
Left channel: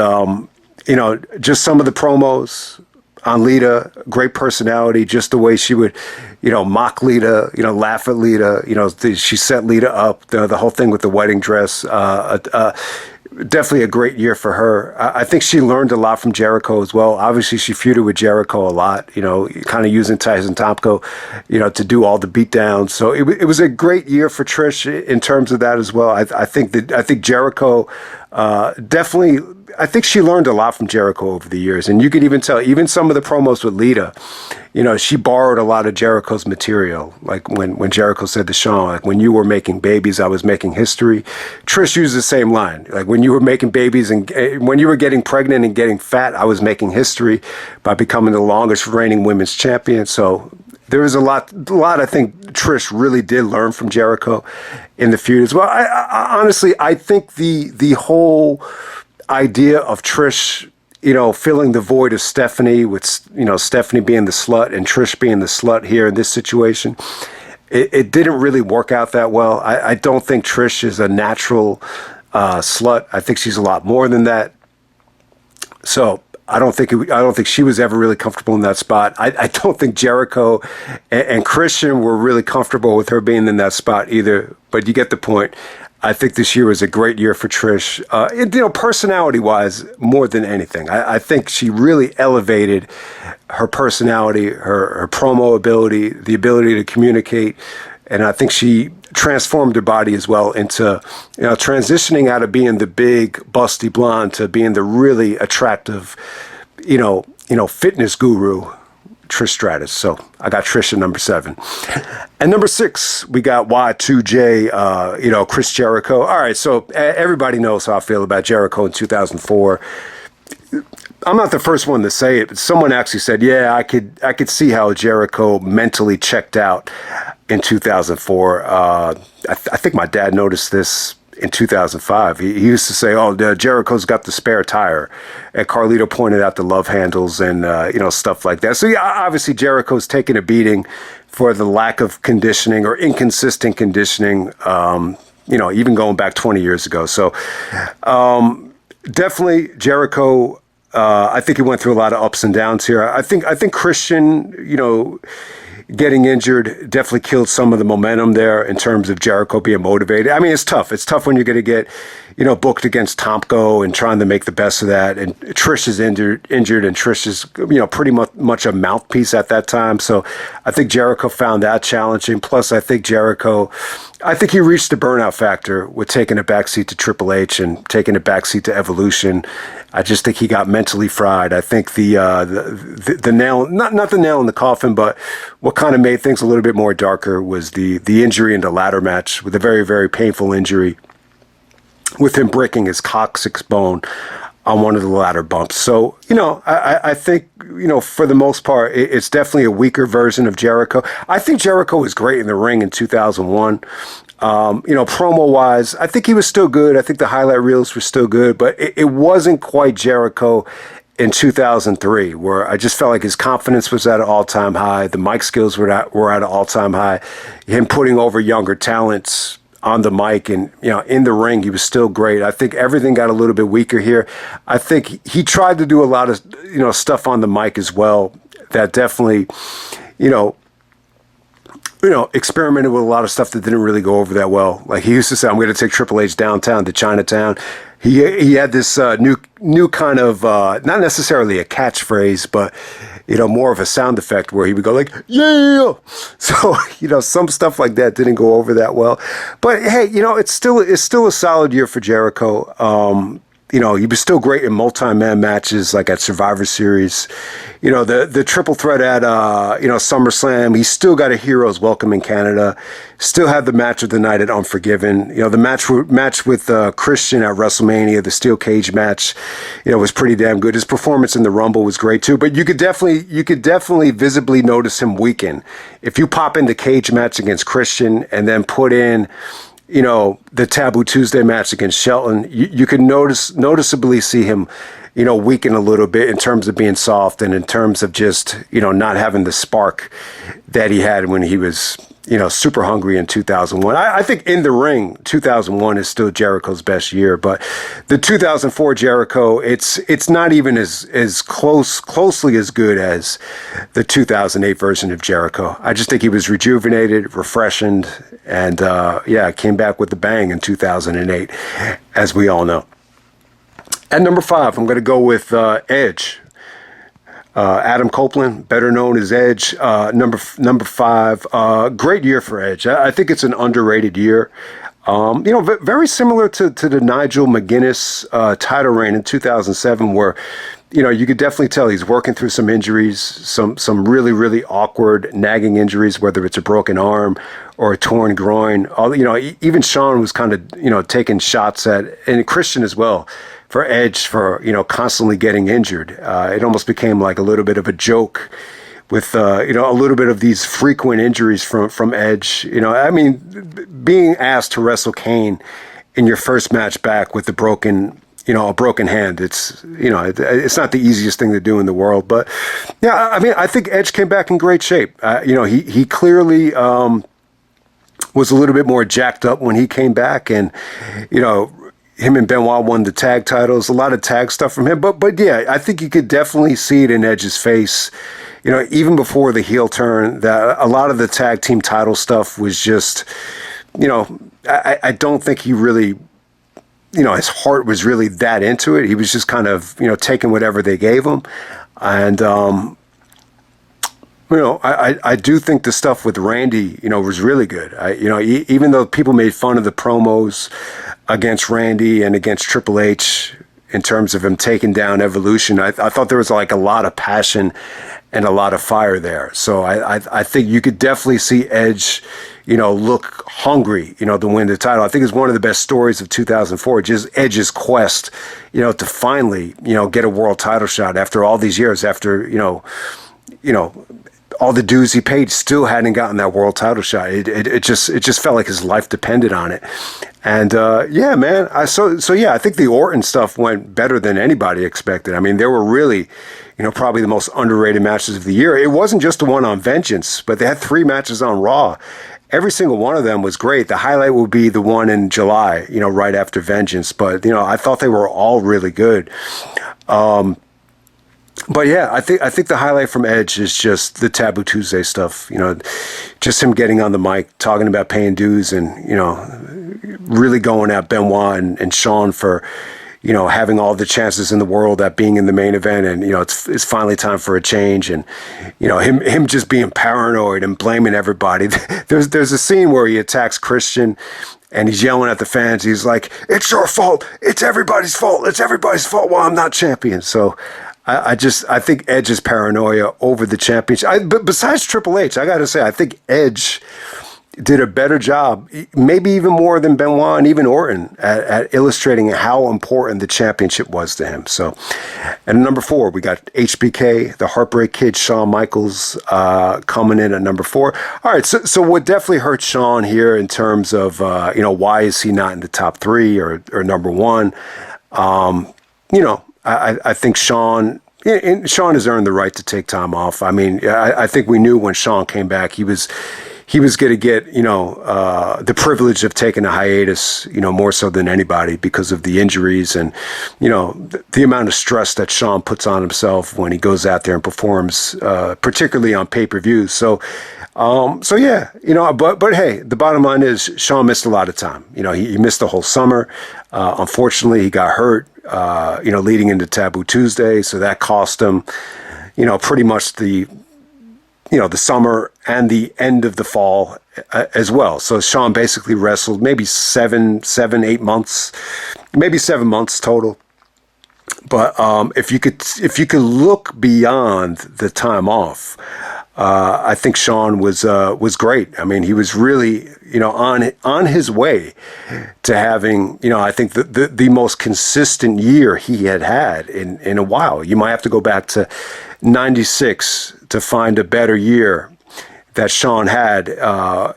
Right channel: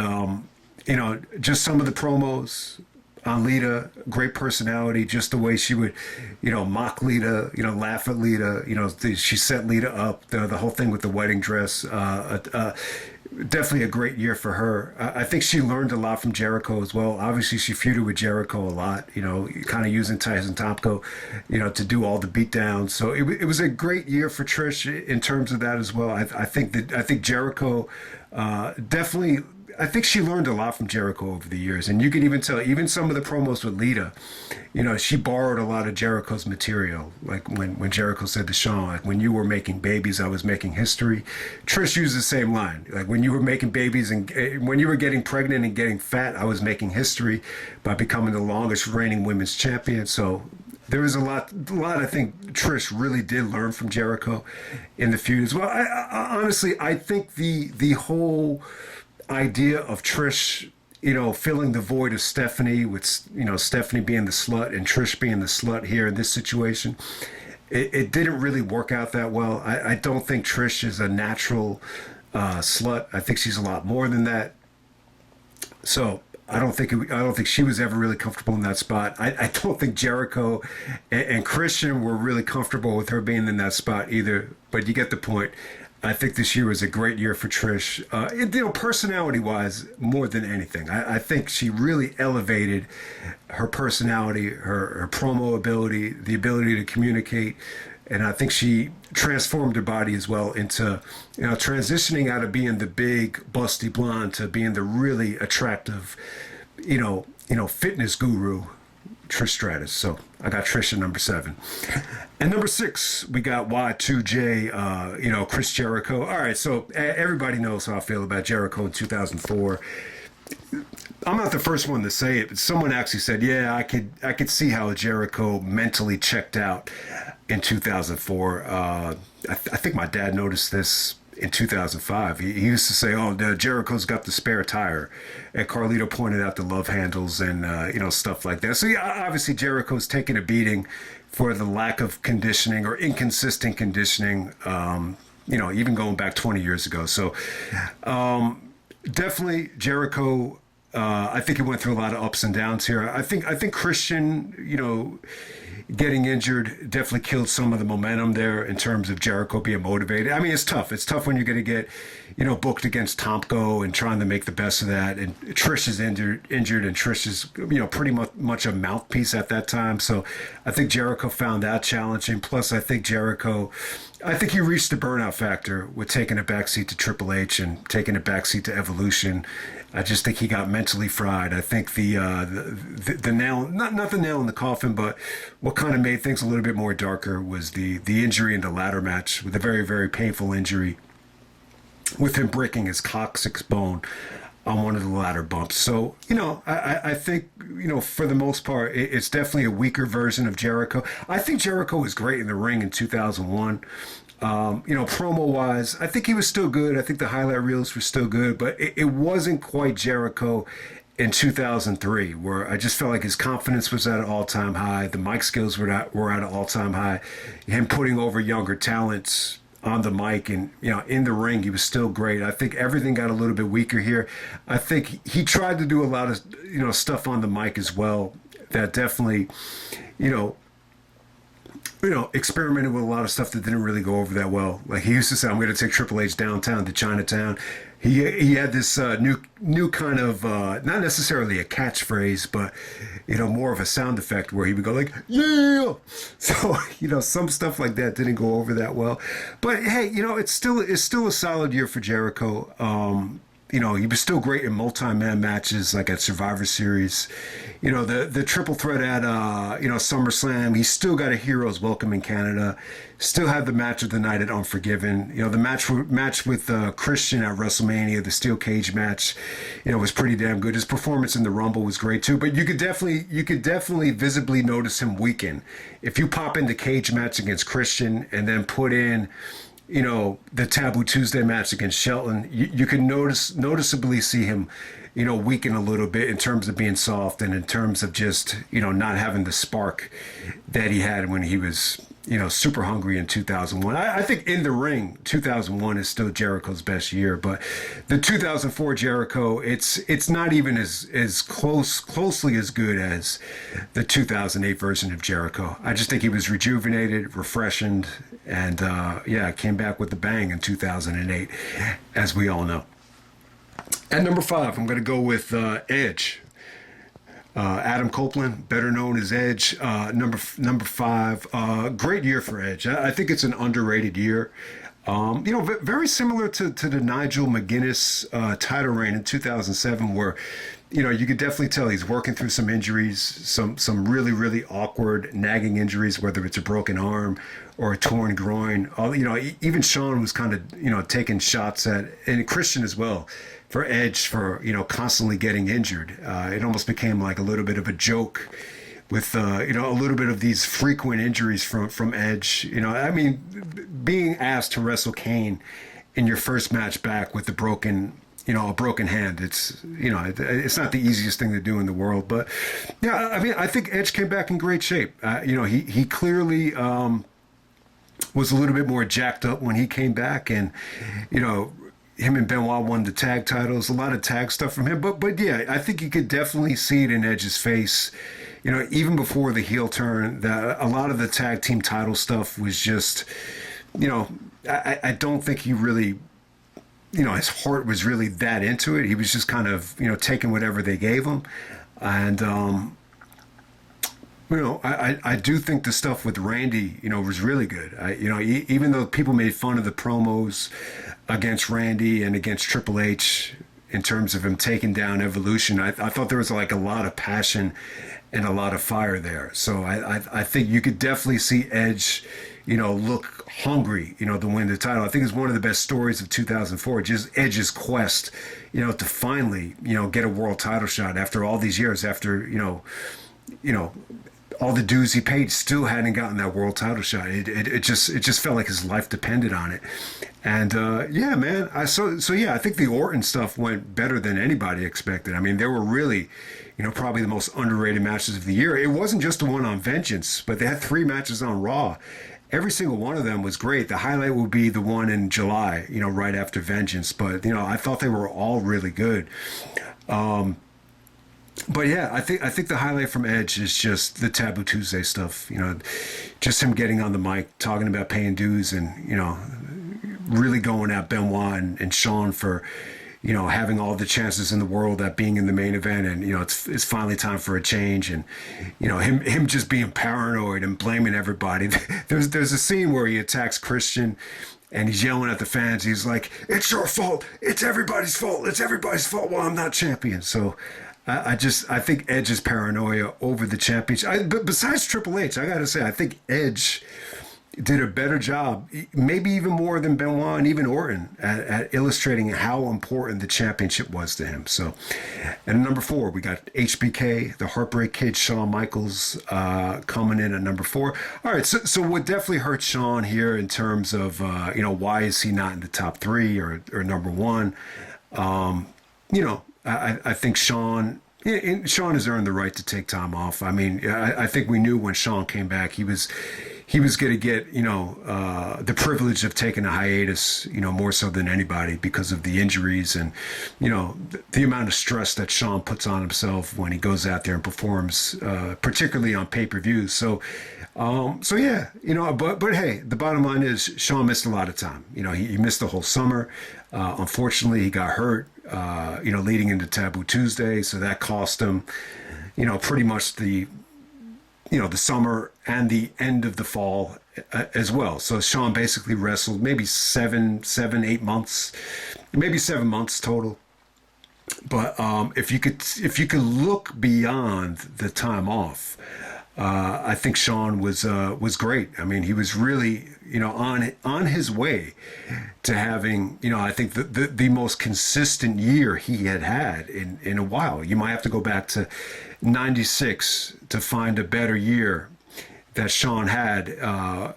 just some of the promos on Lita, great personality, just the way she would, mock Lita, laugh at Lita, she set Lita up, the whole thing with the wedding dress, definitely a great year for her. I think she learned a lot from Jericho as well. Obviously, she feuded with Jericho a lot, kind of using Tyson Tomko, to do all the beatdowns. So it was a great year for Trish in terms of that as well. I think Jericho definitely. I think she learned a lot from Jericho over the years, and you could even tell, even some of the promos with Lita, she borrowed a lot of Jericho's material. Like when Jericho said to Shawn, like, when you were making babies, I was making history. Trish used the same line. Like, when you were making babies and when you were getting pregnant and getting fat, I was making history by becoming the longest reigning women's champion. So there was a lot I think Trish really did learn from Jericho in the feud as well. I honestly, I think the whole idea of Trish, filling the void of Stephanie with, Stephanie being the slut and Trish being the slut here in this situation, it didn't really work out that well. I don't think Trish is a natural slut. I think she's a lot more than that. So I don't think she was ever really comfortable in that spot. I don't think Jericho and Christian were really comfortable with her being in that spot either. But you get the point. I think this year was a great year for Trish, personality-wise, more than anything. I think she really elevated her personality, her promo ability, the ability to communicate, and I think she transformed her body as well into, transitioning out of being the big, busty blonde to being the really attractive, fitness guru, Trish Stratus. So I got Trish at number 7. And number 6, we got Y2J, Chris Jericho. All right, so everybody knows how I feel about Jericho in 2004. I'm not the first one to say it, but someone actually said, yeah, I could see how Jericho mentally checked out in 2004. I think my dad noticed this in 2005. He used to say, oh, Jericho's got the spare tire. And Carlito pointed out the love handles and, stuff like that. So, yeah, obviously Jericho's taking a beating for the lack of conditioning or inconsistent conditioning, even going back 20 years ago. So, definitely Jericho, I think he went through a lot of ups and downs here. I think Christian, getting injured definitely killed some of the momentum there in terms of Jericho being motivated. I mean, it's tough. It's tough when you're going to get, booked against Tomko and trying to make the best of that. And Trish is injured and Trish is, pretty much a mouthpiece at that time. So I think Jericho found that challenging. Plus, I think he reached the burnout factor with taking a backseat to Triple H and taking a backseat to Evolution. I just think he got mentally fried. I think the nail, not the nail in the coffin, but what kind of made things a little bit more darker was the injury in the ladder match, with a very, very painful injury, with him breaking his coccyx bone on one of the ladder bumps. So, I think, for the most part, it's definitely a weaker version of Jericho. I think Jericho was great in the ring in 2001. Promo-wise, I think he was still good. I think the highlight reels were still good, but it wasn't quite Jericho in 2003, where I just felt like his confidence was at an all-time high. The mic skills were at an all-time high. Him putting over younger talents on the mic and, in the ring, he was still great. I think everything got a little bit weaker here. I think he tried to do a lot of, stuff on the mic as well that definitely, experimented with a lot of stuff that didn't really go over that well. Like, he used to say, I'm going to take Triple H downtown to Chinatown. He had this new kind of, not necessarily a catchphrase, but, more of a sound effect where he would go like, yeah. So, some stuff like that didn't go over that well. But, hey, it's still a solid year for Jericho. he was still great in multi-man matches like at Survivor Series. The triple threat at, SummerSlam. He still got a Heroes Welcome in Canada. Still had the match of the night at Unforgiven. The match with Christian at WrestleMania, the steel cage match, was pretty damn good. His performance in the Rumble was great too. But you could definitely visibly notice him weaken. If you pop in the cage match against Christian and then put in the Taboo Tuesday match against Shelton, you can noticeably see him, weaken a little bit in terms of being soft and in terms of just, not having the spark that he had when he was, super hungry in 2001. I think in the ring, 2001 is still Jericho's best year, but the 2004 Jericho, it's not even as closely as good as the 2008 version of Jericho. I just think he was rejuvenated, refreshed, and came back with a bang in 2008, as we all know. At number 5, I'm going to go with Edge. Adam Copeland, better known as Edge, number 5. Great year for Edge. I think it's an underrated year. Very similar to the Nigel McGuinness title reign in 2007, where you could definitely tell he's working through some injuries, some really, really awkward, nagging injuries, whether it's a broken arm or a torn groin. Even Shawn was kind of, taking shots at, and Christian as well, for Edge for, constantly getting injured. It almost became like a little bit of a joke with, a little bit of these frequent injuries from Edge. Being asked to wrestle Kane in your first match back with a broken hand, it's not the easiest thing to do in the world. But, yeah, I think Edge came back in great shape. He clearly was a little bit more jacked up when he came back, and, him and Benoit won the tag titles, a lot of tag stuff from him. But yeah, I think you could definitely see it in Edge's face, even before the heel turn, that a lot of the tag team title stuff was just, I don't think he really, his heart was really that into it. He was just kind of, taking whatever they gave him. And, I do think the stuff with Randy, was really good. Even though people made fun of the promos against Randy and against Triple H in terms of him taking down Evolution, I thought there was like a lot of passion and a lot of fire there. So I think you could definitely see Edge, look hungry, to win the title. I think it's one of the best stories of 2004, just Edge's quest, to finally, get a world title shot after all these years, after, all the dues he paid, still hadn't gotten that world title shot. It just felt like his life depended on it. And man, I think the Orton stuff went better than anybody expected. There were really, probably the most underrated matches of the year. It wasn't just the one on Vengeance, but they had 3 matches on Raw. Every single one of them was great. The highlight would be the one in July, right after Vengeance. But I thought they were all really good. But yeah, I think the highlight from Edge is just the Taboo Tuesday stuff. Just him getting on the mic, talking about paying dues, and really going at Benoit and Shawn for having all the chances in the world at being in the main event, and it's finally time for a change, and him just being paranoid and blaming everybody. There's a scene where he attacks Christian. And he's yelling at the fans. He's like, "It's your fault. It's everybody's fault. It's everybody's fault while I'm not champion." So I think Edge's paranoia over the championship. But besides Triple H, I got to say, I think Edge did a better job, maybe even more than Benoit and even Orton, at illustrating how important the championship was to him. So, and number 4, we got HBK, the Heartbreak Kid, Shawn Michaels, coming in at number 4. All right, so what definitely hurt Shawn here in terms of, why is he not in the top 3 or number 1? I think Shawn has earned the right to take time off. I think we knew when Shawn came back, he was going to get, the privilege of taking a hiatus, more so than anybody because of the injuries and, the amount of stress that Shawn puts on himself when he goes out there and performs, particularly on pay-per-views. So yeah, but hey, the bottom line is Shawn missed a lot of time. He missed the whole summer. Unfortunately, he got hurt, leading into Taboo Tuesday. So that cost him, pretty much the summer and the end of the fall as well. So Shawn basically wrestled maybe 8 months, maybe 7 months total. But if you could look beyond the time off, I think Sean was great. I mean, he was really, on his way to having, I think the most consistent year he had in a while. You might have to go back to '96 to find a better year that Sean had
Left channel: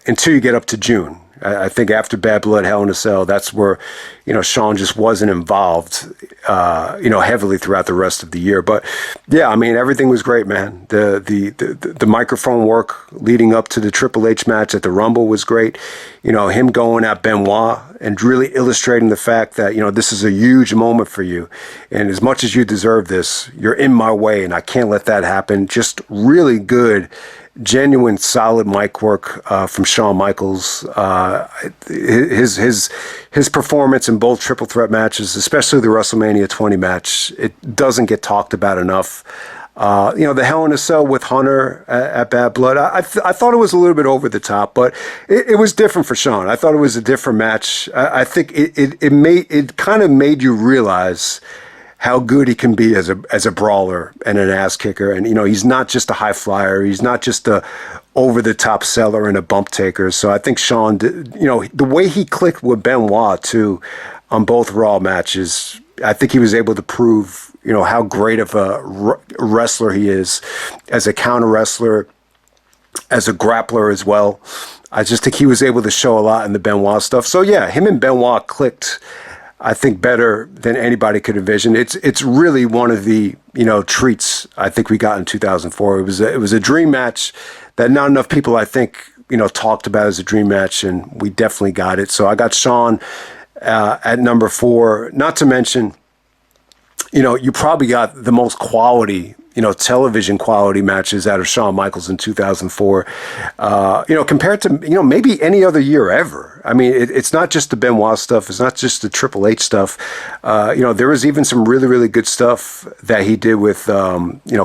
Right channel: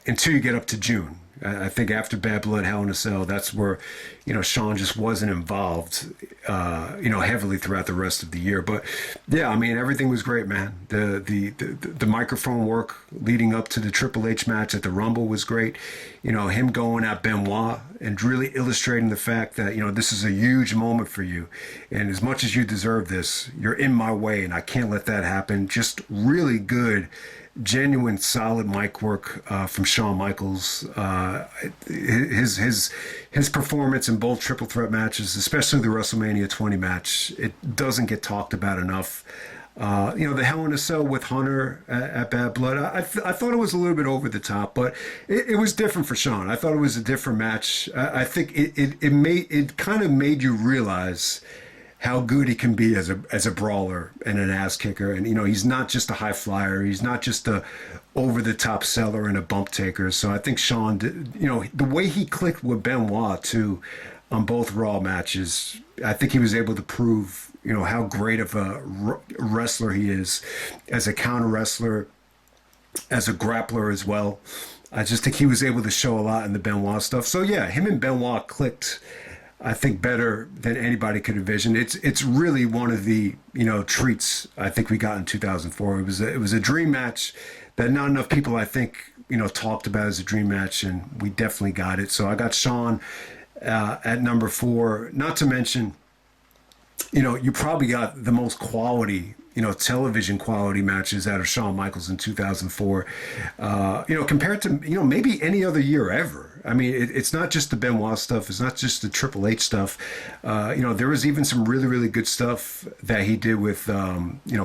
until you get up to June. I think after Bad Blood, Hell in a Cell, that's where, Sean just wasn't involved, heavily throughout the rest of the year. But yeah, I mean, everything was great, man. The microphone work leading up to the Triple H match at the Rumble was great. Him going at Benoit and really illustrating the fact that, this is a huge moment for you. And as much as you deserve this, you're in my way and I can't let that happen. Just really good, genuine, solid mic work from Shawn Michaels. His performance in both triple threat matches, especially the WrestleMania 20 match, it doesn't get talked about enough. The Hell in a Cell with Hunter at Bad Blood, I thought it was a little bit over the top, but it was different for Shawn. I thought it was a different match. I think it kind of made you realize how good he can be as a brawler and an ass kicker. And, he's not just a high flyer. He's not just a over the top seller and a bump taker. So I think Sean, the way he clicked with Benoit too on both Raw matches, I think he was able to prove, how great of a wrestler he is as a counter wrestler, as a grappler as well. I just think he was able to show a lot in the Benoit stuff. So yeah, him and Benoit clicked, I think, better than anybody could envision. It's really one of the treats I think we got in 2004. It was a dream match that not enough people, I think, talked about as a dream match, and we definitely got it. So I got Sean at number 4. Not to mention, you probably got the most quality, television quality matches out of Shawn Michaels in 2004, compared to, maybe any other year ever. I mean, it's not just the Benoit stuff. It's not just the Triple H stuff. There was even some really, really good stuff that he did with,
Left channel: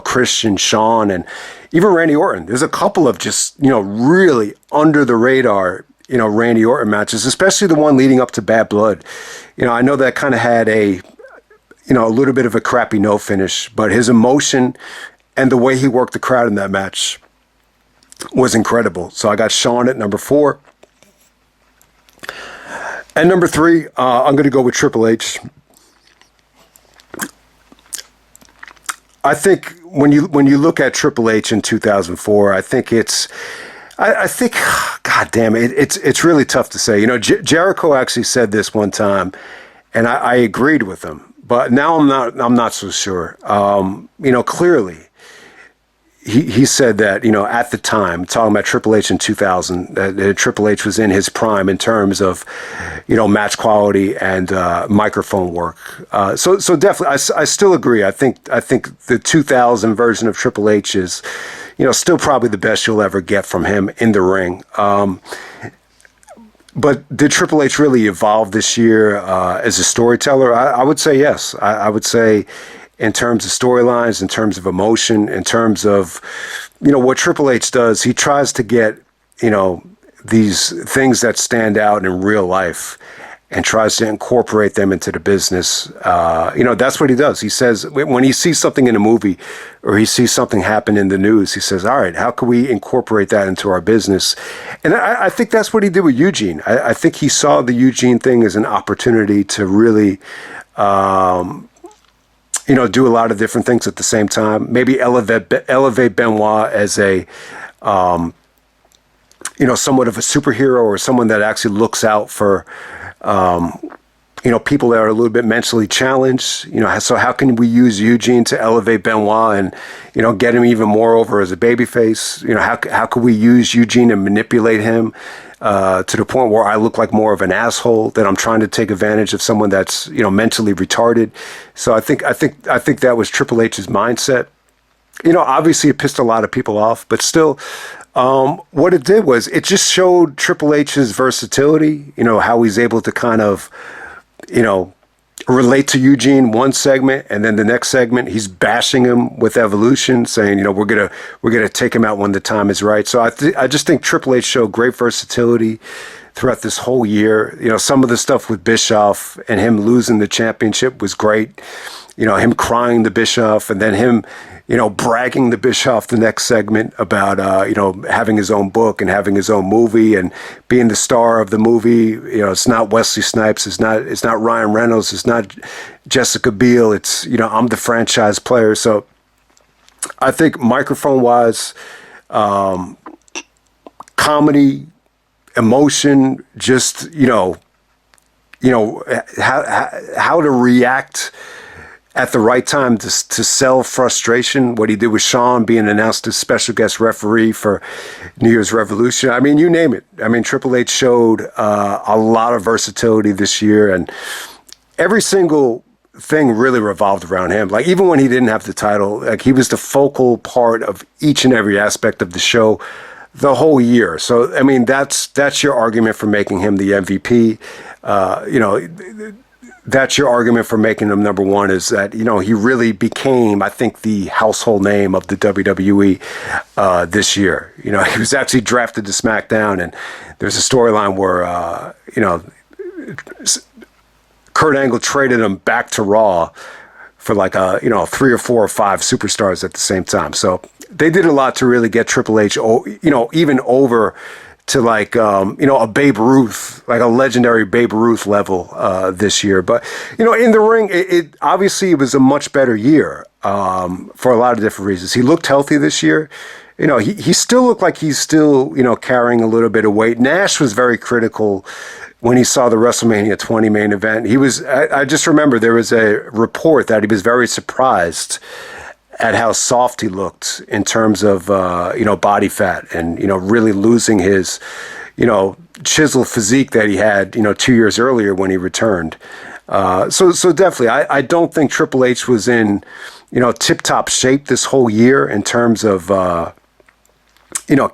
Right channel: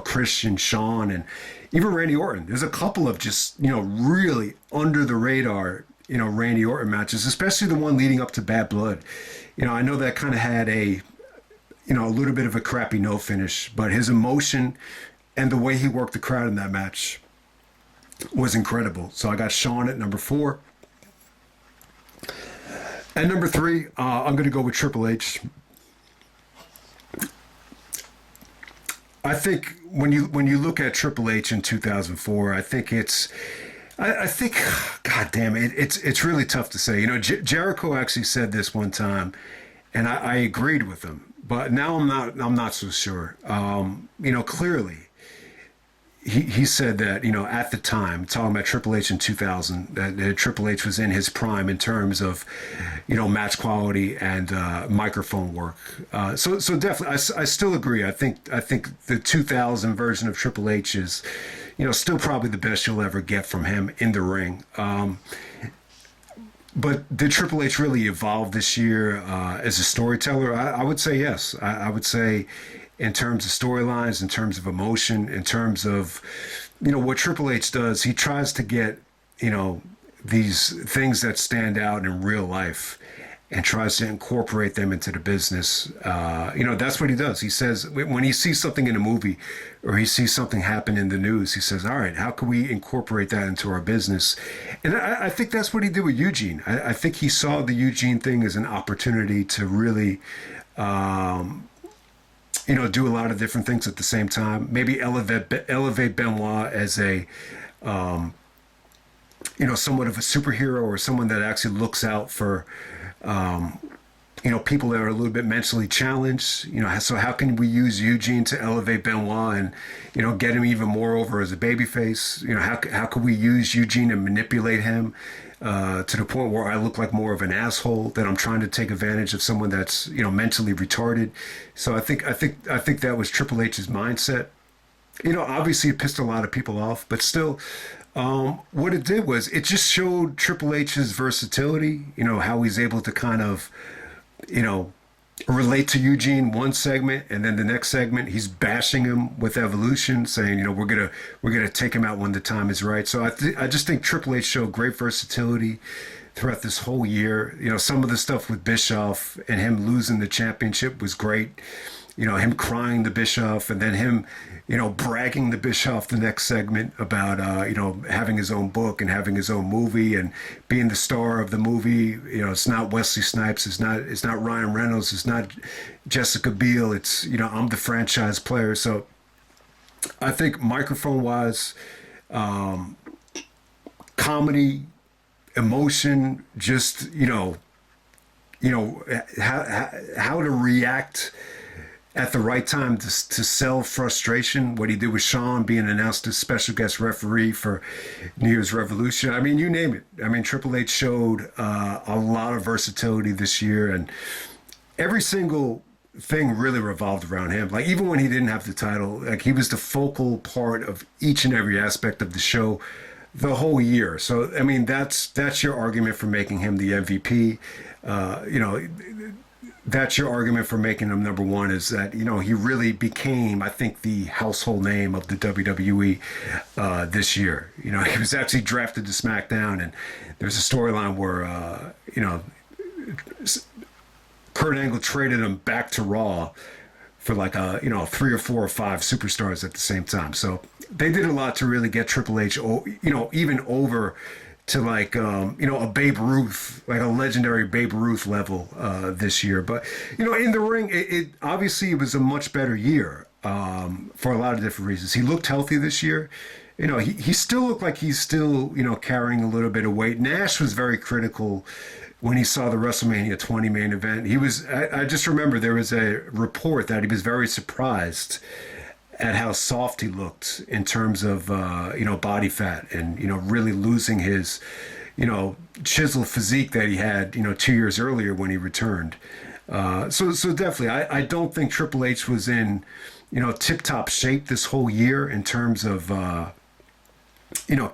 Christian, Shawn, and even Randy Orton. There's a couple of just, really under the radar, Randy Orton matches, especially the one leading up to Bad Blood. I know that kind of had a little bit of a crappy no finish, but his emotion and the way he worked the crowd in that match was incredible. So I got Sean at number 4. At number 3, I'm going to go with Triple H. I think when you look at Triple H in 2004, I think God damn it, it's really tough to say. Jericho actually said this one time, and I agreed with him. But now I'm not so sure. Clearly, he said that, at the time, talking about Triple H in 2000, that Triple H was in his prime in terms of, match quality and microphone work. So definitely, I still agree. I think the 2000 version of Triple H is, still probably the best you'll ever get from him in the ring. But did Triple H really evolve this year as a storyteller? I would say yes. I would say in terms of storylines, in terms of emotion, in terms of, what Triple H does, he tries to get, these things that stand out in real life and tries to incorporate them into the business. That's what he does. He says when he sees something in a movie or he sees something happen in the news, he says, all right, how can we incorporate that into our business? And I think that's what he did with Eugene. I think he saw the Eugene thing as an opportunity to really, do a lot of different things at the same time. Maybe elevate Benoit as a, somewhat of a superhero or someone that actually looks out for, people that are a little bit mentally challenged. So how can we use Eugene to elevate Benoit and, get him even more over as a babyface? How could we use Eugene and manipulate him to the point where I look like more of an asshole, that I'm trying to take advantage of someone that's, mentally retarded. So I think that was Triple H's mindset. Obviously it pissed a lot of people off, but still, what it did was it just showed Triple H's versatility, how he's able to kind of, relate to Eugene one segment, and then the next segment he's bashing him with Evolution, saying, we're gonna take him out when the time is right. So I just think Triple H showed great versatility throughout this whole year. Some of the stuff with Bischoff and him losing the championship was great. him crying to Bischoff, and then him, bragging to Bischoff the next segment about, having his own book and having his own movie and being the star of the movie. It's not Wesley Snipes. It's not Ryan Reynolds. It's not Jessica Biel. It's, I'm the franchise player. So I think microphone wise, comedy, emotion, just, how to react at the right time to sell frustration. What he did with Shawn, being announced as special guest referee for New Year's Revolution. I mean, you name it. I mean, Triple H showed a lot of versatility this year, and every single thing really revolved around him. Like, even when he didn't have the title, like, he was the focal part of each and every aspect of the show the whole year. So, I mean, that's your argument for making him the MVP. That's your argument for making him number one, is that, he really became, I think, the household name of the WWE this year. He was actually drafted to Smackdown, and there's a storyline where, Kurt Angle traded him back to Raw for like 3 or 4 or 5 superstars at the same time. So they did a lot to really get Triple H, even over to like, a Babe Ruth, like a legendary Babe Ruth level this year. But, in the ring, it obviously it was a much better year for a lot of different reasons. He looked healthy this year. He still looked like he's still, carrying a little bit of weight. Nash was very critical when he saw the WrestleMania 20 main event. I just remember there was a report that he was very surprised at how soft he looked in terms of, body fat and, really losing his, chiseled physique that he had, 2 years earlier when he returned. So definitely, I don't think Triple H was in, tip-top shape this whole year in terms of,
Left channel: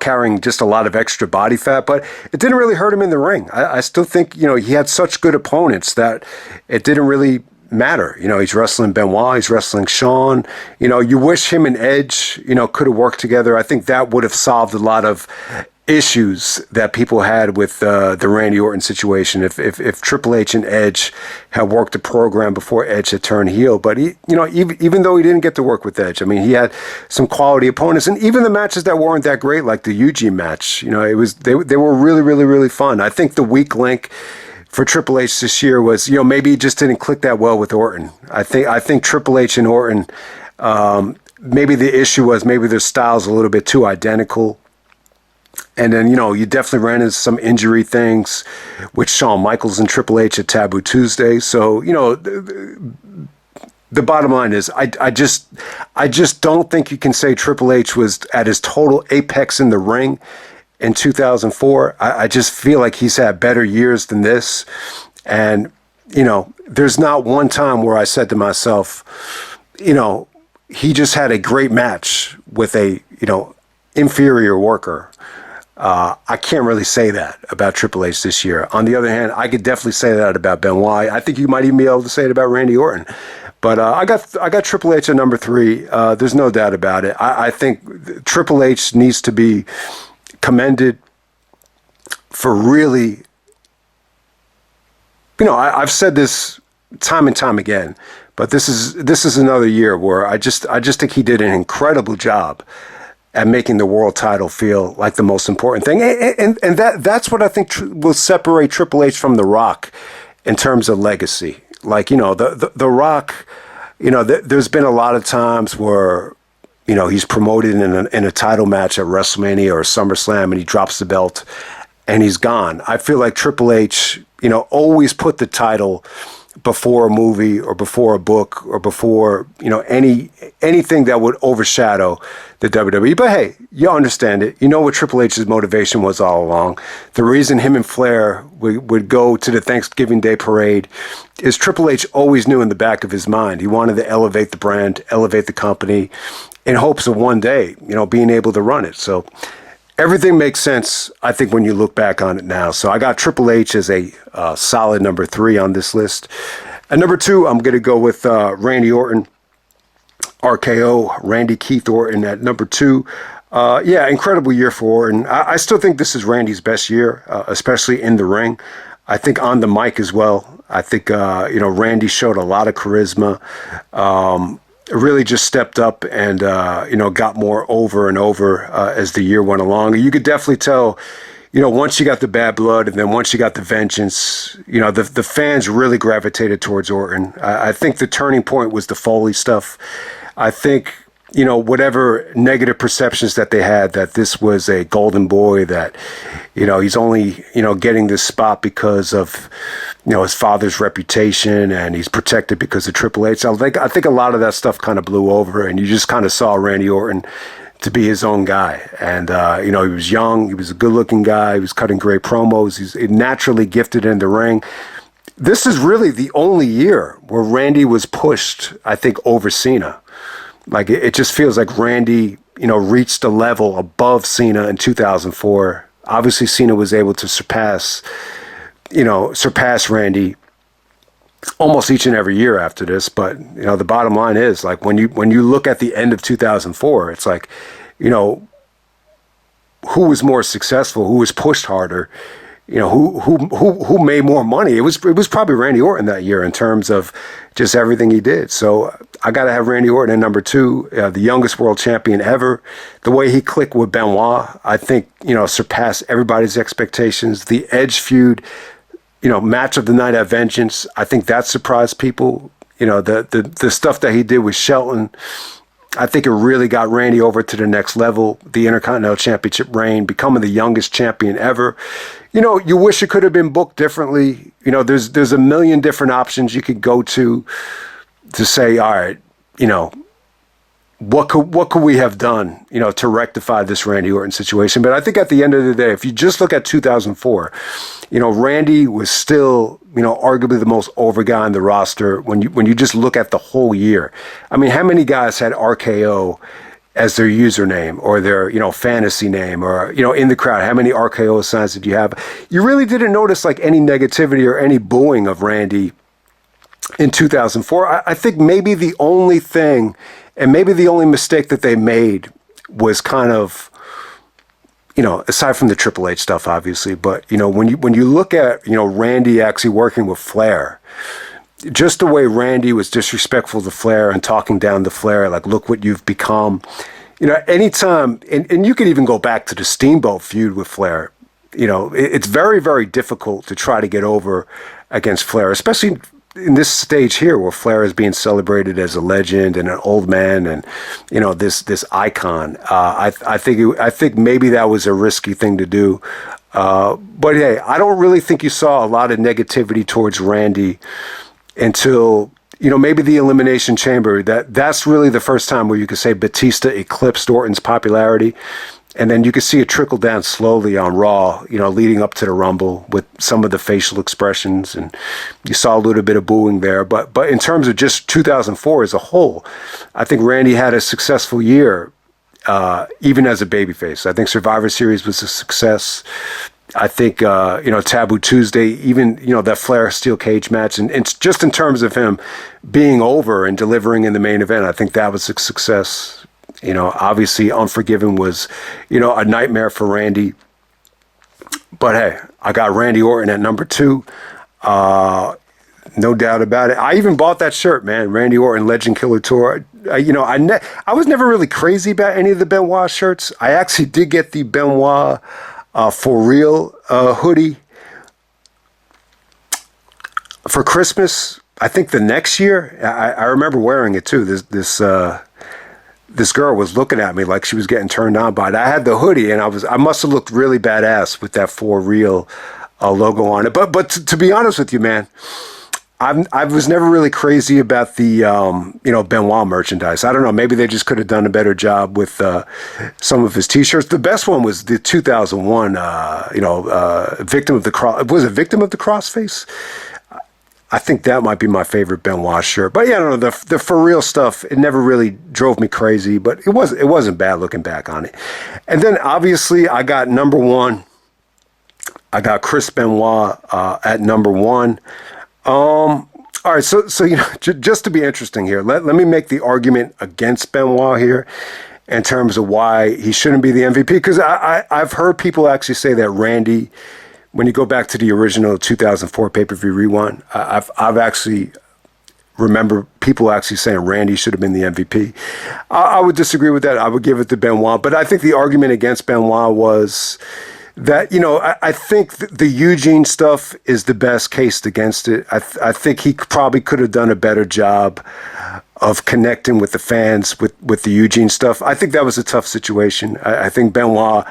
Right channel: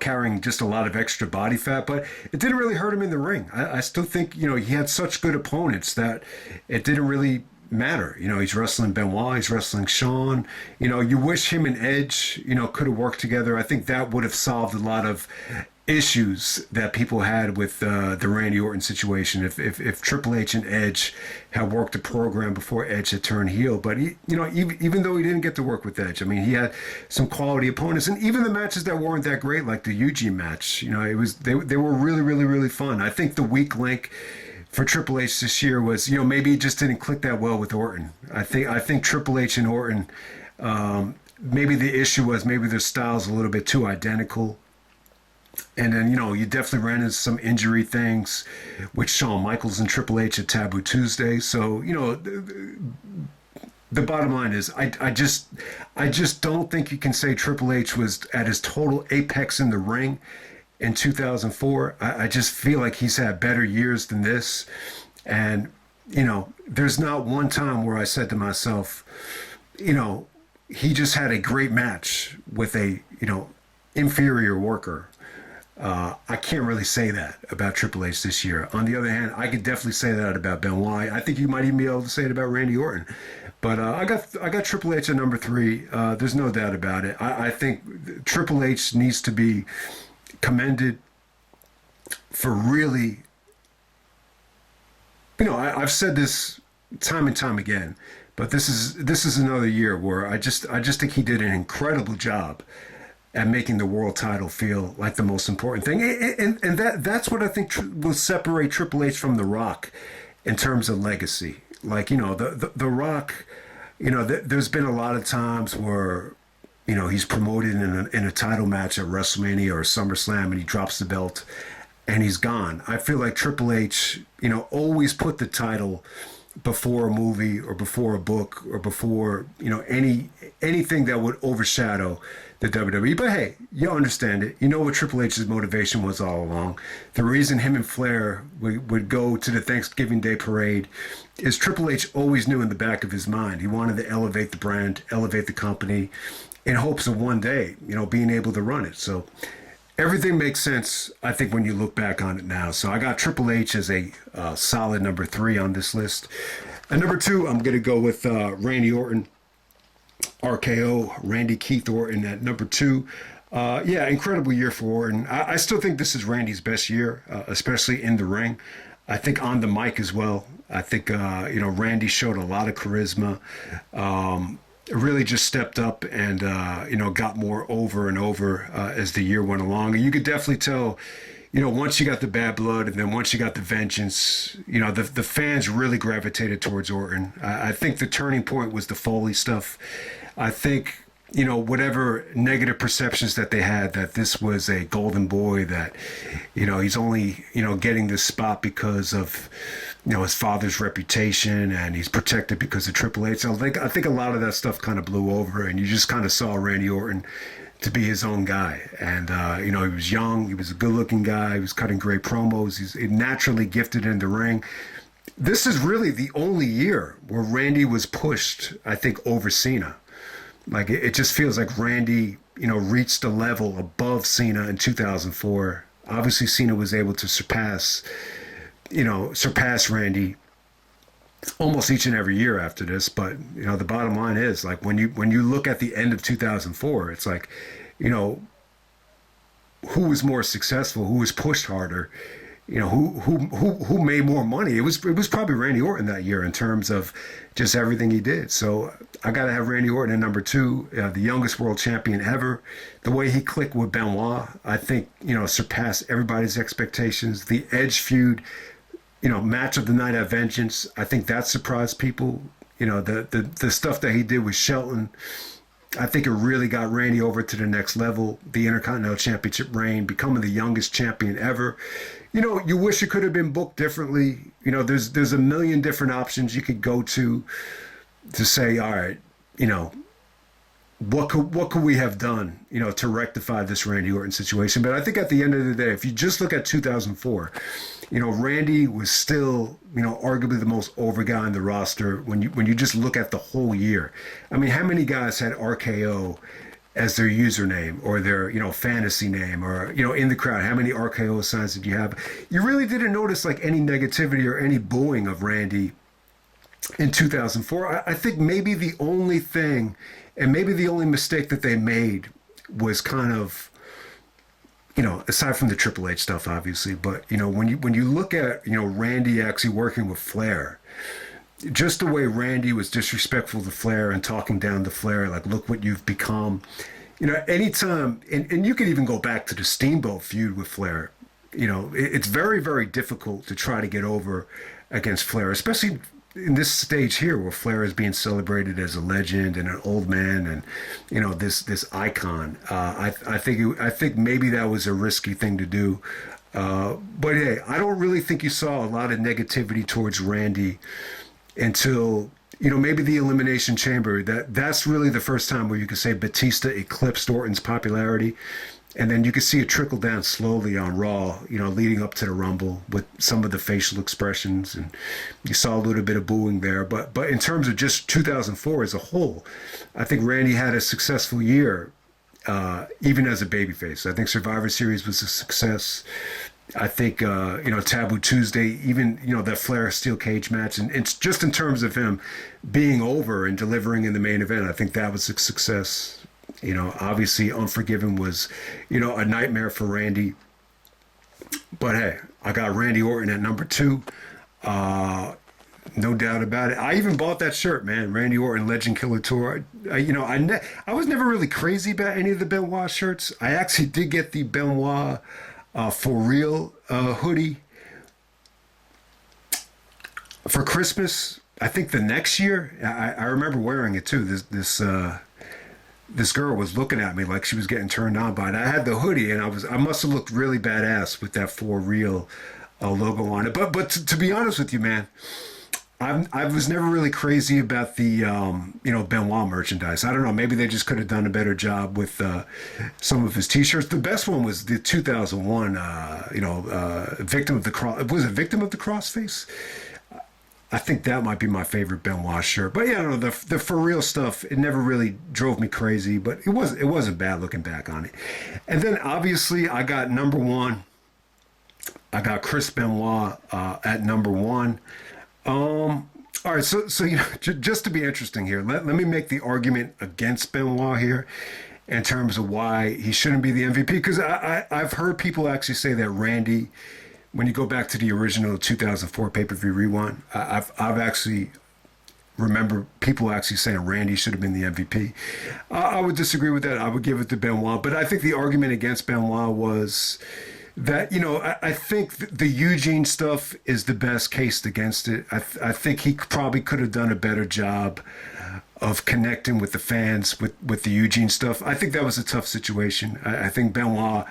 carrying just a lot of extra body fat, but it didn't really hurt him in the ring. I still think, he had such good opponents that it didn't really matter. He's wrestling Benoit, he's wrestling Shawn. You wish him and Edge, could have worked together. I think that would have solved a lot of issues that people had with the Randy Orton situation if Triple H and Edge had worked the program before Edge had turned heel. But even though he didn't get to work with Edge, I mean, he had some quality opponents, and even the matches that weren't that great, like the Eugene match, they were really, really, really fun. I think the weak link for Triple H this year was, maybe he just didn't click that well with Orton. I think Triple H and Orton, maybe the issue was maybe their styles a little bit too identical. And then, you definitely ran into some injury things with Shawn Michaels and Triple H at Taboo Tuesday. So, the bottom line is I just don't think you can say Triple H was at his total apex in the ring in 2004. I just feel like he's had better years than this. And, there's not one time where I said to myself, he just had a great match with a, inferior worker. I can't really say that about Triple H this year. On the other hand, I could definitely say that about Benoit. I think you might even be able to say it about Randy Orton. But I got Triple H at number 3. There's no doubt about it. I think Triple H needs to be commended for really, I've said this time and time again, but this is another year where I just think he did an incredible job at making the world title feel like the most important thing. And that's what I think will separate Triple H from The Rock in terms of legacy. Like, the Rock, there's been a lot of times where, he's promoted in a title match at WrestleMania or SummerSlam, and he drops the belt and he's gone. I feel like Triple H, always put the title before a movie or before a book or before, anything that would overshadow the WWE. But hey, you understand it. You know what Triple H's motivation was all along. The reason him and Flair would go to the Thanksgiving Day parade is Triple H always knew in the back of his mind he wanted to elevate the brand, elevate the company, in hopes of one day, being able to run it. So everything makes sense, I think, when you look back on it now. So I got Triple H as a solid number 3 on this list. At number 2, I'm going to go with Randy Orton. RKO, Randy Keith Orton at number 2. Incredible year for Orton. I still think this is Randy's best year, especially in the ring. I think on the mic as well. I think Randy showed a lot of charisma. Really just stepped up and got more over and over as the year went along. You could definitely tell, once you got the bad blood and then once you got the vengeance, the fans really gravitated towards Orton. I think the turning point was the Foley stuff. I think, whatever negative perceptions that they had, that this was a golden boy, that, he's only, getting this spot because of, his father's reputation and he's protected because of Triple H. So I think a lot of that stuff kind of blew over, and you just kind of saw Randy Orton to be his own guy. And, he was young, he was a good looking guy, he was cutting great promos, he's naturally gifted in the ring. This is really the only year where Randy was pushed, I think, over Cena. Like, it just feels like Randy, reached a level above Cena in 2004. Obviously, Cena was able to surpass Randy almost each and every year after this. But, the bottom line is, like, when you look at the end of 2004, it's like, who was more successful, who was pushed harder, who made more money? It was probably Randy Orton that year in terms of just everything he did. So I got to have Randy Orton at number 2, the youngest world champion ever. The way he clicked with Benoit, I think, surpassed everybody's expectations. The Edge feud, match of the night at Vengeance, I think that surprised people. The stuff that he did with Shelton, I think it really got Randy over to the next level. The Intercontinental Championship reign, becoming the youngest champion ever. You wish it could have been booked differently. There's a million different options you could go to say, all right, what could we have done, to rectify this Randy Orton situation? But I think at the end of the day, if you just look at 2004, Randy was still, arguably the most over guy on the roster when you just look at the whole year. I mean, how many guys had RKO as their username or their, fantasy name, or, in the crowd? How many RKO signs did you have? You really didn't notice like any negativity or any booing of Randy in 2004. I think maybe the only thing, and maybe the only mistake that they made, was kind of, aside from the Triple H stuff, obviously, but, when you look at, Randy actually working with Flair, just the way Randy was disrespectful to Flair and talking down to Flair, like, look what you've become. Anytime, and you could even go back to the Steamboat feud with Flair, it's very, very difficult to try to get over against Flair, especially in this stage here where Flair is being celebrated as a legend and an old man and, this icon. I think maybe that was a risky thing to do. But hey, I don't really think you saw a lot of negativity towards Randy until, maybe the Elimination Chamber. That's really the first time where you could say Batista eclipsed Orton's popularity. And then you could see it trickle down slowly on Raw, leading up to the Rumble with some of the facial expressions. And you saw a little bit of booing there. But in terms of just 2004 as a whole, I think Randy had a successful year, even as a babyface. I think Survivor Series was a success. I think, Taboo Tuesday, even, that Flair steel cage match. And it's just in terms of him being over and delivering in the main event, I think that was a success. Obviously Unforgiven was, a nightmare for Randy. But hey, I got Randy Orton at number 2. No doubt about it. I even bought that shirt, man. Randy Orton Legend Killer Tour. I was never really crazy about any of the Benoit shirts. I actually did get the Benoit For Real hoodie for Christmas. I think the next year. I remember wearing it too. This girl was looking at me like she was getting turned on by it. I had the hoodie, and I must have looked really badass with that For Real logo on it. But to be honest with you, man, I was never really crazy about the Benoit merchandise. I don't know, maybe they just could have done a better job with some of his T-shirts. The best one was the 2001, Victim of the Cross. Was it Victim of the Crossface? I think that might be my favorite Benoit shirt. But yeah, I don't know, the For Real stuff, it never really drove me crazy, but it wasn't bad looking back on it. And then obviously I got number 1. I got Chris Benoit at number 1. All right, so just to be interesting here, let me make the argument against Benoit here in terms of why he shouldn't be the MVP, because I've heard people actually say that Randy when you go back to the original 2004 pay-per-view rewind, I've actually remember people actually saying Randy should have been the MVP. I would disagree with that. I would give it to Benoit. But I think the argument against Benoit was that, I think the Eugene stuff is the best case against it. I think he probably could have done a better job of connecting with the fans with the Eugene stuff. I think that was a tough situation. I think Benoit,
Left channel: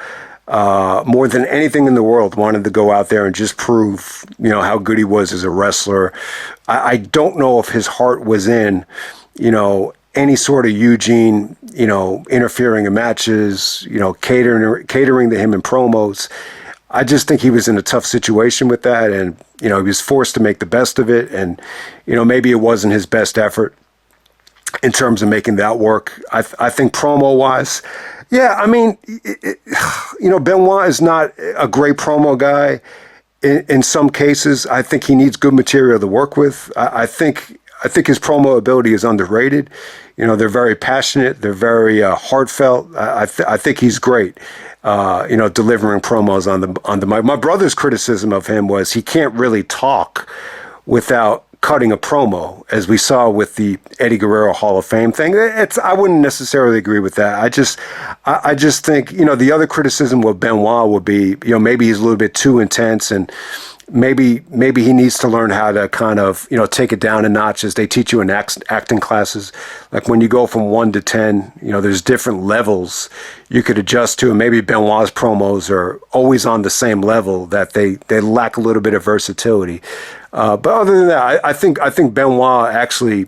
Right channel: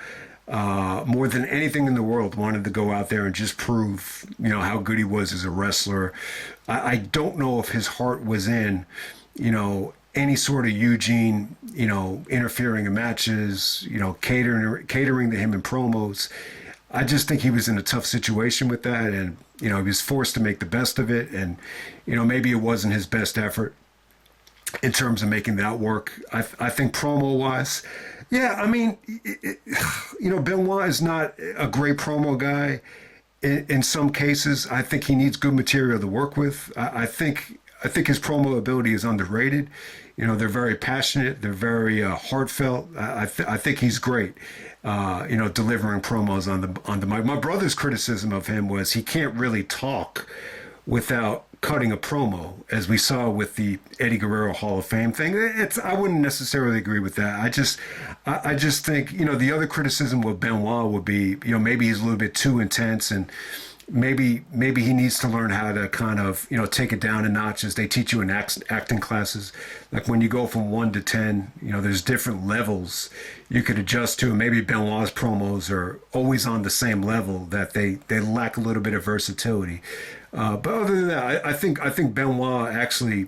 more than anything in the world, wanted to go out there and just prove, how good he was as a wrestler. I don't know if his heart was in, any sort of Eugene, interfering in matches, catering to him in promos. I just think he was in a tough situation with that, and he was forced to make the best of it, and maybe it wasn't his best effort in terms of making that work. I think promo wise, yeah, I mean, Benoit is not a great promo guy. In some cases, I think he needs good material to work with. I think his promo ability is underrated. They're very passionate. They're very heartfelt. I think he's great. Delivering promos on the mic. My brother's criticism of him was he can't really talk without cutting a promo, as we saw with the Eddie Guerrero Hall of Fame thing. I wouldn't necessarily agree with that. I just think, the other criticism with Benoit would be, maybe he's a little bit too intense, and maybe he needs to learn how to kind of, take it down a notch, as they teach you in acting classes. Like when you go from 1 to 10, there's different levels you could adjust to, and maybe Benoit's promos are always on the same level, that they lack a little bit of versatility. But other than that, I think Benoit actually,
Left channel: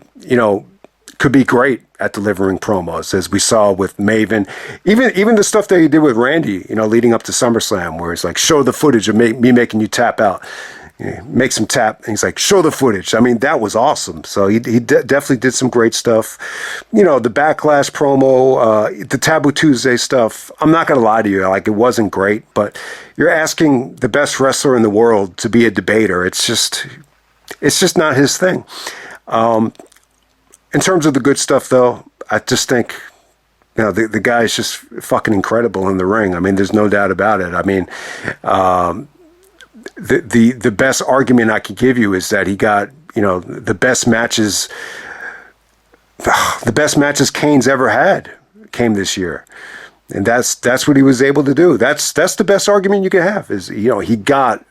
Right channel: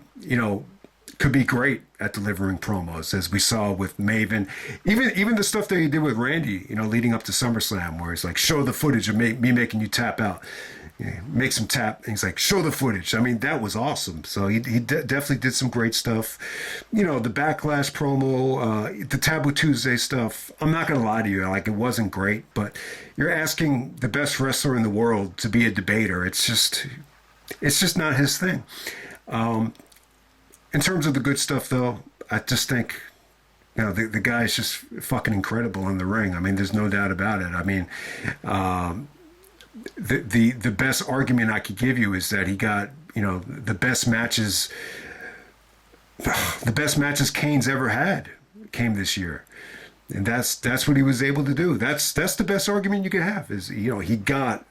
could be great at delivering promos, as we saw with Maven. Even the stuff that he did with Randy, leading up to SummerSlam, where he's like, show the footage of me making you tap out. Makes him tap, and he's like, show the footage. I mean, that was awesome. So he definitely did some great stuff. The Backlash promo, the Taboo Tuesday stuff, I'm not going to lie to you, like, it wasn't great, but you're asking the best wrestler in the world to be a debater. It's just not his thing. In terms of the good stuff, though, I just think, the guy is just fucking incredible in the ring. I mean, there's no doubt about it. I mean, the best argument I could give you is that he got, the best matches Kane's ever had came this year. And that's what he was able to do. That's the best argument you can have, is, he got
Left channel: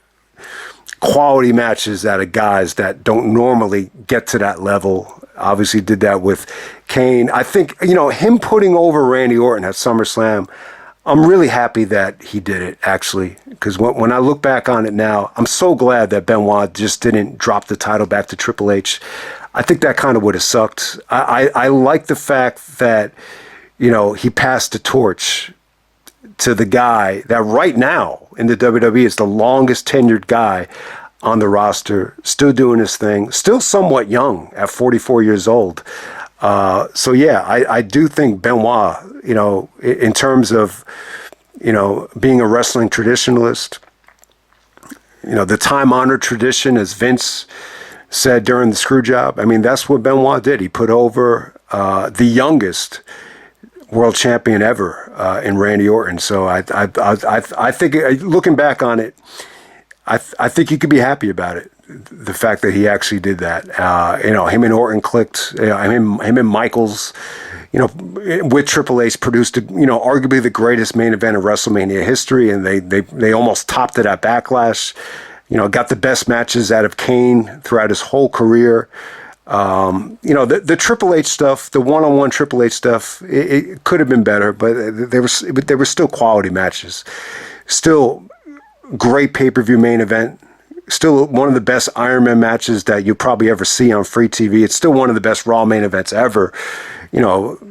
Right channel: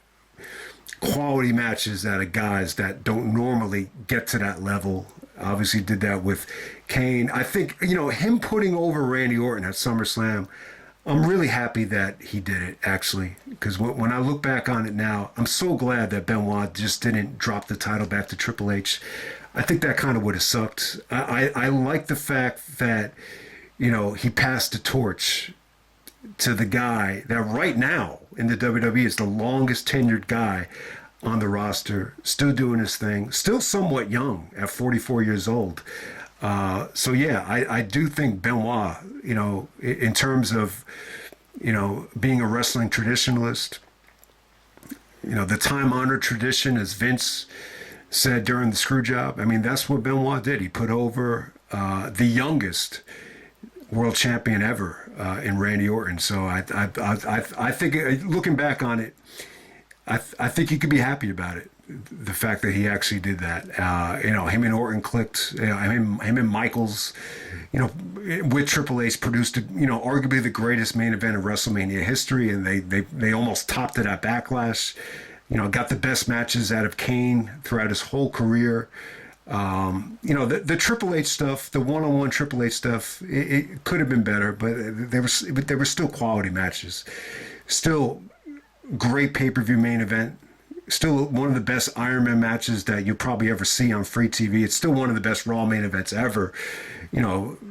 quality matches out of guys that don't normally get to that level. Obviously did that with Kane. I think, him putting over Randy Orton at SummerSlam, I'm really happy that he did it, actually, because when I look back on it now, I'm so glad that Benoit just didn't drop the title back to Triple H. I think that kind of would have sucked. I like the fact that, he passed the torch to the guy that right now in the WWE is the longest tenured guy on the roster, still doing his thing, still somewhat young at 44 years old. So yeah, I do think Benoit, in terms of, being a wrestling traditionalist, the time-honored tradition, as Vince said during the screw job, I mean, that's what Benoit did. He put over the youngest world champion ever in Randy Orton. So I think, looking back on it, I think you could be happy about it. The fact that he actually did that, him and Orton clicked, him and Michaels, with Triple H produced, arguably the greatest main event of WrestleMania history, and they almost topped it at Backlash. Got the best matches out of Kane throughout his whole career. The Triple H stuff, the one-on-one Triple H stuff, it could have been better, but they were still quality matches, still great pay-per-view main event. Still one of the best Iron Man matches that you'll probably ever see on free TV. It's still one of the best Raw main events ever.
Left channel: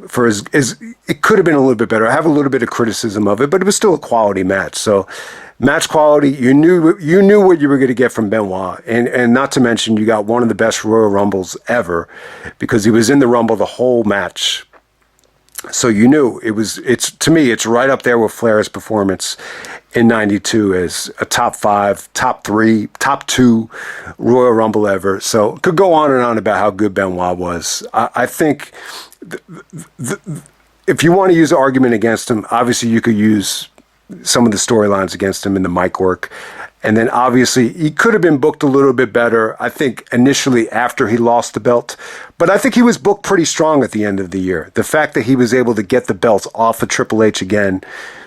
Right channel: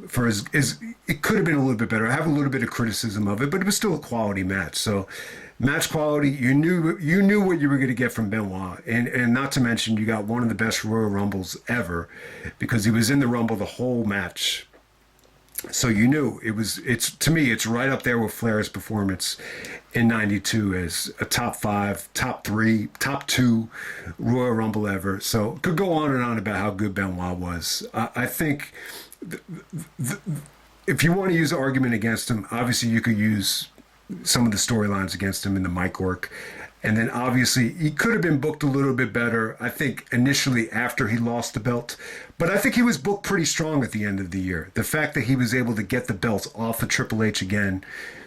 For as it could have been a little bit better. I have a little bit of criticism of it, but it was still a quality match. So, match quality, you knew what you were going to get from Benoit, and not to mention you got one of the best Royal Rumbles ever, because he was in the Rumble the whole match. So you knew to me it's right up there with Flair's performance in '92 as a top 5, top 3, top 2 Royal Rumble ever. So could go on and on about how good Benoit was. I think if you want to use an argument against him, obviously you could use some of the storylines against him in the mic work. And then obviously he could have been booked a little bit better, I think, initially after he lost the belt. But I think he was booked pretty strong at the end of the year. The fact that he was able to get the belts off of Triple H again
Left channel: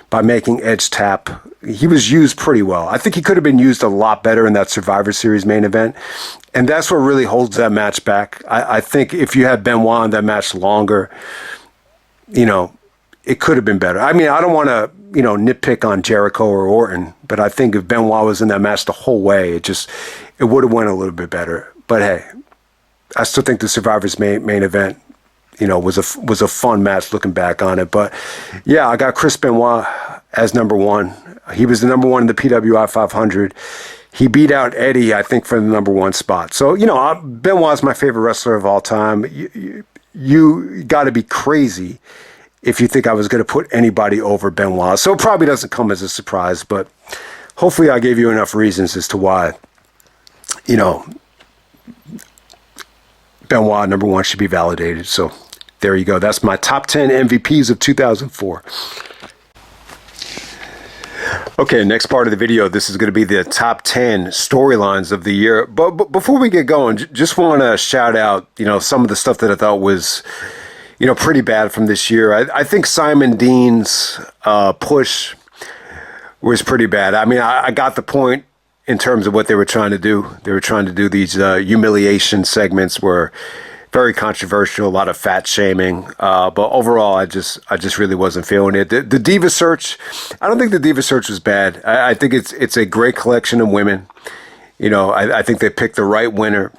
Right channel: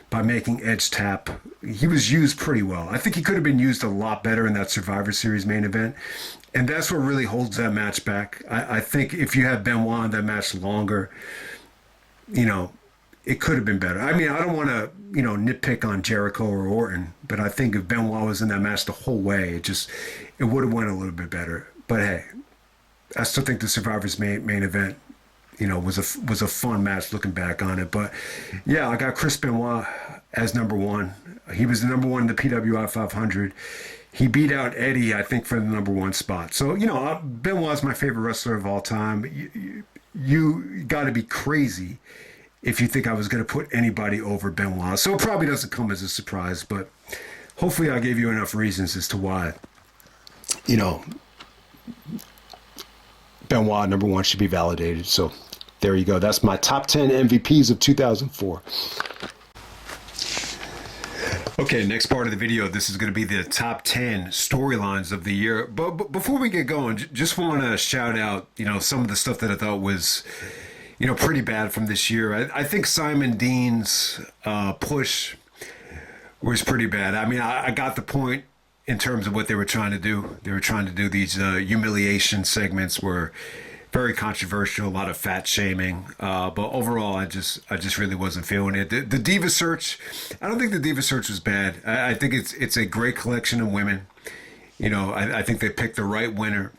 by making Edge tap, he was used pretty well. I think he could have been used a lot better in that Survivor Series main event. And that's what really holds that match back. I think if you had Benoit in that match longer, you know, it could have been better. I mean, I don't want to, you know, nitpick on Jericho or Orton, but I think if Benoit was in that match the whole way, it would have went a little bit better. But hey, I still think the Survivor's main event, you know, was a fun match looking back on it. But yeah, I got Chris Benoit as number one. He was the number one in the PWI 500. He beat out Eddie, I think, for the number one spot. So, you know, Benoit's my favorite wrestler of all time. You got to be crazy if you think I was going to put anybody over Benoit. So it probably doesn't come as a surprise, but hopefully I gave you enough reasons as to why, you know, Benoit, number one, should be validated. So there you go. That's my top 10 MVPs of 2004. Okay, next part of the video, this is going to be the top 10 storylines of the year. But before we get going, just want to shout out, you know, some of the stuff that I thought was, you know, pretty bad from this year. I think Simon Dean's push was pretty bad. I mean, I got the point in terms of what they were trying to do. They were trying to do these humiliation segments were very controversial, a lot of fat shaming. But overall, I just really wasn't feeling it. The Diva Search, I don't think the Diva Search was bad. I think it's a great collection of women. You know, I think they picked the right winner.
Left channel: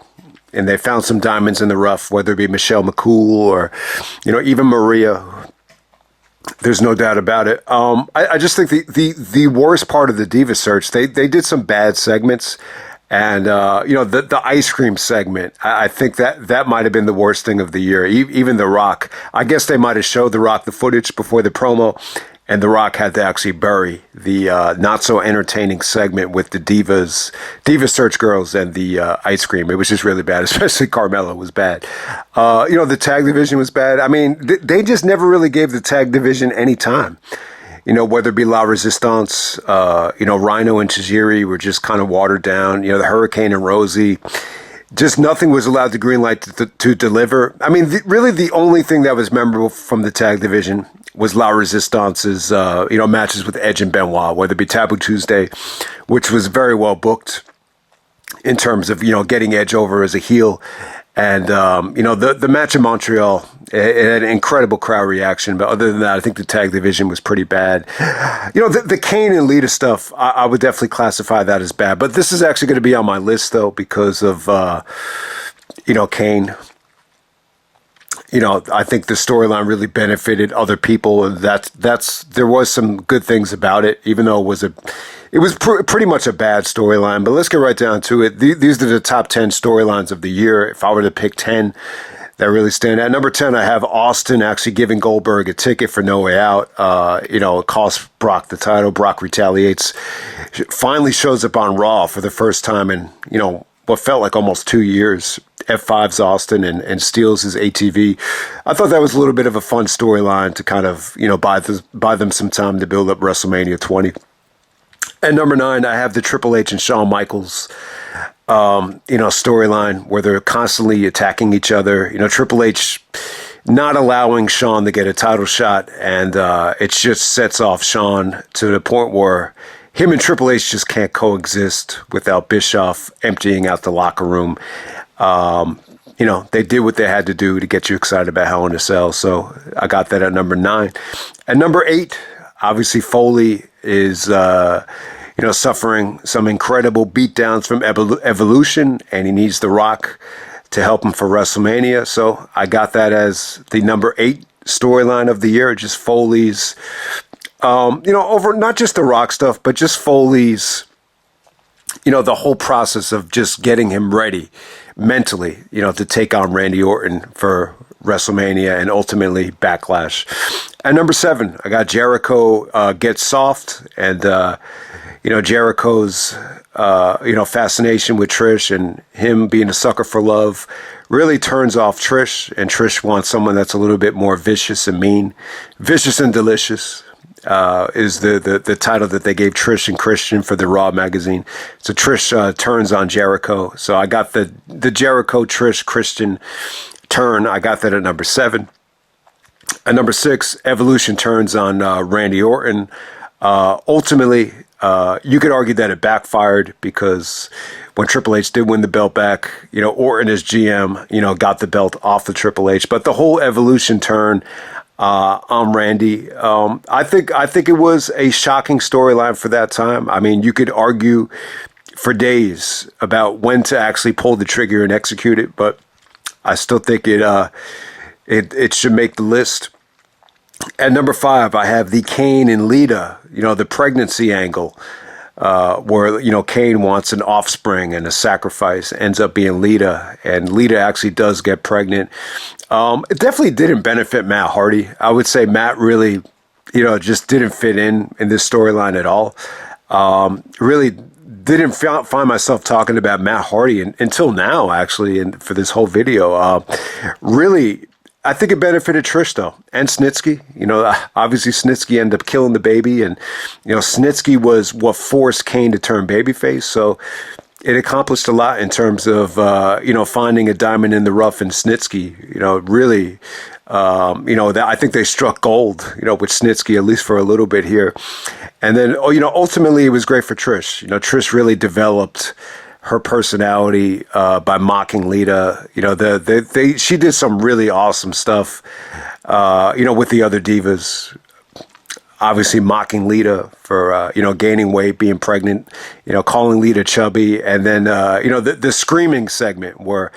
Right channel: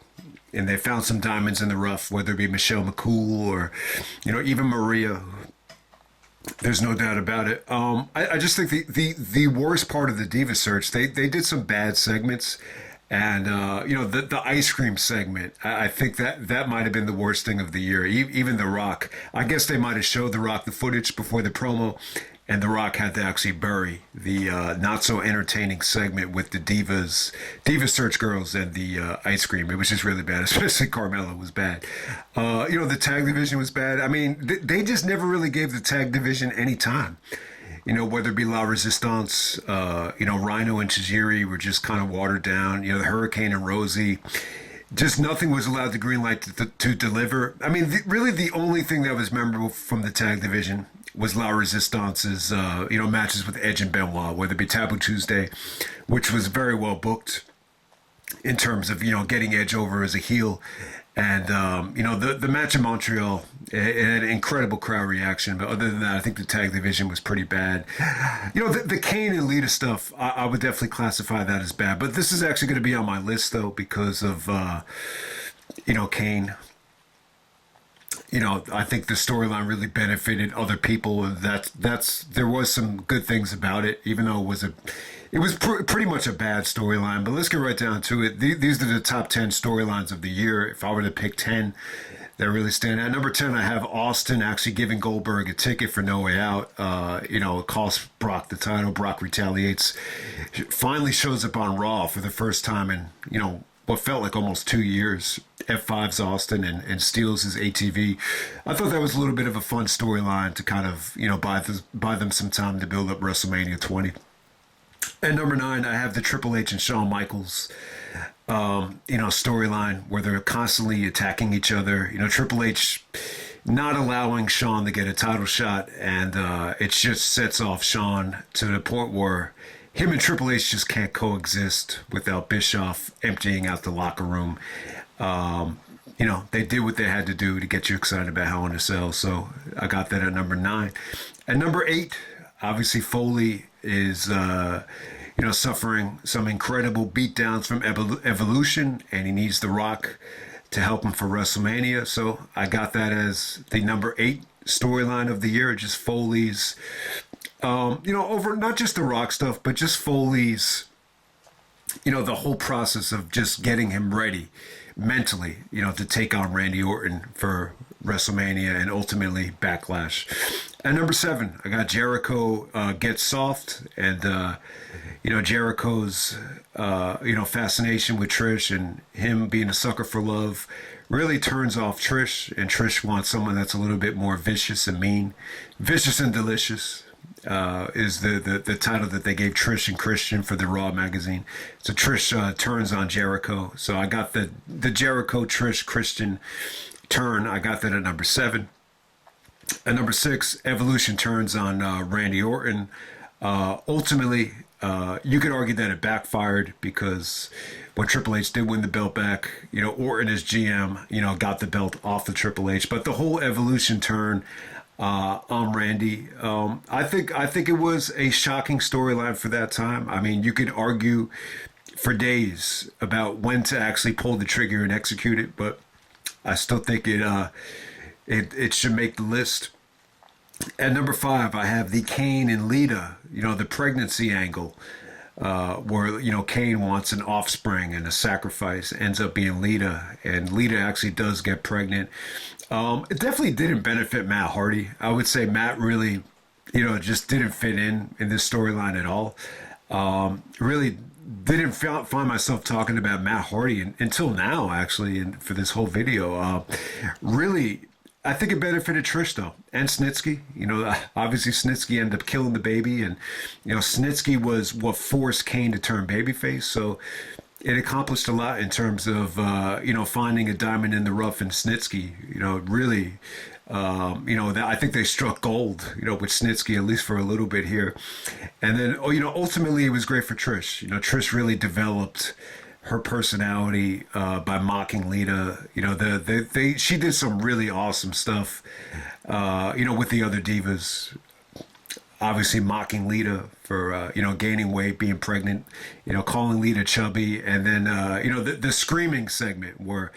And they found some diamonds in the rough, whether it be Michelle McCool or, you know, even Maria. There's no doubt about it. I just think the worst part of the Diva Search, they did some bad segments. And, you know, the ice cream segment, I think that might have been the worst thing of the year. Even The Rock. I guess they might have showed The Rock the footage before the promo. And The Rock had to actually bury the not so entertaining segment with the Diva Search girls and the ice cream. It was just really bad, especially Carmella was bad. You know, the tag division was bad. I mean, they just never really gave the tag division any time. You know, whether it be La Resistance, you know, Rhino and Tajiri were just kind of watered down. You know, the Hurricane and Rosie. Just nothing was allowed to greenlight to deliver. I mean, really the only thing that was memorable from the tag division was La Resistance's, you know, matches with Edge and Benoit, whether it be Taboo Tuesday, which was very well booked in terms of, you know, getting Edge over as a heel. And, you know, the match in Montreal, it had an incredible crowd reaction. But other than that, I think the tag division was pretty bad. You know, the Kane and Lita stuff, I would definitely classify that as bad. But this is actually going to be on my list, though, because of, you know, Kane. You know, I think the storyline really benefited other people. There was some good things about it, even though it was pretty much a bad storyline. But let's get right down to it. These are the top 10 storylines of the year. If I were to pick 10 that really stand out. Number 10, I have Austin actually giving Goldberg a ticket for No Way Out. You know, it costs Brock the title. Brock retaliates. Finally shows up on Raw for the first time in, you know, what felt like almost 2 years. F5's Austin and steals his ATV. I thought that was a little bit of a fun storyline to kind of, you know, buy them some time to build up WrestleMania 20. And number 9, I have the Triple H and Shawn Michaels, you know, storyline where they're constantly attacking each other. You know, Triple H not allowing Shawn to get a title shot, and it just sets off Shawn to the point where him and Triple H just can't coexist without Bischoff emptying out the locker room. You know, they did what they had to do to get you excited about Hell in a Cell. So I got that at number 9. At number 8, obviously Foley is, you know, suffering some incredible beatdowns from Evolution, and he needs The Rock to help him for WrestleMania. So I got that as the number 8 storyline of the year, just Foley's, you know, over not just The Rock stuff, but just Foley's, you know, the whole process of just getting him ready mentally, you know, to take on Randy Orton for WrestleMania and ultimately Backlash. At number 7, I got Jericho Get Soft, and, you know, Jericho's, you know, fascination with Trish and him being a sucker for love really turns off Trish, and Trish wants someone that's a little bit more vicious and mean, vicious and delicious. is the title that they gave Trish and Christian for the Raw magazine. So Trish turns on Jericho. So I got the Jericho Trish Christian turn. I got that at number 7. At number 6, Evolution turns on Randy Orton. Ultimately, you could argue that it backfired because when Triple H did win the belt back, Orton as GM, got the belt off the Triple H. But the whole Evolution turn on Randy, I think it was a shocking storyline for that time. I mean, you could argue for days about when to actually pull the trigger and execute it, but I still think it should make the list. At number 5, I have the Kane and Lita, the pregnancy angle, where, Kane wants an offspring and a sacrifice, ends up being Lita, and Lita actually does get pregnant. It definitely didn't benefit Matt Hardy. I would say Matt really, just didn't fit in this storyline at all. Really didn't find myself talking about Matt Hardy until now, actually, and for this whole video. Really, I think it benefited Trish, though, and Snitsky. Obviously Snitsky ended up killing the baby, and, Snitsky was what forced Kane to turn babyface. So it accomplished a lot in terms of, finding a diamond in the rough in Snitsky. Really, that I think they struck gold, with Snitsky, at least for a little bit here. And then, ultimately it was great for Trish. Trish really developed her personality by mocking Lita. She did some really awesome stuff, with the other divas. Obviously mocking Lita for, gaining weight, being pregnant, calling Lita chubby. And then, the screaming segment where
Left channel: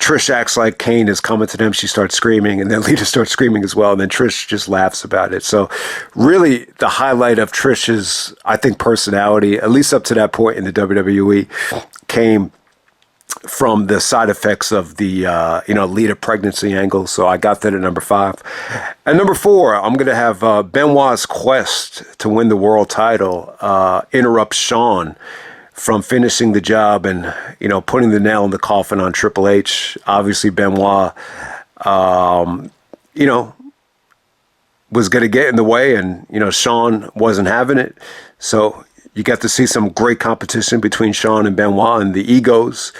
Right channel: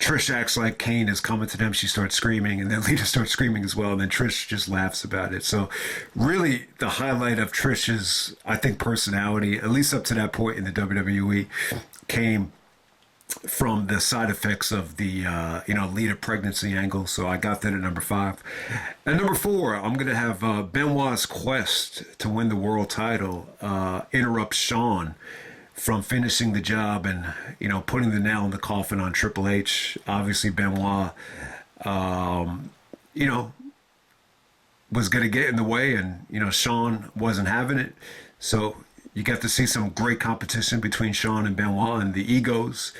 Trish acts like Kane is coming to them. She starts screaming, and then Lita starts screaming as well. And then Trish just laughs about it. So really the highlight of Trish's, I think, personality, at least up to that point in the WWE, came from the side effects of the, Lita pregnancy angle. So I got that at number 5. At number 4, I'm going to have Benoit's quest to win the world title interrupt Shawn from finishing the job and, putting the nail in the coffin on Triple H. Obviously, Benoit, was going to get in the way, and, Shawn wasn't having it. So you got to see some great competition between Shawn and Benoit, and the egos,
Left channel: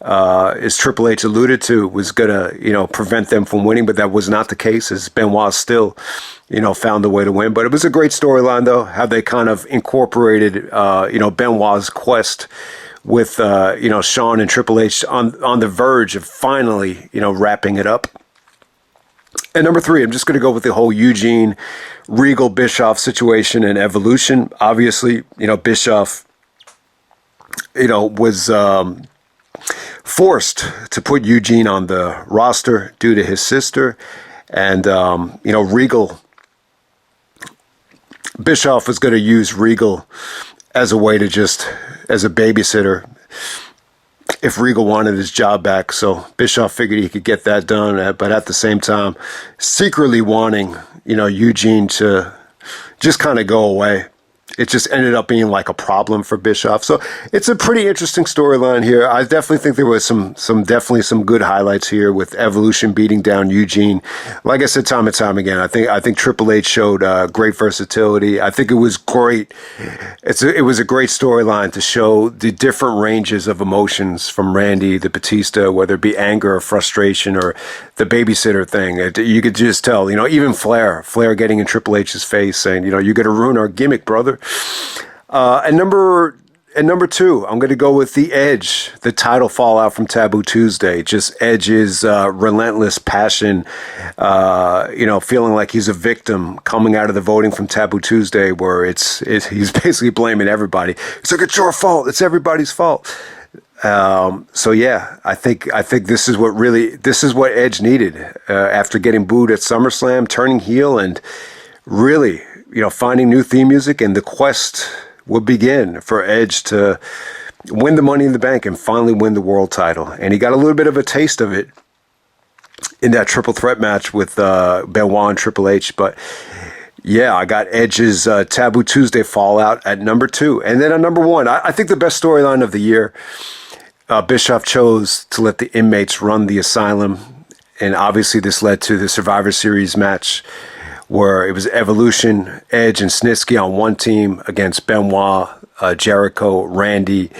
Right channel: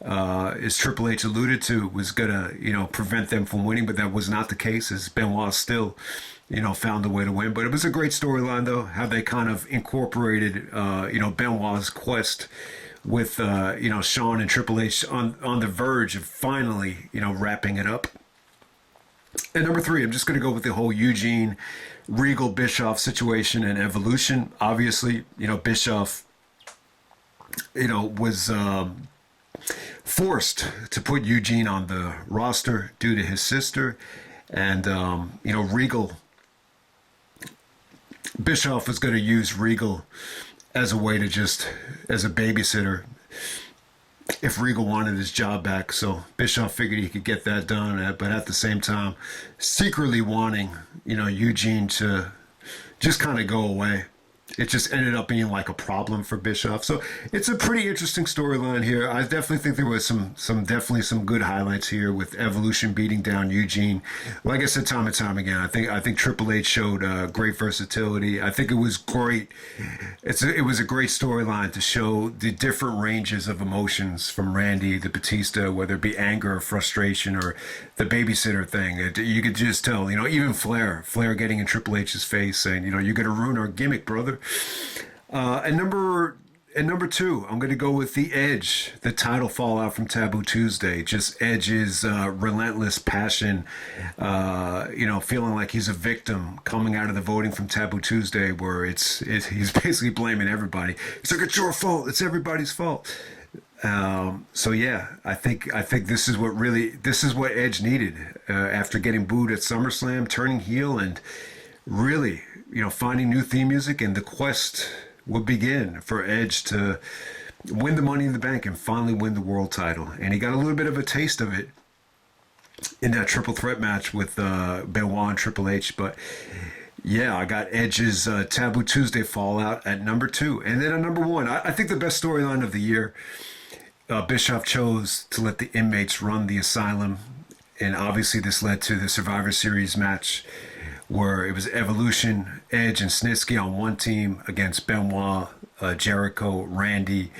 as Triple H alluded to, was going to, prevent them from winning, but that was not the case, as Benoit still, found a way to win. But it was a great storyline, though, how they kind of incorporated, Benoit's quest with, Shawn and Triple H on the verge of finally, wrapping it up. And number 3, I'm just going to go with the whole Eugene Regal Bischoff situation and Evolution. Obviously, Bischoff, was forced to put Eugene on the roster due to his sister. And, Regal, Bischoff was going to use Regal as a way to as a babysitter if Regal wanted his job back. So Bischoff figured he could get that done, but at the same time, secretly wanting, Eugene to just kind of go away. It just ended up being like a problem for Bischoff. So it's a pretty interesting storyline here. I definitely think there was some good highlights here with Evolution beating down Eugene. Like I said, time and time again, I think Triple H showed great versatility. I think it was great. It was a great storyline to show the different ranges of emotions from Randy, the Batista, whether it be anger or frustration or the babysitter thing. You could just tell, even Flair getting in Triple H's face saying, you're going to ruin our gimmick, brother. And number 2, I'm going to go with the Edge, the title fallout from Taboo Tuesday. Just Edge's relentless passion, feeling like he's a victim coming out of the voting from Taboo Tuesday, where he's basically blaming everybody. It's like, it's your fault. It's everybody's fault. So yeah, I think this is what Edge needed after getting booed at SummerSlam, turning heel, and really, finding new theme music, and the quest would begin for Edge to win the Money in the Bank and finally win the world title. And he got a little bit of a taste of it in that triple threat match with Benoit and Triple H. But yeah, I got Edge's Taboo Tuesday fallout at number 2. And then at number 1, I think the best storyline of the year, Bischoff chose to let the inmates run the asylum. And obviously this led to the Survivor Series match where it was Evolution, Edge, and Snitsky on one team against Benoit, Jericho, Randy,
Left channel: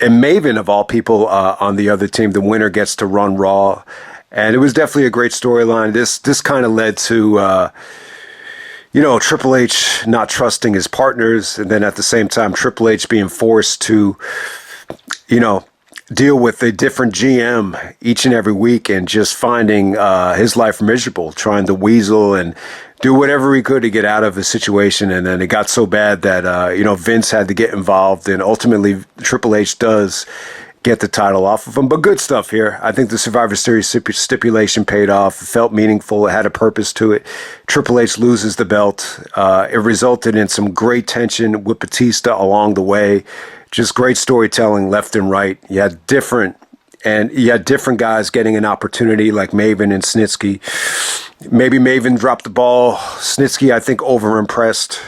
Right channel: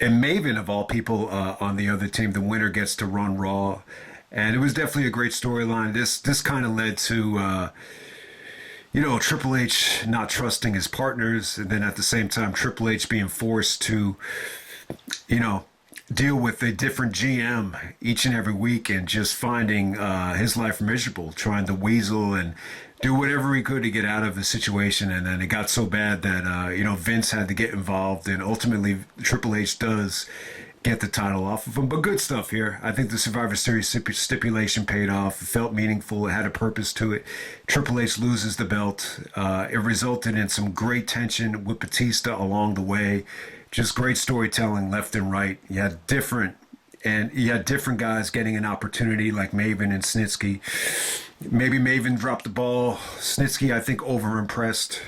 and Maven, of all people, on the other team. The winner gets to run Raw. And it was definitely a great storyline. This kind of led to, Triple H not trusting his partners. And then at the same time, Triple H being forced to, deal with a different GM each and every week and just finding his life miserable, trying to weasel and do whatever he could to get out of the situation. And then it got so bad that, Vince had to get involved. And ultimately, Triple H does get the title off of him. But good stuff here. I think the Survivor Series stipulation paid off. It felt meaningful. It had a purpose to it. Triple H loses the belt. It resulted in some great tension with Batista along the way. Just great storytelling left and right. You had different guys getting an opportunity like Maven and Snitsky. Maybe Maven dropped the ball. Snitsky, I think, overimpressed.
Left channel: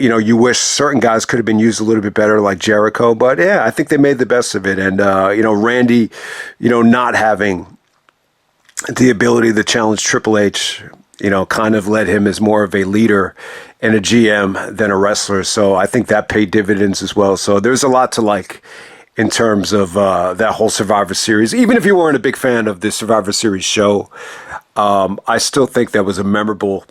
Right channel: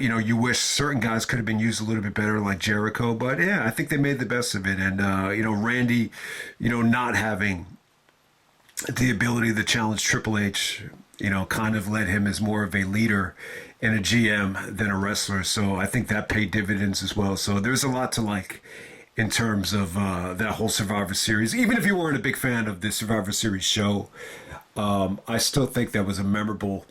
You wish certain guys could have been used a little bit better, like Jericho. But yeah, I think they made the best of it. And, Randy, not having the ability to challenge Triple H, kind of led him as more of a leader and a GM than a wrestler. So I think that paid dividends as well. So there's a lot to like in terms of that whole Survivor Series. Even if you weren't a big fan of the Survivor Series show, I still think that was a memorable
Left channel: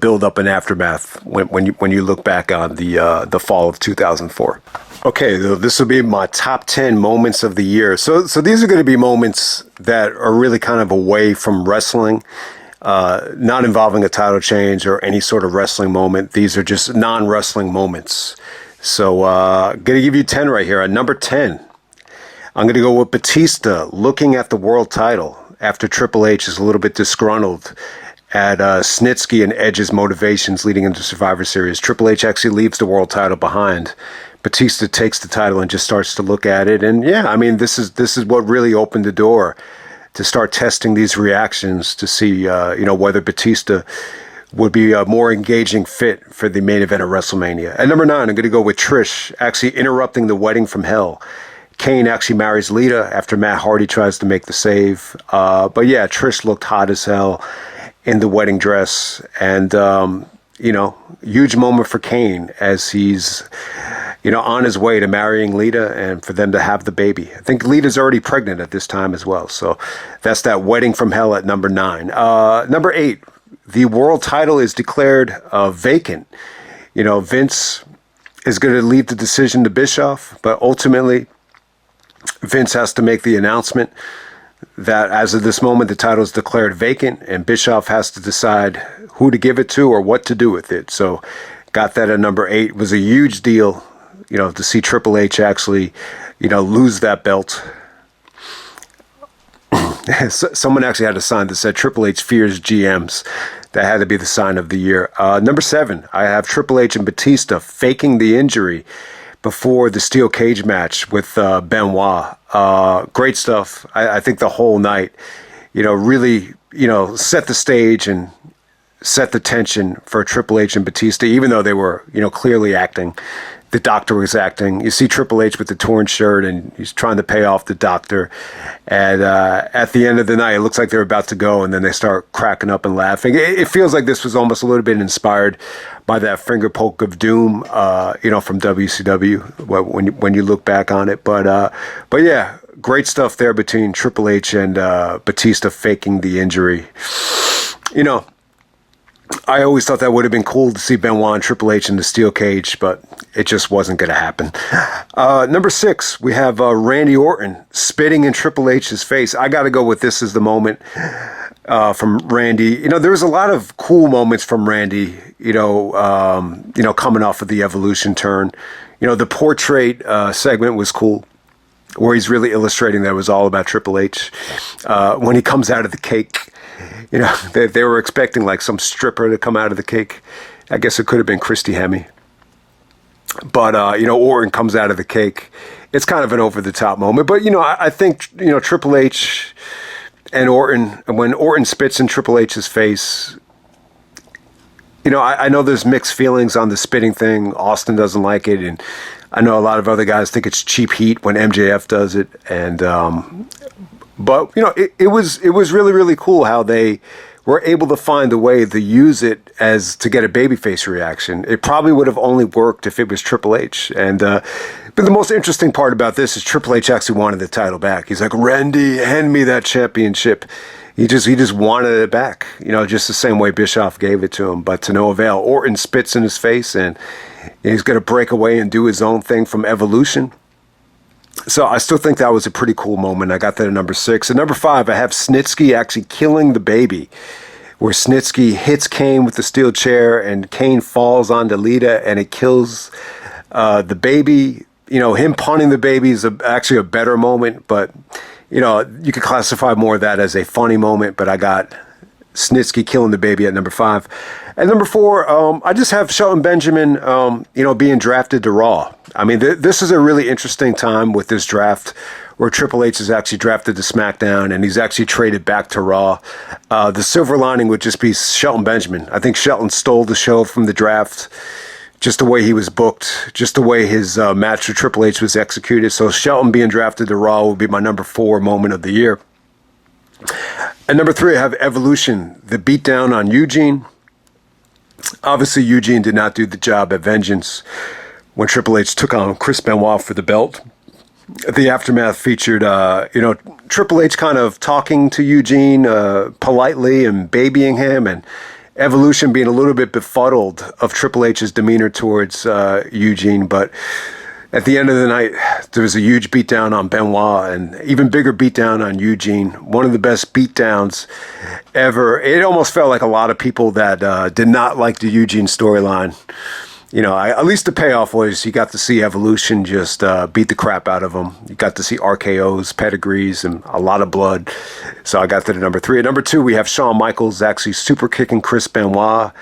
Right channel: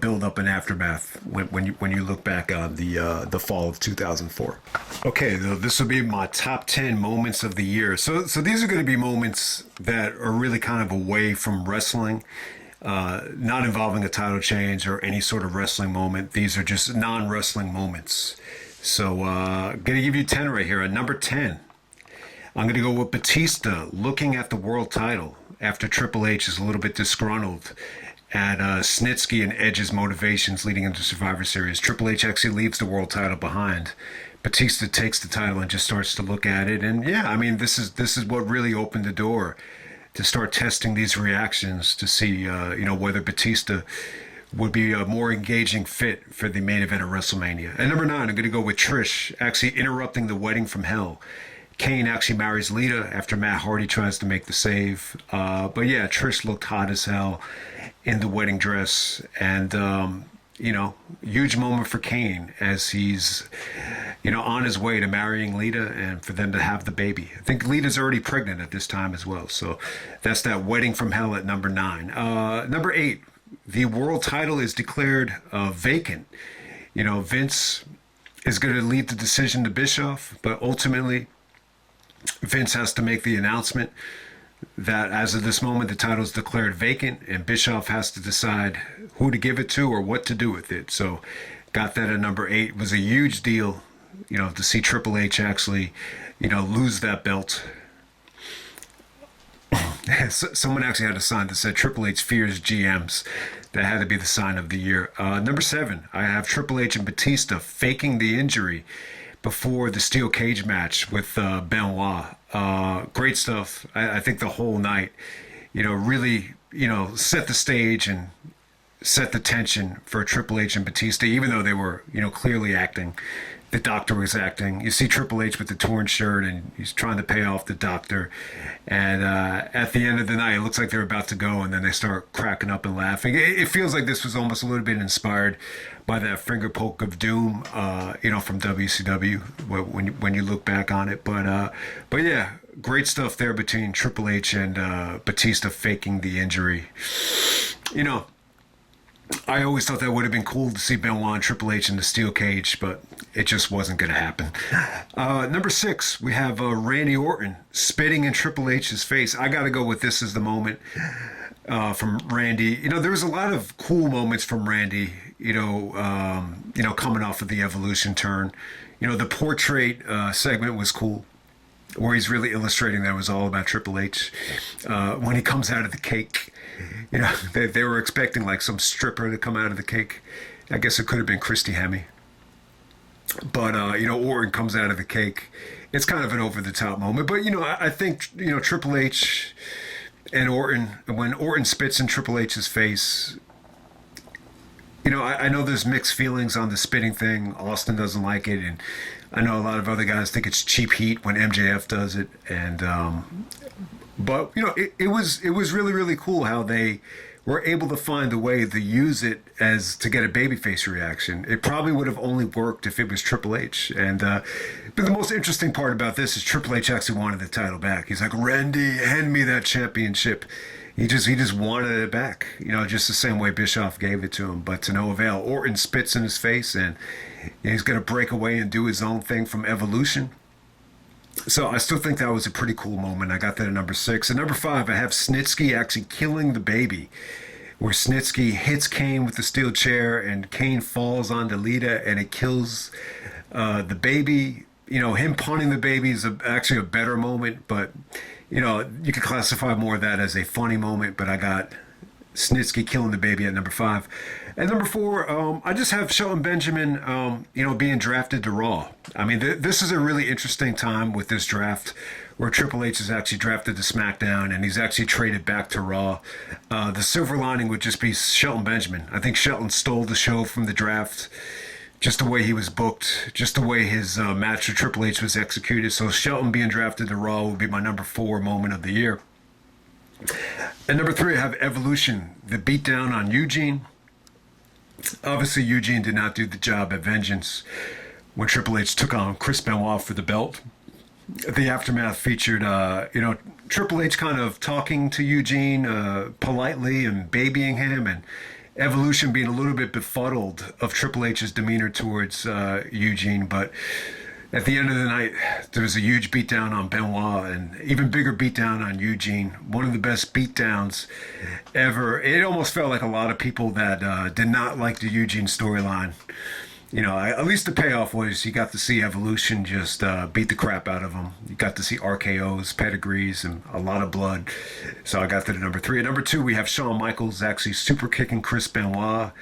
build up and aftermath when you look back on the fall of 2004. Okay, this will be my top 10 moments of the year. So these are going to be moments that are really kind of away from wrestling, not involving a title change or any sort of wrestling moment. These are just non-wrestling moments. So going to give you 10 right here. At number 10, I'm going to go with Batista looking at the world title after Triple H is a little bit disgruntled at Snitsky and Edge's motivations leading into Survivor Series. Triple H actually leaves the world title behind. Batista takes the title and just starts to look at it. And yeah, I mean, this is what really opened the door to start testing these reactions to see, whether Batista would be a more engaging fit for the main event of WrestleMania. At number 9, I'm going to go with Trish actually interrupting the wedding from hell. Kane actually marries Lita after Matt Hardy tries to make the save. But yeah, Trish looked hot as hell in the wedding dress. And, huge moment for Kane as he's, on his way to marrying Lita and for them to have the baby. I think Lita's already pregnant at this time as well. So that's that wedding from hell at number 9. Number 8, the world title is declared vacant. Vince is going to leave the decision to Bischoff, but ultimately Vince has to make the announcement that as of this moment, the title is declared vacant and Bischoff has to decide who to give it to or what to do with it. So got that at number 8. It was a huge deal, to see Triple H actually, lose that belt. Someone actually had a sign that said Triple H fears GMs. That had to be the sign of the year. Number 7, I have Triple H and Batista faking the injury before the steel cage match with Benoit. Great stuff. I think the whole night, really, set the stage and set the tension for Triple H and Batista, even though they were, clearly acting. The doctor was acting. You see Triple H with the torn shirt and he's trying to pay off the doctor. And at the end of the night, it looks like they're about to go and then they start cracking up and laughing. It feels like this was almost a little bit inspired by that finger poke of doom, from WCW when you look back on it. But yeah, great stuff there between Triple H and Batista faking the injury. I always thought that would have been cool to see Benoit and Triple H in the steel cage, but it just wasn't going to happen. Number 6, we have Randy Orton spitting in Triple H's face. I got to go with this as the moment from Randy. There was a lot of cool moments from Randy, coming off of the Evolution turn. The portrait segment was cool, where he's really illustrating that it was all about Triple H. When he comes out of the cake, they were expecting like some stripper to come out of the cake. I guess it could have been Christy Hemme. But, Orton comes out of the cake. It's kind of an over-the-top moment. But, I think, Triple H and Orton, when Orton spits in Triple H's face, I know there's mixed feelings on the spitting thing. Austin doesn't like it. And I know a lot of other guys think it's cheap heat when MJF does it. And, but, it was really, really cool how they were able to find a way to use it as to get a babyface reaction. It probably would have only worked if it was Triple H. And but the most interesting part about this is Triple H actually wanted the title back. He's like, Randy, hand me that championship. He just wanted it back, you know, just the same way Bischoff gave it to him, but to no avail. Orton spits in his face, and he's going to break away and do his own thing from Evolution. So I still think that was a pretty cool moment. I got that at number 6. At number 5, I have Snitsky actually killing the baby, where Snitsky hits Kane with the steel chair, and Kane falls onto Lita, and it kills the baby. You know, him punting the baby is actually a better moment, but you know, you could classify more of that as a funny moment, but I got Snitsky killing the baby at number 5. At number 4, I just have Shelton Benjamin, you know, being drafted to Raw. I mean, this is a really interesting time with this draft where Triple H is actually drafted to SmackDown and he's actually traded back to Raw. The silver lining would just be Shelton Benjamin. I think Shelton stole the show from the draft. Just the way he was booked, just the way his match with Triple H was executed. So Shelton being drafted to Raw will be my number 4 moment of the year. At number 3, I have Evolution, the beatdown on Eugene. Obviously, Eugene did not do the job at Vengeance when Triple H took on Chris Benoit for the belt. The aftermath featured, you know, Triple H kind of talking to Eugene politely and babying him, and Evolution being a little bit befuddled of Triple H's demeanor towards Eugene. But at the end of the night, there was a huge beatdown on Benoit and even bigger beatdown on Eugene. One of the best beatdowns ever. It almost felt like a lot of people that did not like the Eugene storyline. You know, at least the payoff was you got to see Evolution just beat the crap out of him. You got to see RKOs, pedigrees, and a lot of blood. So I got to the number 3. At number 2, we have Shawn Michaels actually super kicking Chris Benoit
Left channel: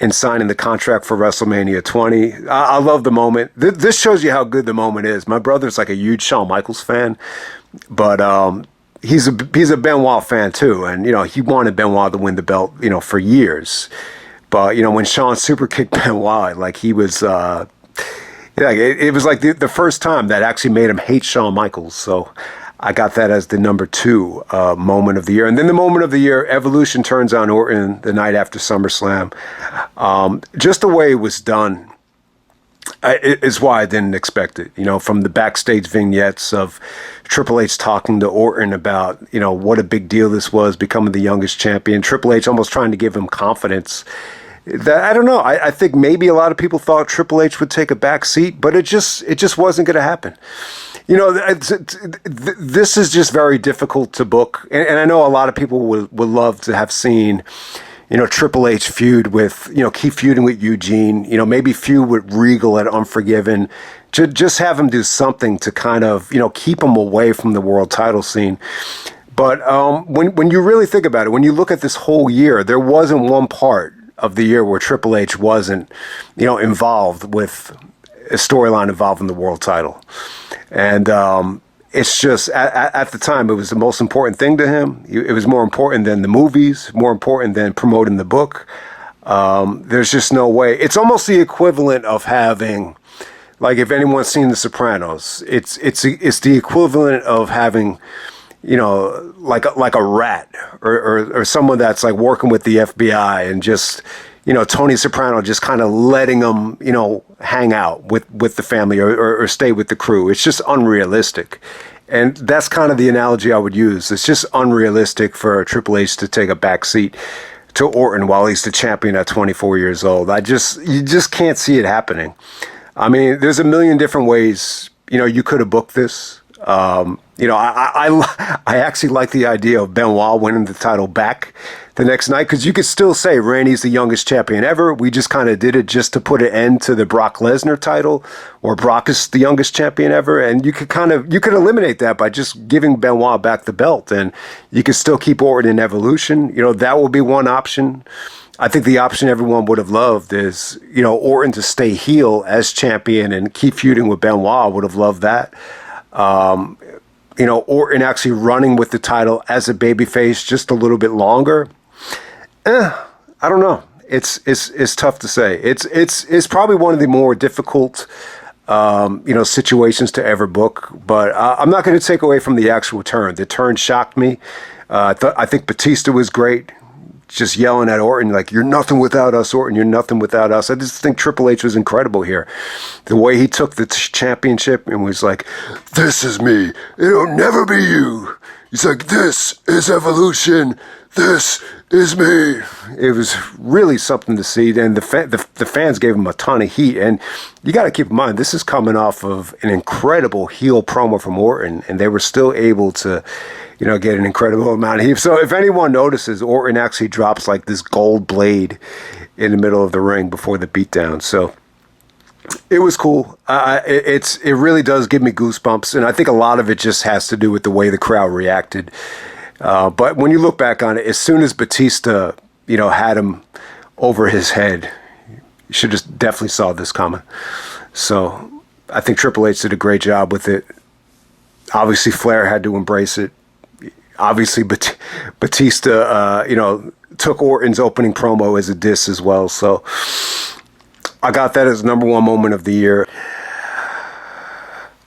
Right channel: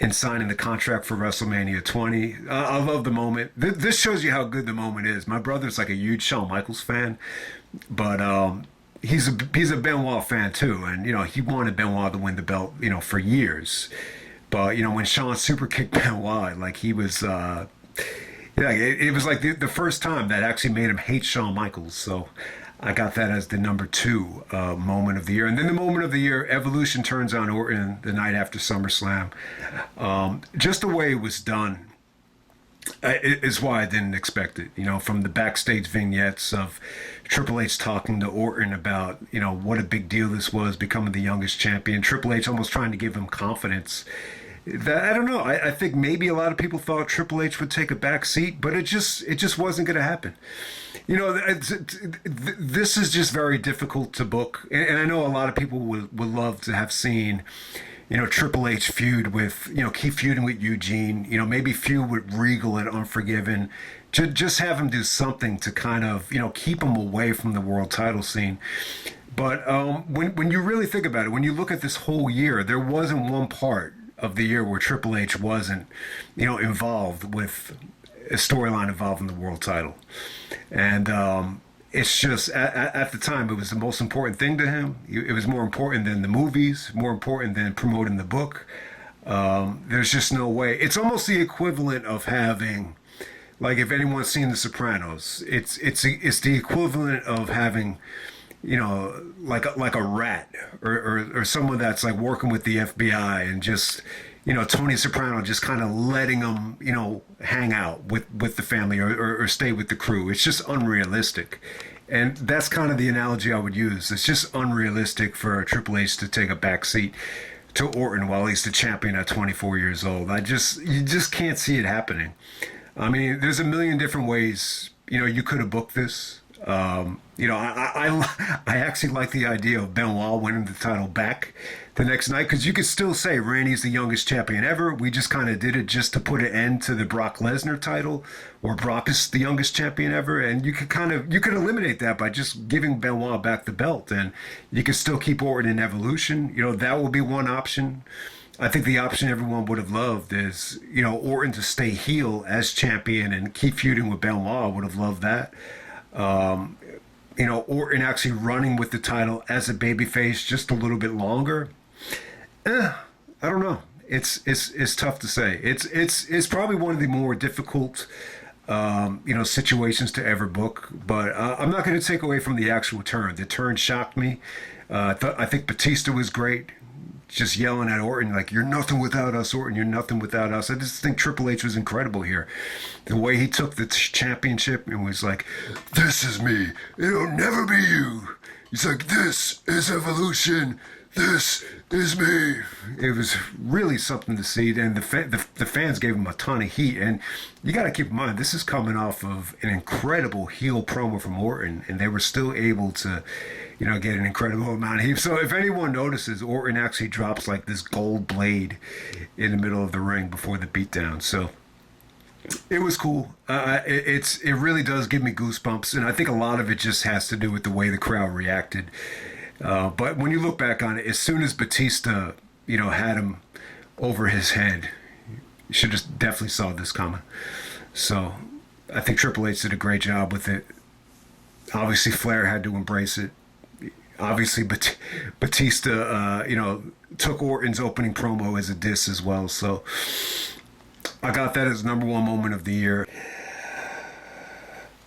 and signing the contract for WrestleMania 20. I love the moment. This shows you how good the moment is. My brother's like a huge Shawn Michaels fan, but he's a Benoit fan too. And, you know, he wanted Benoit to win the belt, you know, for years. But, you know, when Shawn super kicked Benoit, like he was, yeah, it was like the first time that actually made him hate Shawn Michaels. So I got that as the number 2 moment of the year. And then the moment of the year, Evolution turns on Orton the night after SummerSlam. Just the way it was done is why I didn't expect it. You know, from the backstage vignettes of Triple H talking to Orton about, you know, what a big deal this was, becoming the youngest champion. Triple H almost trying to give him confidence. That, I don't know. I think maybe a lot of people thought Triple H would take a back seat, but it just wasn't going to happen. You know, this is just very difficult to book. And I know a lot of people would love to have seen, you know, Triple H feud with, you know, keep feuding with Eugene, you know, maybe feud with Regal at Unforgiven, to just have him do something to kind of, you know, keep him away from the world title scene. But when you really think about it, when you look at this whole year, there wasn't one part of the year where Triple H wasn't, you know, involved with a storyline involving the world title. And it's just, at the time, it was the most important thing to him. It was more important than the movies, more important than promoting the book. There's just no way. It's almost the equivalent of having, like, if anyone's seen The Sopranos, it's the equivalent of having, you know, like a rat or someone that's like working with the FBI and just, you know, Tony Soprano just kind of letting them, you know, hang out with the family or stay with the crew. It's just unrealistic. And that's kind of the analogy I would use. It's just unrealistic for Triple H to take a back seat to Orton while he's the champion at 24 years old. You just can't see it happening. I mean, there's a million different ways, you know, you could have booked this. You know, I actually like the idea of Benoit winning the title back the next night, because you could still say Randy's the youngest champion ever. We just kind of did it just to put an end to the Brock Lesnar title, or Brock is the youngest champion ever. And you could eliminate that by just giving Benoit back the belt, and you could still keep Orton in Evolution. You know, that would be one option. I think the option everyone would have loved is, you know, Orton to stay heel as champion and keep feuding with Benoit. Would have loved that. You know, Orton actually running with the title as a babyface just a little bit longer. I don't know. It's tough to say. It's probably one of the more difficult, you know, situations to ever book. But I'm not going to take away from the actual turn. The turn shocked me. I think Batista was great. just yelling at Orton, like, you're nothing without us, Orton, you're nothing without us. I just think Triple H was incredible here. The way he took the championship and was like, this is me. It'll never be you. He's like, this is evolution. This is me. It was really something to see. And the fans gave him a ton of heat. And you got to keep in mind, this is coming off of an incredible heel promo from Orton. And they were still able to, get an incredible amount of heat. So if anyone notices, Orton actually drops like this gold blade in the middle of the ring before the beatdown. So it was cool. It really does give me goosebumps. And I think a lot of it just has to do with the way the crowd reacted. But when you look back on it, as soon as Batista, had him over his head, you should just definitely saw this coming. So I think Triple H did a great job with it. Obviously, Flair had to embrace it. Obviously, Batista, took Orton's opening promo as a diss as well. So I got that as number one moment of the year.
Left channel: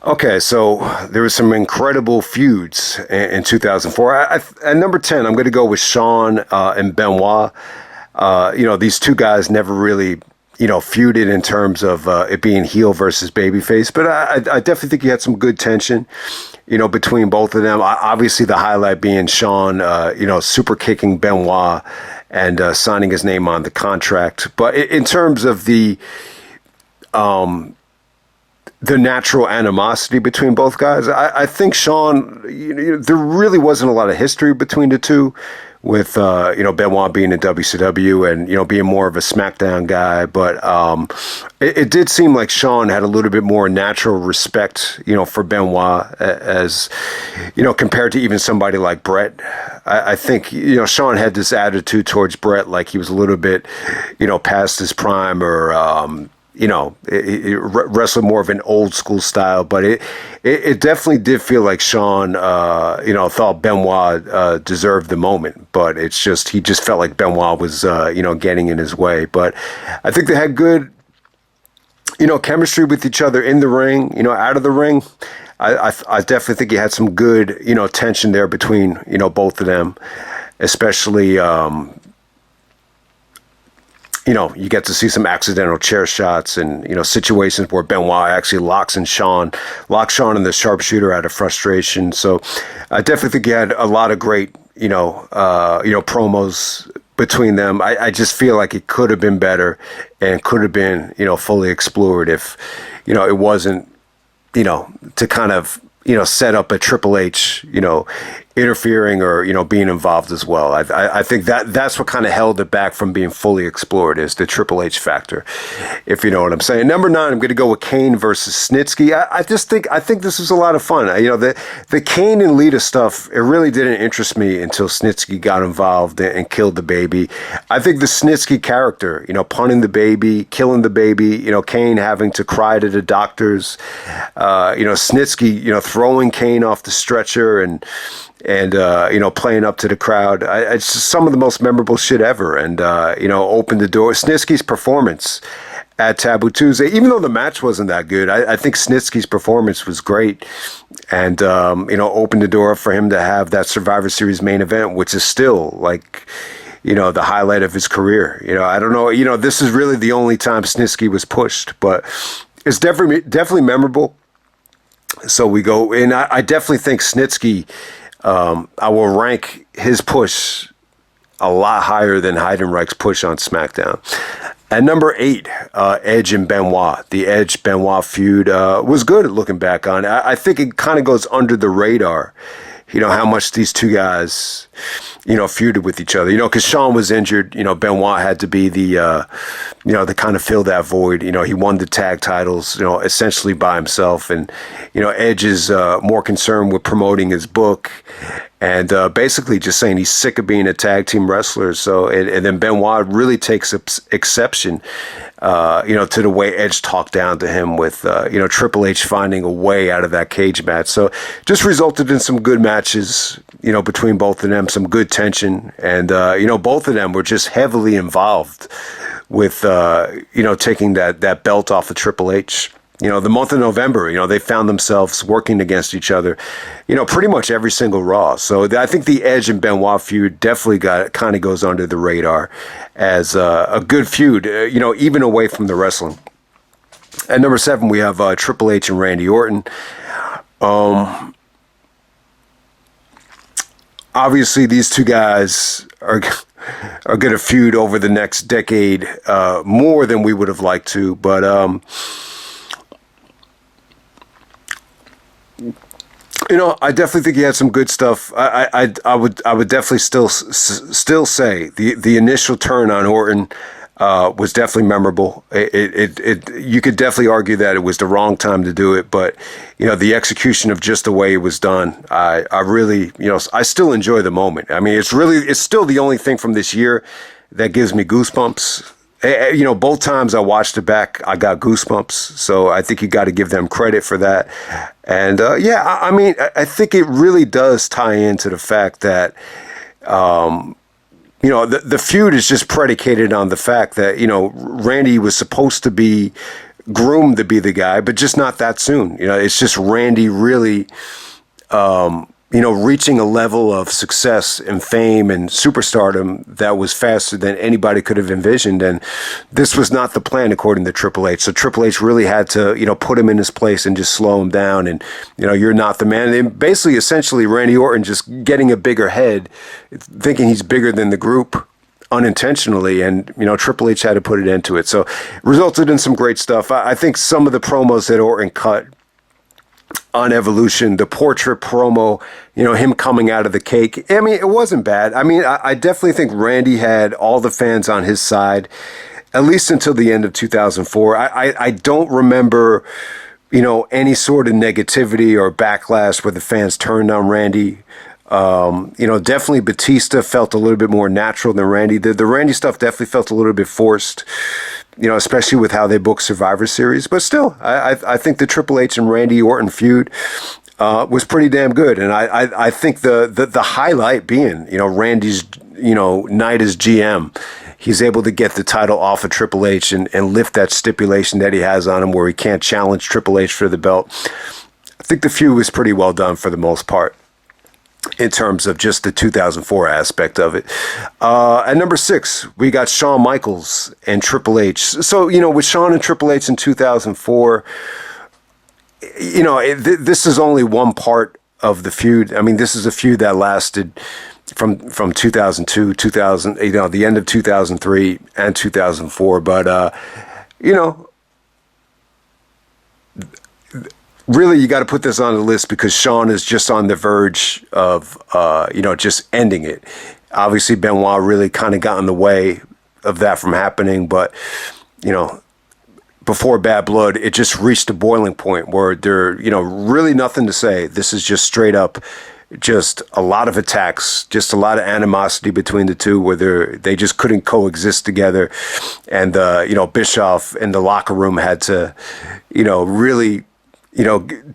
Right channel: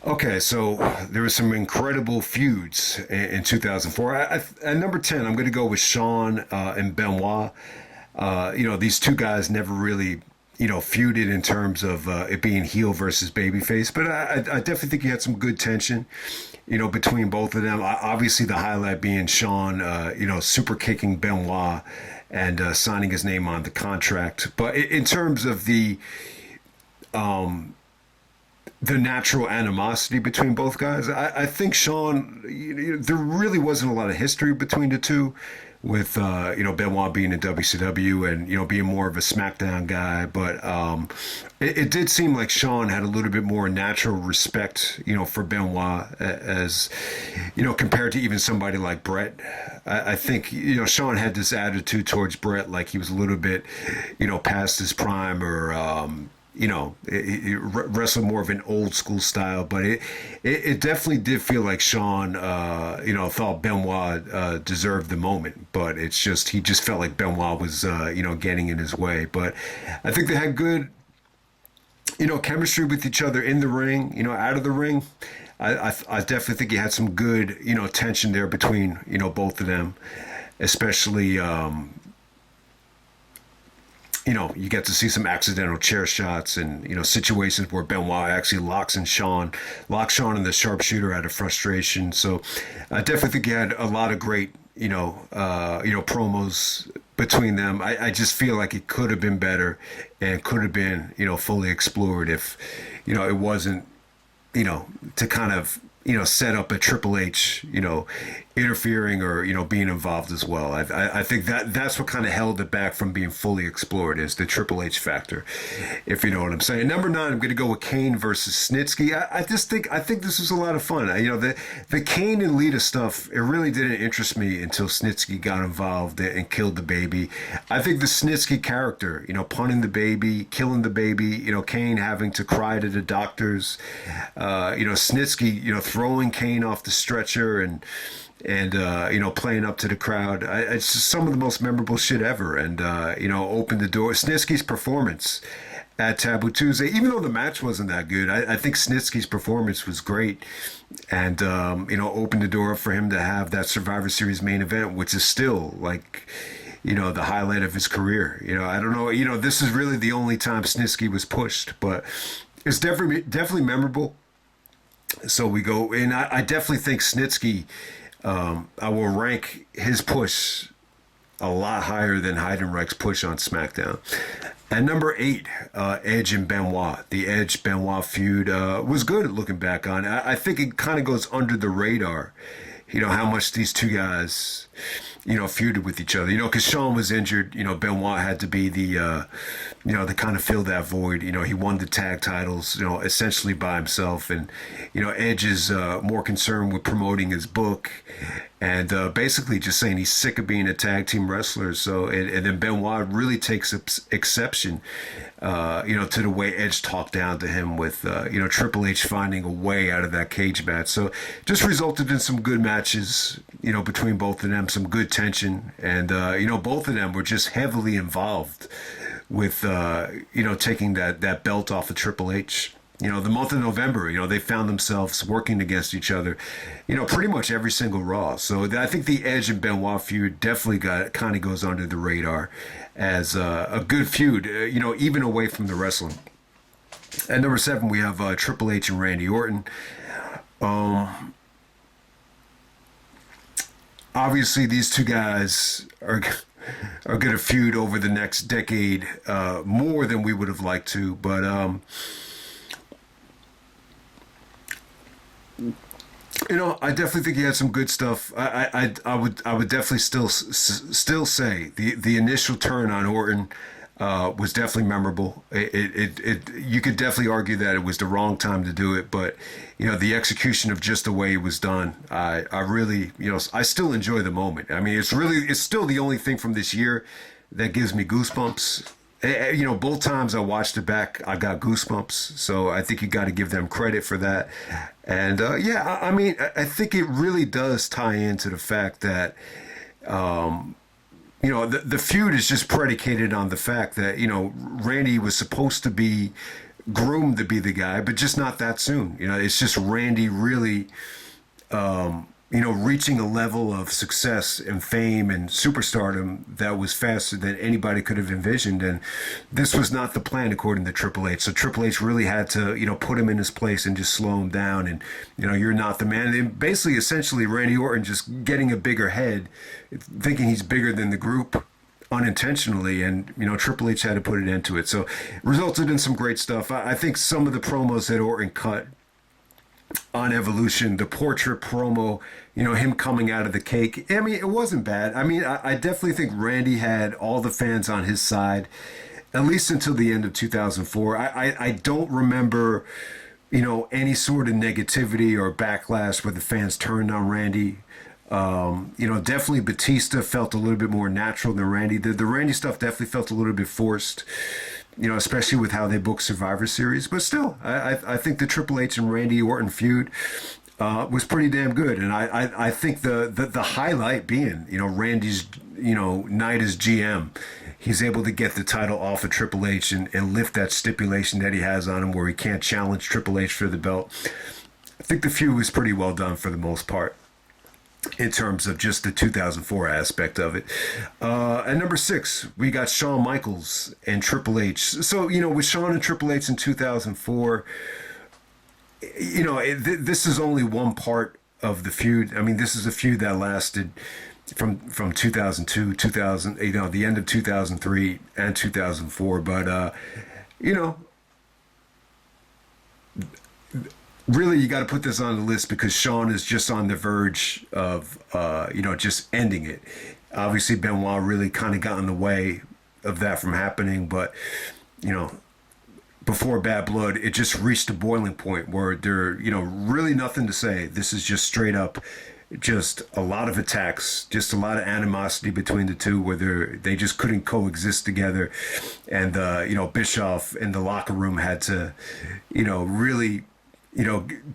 Okay, so there was some incredible feuds in 2004. At number 10, I'm going to go with Shawn and Benoit. These two guys never really, feuded in terms of it being heel versus babyface. But I definitely think you had some good tension, between both of them. Obviously, the highlight being Shawn, super kicking Benoit and signing his name on the contract. But in terms of the natural animosity between both guys, I think Shawn, there really wasn't a lot of history between the two, with Benoit being in WCW and being more of a Smackdown guy. But it did seem like Shawn had a little bit more natural respect, for Benoit, as compared to even somebody like Bret. I think Shawn had this attitude towards Bret, like he was a little bit past his prime, or wrestling more of an old school style. But it definitely did feel like Shawn, thought Benoit deserved the moment. But he just felt like Benoit was, getting in his way. But I think they had good, chemistry with each other in the ring, out of the ring. I definitely think you had some good, tension there between, both of them, especially, you get to see some accidental chair shots and, situations where Benoit actually locks Shawn in the sharpshooter out of frustration. So I definitely think you had a lot of great, promos between them. I just feel like it could have been better and could have been, fully explored if, it wasn't, to kind of, set up a Triple H, interfering or, being involved as well. I think that's what kind of held it back from being fully explored, is the Triple H factor, if you know what I'm saying. Number 9, I'm going to go with Kane versus Snitsky. I think this was a lot of fun. The Kane and Lita stuff, it really didn't interest me until Snitsky got involved and killed the baby. I think the Snitsky character, punning the baby, killing the baby, Kane having to cry to the doctors, Snitsky, throwing Kane off the stretcher and playing up to the crowd. It's just some of the most memorable shit ever. And, opened the door. Snitsky's performance at Taboo Tuesday, even though the match wasn't that good, I think Snitsky's performance was great. And, opened the door for him to have that Survivor Series main event, which is still like, the highlight of his career. I don't know, this is really the only time Snitsky was pushed, but it's definitely memorable. So we go, and I definitely think Snitsky, I will rank his push a lot higher than Heidenreich's push on SmackDown. At number 8, Edge and Benoit. The Edge-Benoit feud was good looking back on it. I think it kind of goes under the radar, how much these two guys, feuded with each other. Because Shawn was injured, Benoit had to be the kind of fill that void. He won the tag titles, essentially by himself. And, Edge is more concerned with promoting his book and basically just saying he's sick of being a tag team wrestler. So, and then Benoit really takes exception, to the way Edge talked down to him with, Triple H finding a way out of that cage match. So just resulted in some good matches, between both of them, some good tension. And, both of them were just heavily involved with, taking that belt off of Triple H. the month of November, they found themselves working against each other, pretty much every single Raw. So I think the Edge and Benoit feud definitely kind of goes under the radar as a good feud, even away from the wrestling. At number 7, we have Triple H and Randy Orton. Obviously, these two guys are going to feud over the next decade more than we would have liked to, but I definitely think he had some good stuff. I would definitely still say the initial turn on Orton was definitely memorable. You could definitely argue that it was the wrong time to do it, but the execution of just the way it was done, I really, I still enjoy the moment. I mean, it's still the only thing from this year that gives me goosebumps. Both times I watched it back, I got goosebumps. So I think you got to give them credit for that. And I mean, I think it really does tie into the fact that, the feud is just predicated on the fact that, Randy was supposed to be groomed to be the guy, but just not that soon. It's just Randy really, reaching a level of success and fame and superstardom that was faster than anybody could have envisioned. And this was not the plan, according to Triple H. So Triple H really had to, put him in his place and just slow him down. And, you're not the man. And basically, essentially, Randy Orton just getting a bigger head, thinking he's bigger than the group unintentionally. And, Triple H had to put it into it. So it resulted in some great stuff. I think some of the promos that Orton cut on Evolution, the portrait promo, him coming out of the cake. I mean, it wasn't bad. I mean, I definitely think Randy had all the fans on his side, at least until the end of 2004. I don't remember, any sort of negativity or backlash where the fans turned on Randy. Definitely Batista felt a little bit more natural than Randy did. The Randy stuff definitely felt a little bit forced, especially with how they booked Survivor Series. But still, I think the Triple H and Randy Orton feud was pretty damn good. And I think the highlight being, Randy's, night as GM. He's able to get the title off of Triple H and lift that stipulation that he has on him where he can't challenge Triple H for the belt. I think the feud was pretty well done for the most part in terms of just the 2004 aspect of it. At number 6, we got Shawn Michaels and Triple H. So, with Shawn and Triple H in 2004, this is only one part of the feud. I mean, this is a feud that lasted from 2002, 2000, the end of 2003 and 2004. But, really, you got to put this on the list because Shawn is just on the verge of, just ending it. Obviously, Benoit really kind of got in the way of that from happening. But, before Bad Blood, it just reached a boiling point where there, really nothing to say. This is just straight up, just a lot of attacks, just a lot of animosity between the two where they just couldn't coexist together. And, Bischoff in the locker room had to, really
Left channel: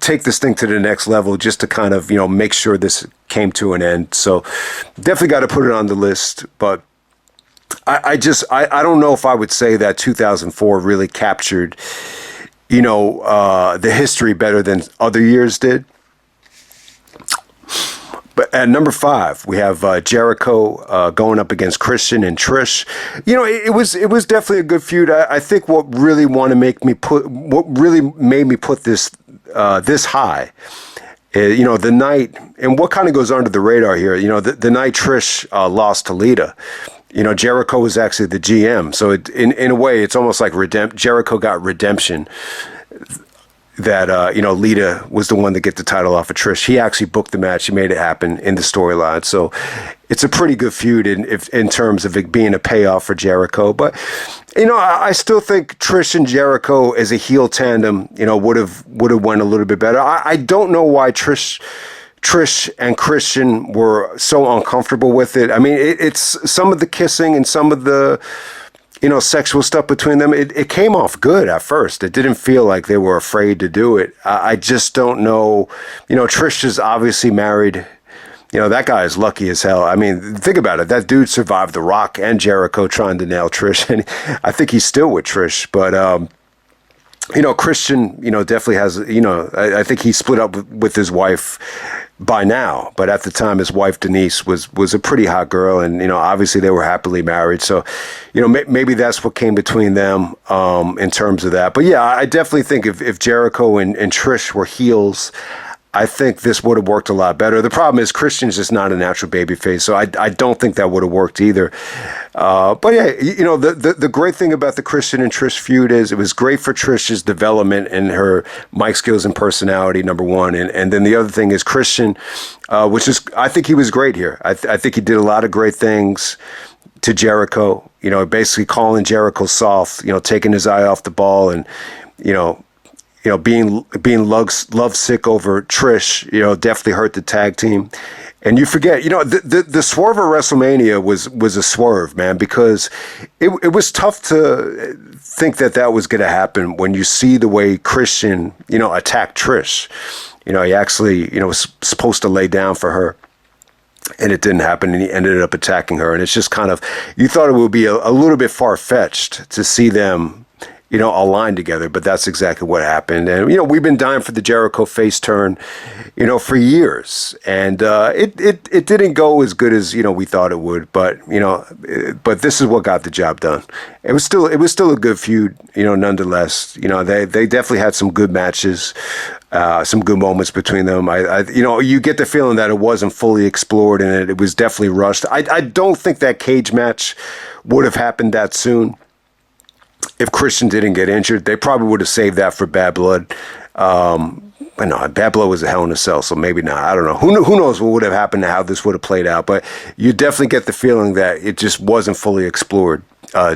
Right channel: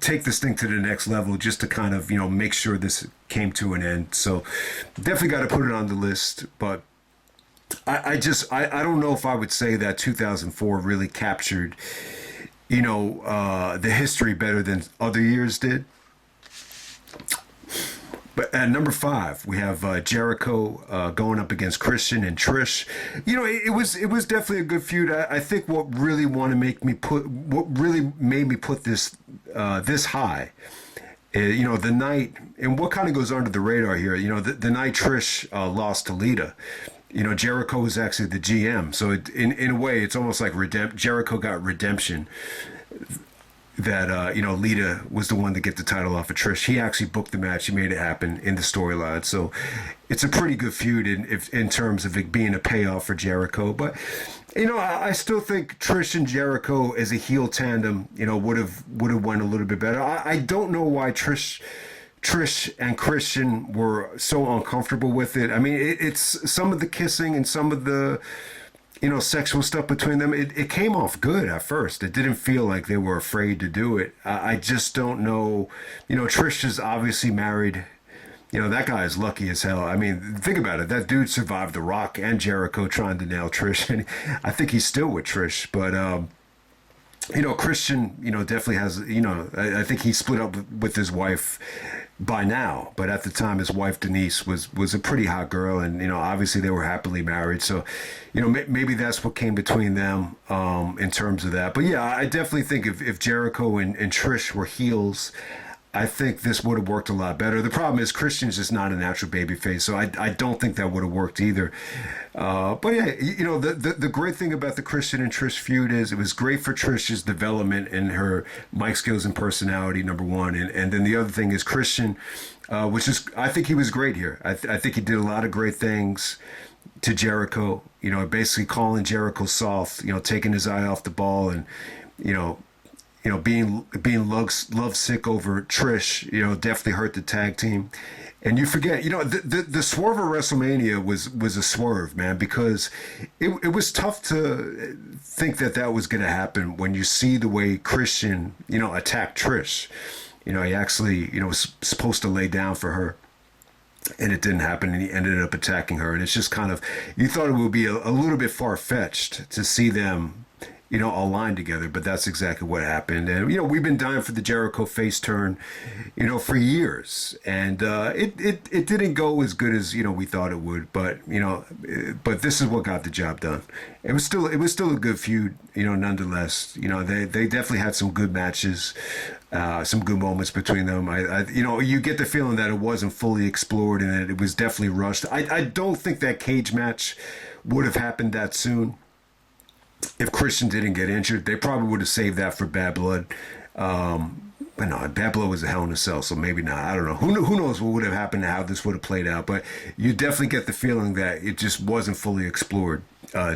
take this thing to the next level just to kind of, make sure this came to an end. So definitely got to put it on the list. But I don't know if I would say that 2004 really captured, the history better than other years did. But at number 5, we have Jericho going up against Christian and Trish. It was definitely a good feud. I think what really made me put this this high, the night, and what kind of goes under the radar here. The night Trish lost to Lita. Jericho was actually the GM, so in a way, it's almost like Jericho got redemption. That, Lita was the one to get the title off of Trish. He actually booked the match. He made it happen in the storyline. So it's a pretty good feud in terms of it being a payoff for Jericho. But, I still think Trish and Jericho as a heel tandem, would have went a little bit better. I don't know why Trish and Christian were so uncomfortable with it. I mean, it's some of the kissing and some of the sexual stuff between them, it came off good at first. It didn't feel like they were afraid to do it. I just don't know. Trish is obviously married. That guy is lucky as hell. I mean, think about it. That dude survived The Rock and Jericho trying to nail Trish, and I think he's still with Trish. But, Christian, definitely has, I think he split up with his wife by now, but at the time his wife Denise was a pretty hot girl, and obviously they were happily married. So, maybe that's what came between them in terms of that. But yeah, I definitely think if Jericho and Trish were heels, I think this would have worked a lot better. The problem is Christian's just not a natural babyface, so I don't think that would have worked either. But yeah, the great thing about the Christian and Trish feud is it was great for Trish's development and her mic skills and personality, number one. And then the other thing is Christian, which is, I think he was great here. I think he did a lot of great things to Jericho, basically calling Jericho soft, taking his eye off the ball and, being lovesick over Trish, definitely hurt the tag team. And you forget, the swerve of WrestleMania was a swerve, man, because it was tough to think that was going to happen when you see the way Christian, attacked Trish. He actually, was supposed to lay down for her. And it didn't happen, and he ended up attacking her. And it's just kind of, you thought it would be a little bit far-fetched to see them, aligned together, but that's exactly what happened. And, we've been dying for the Jericho face turn, for years. And it didn't go as good as, we thought it would, but, but this is what got the job done. It was still a good feud, nonetheless. They definitely had some good matches. Some good moments between them. You get the feeling that it wasn't fully explored and it was definitely rushed. I don't think that cage match would have happened that soon if Christian didn't get injured. They probably would have saved that for Bad Blood. I know Bad Blood was a Hell in a Cell, so maybe not. I don't know. Who knows what would have happened and how this would have played out? But you definitely get the feeling that it just wasn't fully explored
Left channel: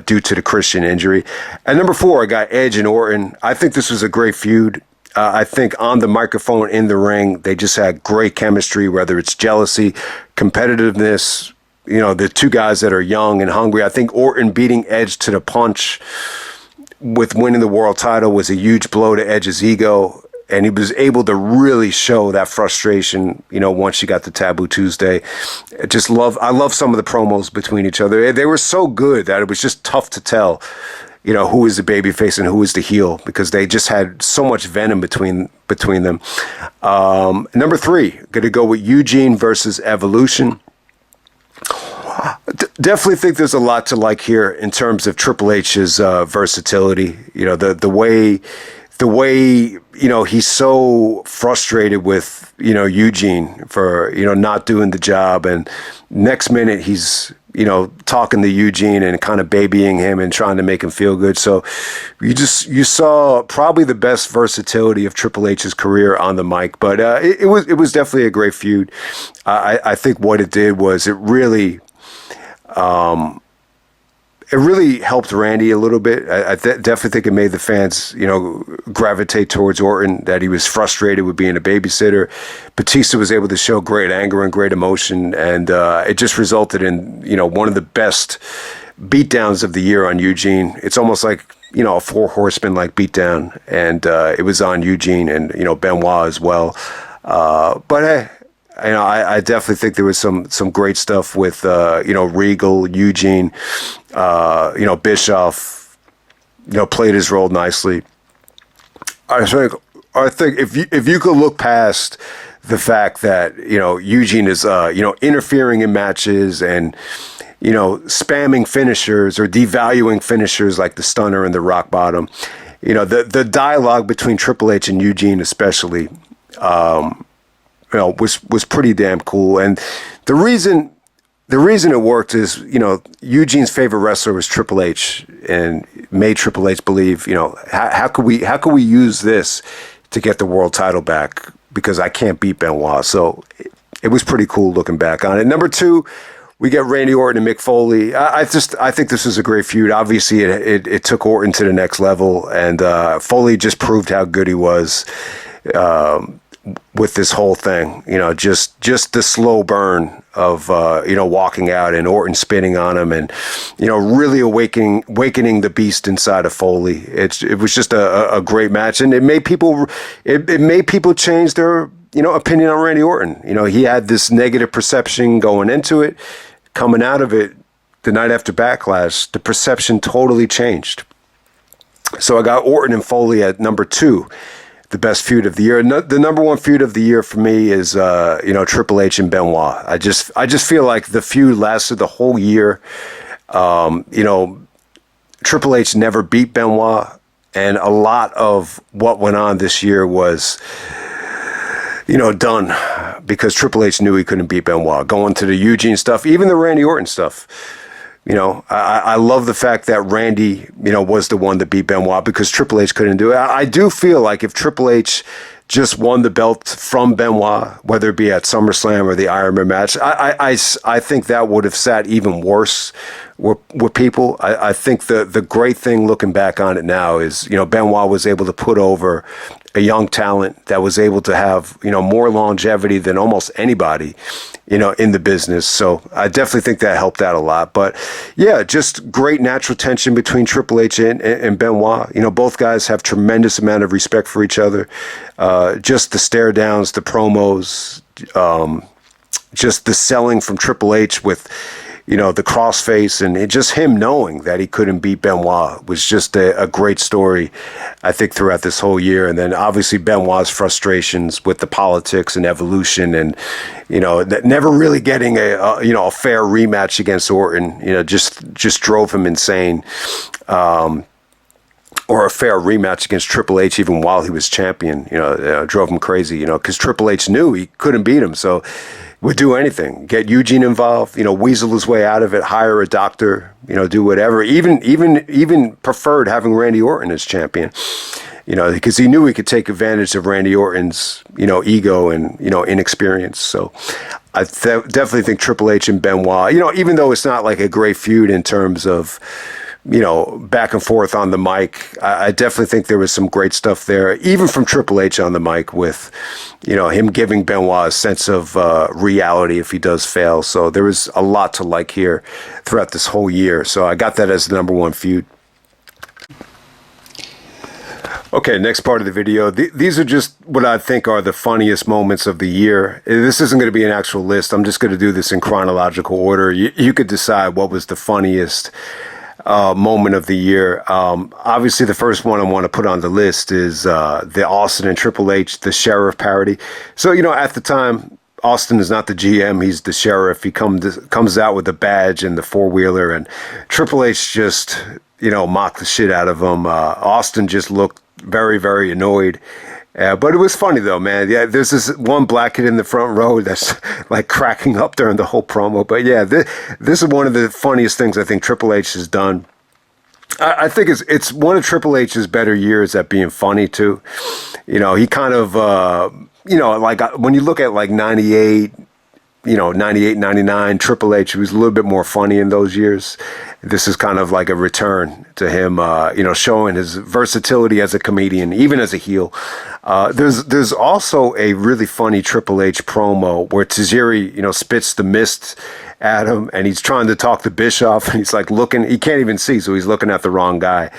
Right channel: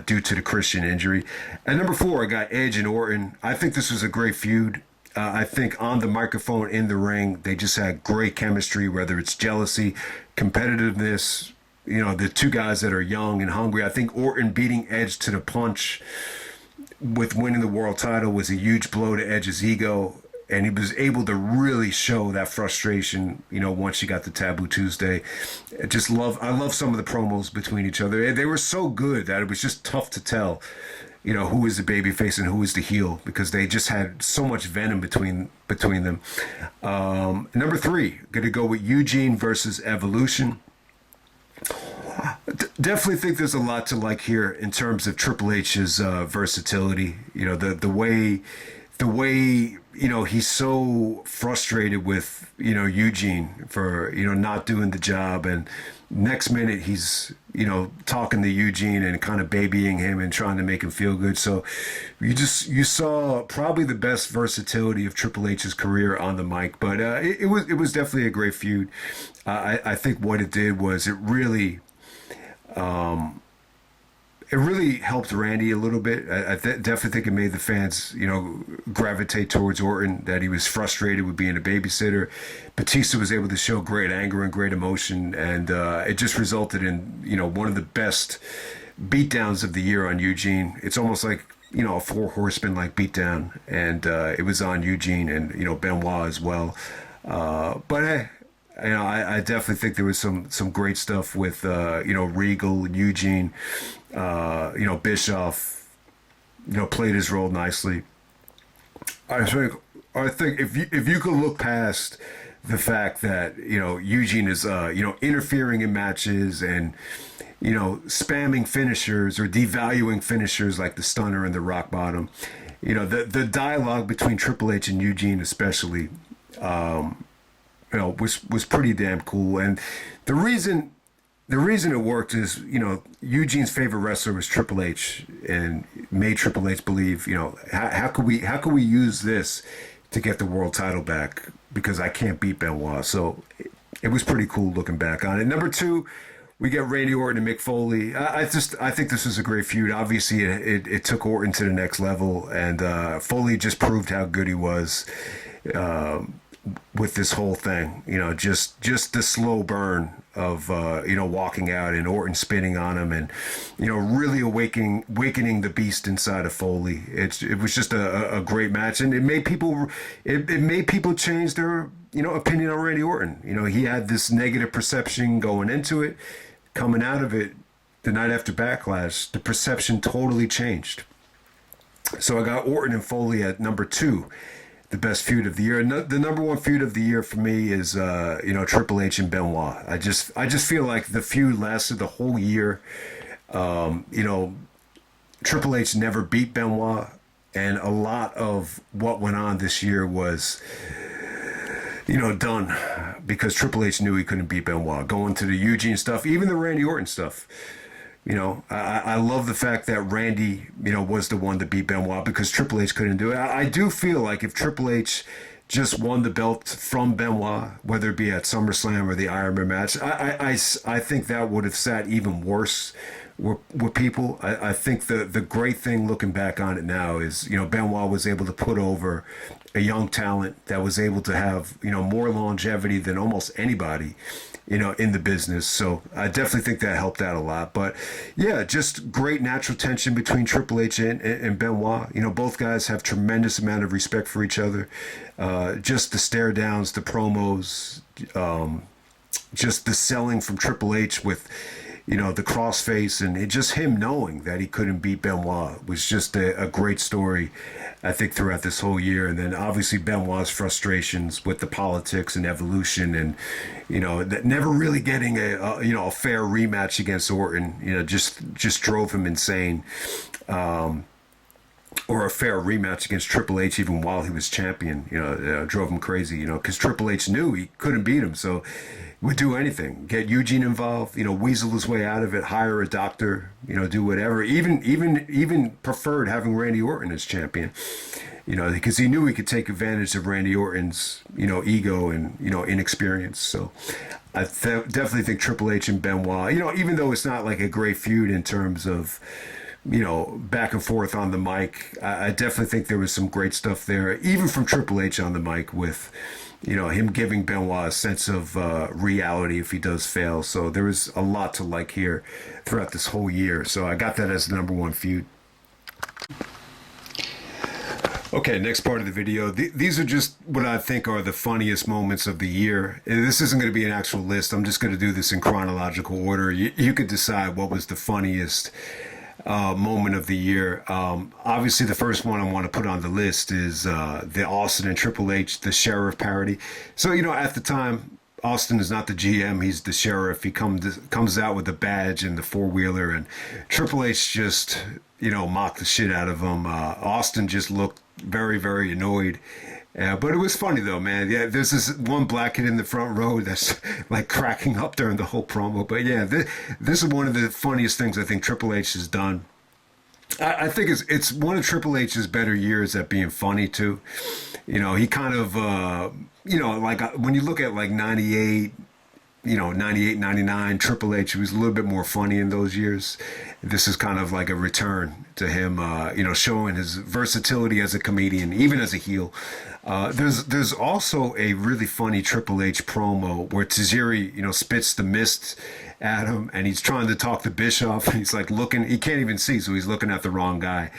due to the Christian injury. At number 4, I got Edge and Orton. I think this was a great feud. I think on the microphone, in the ring, they just had great chemistry, whether it's jealousy, competitiveness, the two guys that are young and hungry. I think Orton beating Edge to the punch with winning the world title was a huge blow to Edge's ego. And he was able to really show that frustration, once you got to Taboo Tuesday. I love some of the promos between each other. They were so good that it was just tough to tell, who is the babyface and who is the heel, because they just had so much venom between them. Number 3, going to go with Eugene versus Evolution. Definitely think there's a lot to like here in terms of Triple H's versatility. The way he's so frustrated with Eugene for not doing the job, and next minute he's talking to Eugene and kind of babying him and trying to make him feel good. So you saw probably the best versatility of Triple H's career on the mic. But it was definitely a great feud. I think what it did was it really helped Randy a little bit. I definitely think it made the fans, gravitate towards Orton, that he was frustrated with being a babysitter. Batista was able to show great anger and great emotion, and it just resulted in, one of the best beatdowns of the year on Eugene. It's almost like, a 4 horsemen like beatdown, and it was on Eugene and, Benoit as well. But hey, I definitely think there was some great stuff with Regal, Eugene, Bischoff, played his role nicely. I think if you could look past the fact that Eugene is interfering in matches and spamming finishers or devaluing finishers like the stunner and the rock bottom, the dialogue between Triple H and Eugene especially. Was pretty damn cool. And the reason it worked is, Eugene's favorite wrestler was Triple H, and made Triple H believe, how could we use this to get the world title back, because I can't beat Benoit. So it was pretty cool looking back on it. Number 2, we get Randy Orton and Mick Foley. I think this was a great feud. Obviously it took Orton to the next level, and Foley just proved how good he was. With this whole thing, just the slow burn of, walking out and Orton spinning on him and, really awakening the beast inside of Foley. It was just a great match, and it made people change their, opinion on Randy Orton. He had this negative perception going into it. Coming out of it the night after Backlash, the perception totally changed. So I got Orton and Foley at number 2, the best feud of the year. The number 1 feud of the year for me is Triple H and Benoit. I just feel like the feud lasted the whole year. Triple H never beat Benoit, and a lot of what went on this year was done because Triple H knew he couldn't beat Benoit. Going to the Eugene stuff, even the Randy Orton stuff. I love the fact that Randy, was the one that beat Benoit because Triple H couldn't do it. I do feel like if Triple H just won the belt from Benoit, whether it be at SummerSlam or the Iron Man match, I think that would have sat even worse with people. I think the great thing looking back on it now is, Benoit was able to put over a young talent that was able to have, more longevity than almost anybody, in the business. So I definitely think that helped out a lot. But yeah, just great natural tension between Triple H and Benoit. Both guys have tremendous amount of respect for each other. Just the stare downs, the promos, just the selling from Triple H with, the crossface, and just him knowing that he couldn't beat Benoit was just a great story, I think, throughout this whole year. And then obviously Benoit's frustrations with the politics and evolution, and never really getting a fair rematch against Orton, just drove him insane. Or a fair rematch against Triple H, even while he was champion, drove him crazy, because Triple H knew he couldn't beat him. So would do anything, get Eugene involved, weasel his way out of it, hire a doctor, do whatever, even preferred having Randy Orton as champion, because he knew he could take advantage of Randy Orton's, ego and, inexperience. So I definitely think Triple H and Benoit, even though it's not like a great feud in terms of, back and forth on the mic, I definitely think there was some great stuff there, even from Triple H on the mic with, him giving Benoit a sense of reality if he does fail. So there was a lot to like here throughout this whole year. So I got that as the number 1 feud. Okay, next part of the video. These are just what I think are the funniest moments of the year. This isn't going to be an actual list. I'm just going to do this in chronological order. You could decide what was the funniest moment of the year. Obviously, the first one I want to put on the list is the Austin and Triple H, the sheriff parody. So, at the time, Austin is not the GM, he's the sheriff. He comes out with the badge and the 4-wheeler, and Triple H just, mocked the shit out of him. Austin just looked very, very annoyed. But it was funny though, man. Yeah, there's this one black kid in the front row that's like cracking up during the whole promo. But yeah, this is one of the funniest things I think Triple H has done. I think it's one of Triple H's better years at being funny too. He kind of, like when you look at like 98, 98, 99, Triple H, he was a little bit more funny in those years. This is kind of like a return to him, showing his versatility as a comedian, even as a heel. There's also a really funny Triple H promo where Tajiri, spits the mist at him, and he's trying to talk to Bischoff, and he's like looking, he can't even see, so he's looking at the wrong guy.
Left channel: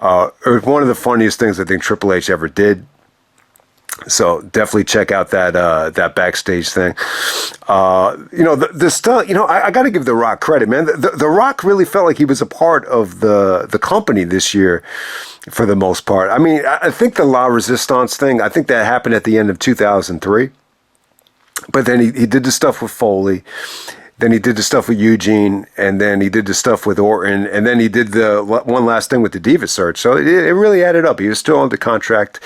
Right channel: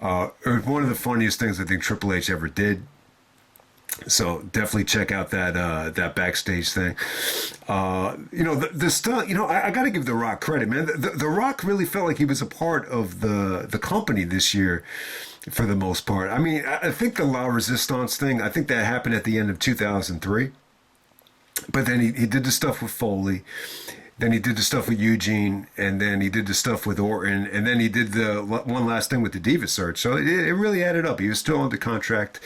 It was one of the funniest things I think Triple H ever did. So definitely check out that backstage thing. The stuff, I got to give The Rock credit, man. The Rock really felt like he was a part of the company this year for the most part. I mean, I think the La Resistance thing, I think that happened at the end of 2003. But then he did the stuff with Foley. Then he did the stuff with Eugene, and then he did the stuff with Orton, and then he did the one last thing with the Diva Search. So it really added up. He was still under contract.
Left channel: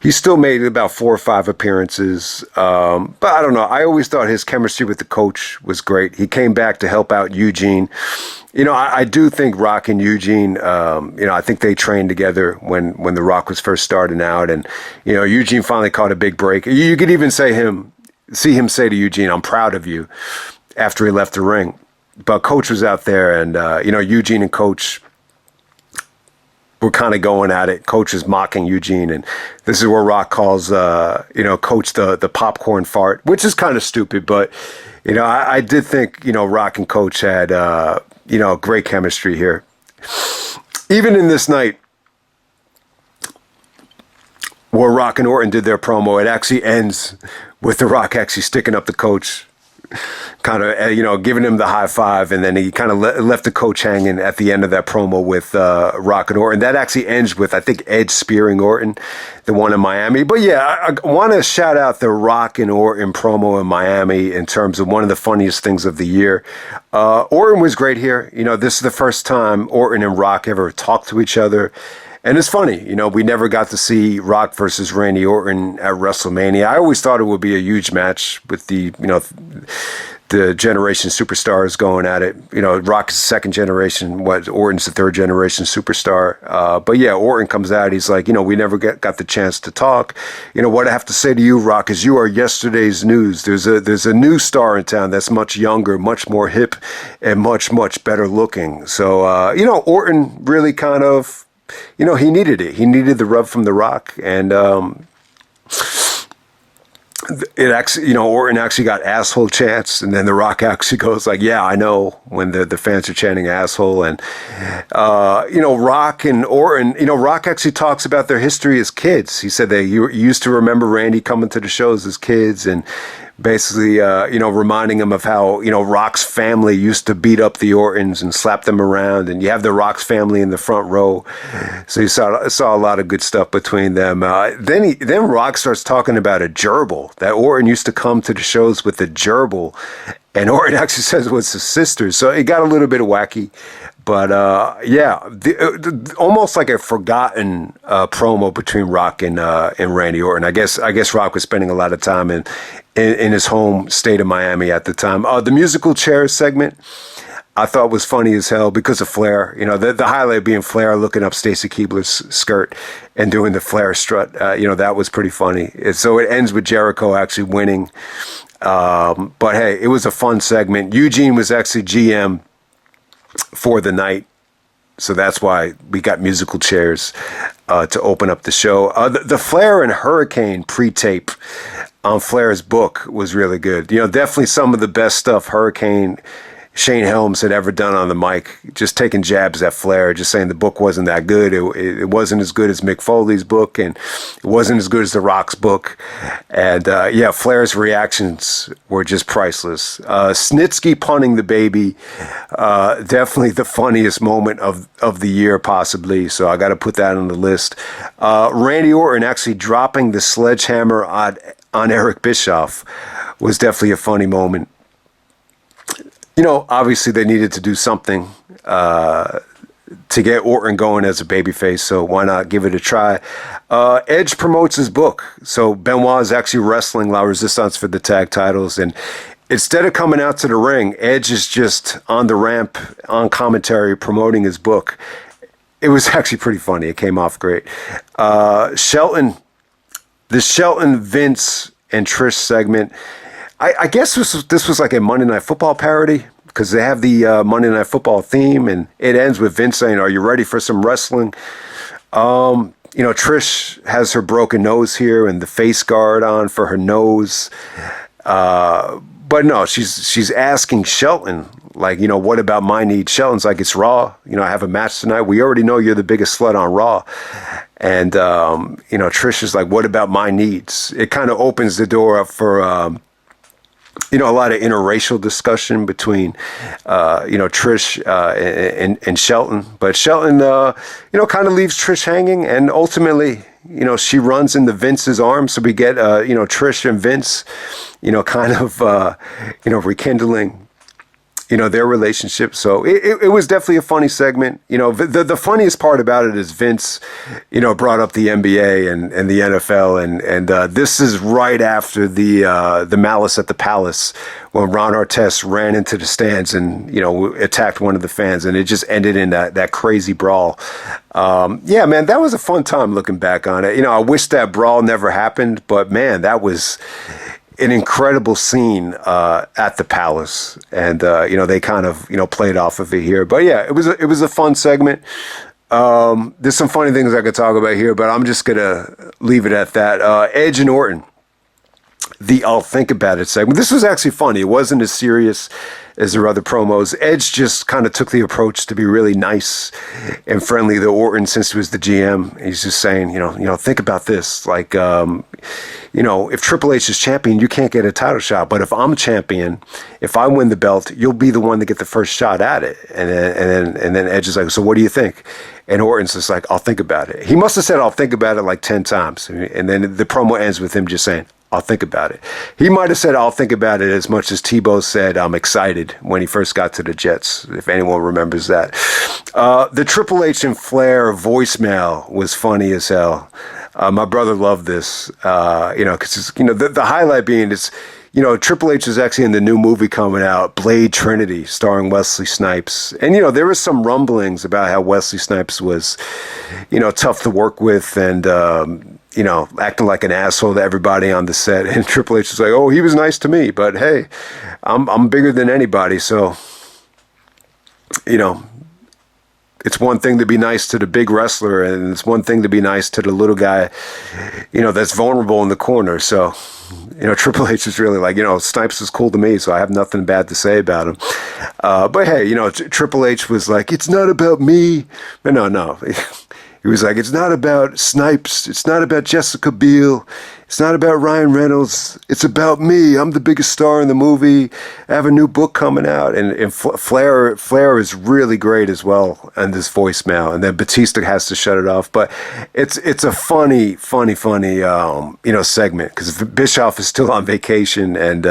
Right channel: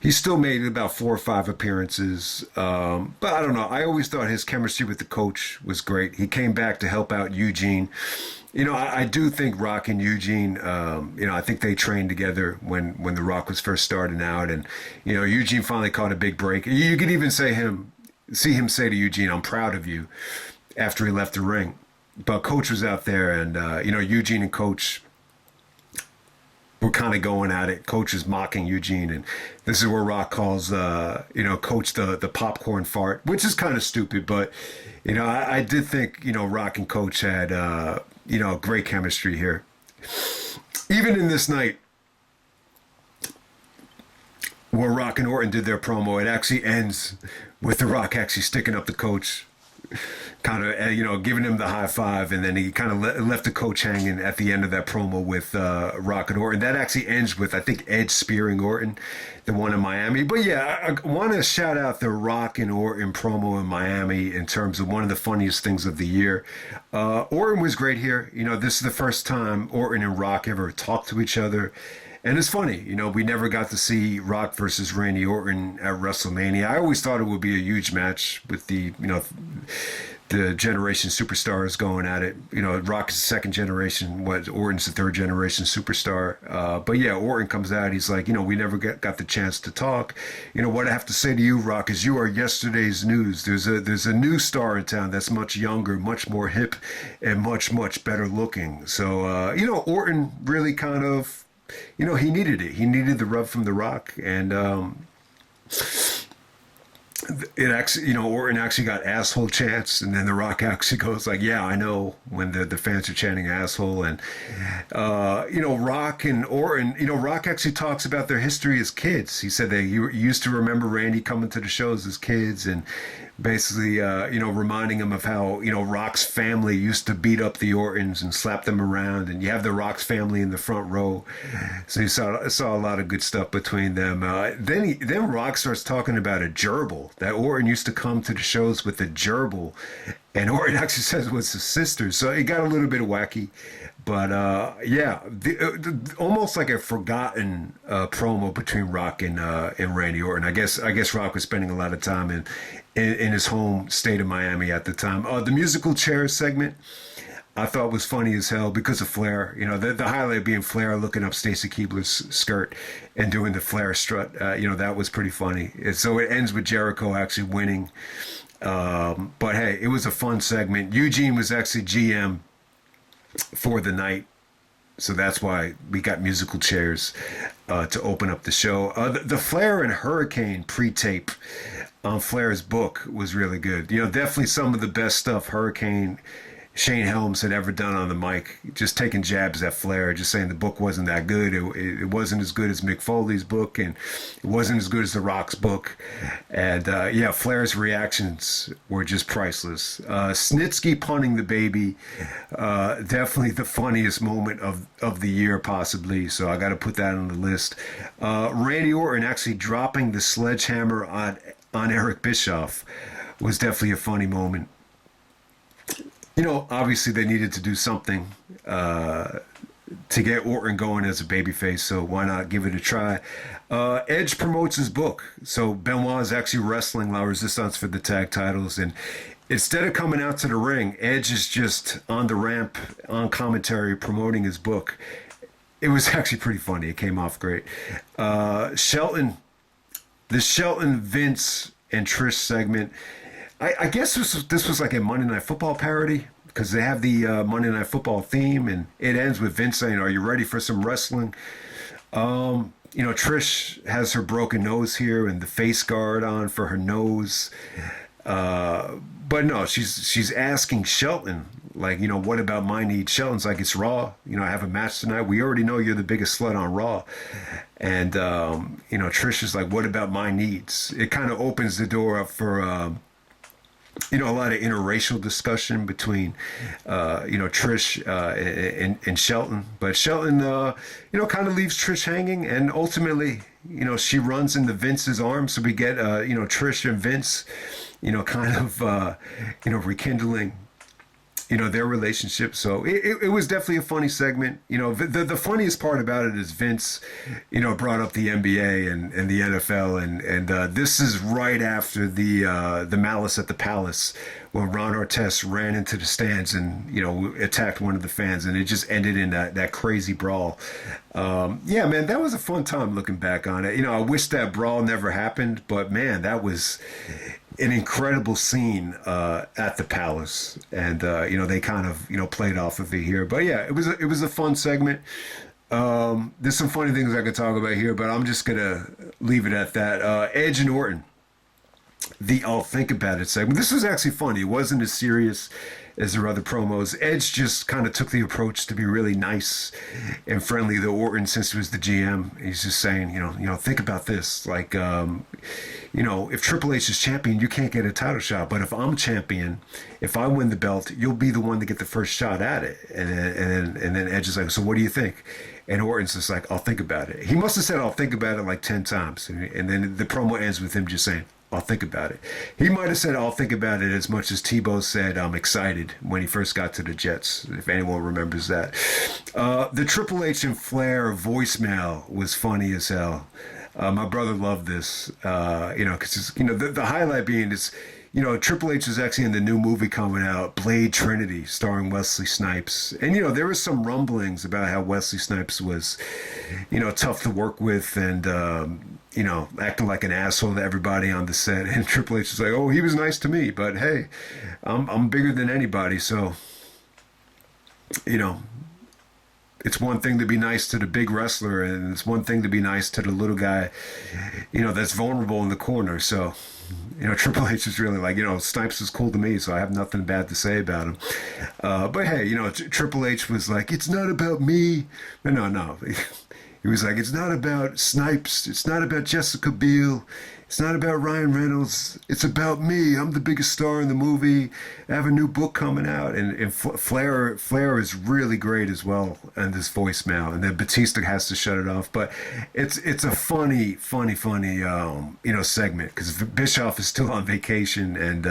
He still made about 4 or 5 appearances. But I don't know. I always thought his chemistry with the coach was great. He came back to help out Eugene. I do think Rock and Eugene, I think they trained together when The Rock was first starting out. And, Eugene finally caught a big break. You could even see him say to Eugene, "I'm proud of you," after he left the ring. But Coach was out there, and, Eugene and Coach were kind of going at it. Coach is mocking Eugene, and this is where Rock calls, Coach the popcorn fart, which is kind of stupid. But, I did think, Rock and Coach had, great chemistry here. Even in this night where Rock and Orton did their promo, it actually ends with The Rock actually sticking up the Coach, kind of, giving him the high five, and then he kind of left the coach hanging at the end of that promo with Rock and Orton. That actually ends with, I think, Edge spearing Orton, the one in Miami. But yeah, I want to shout out the Rock and Orton promo in Miami in terms of one of the funniest things of the year. Orton was great here. This is the first time Orton and Rock ever talked to each other. And it's funny, we never got to see Rock versus Randy Orton at WrestleMania. I always thought it would be a huge match with the generation superstars going at it. Rock is the second generation, Orton's the third generation superstar. But yeah, Orton comes out, he's like, we never got the chance to talk. What I have to say to you, Rock, is you are yesterday's news. There's a new star in town that's much younger, much more hip, and much, much better looking. So, Orton really kind of, he needed it. He needed the rub from The Rock, and it actually, Orton actually got asshole chants, and then The Rock actually goes like, "Yeah, I know," when the fans are chanting asshole, and Rock and Orton, Rock actually talks about their history as kids. He said they used to remember Randy coming to the shows as kids, and basically, reminding him of how, Rock's family used to beat up the Ortons and slap them around. And you have the Rock's family in the front row. So you saw a lot of good stuff between them. Then Rock starts talking about a gerbil, that Orton used to come to the shows with a gerbil. And Orton actually says it was his sister. So it got a little bit wacky. But almost like a forgotten promo between Rock and Randy Orton. I guess Rock was spending a lot of time in his home state of Miami at the time. The musical chairs segment I thought was funny as hell because of Flair. The highlight being Flair looking up Stacy Keibler's skirt and doing the Flair strut. That was pretty funny. So it ends with Jericho actually winning. But hey, it was a fun segment. Eugene was actually GM for the night, so that's why we got musical chairs to open up the show. The Flair and Hurricane pre-tape on Flair's book was really good. Definitely some of the best stuff Hurricane Shane Helms had ever done on the mic, just taking jabs at Flair, just saying the book wasn't that good. It wasn't as good as Mick Foley's book, and it wasn't as good as The Rock's book. And Flair's reactions were just priceless. Snitsky punting the baby, definitely the funniest moment of the year, possibly. So I got to put that on the list. Randy Orton actually dropping the sledgehammer on Eric Bischoff was definitely a funny moment. Obviously they needed to do something to get Orton going as a babyface, so why not give it a try? Edge promotes his book. So Benoit is actually wrestling La Resistance for the tag titles, and instead of coming out to the ring, Edge is just on the ramp, on commentary, promoting his book. It was actually pretty funny. It came off great. The Shelton, Vince, and Trish segment, I guess this was like a Monday Night Football parody, because they have the Monday Night Football theme, and it ends with Vince saying, "Are you ready for some wrestling?" Trish has her broken nose here and the face guard on for her nose. But no, she's asking Shelton, like, what about my needs? Shelton's like, "It's Raw. I have a match tonight. We already know you're the biggest slut on Raw." And, Trish is like, "What about my needs?" It kind of opens the door up for, a lot of interracial discussion between, Trish and Shelton. But Shelton, kind of leaves Trish hanging. And ultimately, she runs into Vince's arms. So we get, Trish and Vince, kind of, rekindling, their relationship. So it was definitely a funny segment. The funniest part about it is Vince, brought up the NBA and the NFL. And this is right after the Malice at the Palace, when Ron Artest ran into the stands and, attacked one of the fans. And it just ended in that crazy brawl. Yeah, man, that was a fun time looking back on it. I wish that brawl never happened. But, man, that was an incredible scene at the Palace, and they kind of played off of it here. But yeah, it was a fun segment. There's some funny things I could talk about here, but I'm just gonna leave it at that. Edge and Orton, the "I'll think about it" segment. This was actually funny. It wasn't as serious as their other promos. Edge just kind of took the approach to be really nice and friendly to Orton since he was the GM. He's just saying, think about this, like. you know, if Triple H is champion, you can't get a title shot. But if I'm champion, if I win the belt, you'll be the one to get the first shot at it. And then Edge is like, so what do you think? And Orton's just like, I'll think about it. He must have said, I'll think about it like 10 times. And then the promo ends with him just saying, I'll think about it. He might have said, I'll think about it as much as Tebow said, I'm excited when he first got to the Jets, if anyone remembers that. The Triple H and Flair voicemail was funny as hell. My brother loved this, you know, because, you know, the highlight being it's, you know, Triple H is actually in the new movie coming out, Blade Trinity, starring Wesley Snipes. And, you know, there was some rumblings about how Wesley Snipes was, you know, tough to work with and, you know, acting like an asshole to everybody on the set. And Triple H was like, oh, he was nice to me, but hey, I'm bigger than anybody. So, you know, it's one thing to be nice to the big wrestler, and it's one thing to be nice to the little guy, you know, that's vulnerable in the corner. So, you know, Triple H is really like, you know, Snipes is cool to me, so I have nothing bad to say about him. But hey, you know, Triple H was like, it's not about me. But no. He was like, it's not about Snipes. It's not about Jessica Biel. It's not about Ryan Reynolds. It's about me. I'm the biggest star in the movie. I have a new book coming out. And Flair is really great as well on this voicemail. And then Batista has to shut it off. But it's a funny, you know, segment. Because Bischoff is still on vacation. And,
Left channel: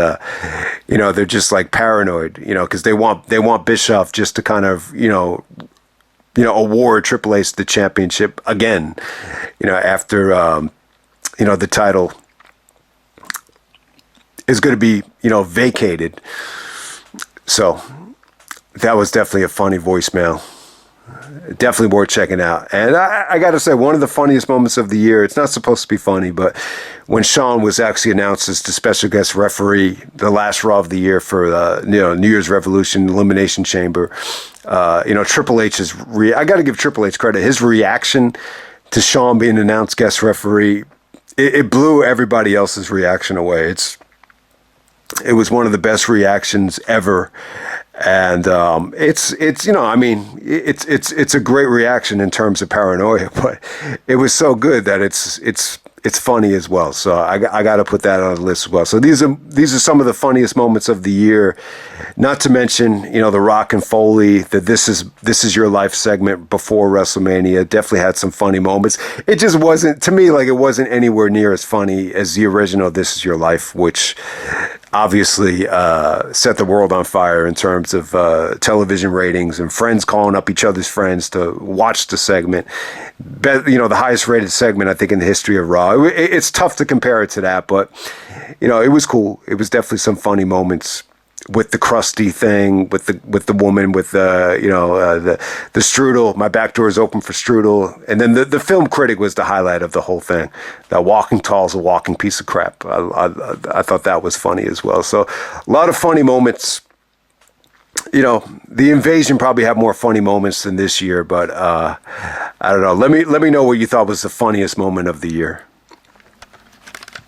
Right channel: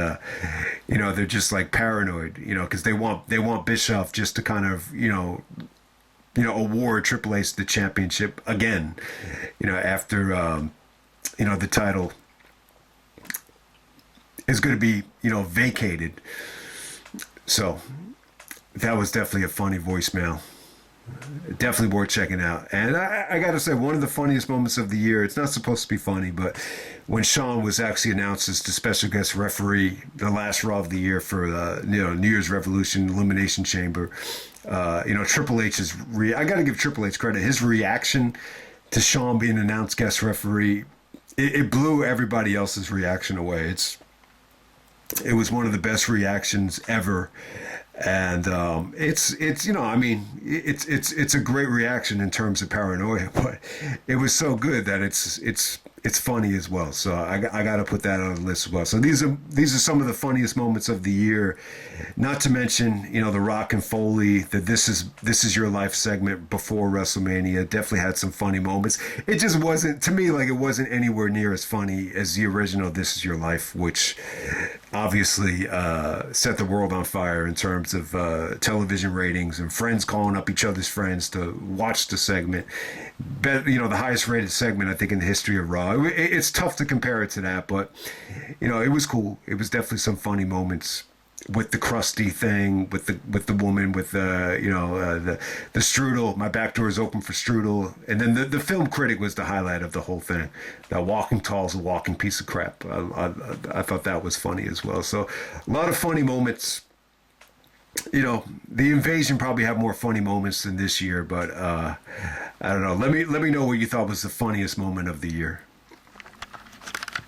you know, they're just like paranoid, you know, because they want Bischoff just to kind of, you know, award Triple H the championship again, you know, after, you know, the title is going to be, you know, vacated. So that was definitely a funny voicemail. Definitely worth checking out. And I got to say, one of the funniest moments of the year, it's not supposed to be funny, but when Shawn was actually announced as the special guest referee, the last Raw of the year for, you know, New Year's Revolution Elimination Chamber, you know, Triple H's, I got to give Triple H credit. His reaction to Shawn being announced guest referee, it blew everybody else's reaction away. It was one of the best reactions ever. And it's you know, I mean, it's a great reaction in terms of paranoia, but it was so good that it's funny as well. So I got to put that on the list as well. So these are some of the funniest moments of the year. Not to mention, you know, the Rock and Foley, the This Is Your Life segment before WrestleMania definitely had some funny moments. It just wasn't, to me, like it wasn't anywhere near as funny as the original This Is Your Life, which obviously set the world on fire in terms of television ratings and friends calling up each other's friends to watch the segment. You know, the highest rated segment, I think, in the history of Raw. It's tough to compare it to that, but, you know, it was cool. It was definitely some funny moments with the crusty thing, with the woman, with you know, the strudel. My back door is open for strudel. And then the film critic was the highlight of the whole thing. That walking tall is a walking piece of crap. I thought that was funny as well. So a lot of funny moments. You know, the Invasion probably had more funny moments than this year, but I don't know. Let me know what you thought was the funniest moment of the year.